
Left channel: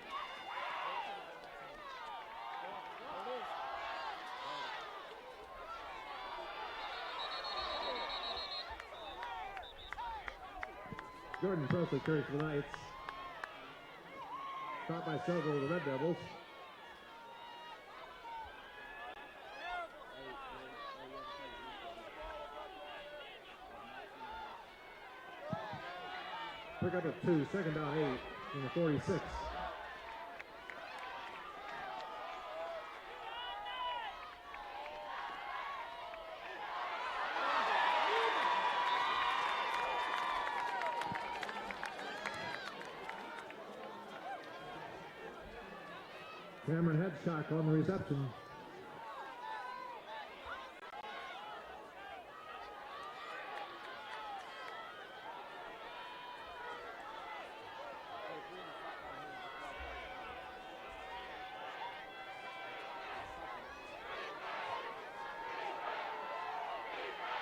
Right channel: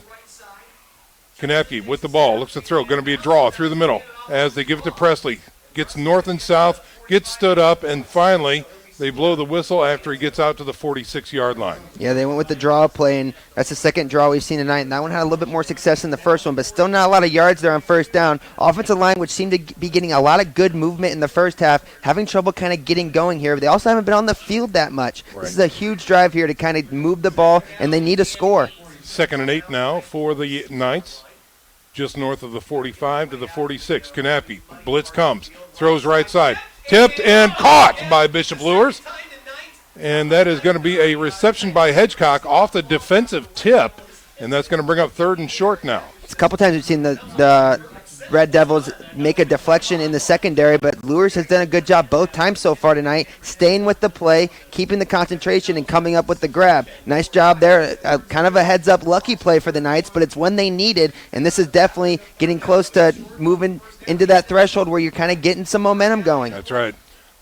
Kanapke with the ball, looks to throw, going to be a draw through the middle as they give it to Presley. Gets north and south, gets stood up, and finally They blow the whistle after he gets out to the 46-yard line. Yeah, they went with the draw play, and that's the second draw we've seen tonight. And that one had a little bit more success than the first one, but still not a lot of yards there on first down. Offensive line, which seemed to be getting a lot of good movement in the first half, having trouble kind of getting going here. They also haven't been on the field that much. Right. This is a huge drive here to kind of move the ball, and they need a score. 2nd and 8 now for the Knights. Just north of the 45 to the 46. Knappe, blitz comes, throws right side. Tipped and caught by Bishop Luers. And that is going to be a reception by Hedgecock off the defensive tip. And that's going to bring up 3rd and short now. It's a couple times we've seen the Red Devils make a deflection in the secondary, but Luers has done a good job both times so far tonight, staying with the play, keeping the concentration, and coming up with the grab. Nice job there. Kind of a heads-up lucky play for the Knights, but it's when they needed, and this is definitely getting close to moving into that threshold where you're kind of getting some momentum going. That's right.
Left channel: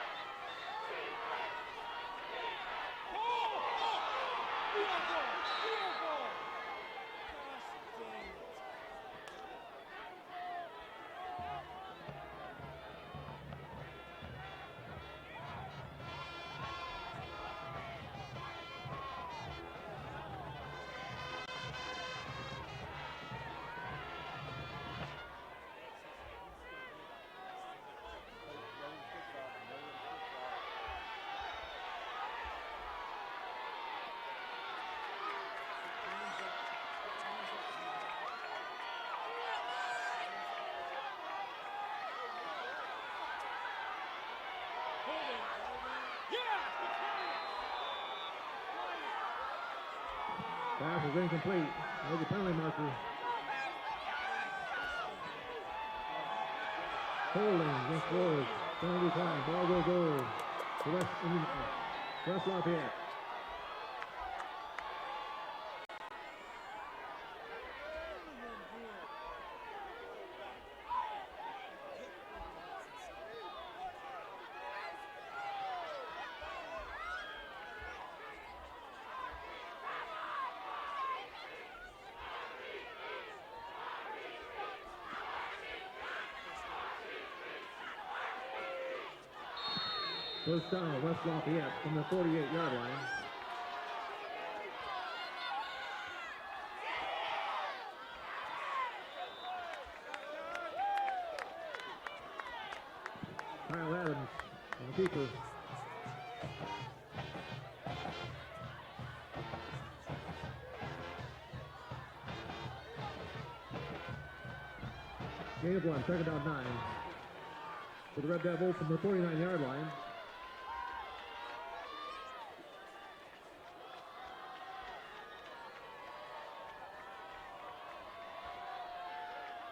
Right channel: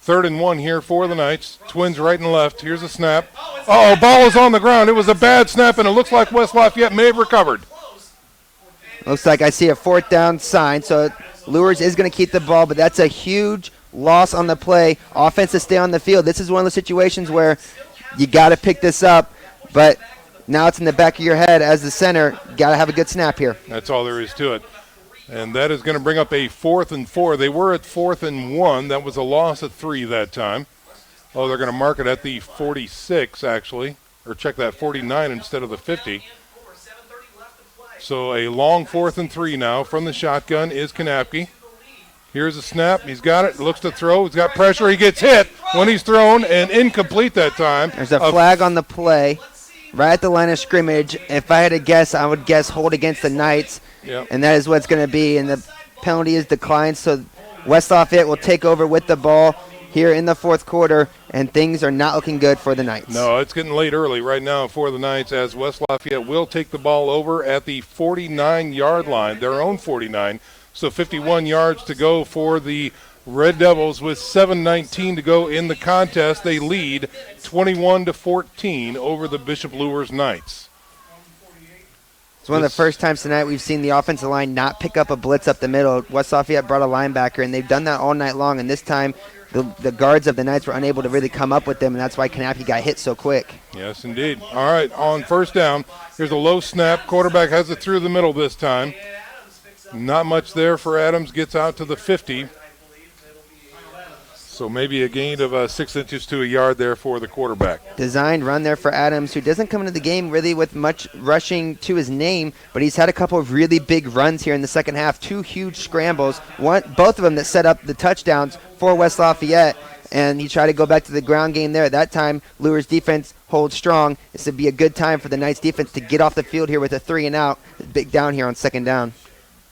3rd and 1 here for the Knights. Twins right and left. Here's a snap. Oh, ball is on the ground. It was a bad snap, and it looks like West Lafayette may have recovered. Looks like I see a 4th down sign, so Luers is going to keep the ball, but that's a huge loss on the play. Offense to stay on the field. This is one of those situations where you got to pick this up, but now it's in the back of your head as the center. Got to have a good snap here. That's all there is to it. And that is going to bring up a 4th and 4. They were at 4th and 1. That was a loss at 3 that time. Oh, they're going to mark it at the 46, actually, or check that 49 instead of the 50. So a long 4th and 3 now from the shotgun is Knappe. Here's a snap. He's got it. Looks to throw. He's got pressure. He gets hit when he's thrown and incomplete that time. There's a flag on the play right at the line of scrimmage. If I had to guess, I would guess hold against the Knights. Yep. And that is what it's going to be. And the penalty is declined. So West Lafayette will take over with the ball here in the 4th quarter, and things are not looking good for the Knights. No, it's getting late early right now for the Knights as West Lafayette will take the ball over at the 49-yard line, their own 49. So 51 yards to go for the Red Devils with 7:19 to go in the contest. They lead 21-14 over the Bishop Luers Knights. It's one of the first times tonight we've seen the offensive line not pick up a blitz up the middle. West Lafayette brought a linebacker, and they've done that all night long, and this time the guards of the Knights were unable to really come up with them, and that's why Knappe got hit so quick. Yes, indeed. All right, on 1st down, here's a low snap. Quarterback has it through the middle this time. Not much there for Adams. Gets out to the 50. So maybe a gain of 6 inches to a yard there for the quarterback. Designed run there for Adams, who doesn't come into the game really with much rushing to his name, but he's had a couple of really big runs here in the second half. 2 huge scrambles, both of them that set up the touchdowns for West Lafayette, and he tried to go back to the ground game there. That time, Luers' defense holds strong. This would be a good time for the Knights defense to get off the field here with a 3 and out. Big down here on 2nd down.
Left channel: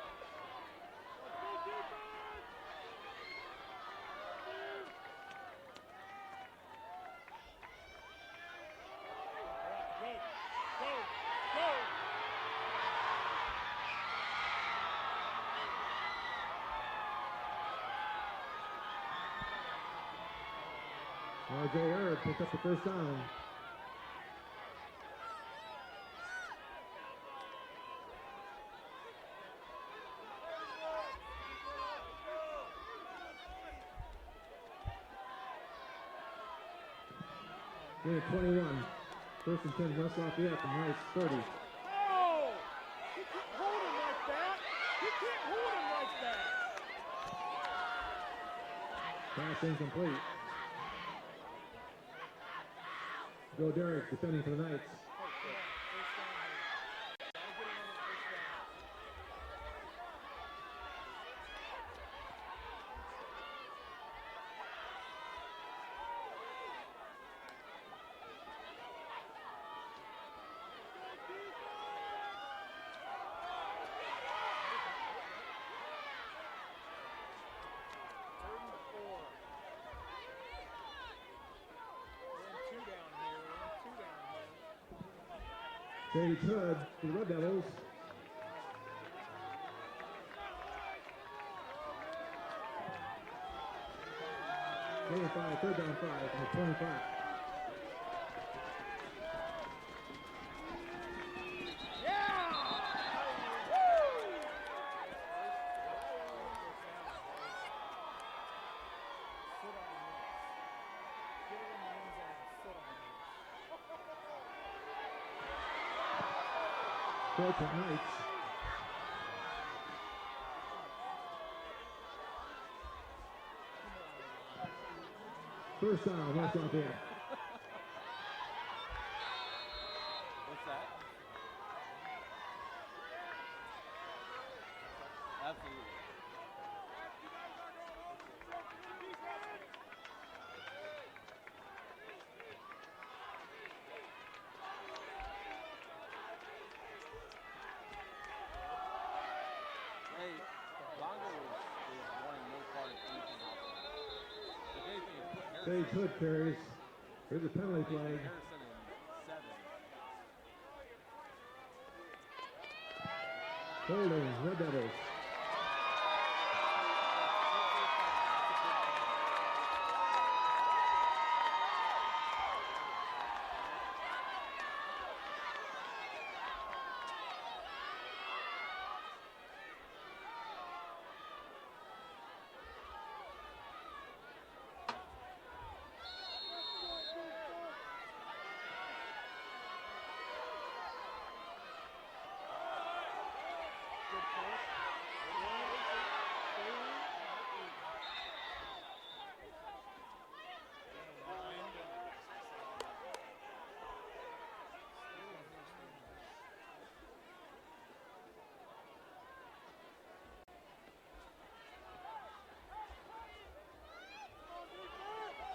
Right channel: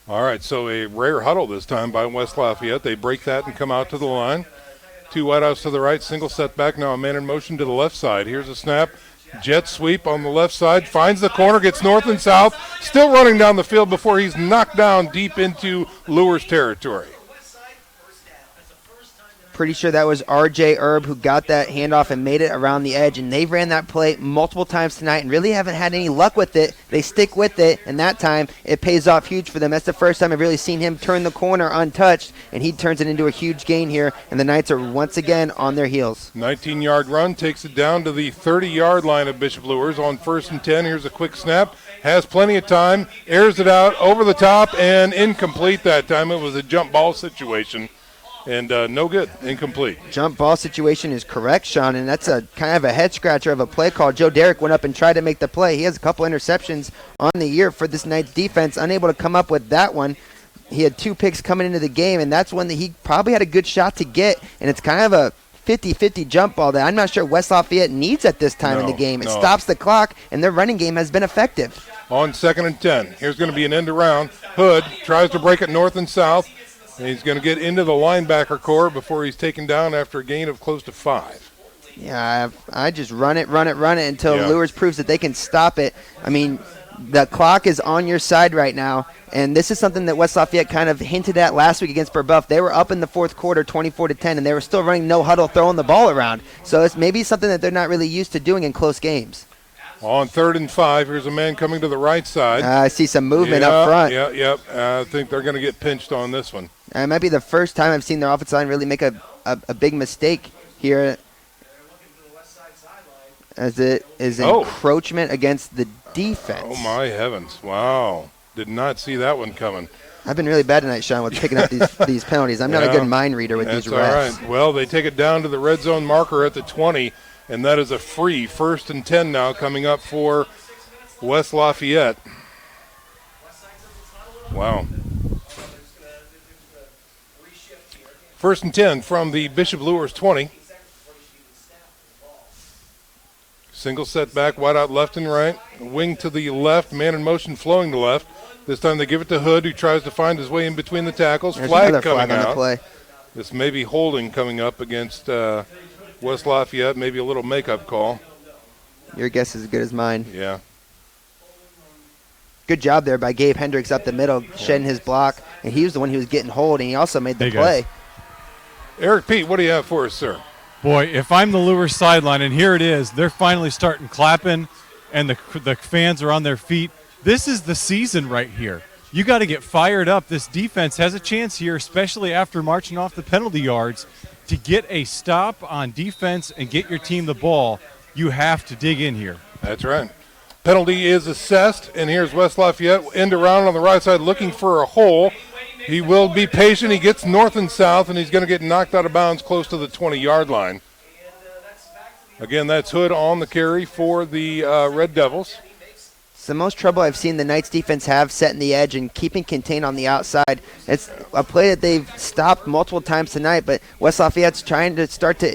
All right, so a rare huddle this time by West Lafayette. They break that and come out to the line. 2 wideouts to the right, single setback. Now a man in motion to the left side. Here's a snap. Jet sweep on the left side. Finds the corner, gets north and south. Still running down the field before he's knocked down deep into Luers territory. Pretty sure that was R.J. Erb who got that handoff and made it around the edge, and they've ran that play multiple times tonight and really haven't had any luck with it. They stick with it, and that time it pays off huge for them. That's the first time I've really seen him turn the corner untouched, and he turns it into a huge gain here, and the Knights are once again on their heels. 19-yard run takes it down to the 30-yard line of Bishop Luers on 1st and 10. Here's a quick snap. Has plenty of time, airs it out over the top, and incomplete that time. It was a jump ball situation. And no good, incomplete. Jump ball situation is correct, Sean, and that's a kind of a head scratcher of a play call. Joe Derrick went up and tried to make the play. He has a couple interceptions on the year for this Knights defense, unable to come up with that one. He had 2 picks coming into the game, and that's one that he probably had a good shot to get, and it's kind of a 50-50 jump ball that I'm not sure West Lafayette needs at this time in the game. It stops the clock, and their running game has been effective. On 2nd and 10, here's going to be an end around. Hood tries to break it north and south. And he's going to get into the linebacker core before he's taken down after a gain of close to 5. Yeah, I just run it until Luers proves that they can stop it. I mean, the clock is on your side right now, and this is something that West Lafayette kind of hinted at last week against Brebeuf. They were up in the 4th quarter 24-10, and they were still running no huddle, throwing the ball around. So it's maybe something that they're not really used to doing in close games. On 3rd and 5, here's a man coming to the right side. I see some movement up front. I think they're going to get pinched on this one. It might be the first time I've seen their offensive line really make a big mistake here. as it is encroachment against the defense. Oh, my heavens. Wow. Did not see that one coming. I've been really bad tonight, Sean, with picking up these penalties. I'm not a good mind reader with these refs. That's all right. Well, they take it down to the red zone marker at the 20, and that is a free 1st and 10 now coming up for West Lafayette. Wow. 1st and 10 from the Bishop Luers 20. Single setback, wide out left and right. Wing to the left, man in motion flowing to left. This time they give it to Hood, who tries to find his way in between the tackles. There's Flag another coming flag on out. the play. This may be holding coming up against West Lafayette, maybe a little makeup call. Your guess is as good as mine. Yeah. Good job there by Gabe Hendricks up the middle, shedding his block, and he was the one who was getting hold, and he also made the play. Eric Pete, what do you have for us, sir? Boy, if I'm the Luers sideline, and here it is, they're finally starting clapping, and the fans are on their feet. This is the season right here. You got to get fired up. This defense has a chance here, especially after marching off the penalty yards, to get a stop on defense and get your team the ball. You have to dig in here. That's right. Penalty is assessed, and here's West Lafayette end around on the right side looking for a hole. He will be patient. He gets north and south, and he's going to get knocked out of bounds close to the 20-yard line. Again, that's Hood on the carry for the Red Devils. It's the most trouble I've seen the Knights defense have setting the edge and keeping contained on the outside. It's a play that they've stopped multiple times tonight, but West Lafayette's trying to start to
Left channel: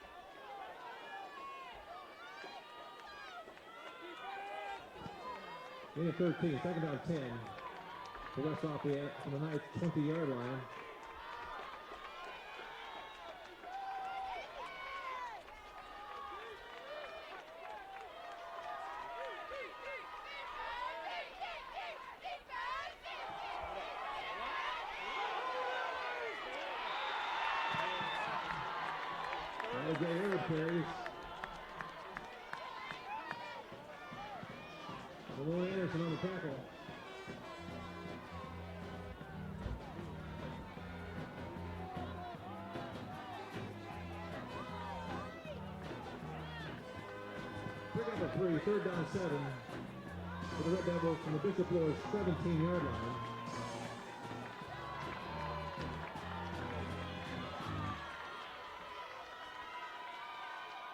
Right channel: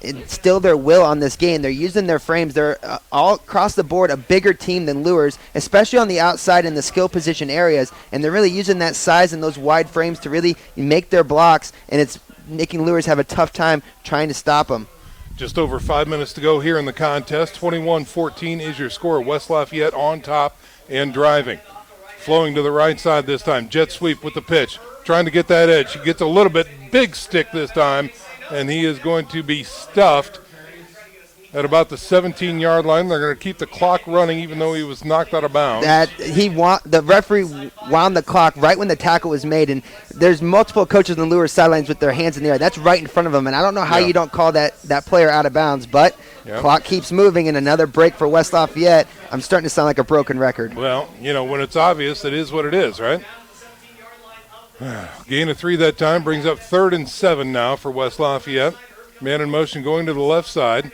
instill their will on this game. They're using their frames. They're all across the board a bigger team than Luers, especially on the outside in the skill position areas, and they're really using that size and those wide frames to really make their blocks, and it's making Luers have a tough time trying to stop them. Just over 5 minutes to go here in the contest. 21-14 is your score. West Lafayette on top and driving. Flowing to the right side this time. Jet sweep with the pitch. Trying to get that edge. He gets a little bit big stick this time, and he is going to be stuffed at about the 17-yard line. They're going to keep the clock running even though he was knocked out of bounds. The referee wound the clock right when the tackle was made, and there's multiple coaches on the Luers sidelines with their hands in the air. That's right in front of them, and I don't know how you don't call that player out of bounds, but clock keeps moving, and another break for West Lafayette. I'm starting to sound like a broken record. Well, when it's obvious, it is what it is, right? Gain of 3 that time brings up 3rd and 7 now for West Lafayette. Man in motion going to the left side.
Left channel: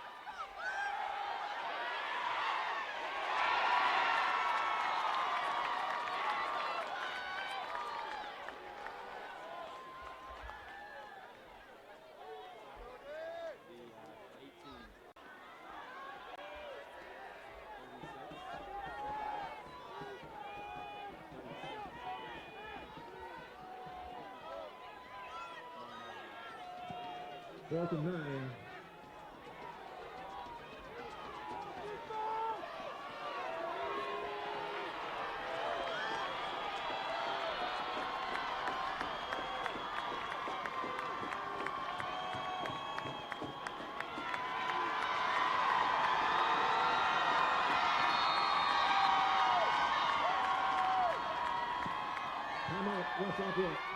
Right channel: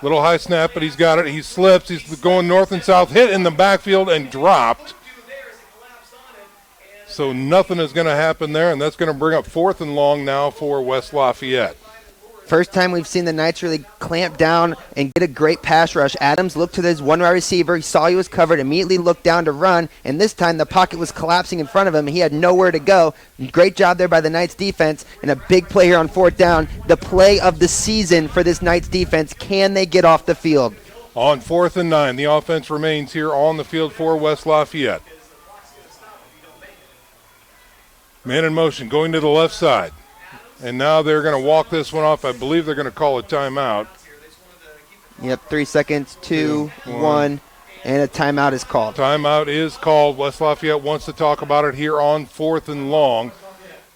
Little high snap, but he's got it. He slips. He's going north and south. Hit in the backfield and dropped. So nothing is going to happen there, and that's going to bring up 4th and long now for West Lafayette. First time we've seen the Knights really clamp down and get a great pass rush. Adams looked to his one wide receiver. He saw he was covered, immediately looked down to run, and this time the pocket was collapsing in front of him, and he had nowhere to go. Great job there by the Knights defense, and a big play here on 4th down. The play of the season for this Knights defense. Can they get off the field? On 4th and 9, the offense remains here on the field for West Lafayette. Man in motion going to the left side. And now they're going to walk this one off. I believe they're going to call a timeout. Yep, 3 seconds, 2, 1, and a timeout is called. Timeout is called. West Lafayette wants to talk about it here on 4th and long.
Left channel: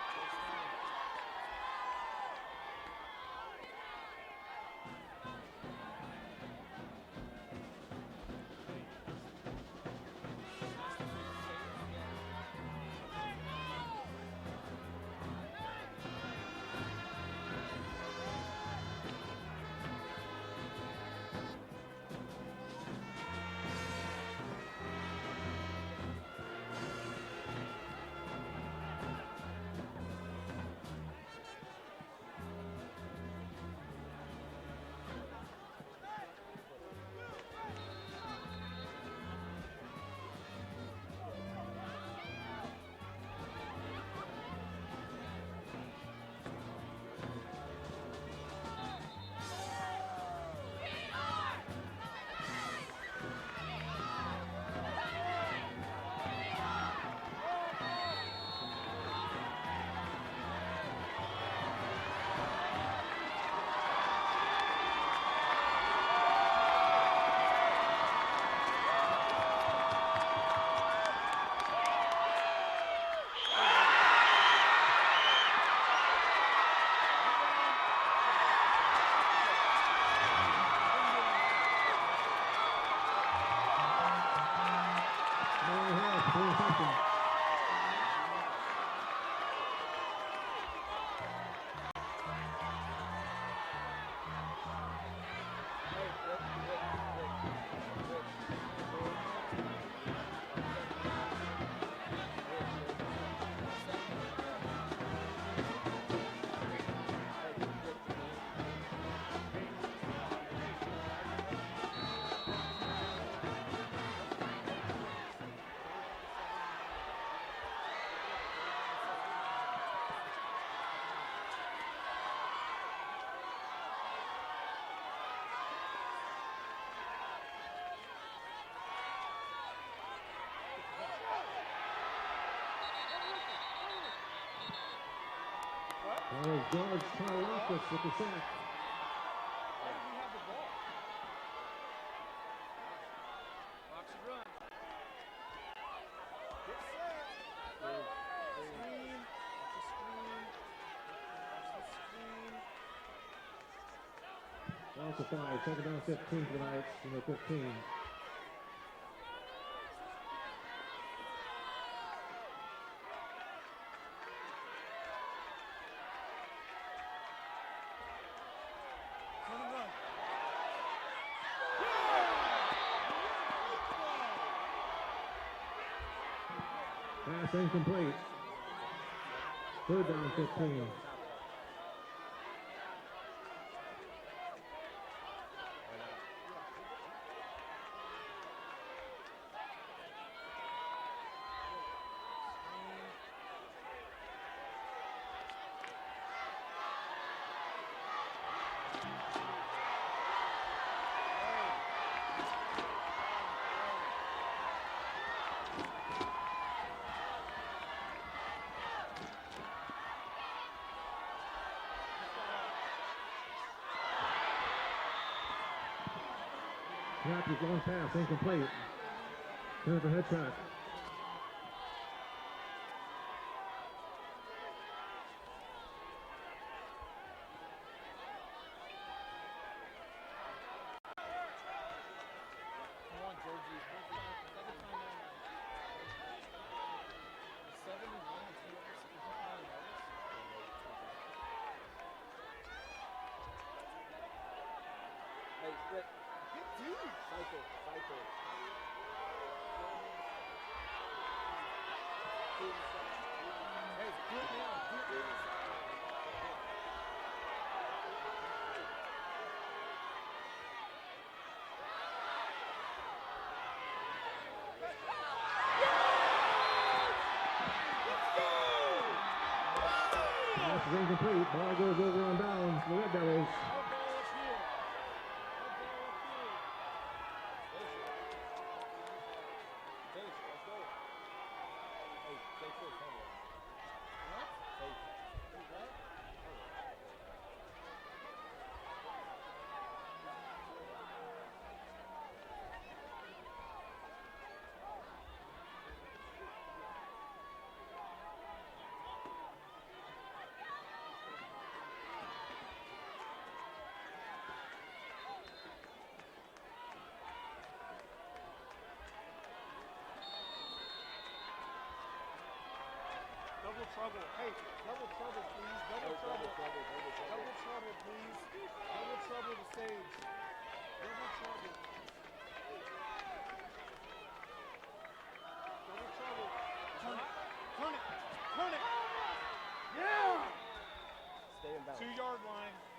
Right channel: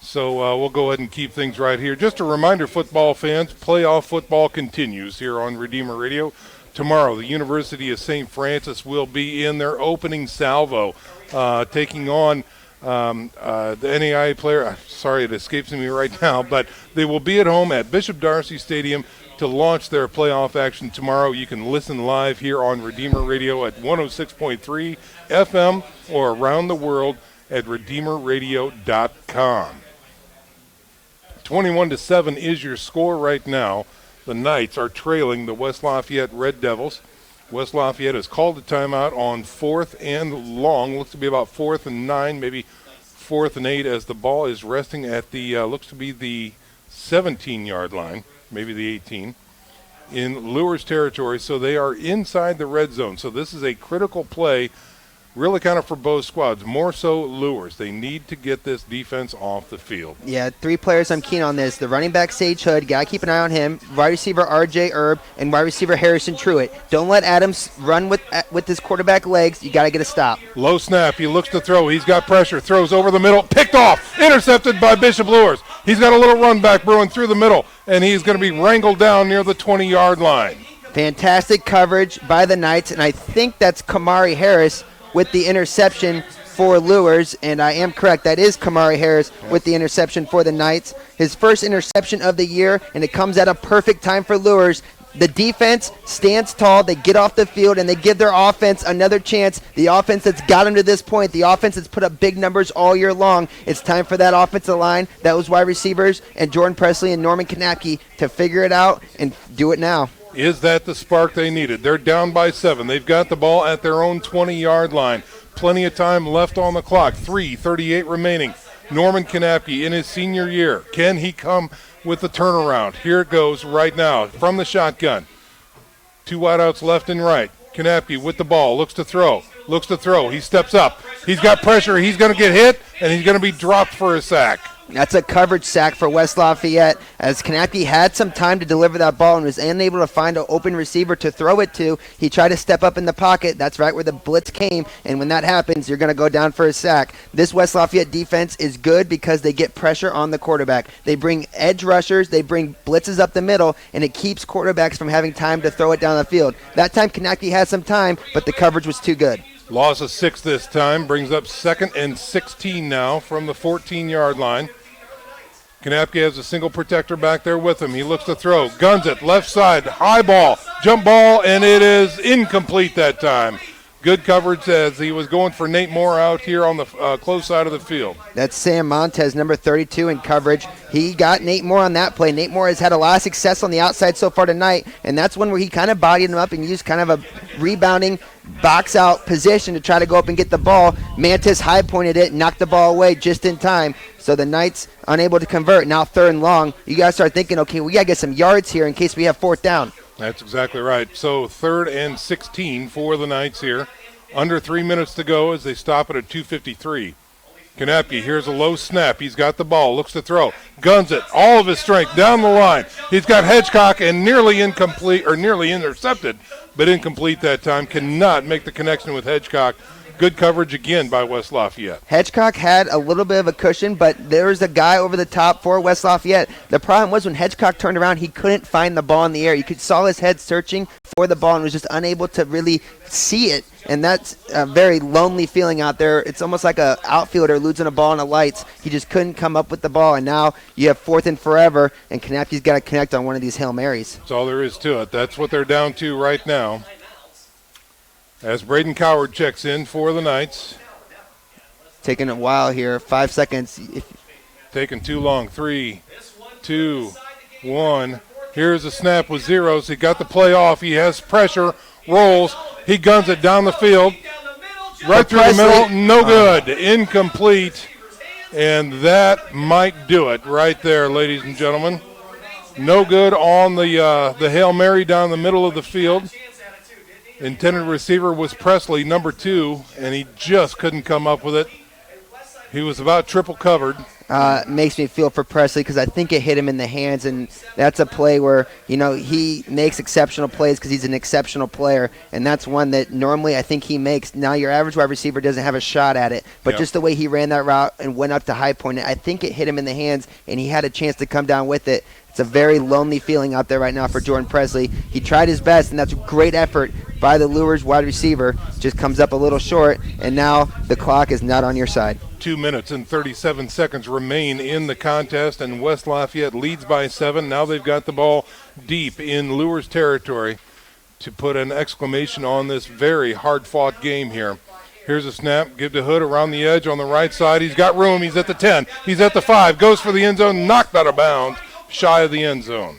So we'll go ahead and keep things right here. Just a reminder, football fans, playoff football continues here on Redeemer Radio. Tomorrow, the University of St. Francis will be in their opening salvo, taking on the NAIA player. Sorry, it escapes me right now, but they will be at home at Bishop Darcy Stadium to launch their playoff action tomorrow. You can listen live here on Redeemer Radio at 106.3 FM or around the world at redeemerradio.com. 21-7 is your score right now. The Knights are trailing the West Lafayette Red Devils. West Lafayette has called a timeout on 4th and long. Looks to be about 4th and 9, maybe 4th and 8, as the ball is resting at the, looks to be the 17-yard line, maybe the 18, in Luers territory. So they are inside the red zone. So this is a critical play, really kind of for both squads, more so Luers. They need to get this defense off the field. Yeah, 3 players I'm keen on this. The running back, Sage Hood, got to keep an eye on him. Wide receiver, R.J. Erb, and wide receiver, Harrison Truitt. Don't let Adams run with his quarterback legs. You got to get a stop. Low snap. He looks to throw. He's got pressure. Throws over the middle. Picked off. Intercepted by Bishop Luers. He's got a little run back brewing through the middle, and he's going to be wrangled down near the 20-yard line. Fantastic coverage by the Knights, and I think that's Kamari Harris with the interception for Luers, and I am correct. That is Kamari Harris with the interception for the Knights. His first interception of the year, and it comes at a perfect time for Luers. The defense stands tall, they get off the field, and they give their offense another chance. The offense that's got them to this point, the offense that's put up big numbers all year long. It's time for that offensive line, those wide receivers, and Jordan Presley and Norman Kanapke to figure it out and do it now. Is that the spark they needed? They're down by 7. They've got the ball at their own 20-yard line. Plenty of time left on the clock. 3:38 remaining. Norman Kanapke in his senior year. Can he come with the turnaround? Here it goes right now from the shotgun. 2 wideouts left and right. Kanapke with the ball. Looks to throw. He steps up. He's got pressure. He's going to get hit, and he's going to be dropped for a sack. That's a coverage sack for West Lafayette, as Kanapke had some time to deliver that ball and was unable to find an open receiver to throw it to. He tried to step up in the pocket. That's right where the blitz came, and when that happens, you're going to go down for a sack. This West Lafayette defense is good because they get pressure on the quarterback. They bring edge rushers, they bring blitzes up the middle, and it keeps quarterbacks from having time to throw it down the field. That time, Kanapke had some time, but the coverage was too good. Loss of 6 this time, brings up 2nd and 16 now from the 14-yard line. Kanapke has a single protector back there with him. He looks to throw, guns it, left side, high ball, jump ball, and it is incomplete that time. Good coverage as he was going for Nate Moore out here on the close side of the field. That's Sam Montez, number 32 in coverage. He got Nate Moore on that play. Nate Moore has had a lot of success on the outside so far tonight, and that's one where he kind of bodied him up and used kind of a rebounding box out position to try to go up and get the ball. Mantis high pointed it, knocked the ball away just in time. So the Knights unable to convert. Now 3rd and long. You got to start thinking, okay, we got to get some yards here in case we have 4th down. That's exactly right. So 3rd and 16 for the Knights here. Under 3 minutes to go as they stop it at 2:53. Kanapke, here's a low snap. He's got the ball, looks to throw, guns it, all of his strength down the line. He's got Hedgecock and nearly intercepted, but incomplete that time. Cannot make the connection with Hedgecock. Good coverage again by West Lafayette. Hedgecock had a little bit of a cushion, but there was a guy over the top for West Lafayette. The problem was when Hedgecock turned around, he couldn't find the ball in the air. You saw his head searching for the ball and was just unable to really see it. And that's a very lonely feeling out there. It's almost like an outfielder losing a ball in the lights. He just couldn't come up with the ball, and now you have 4th and forever, and Kanapke's got to connect on one of these Hail Marys. That's all there is to it. That's what they're down to right now. As Braden Coward checks in for the Knights. Taking a while here, 5 seconds. Taking too long. 3, 2, 1. Here's a snap with zeros. He got the play off. He has pressure, rolls. He guns it down the field, right through the middle, no good, incomplete, and that might do it right there, ladies and gentlemen. No good on the Hail Mary down the middle of the field. Intended receiver was Presley, number 2, and he just couldn't come up with it. He was about triple covered. Makes me feel for Presley because I think it hit him in the hands, and that's a play where, he makes exceptional plays because he's an exceptional player, and that's one that normally I think he makes. Now your average wide receiver doesn't have a shot at it, but just the way he ran that route and went up to high point, I think it hit him in the hands, and he had a chance to come down with it. It's a very lonely feeling out there right now for Jordan Presley. He tried his best, and that's a great effort by the Luers wide receiver. Just comes up a little short, and now the clock is not on your side. 2 minutes and 37 seconds remain in the contest, and West Lafayette leads by 7. Now they've got the ball deep in Luers territory to put an exclamation on this very hard-fought game here. Here's a snap, give to Hood around the edge on the right side. He's got room, he's at the 10, he's at the 5, goes for the end zone, knocked out of bounds, shy of the end zone.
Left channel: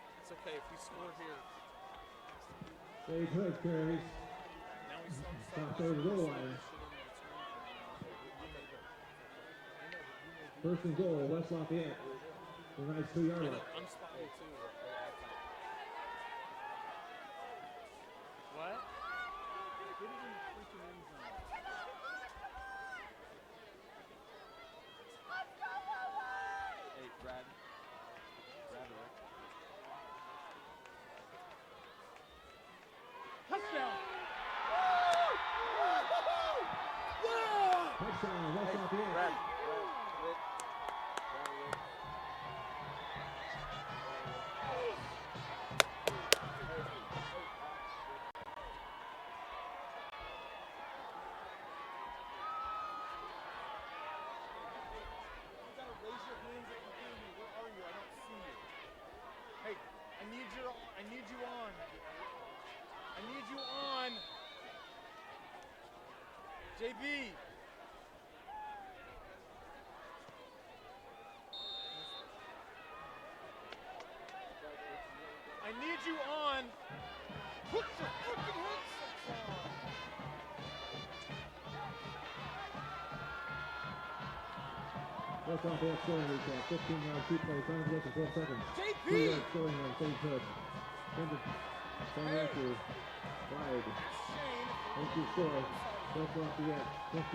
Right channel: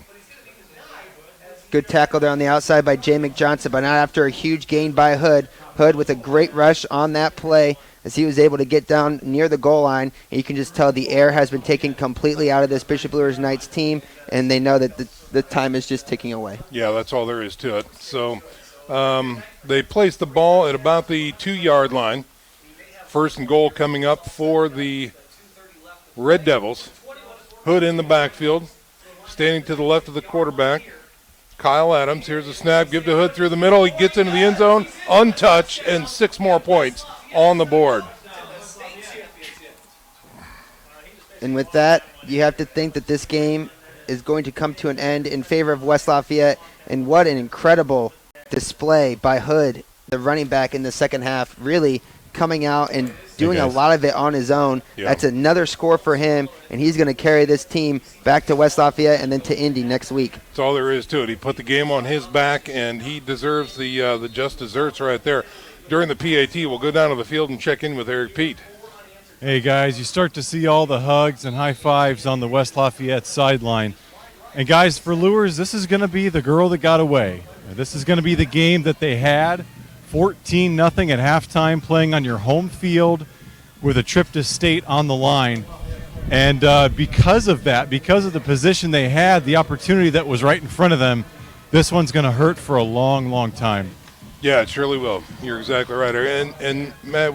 Good tackle there on the outside by Jay McJohnson, but not after a huge gain by Hood. Hood with a great rush on that play as he was able to get down near the goal line. And you can just tell the air has been taken completely out of this Bishop Luers Knights team, and they know that the time is just ticking away. Yeah, that's all there is to it. So they place the ball at about the 2-yard line. 1st and goal coming up for the Red Devils. Hood in the backfield, standing to the left of the quarterback. Kyle Adams, here's a snap, give to Hood through the middle. He gets into the end zone, untouched, and 6 more points on the board. And with that, you have to think that this game is going to come to an end in favor of West Lafayette. And what an incredible display by Hood, the running back in the second half, really coming out and doing a lot of it on his own. Yeah. That's another score for him, and he's going to carry this team back to West Lafayette and then to Indy next week. That's all there is to it. He put the game on his back, and he deserves the just desserts right there. During the PAT, we'll go down to the field and check in with Eric Pete. Hey, guys, you start to see all the hugs and high fives on the West Lafayette sideline. And, guys, for Luers, this is going to be the girl that got away. This is going to be the game that they had, 14-0 at halftime, playing on your home field with a trip to state on the line. And because of that, because of the position they had, the opportunity that was right in front of them, this one's going to hurt for a long, long time. Yeah, it surely will. You're exactly right. And Matt,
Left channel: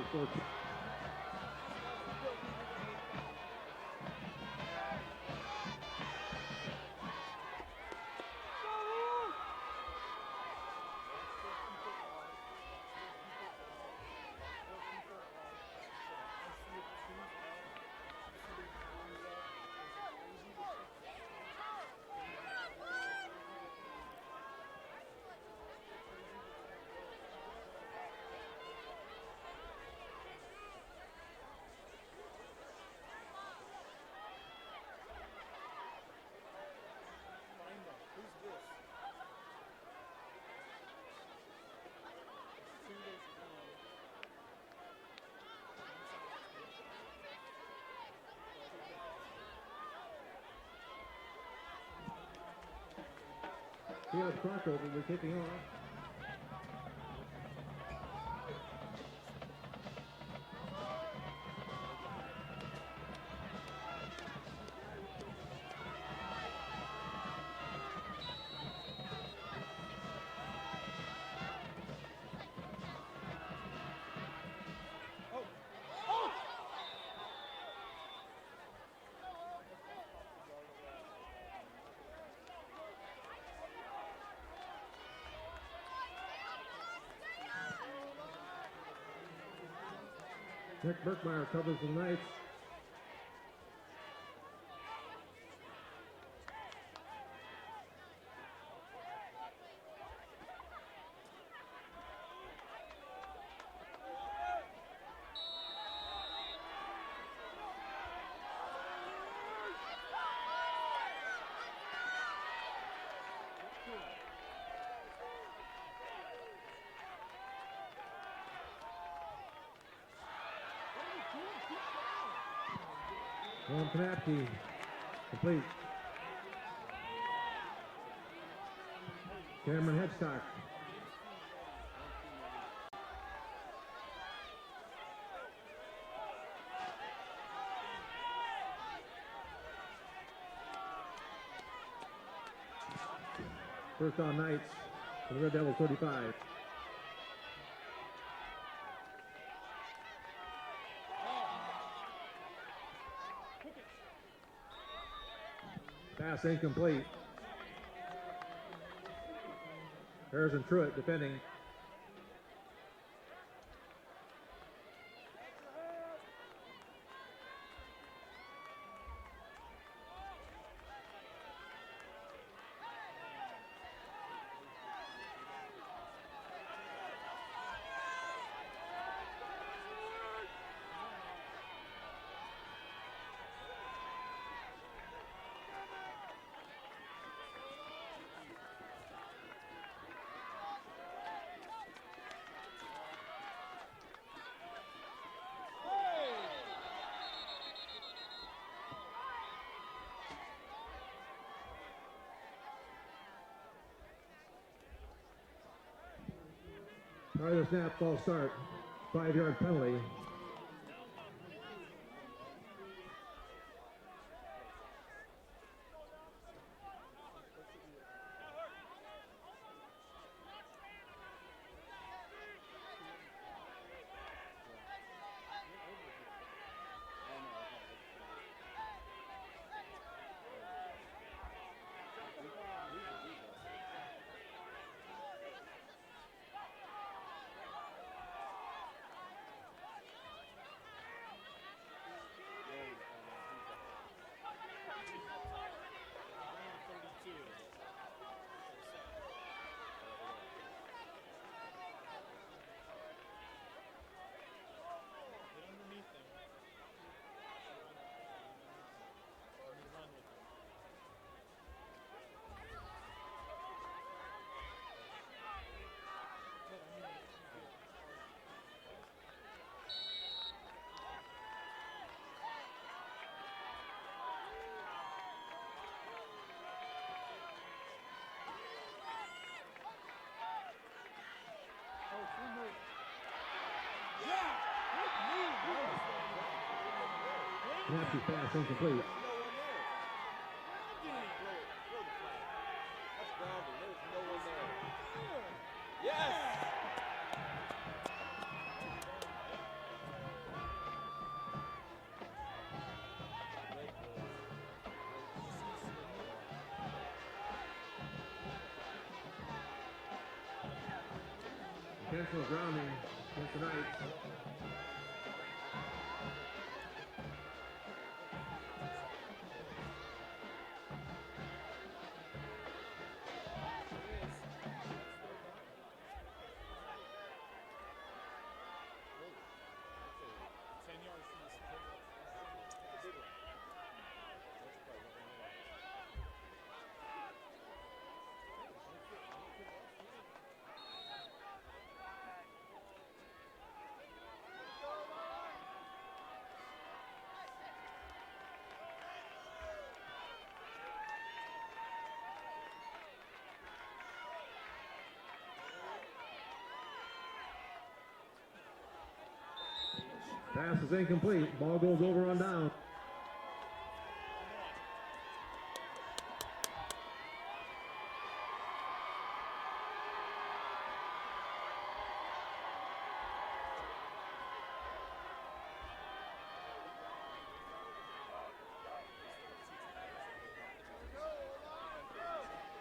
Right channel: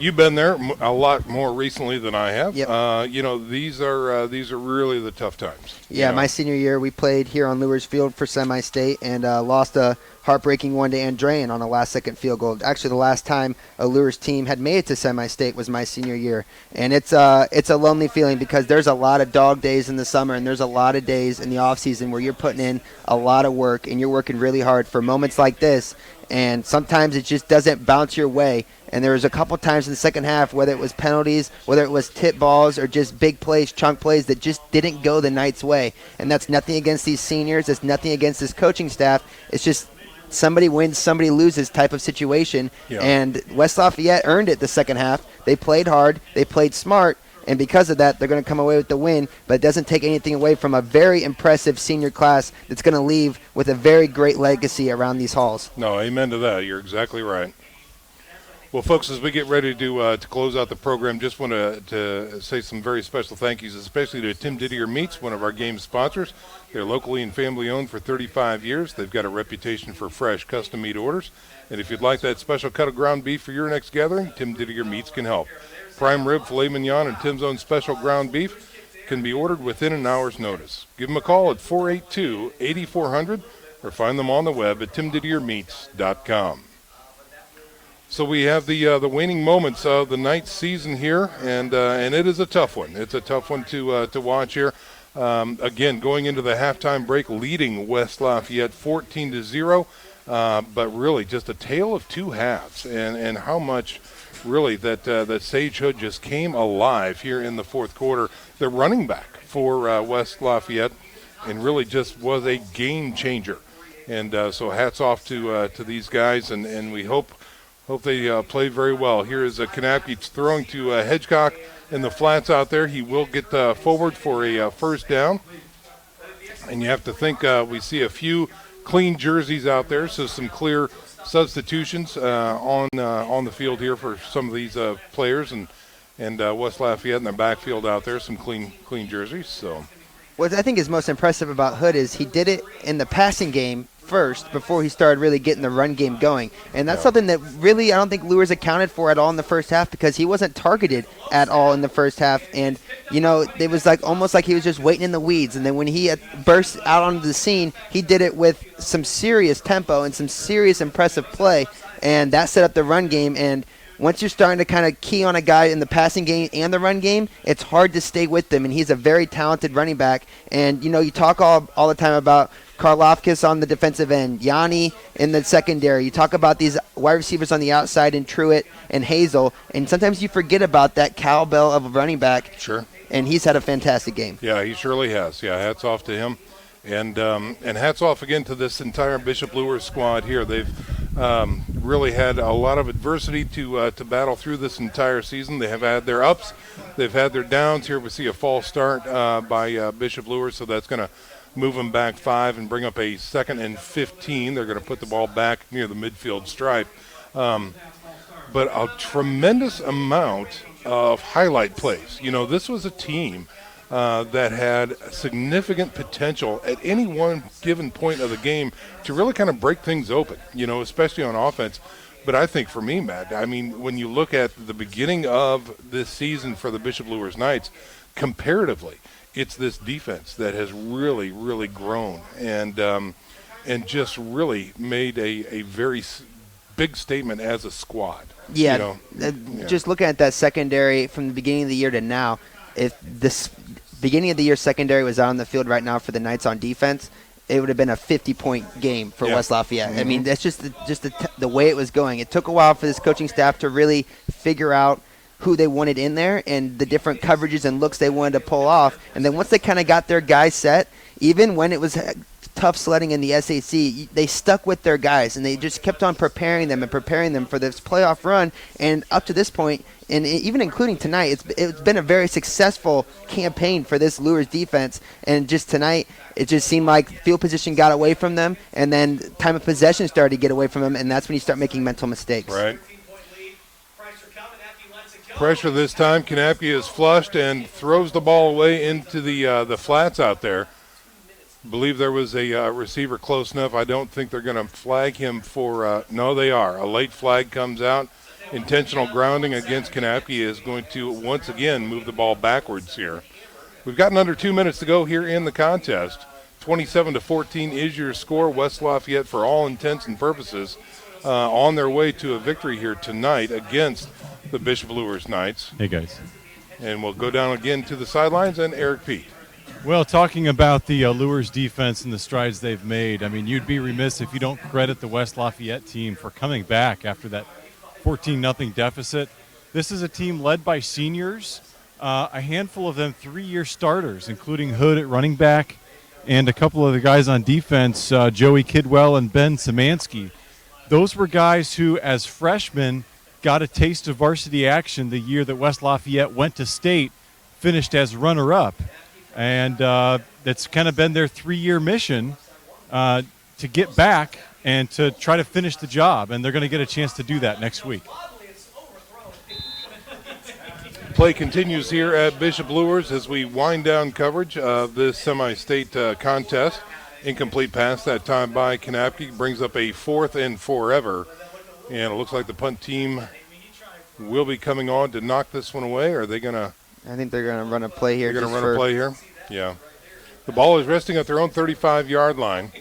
you've been there a lot more recently than I have. Yep. These are really the tough times. Yeah, my senior year, we played here on Luers Field for semi-state and lost a heartbreaking one to Andrean on a last-second field goal. Actually, the last time a Luers team had made it to semi-state was my senior year. And it's a lonely feeling because there's a lot of dog days in the summer and there's a lot of days in the off-season where you're putting in a lot of work and you're working really hard for moments like this. And sometimes it just doesn't bounce your way. And there was a couple times in the second half, whether it was penalties, whether it was tip balls, or just big plays, chunk plays that just didn't go the Knights' way. And that's nothing against these seniors. It's nothing against this coaching staff. It's just somebody wins, somebody loses type of situation. Yeah. And West Lafayette earned it the second half. They played hard. They played smart. And because of that, they're going to come away with the win. But it doesn't take anything away from a very impressive senior class that's going to leave with a very great legacy around these halls. No, amen to that. You're exactly right. Well, folks, as we get ready to close out the program, just want to say some very special thank yous, especially to Tim Didier Meats, one of our game sponsors. They're locally and family-owned for 35 years. They've got a reputation for fresh, custom meat orders. And if you'd like that special cut of ground beef for your next gathering, Tim Didier Meats can help. Prime rib, filet mignon, and Tim's own special ground beef can be ordered within an hour's notice. Give them a call at 482-8400 or find them on the web at timdidiermeats.com. So we have the waning moments of the Knights season here, and it is a tough one. It's a tough one to watch here. Again, going into the halftime break, leading West Lafayette 14-0, but really just a tale of two halves, and how much really that Sage Hood just came alive here in the fourth quarter. The running back for West Lafayette, and really just was a game changer. And so hats off to these guys, and we hope they play very well. Here is Kanapke throwing to Hedgecock in the flats out there. He will get forward for a first down. And you have to think we see a few clean jerseys out there, so some clear substitutions on the field here for some of these players. And West Lafayette in the backfield out there, some clean jerseys. So. What I think is most impressive about Hood is he did it in the passing game first before he started really getting the run game going. And that's something that really I don't think Luers accounted for at all in the first half because he wasn't targeted at all in the first half. And, it was almost like he was just waiting in the weeds. And then when he burst out onto the scene, he did it with some serious tempo and some serious impressive play. And that set up the run game. And once you're starting to kind of key on a guy in the passing game and the run game, it's hard to stay with them. And he's a very talented running back. And, you talk all the time about Karlofkis on the defensive end, Yanni in the secondary. You talk about these wide receivers on the outside in Truitt and Hazel. And sometimes you forget about that cowbell of a running back. Sure. And he's had a fantastic game. Yeah, he surely has. Yeah, hats off to him. And hats off again to this entire Bishop Luers squad here. They've really had a lot of adversity to battle through this entire season. They have had their ups. They've had their downs. Here we see a false start by Bishop Luers, so that's going to move them back 5 and bring up a 2nd and 15. They're going to put the ball back near the midfield stripe. But a tremendous amount of highlight plays. This was a team that had significant potential at any one given point of the game to really kind of break things open, especially on offense. But I think for me, Matt, when you look at the beginning of this season for the Bishop Luers Knights, comparatively, it's this defense that has really, really grown and just really made a very big statement as a squad. Yeah, just looking at that secondary from the beginning of the year to now, if this beginning of the year secondary was out on the field right now for the Knights on defense, it would have been a 50-point game for West Lafayette. I mean, that's just the way it was going. It took a while for this coaching staff to really figure out who they wanted in there and the different coverages and looks they wanted to pull off. And then once they kind of got their guys set, even when it was tough sledding in the SAC, they stuck with their guys, and they just kept on preparing them for this playoff run. And up to this point, and even including tonight, it's been a very successful campaign for this Luers defense. And just tonight, it just seemed like field position got away from them, and then time of possession started to get away from them, and that's when you start making mental mistakes. Right. Pressure this time. Kanapke is flushed and throws the ball away into the flats out there. I believe there was a receiver close enough. I don't think they're going to flag him for no, they are. A late flag comes out. Intentional grounding against Kanapke is going to once again move the ball backwards here. We've gotten under 2 minutes to go here in the contest. 27-14 is your score. West Lafayette, for all intents and purposes, on their way to a victory here tonight against the Bishop Luers Knights. Hey, guys. And we'll go down again to the sidelines and Eric Pete. Well, talking about the Luers defense and the strides they've made, I mean, you'd be remiss if you don't credit the West Lafayette team for coming back after that 14-0 deficit. This is a team led by seniors, a handful of them 3-year starters, including Hood at running back and a couple of the guys on defense, Joey Kidwell and Ben Szymanski. Those were guys who, as freshmen, got a taste of varsity action the year that West Lafayette went to state, finished as runner-up. And that's kind of been their 3-year mission to get back and to try to finish the job. And they're going to get a chance to do that next week. Play continues here at Bishop Luers as we wind down coverage of this semi-state contest. Incomplete pass that time by Kanapke brings up a 4th and forever. And it looks like the punt team will be coming on to knock this one away. Or are they going to? I think they're going to run a play here. They're going to run a play here? Yeah. The ball is resting at their own 35-yard line.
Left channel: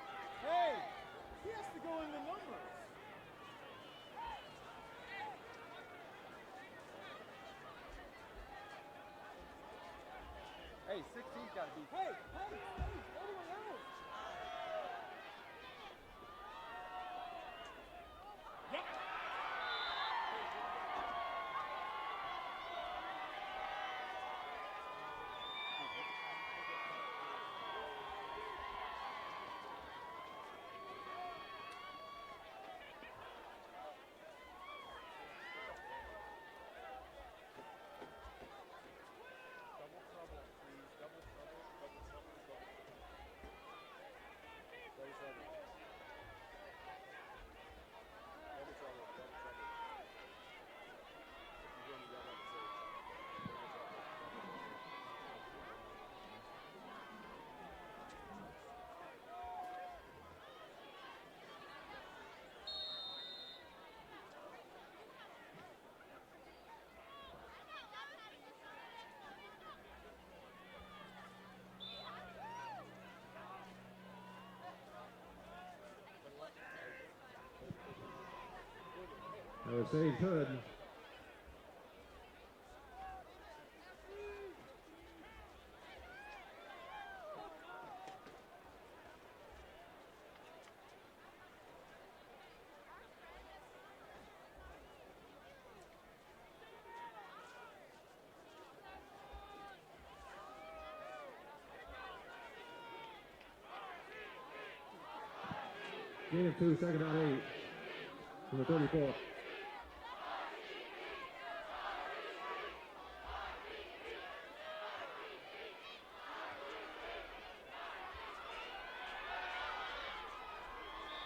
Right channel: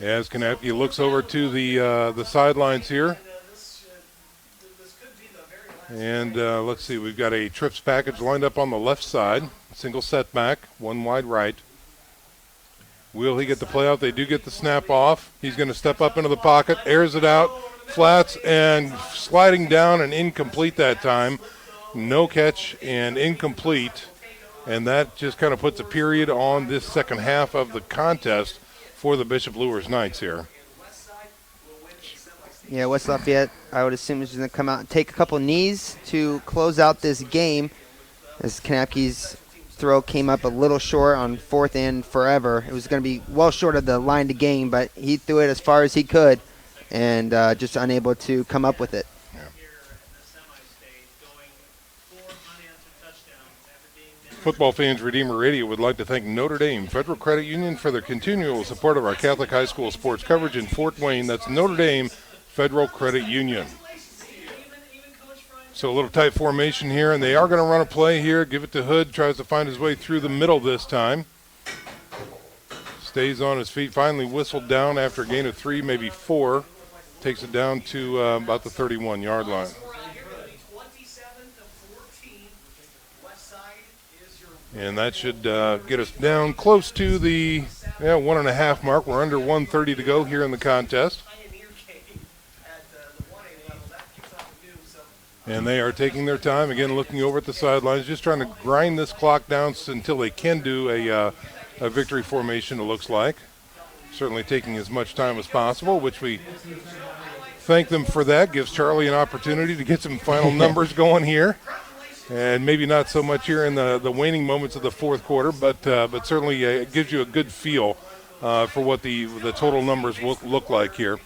As Kanapke looks over to the sidelines here. And let's see, we've got a trips package lined up on the left side. Single setback, one wide right. Will he get the play out? They do get the snap off. He's going to step up into the pocket, airs it out, flats, and sliding down and incomplete that time. No catch and incomplete. And that just kind of puts a period on this second half of the contest for the Bishop Luers Knights here. Yeah, West Lafayette, I would assume, is going to come out and take a couple knees to close out this game, as Kanapke's throw came up a little short on 4th and forever. It was going to be well short of the line to gain, but he threw it as far as he could and just unable to come up with it. Football fans, Redeemer Radio would like to thank Notre Dame Federal Credit Union for their continual support of our Catholic high school sports coverage in Fort Wayne. That's Notre Dame Federal Credit Union. So a little tight formation here, and they are going to run a play here. Give it to Hood, tries to find his way through the middle this time. Stays on his feet, finally whistled down after a gain of 3, maybe 4. Takes it down to about the 31-yard line. And that should get us down close to the 1.5 mark. We're under 1:30 to go here in the contest. And they are taking their time, again, looking over at the sidelines, just trying to grind this clock down until they can do a victory formation, it looks like. Certainly taking as much time as possible, which we thank them for that. Gives Charlie an opportunity to get some final numbers going here. And maybe not so much here in the waning moments of the fourth quarter, but certainly it gives you a good feel for what the total numbers look like here.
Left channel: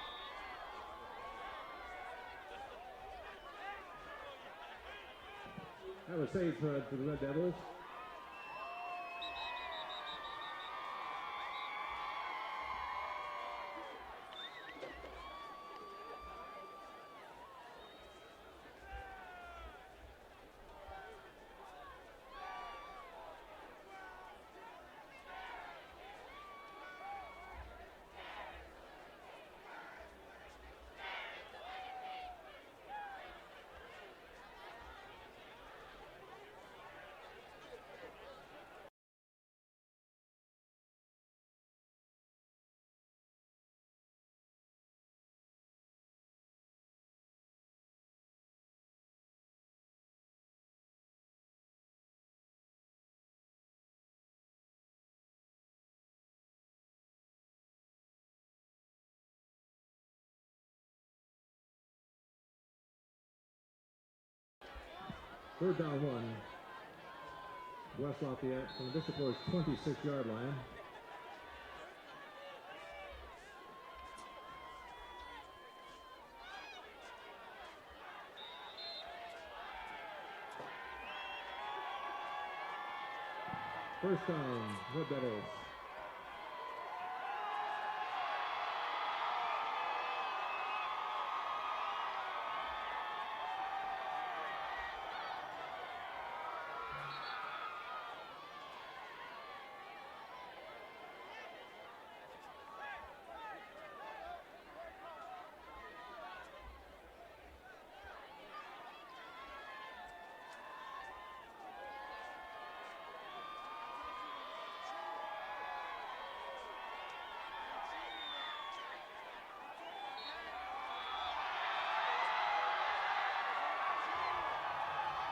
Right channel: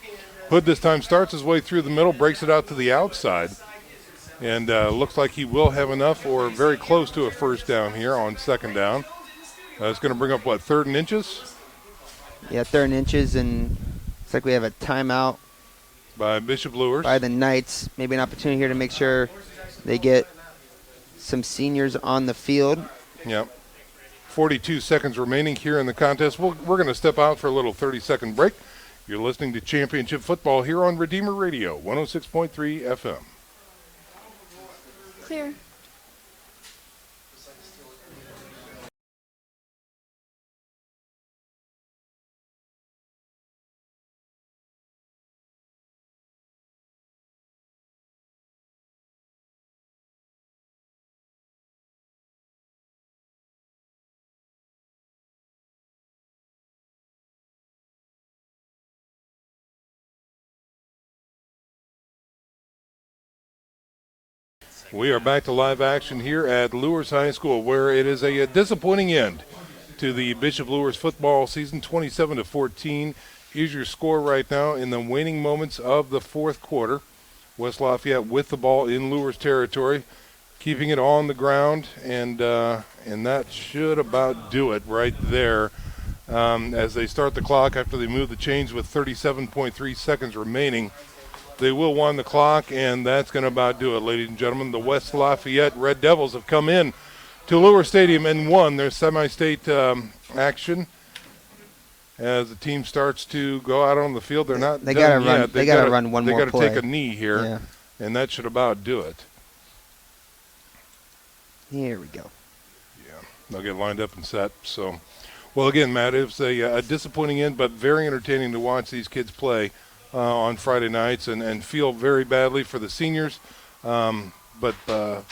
Hood this time starts his way through the middle, breaks it out to the outside. And looks like he will have enough or very close to a first down here on second down. It's going to bring up, 3rd and inches? Yeah, 3rd and inches, and looks like we have a timeout. By Bishop Luers. By the Knights. Maybe an opportunity here to make sure they get some seniors on the field. Yep. 42 seconds remaining here in the contest. We're going to step out for a little 30-second break. You're listening to Championship Football here on Redeemer Radio, 106.3 FM. Clear. We are back to live action here at Luers High School, where it is a disappointing end to the Bishop Luers football season. 27-14 is your score right now in the waning moments of the fourth quarter. West Lafayette with the ball in Luers territory, keeping it on the ground, and that should about do it right there. As they start the clock after they move the chains with 37.3 seconds remaining. They will wind the clock, and that's going to about do it, ladies and gentlemen. The West Lafayette Red Devils have come in to Luers Stadium and won their semi-state action. As the team starts to go out on the field, they're not They done got to run. yet. They got to run one more play. They got to take a knee here, Yeah. and that should about do it. Here we go. They'll get lined up and set. So, well, again, Matt, it was a disappointing end, but very entertaining to watch these kids play on Friday nights, and feel very badly for the seniors. But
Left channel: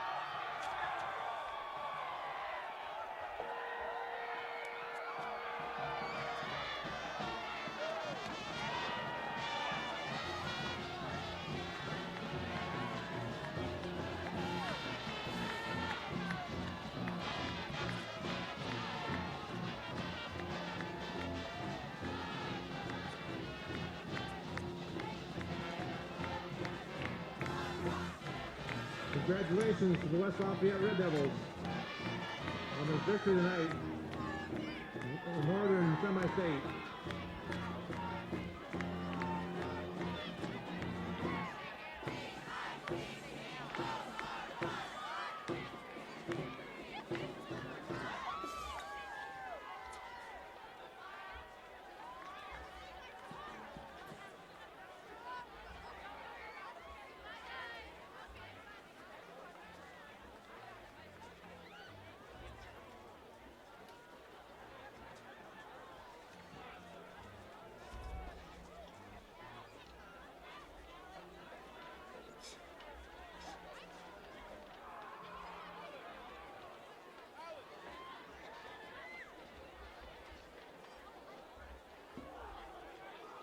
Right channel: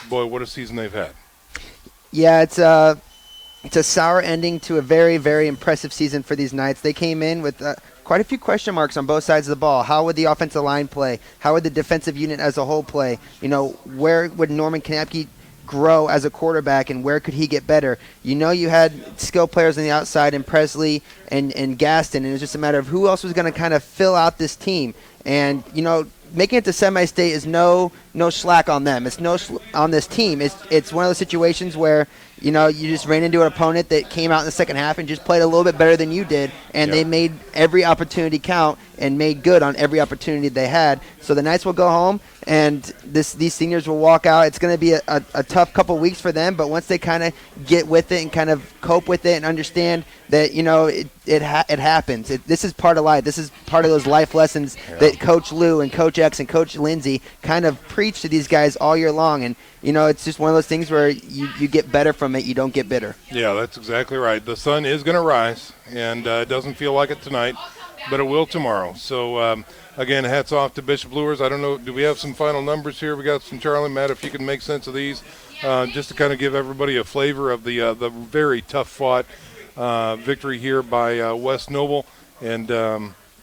boy, what a season they've had. Yeah, it's a sour ending to a very, very impressive season for these Knights. They came in with quite a few question marks on both sides of the ball. How would the offensive line play? How would the defensive unit as a whole play? You know, where would Norman Kanapke grow as a quarterback, and where could he get better? You know, you had skill players on the outside in Presley and Gaston, and it was just a matter of who else was going to kind of fill out this team. And, you know, making it to semi-state is no slack on them. It's on this team. It's one of those situations where, you know, you just ran into an opponent that came out in the second half and just played a little bit better than you did, and They made every opportunity count and made good on every opportunity they had. So the Knights will go home, and these seniors will walk out. It's going to be a tough couple weeks for them, but once they kind of get with it and kind of cope with it and understand that, you know, it happens. This is part of life. This is part of those life lessons that Coach Lou and Coach X and Coach Lindsay kind of preach to these guys all year long. And, you know, it's just one of those things where you get better from it. You don't get bitter. Yeah, that's exactly right. The sun is going to rise, and it doesn't feel like it tonight, but it will tomorrow. So, again, hats off to Bishop Luers. I don't know, do we have some final numbers here? We got some, Charlie, Matt, if you can make sense of these, just to kind of give everybody a flavor of the very tough-fought victory here by West Noble, and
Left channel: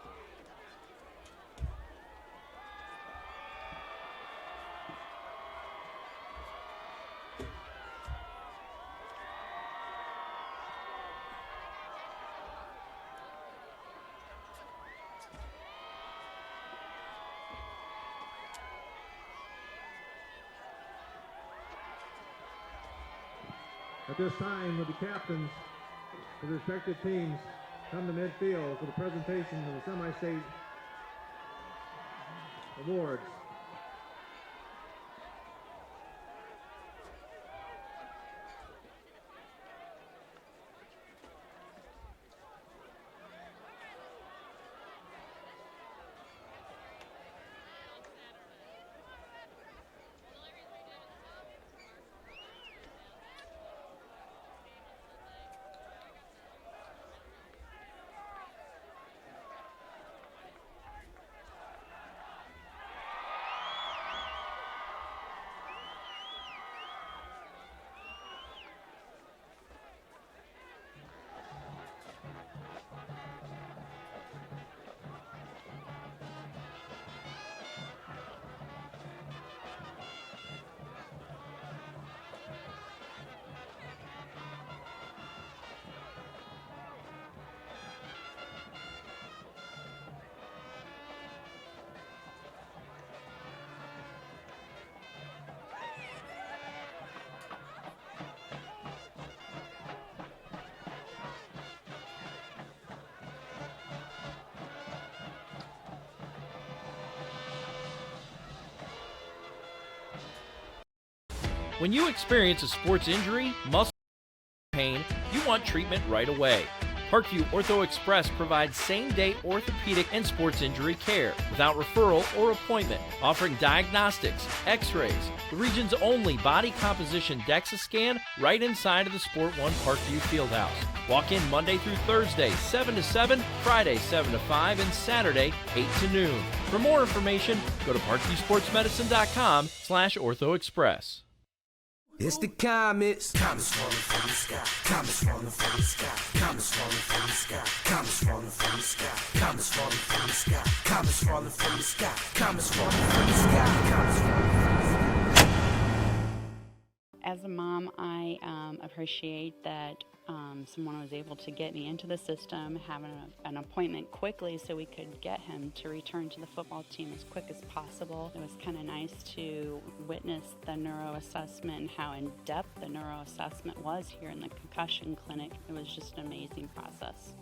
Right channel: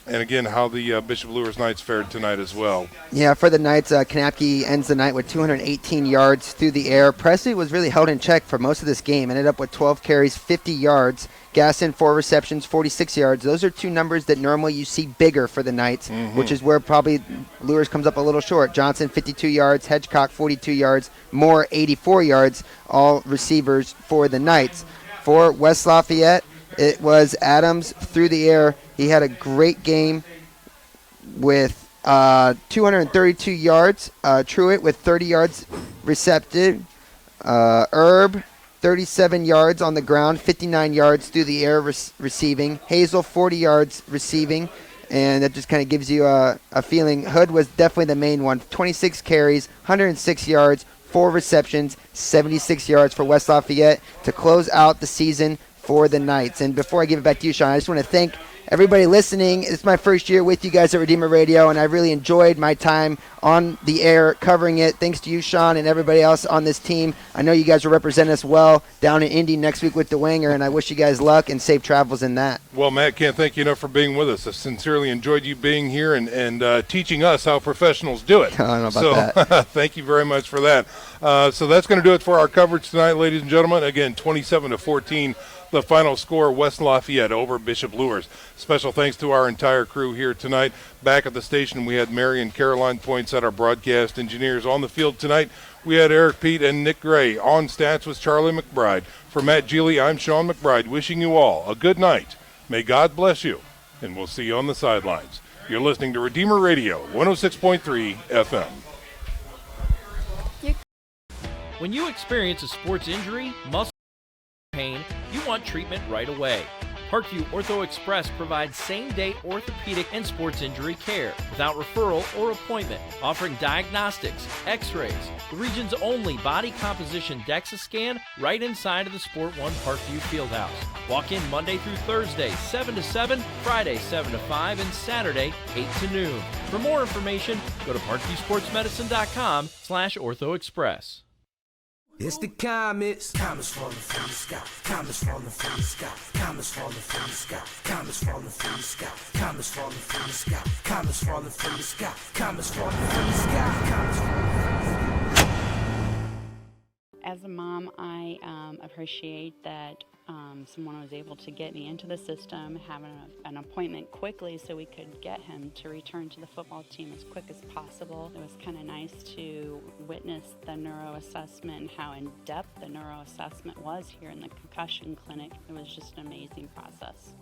again, how the Bishop Luers Knights fared tonight as well. Yeah, for the Knights, Kanapke ends the night with 218 yards through the air. Presley was really held in check for most of this game, ended up with 12 carries, 50 yards. Gaston, 4 receptions, 46 yards. Those are two numbers that normally you see bigger for the Knights, which is where probably Luers comes up a little short. Johnson, 52 yards. Hedgecock, 42 yards. Moore, 84 yards. All receivers for the Knights. For West Lafayette, it was Adams through the air. He had a great game with 232 yards. Truitt with 30 yards receptive. Herb, 37 yards on the ground, 59 yards through the air receiving. Hazel, 40 yards receiving, and that just kind of gives you a feeling. Hood was definitely the main one. 26 carries, 106 yards, 4 receptions, 76 yards for West Lafayette to close out the season for the Knights. And before I give it back to you, Sean, I just want to thank everybody listening. It's my first year with you guys at Redeemer Radio, and I really enjoyed my time on the air covering it. Thanks to you, Sean, and everybody else on this team. I know you guys will represent us well down in Indy next week with DeWanger, and I wish you guys luck and safe travels in that. Well, Matt, can't thank you enough for being with us. I sincerely enjoyed you being here and teaching us how professionals do it. I don't know about that. Thank you very much for that. So that's going to do it for our coverage tonight, ladies and gentlemen. Again, 27-14. The final score, West Lafayette over Bishop Luers. Special thanks to our entire crew here tonight. Back at the station, we had Mary and Caroline Poinsett, our broadcast engineers. On the field tonight, we had Eric Pete and Nick Gray. On stats was Charlie McBride. For Matt Geely, I'm Sean McBride, wishing you all a good night. May God bless you, and we'll see you on the sidelines. You're listening to Redeemer Radio, 106.3 FM. When you experience a sports injury, muscle pain, you want treatment right away. Parkview Ortho Express provides same-day orthopedic and sports injury care without referral or appointment, offering diagnostics, x-rays, the region's only body composition DEXA scan right inside of the Sport One Parkview Fieldhouse. Walk in Monday through Thursday, 7 to 7, Friday, 7 to 5, and Saturday, 8 to noon. For more information, go to parkviewsportsmedicine.com/orthoexpress. It's the comets. Comets falling from the sky. Comets falling from the sky. Comets falling from the sky. Comets falling from the sky. Comets falling from the sky. Comets falling from the sky. Comets falling from the sky. Comets falling from the sky. As a mom, I appreciate that someone was able to get me into the system, having an appointment quickly so we could get him to return to the football team as quick as possible. It was kind of nice to witness the neuro assessment and how in-depth the neuro assessment was here in the concussion clinic. It was just an amazing process.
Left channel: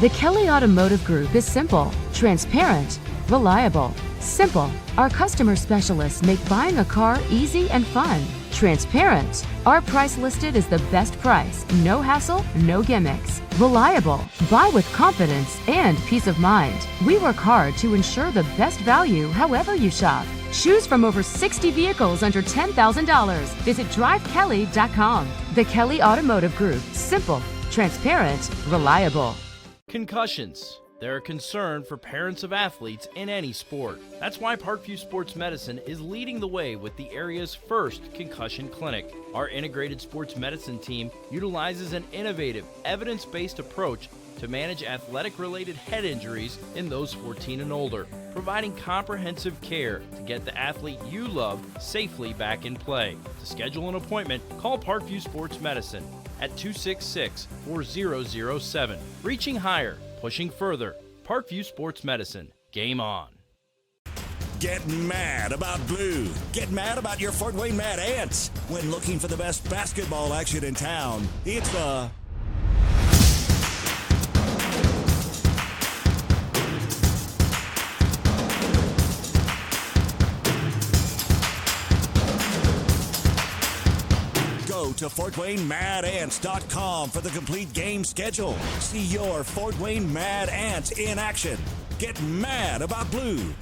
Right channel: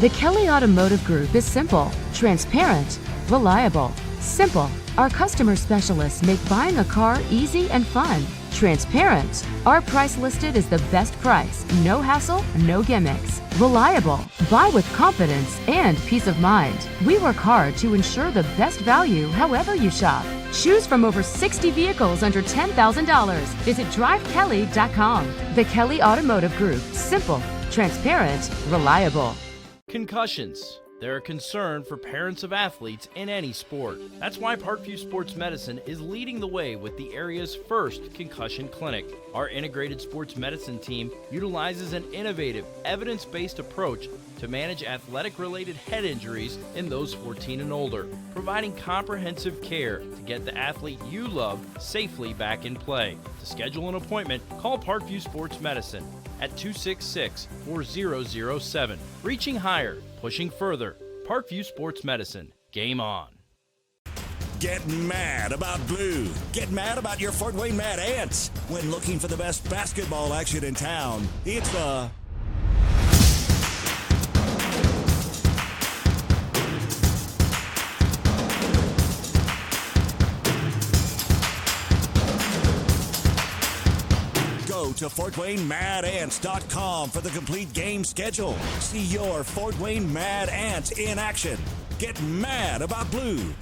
The Kelly Automotive Group is simple, transparent, reliable. Simple. Our customer specialists make buying a car easy and fun. Transparent. Our price listed is the best price. No hassle, no gimmicks. Reliable. Buy with confidence and peace of mind. We work hard to ensure the best value however you shop. Choose from over 60 vehicles under $10,000. Visit drivekelly.com. The Kelly Automotive Group. Simple, transparent, reliable. Concussions. They're a concern for parents of athletes in any sport. That's why Parkview Sports Medicine is leading the way with the area's first concussion clinic. Our integrated sports medicine team utilizes an innovative, evidence-based approach to manage athletic-related head injuries in those 14 and older, providing comprehensive care to get the athlete you love safely back in play. To schedule an appointment, call Parkview Sports Medicine at 266-4007. Reaching higher, pushing further. Parkview Sports Medicine. Game on. Get mad about blue. Get mad about your Fort Wayne Mad Ants. When looking for the best basketball action in town, it's the Go to FortWayneMadAnts.com for the complete game schedule. See your Fort Wayne Mad Ants in action. Get mad about blue.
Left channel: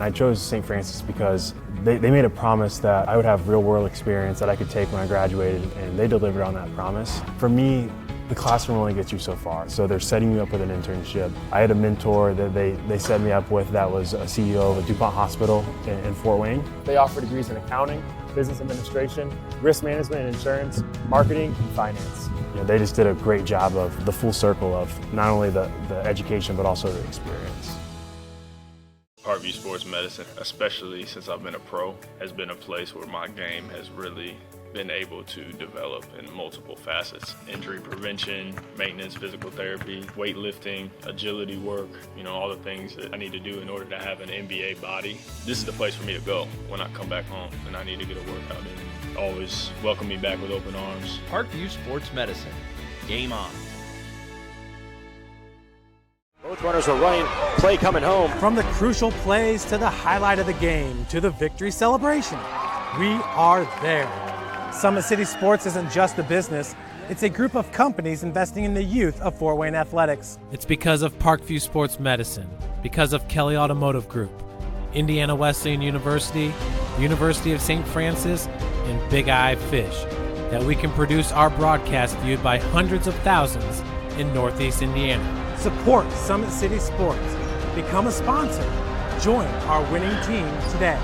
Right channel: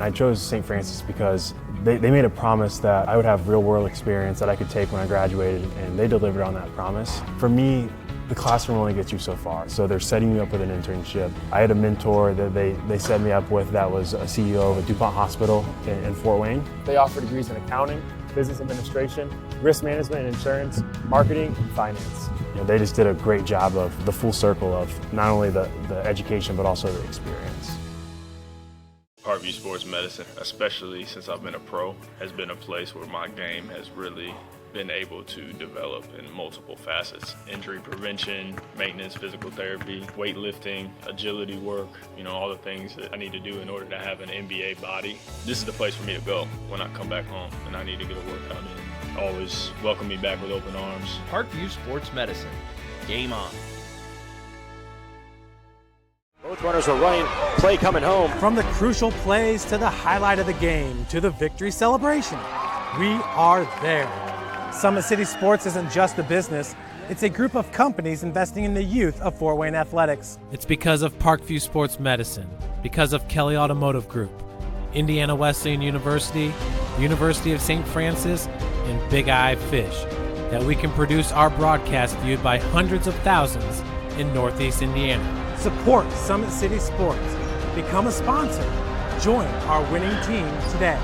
I chose St. Francis because they made a promise that I would have real-world experience that I could take when I graduated, and they delivered on that promise. For me, the classroom only gets you so far, so they're setting you up with an internship. I had a mentor that they set me up with that was a CEO of a DuPont hospital in Fort Wayne. They offer degrees in accounting, business administration, risk management and insurance, marketing, and finance. You know, they just did a great job of the full circle of not only the education, but also the experience. Parkview Sports Medicine, especially since I've been a pro, has been a place where my game has really been able to develop in multiple facets. Injury prevention, maintenance, physical therapy, weightlifting, agility work, all the things that I need to do in order to have an NBA body. This is the place for me to go when I come back home and I need to get a workout in. Always welcome me back with open arms. Parkview Sports Medicine. Game on. Both runners are running, play coming home. From the crucial plays to the highlight of the game to the victory celebration, we are there. Summit City Sports isn't just a business, it's a group of companies investing in the youth of Fort Wayne athletics. It's because of Parkview Sports Medicine, because of Kelly Automotive Group, Indiana Wesleyan University, University of St. Francis, and Big Eye Fish, that we can produce our broadcast viewed by hundreds of thousands in Northeast Indiana. Support Summit City Sports. Become a sponsor. Join our winning team today.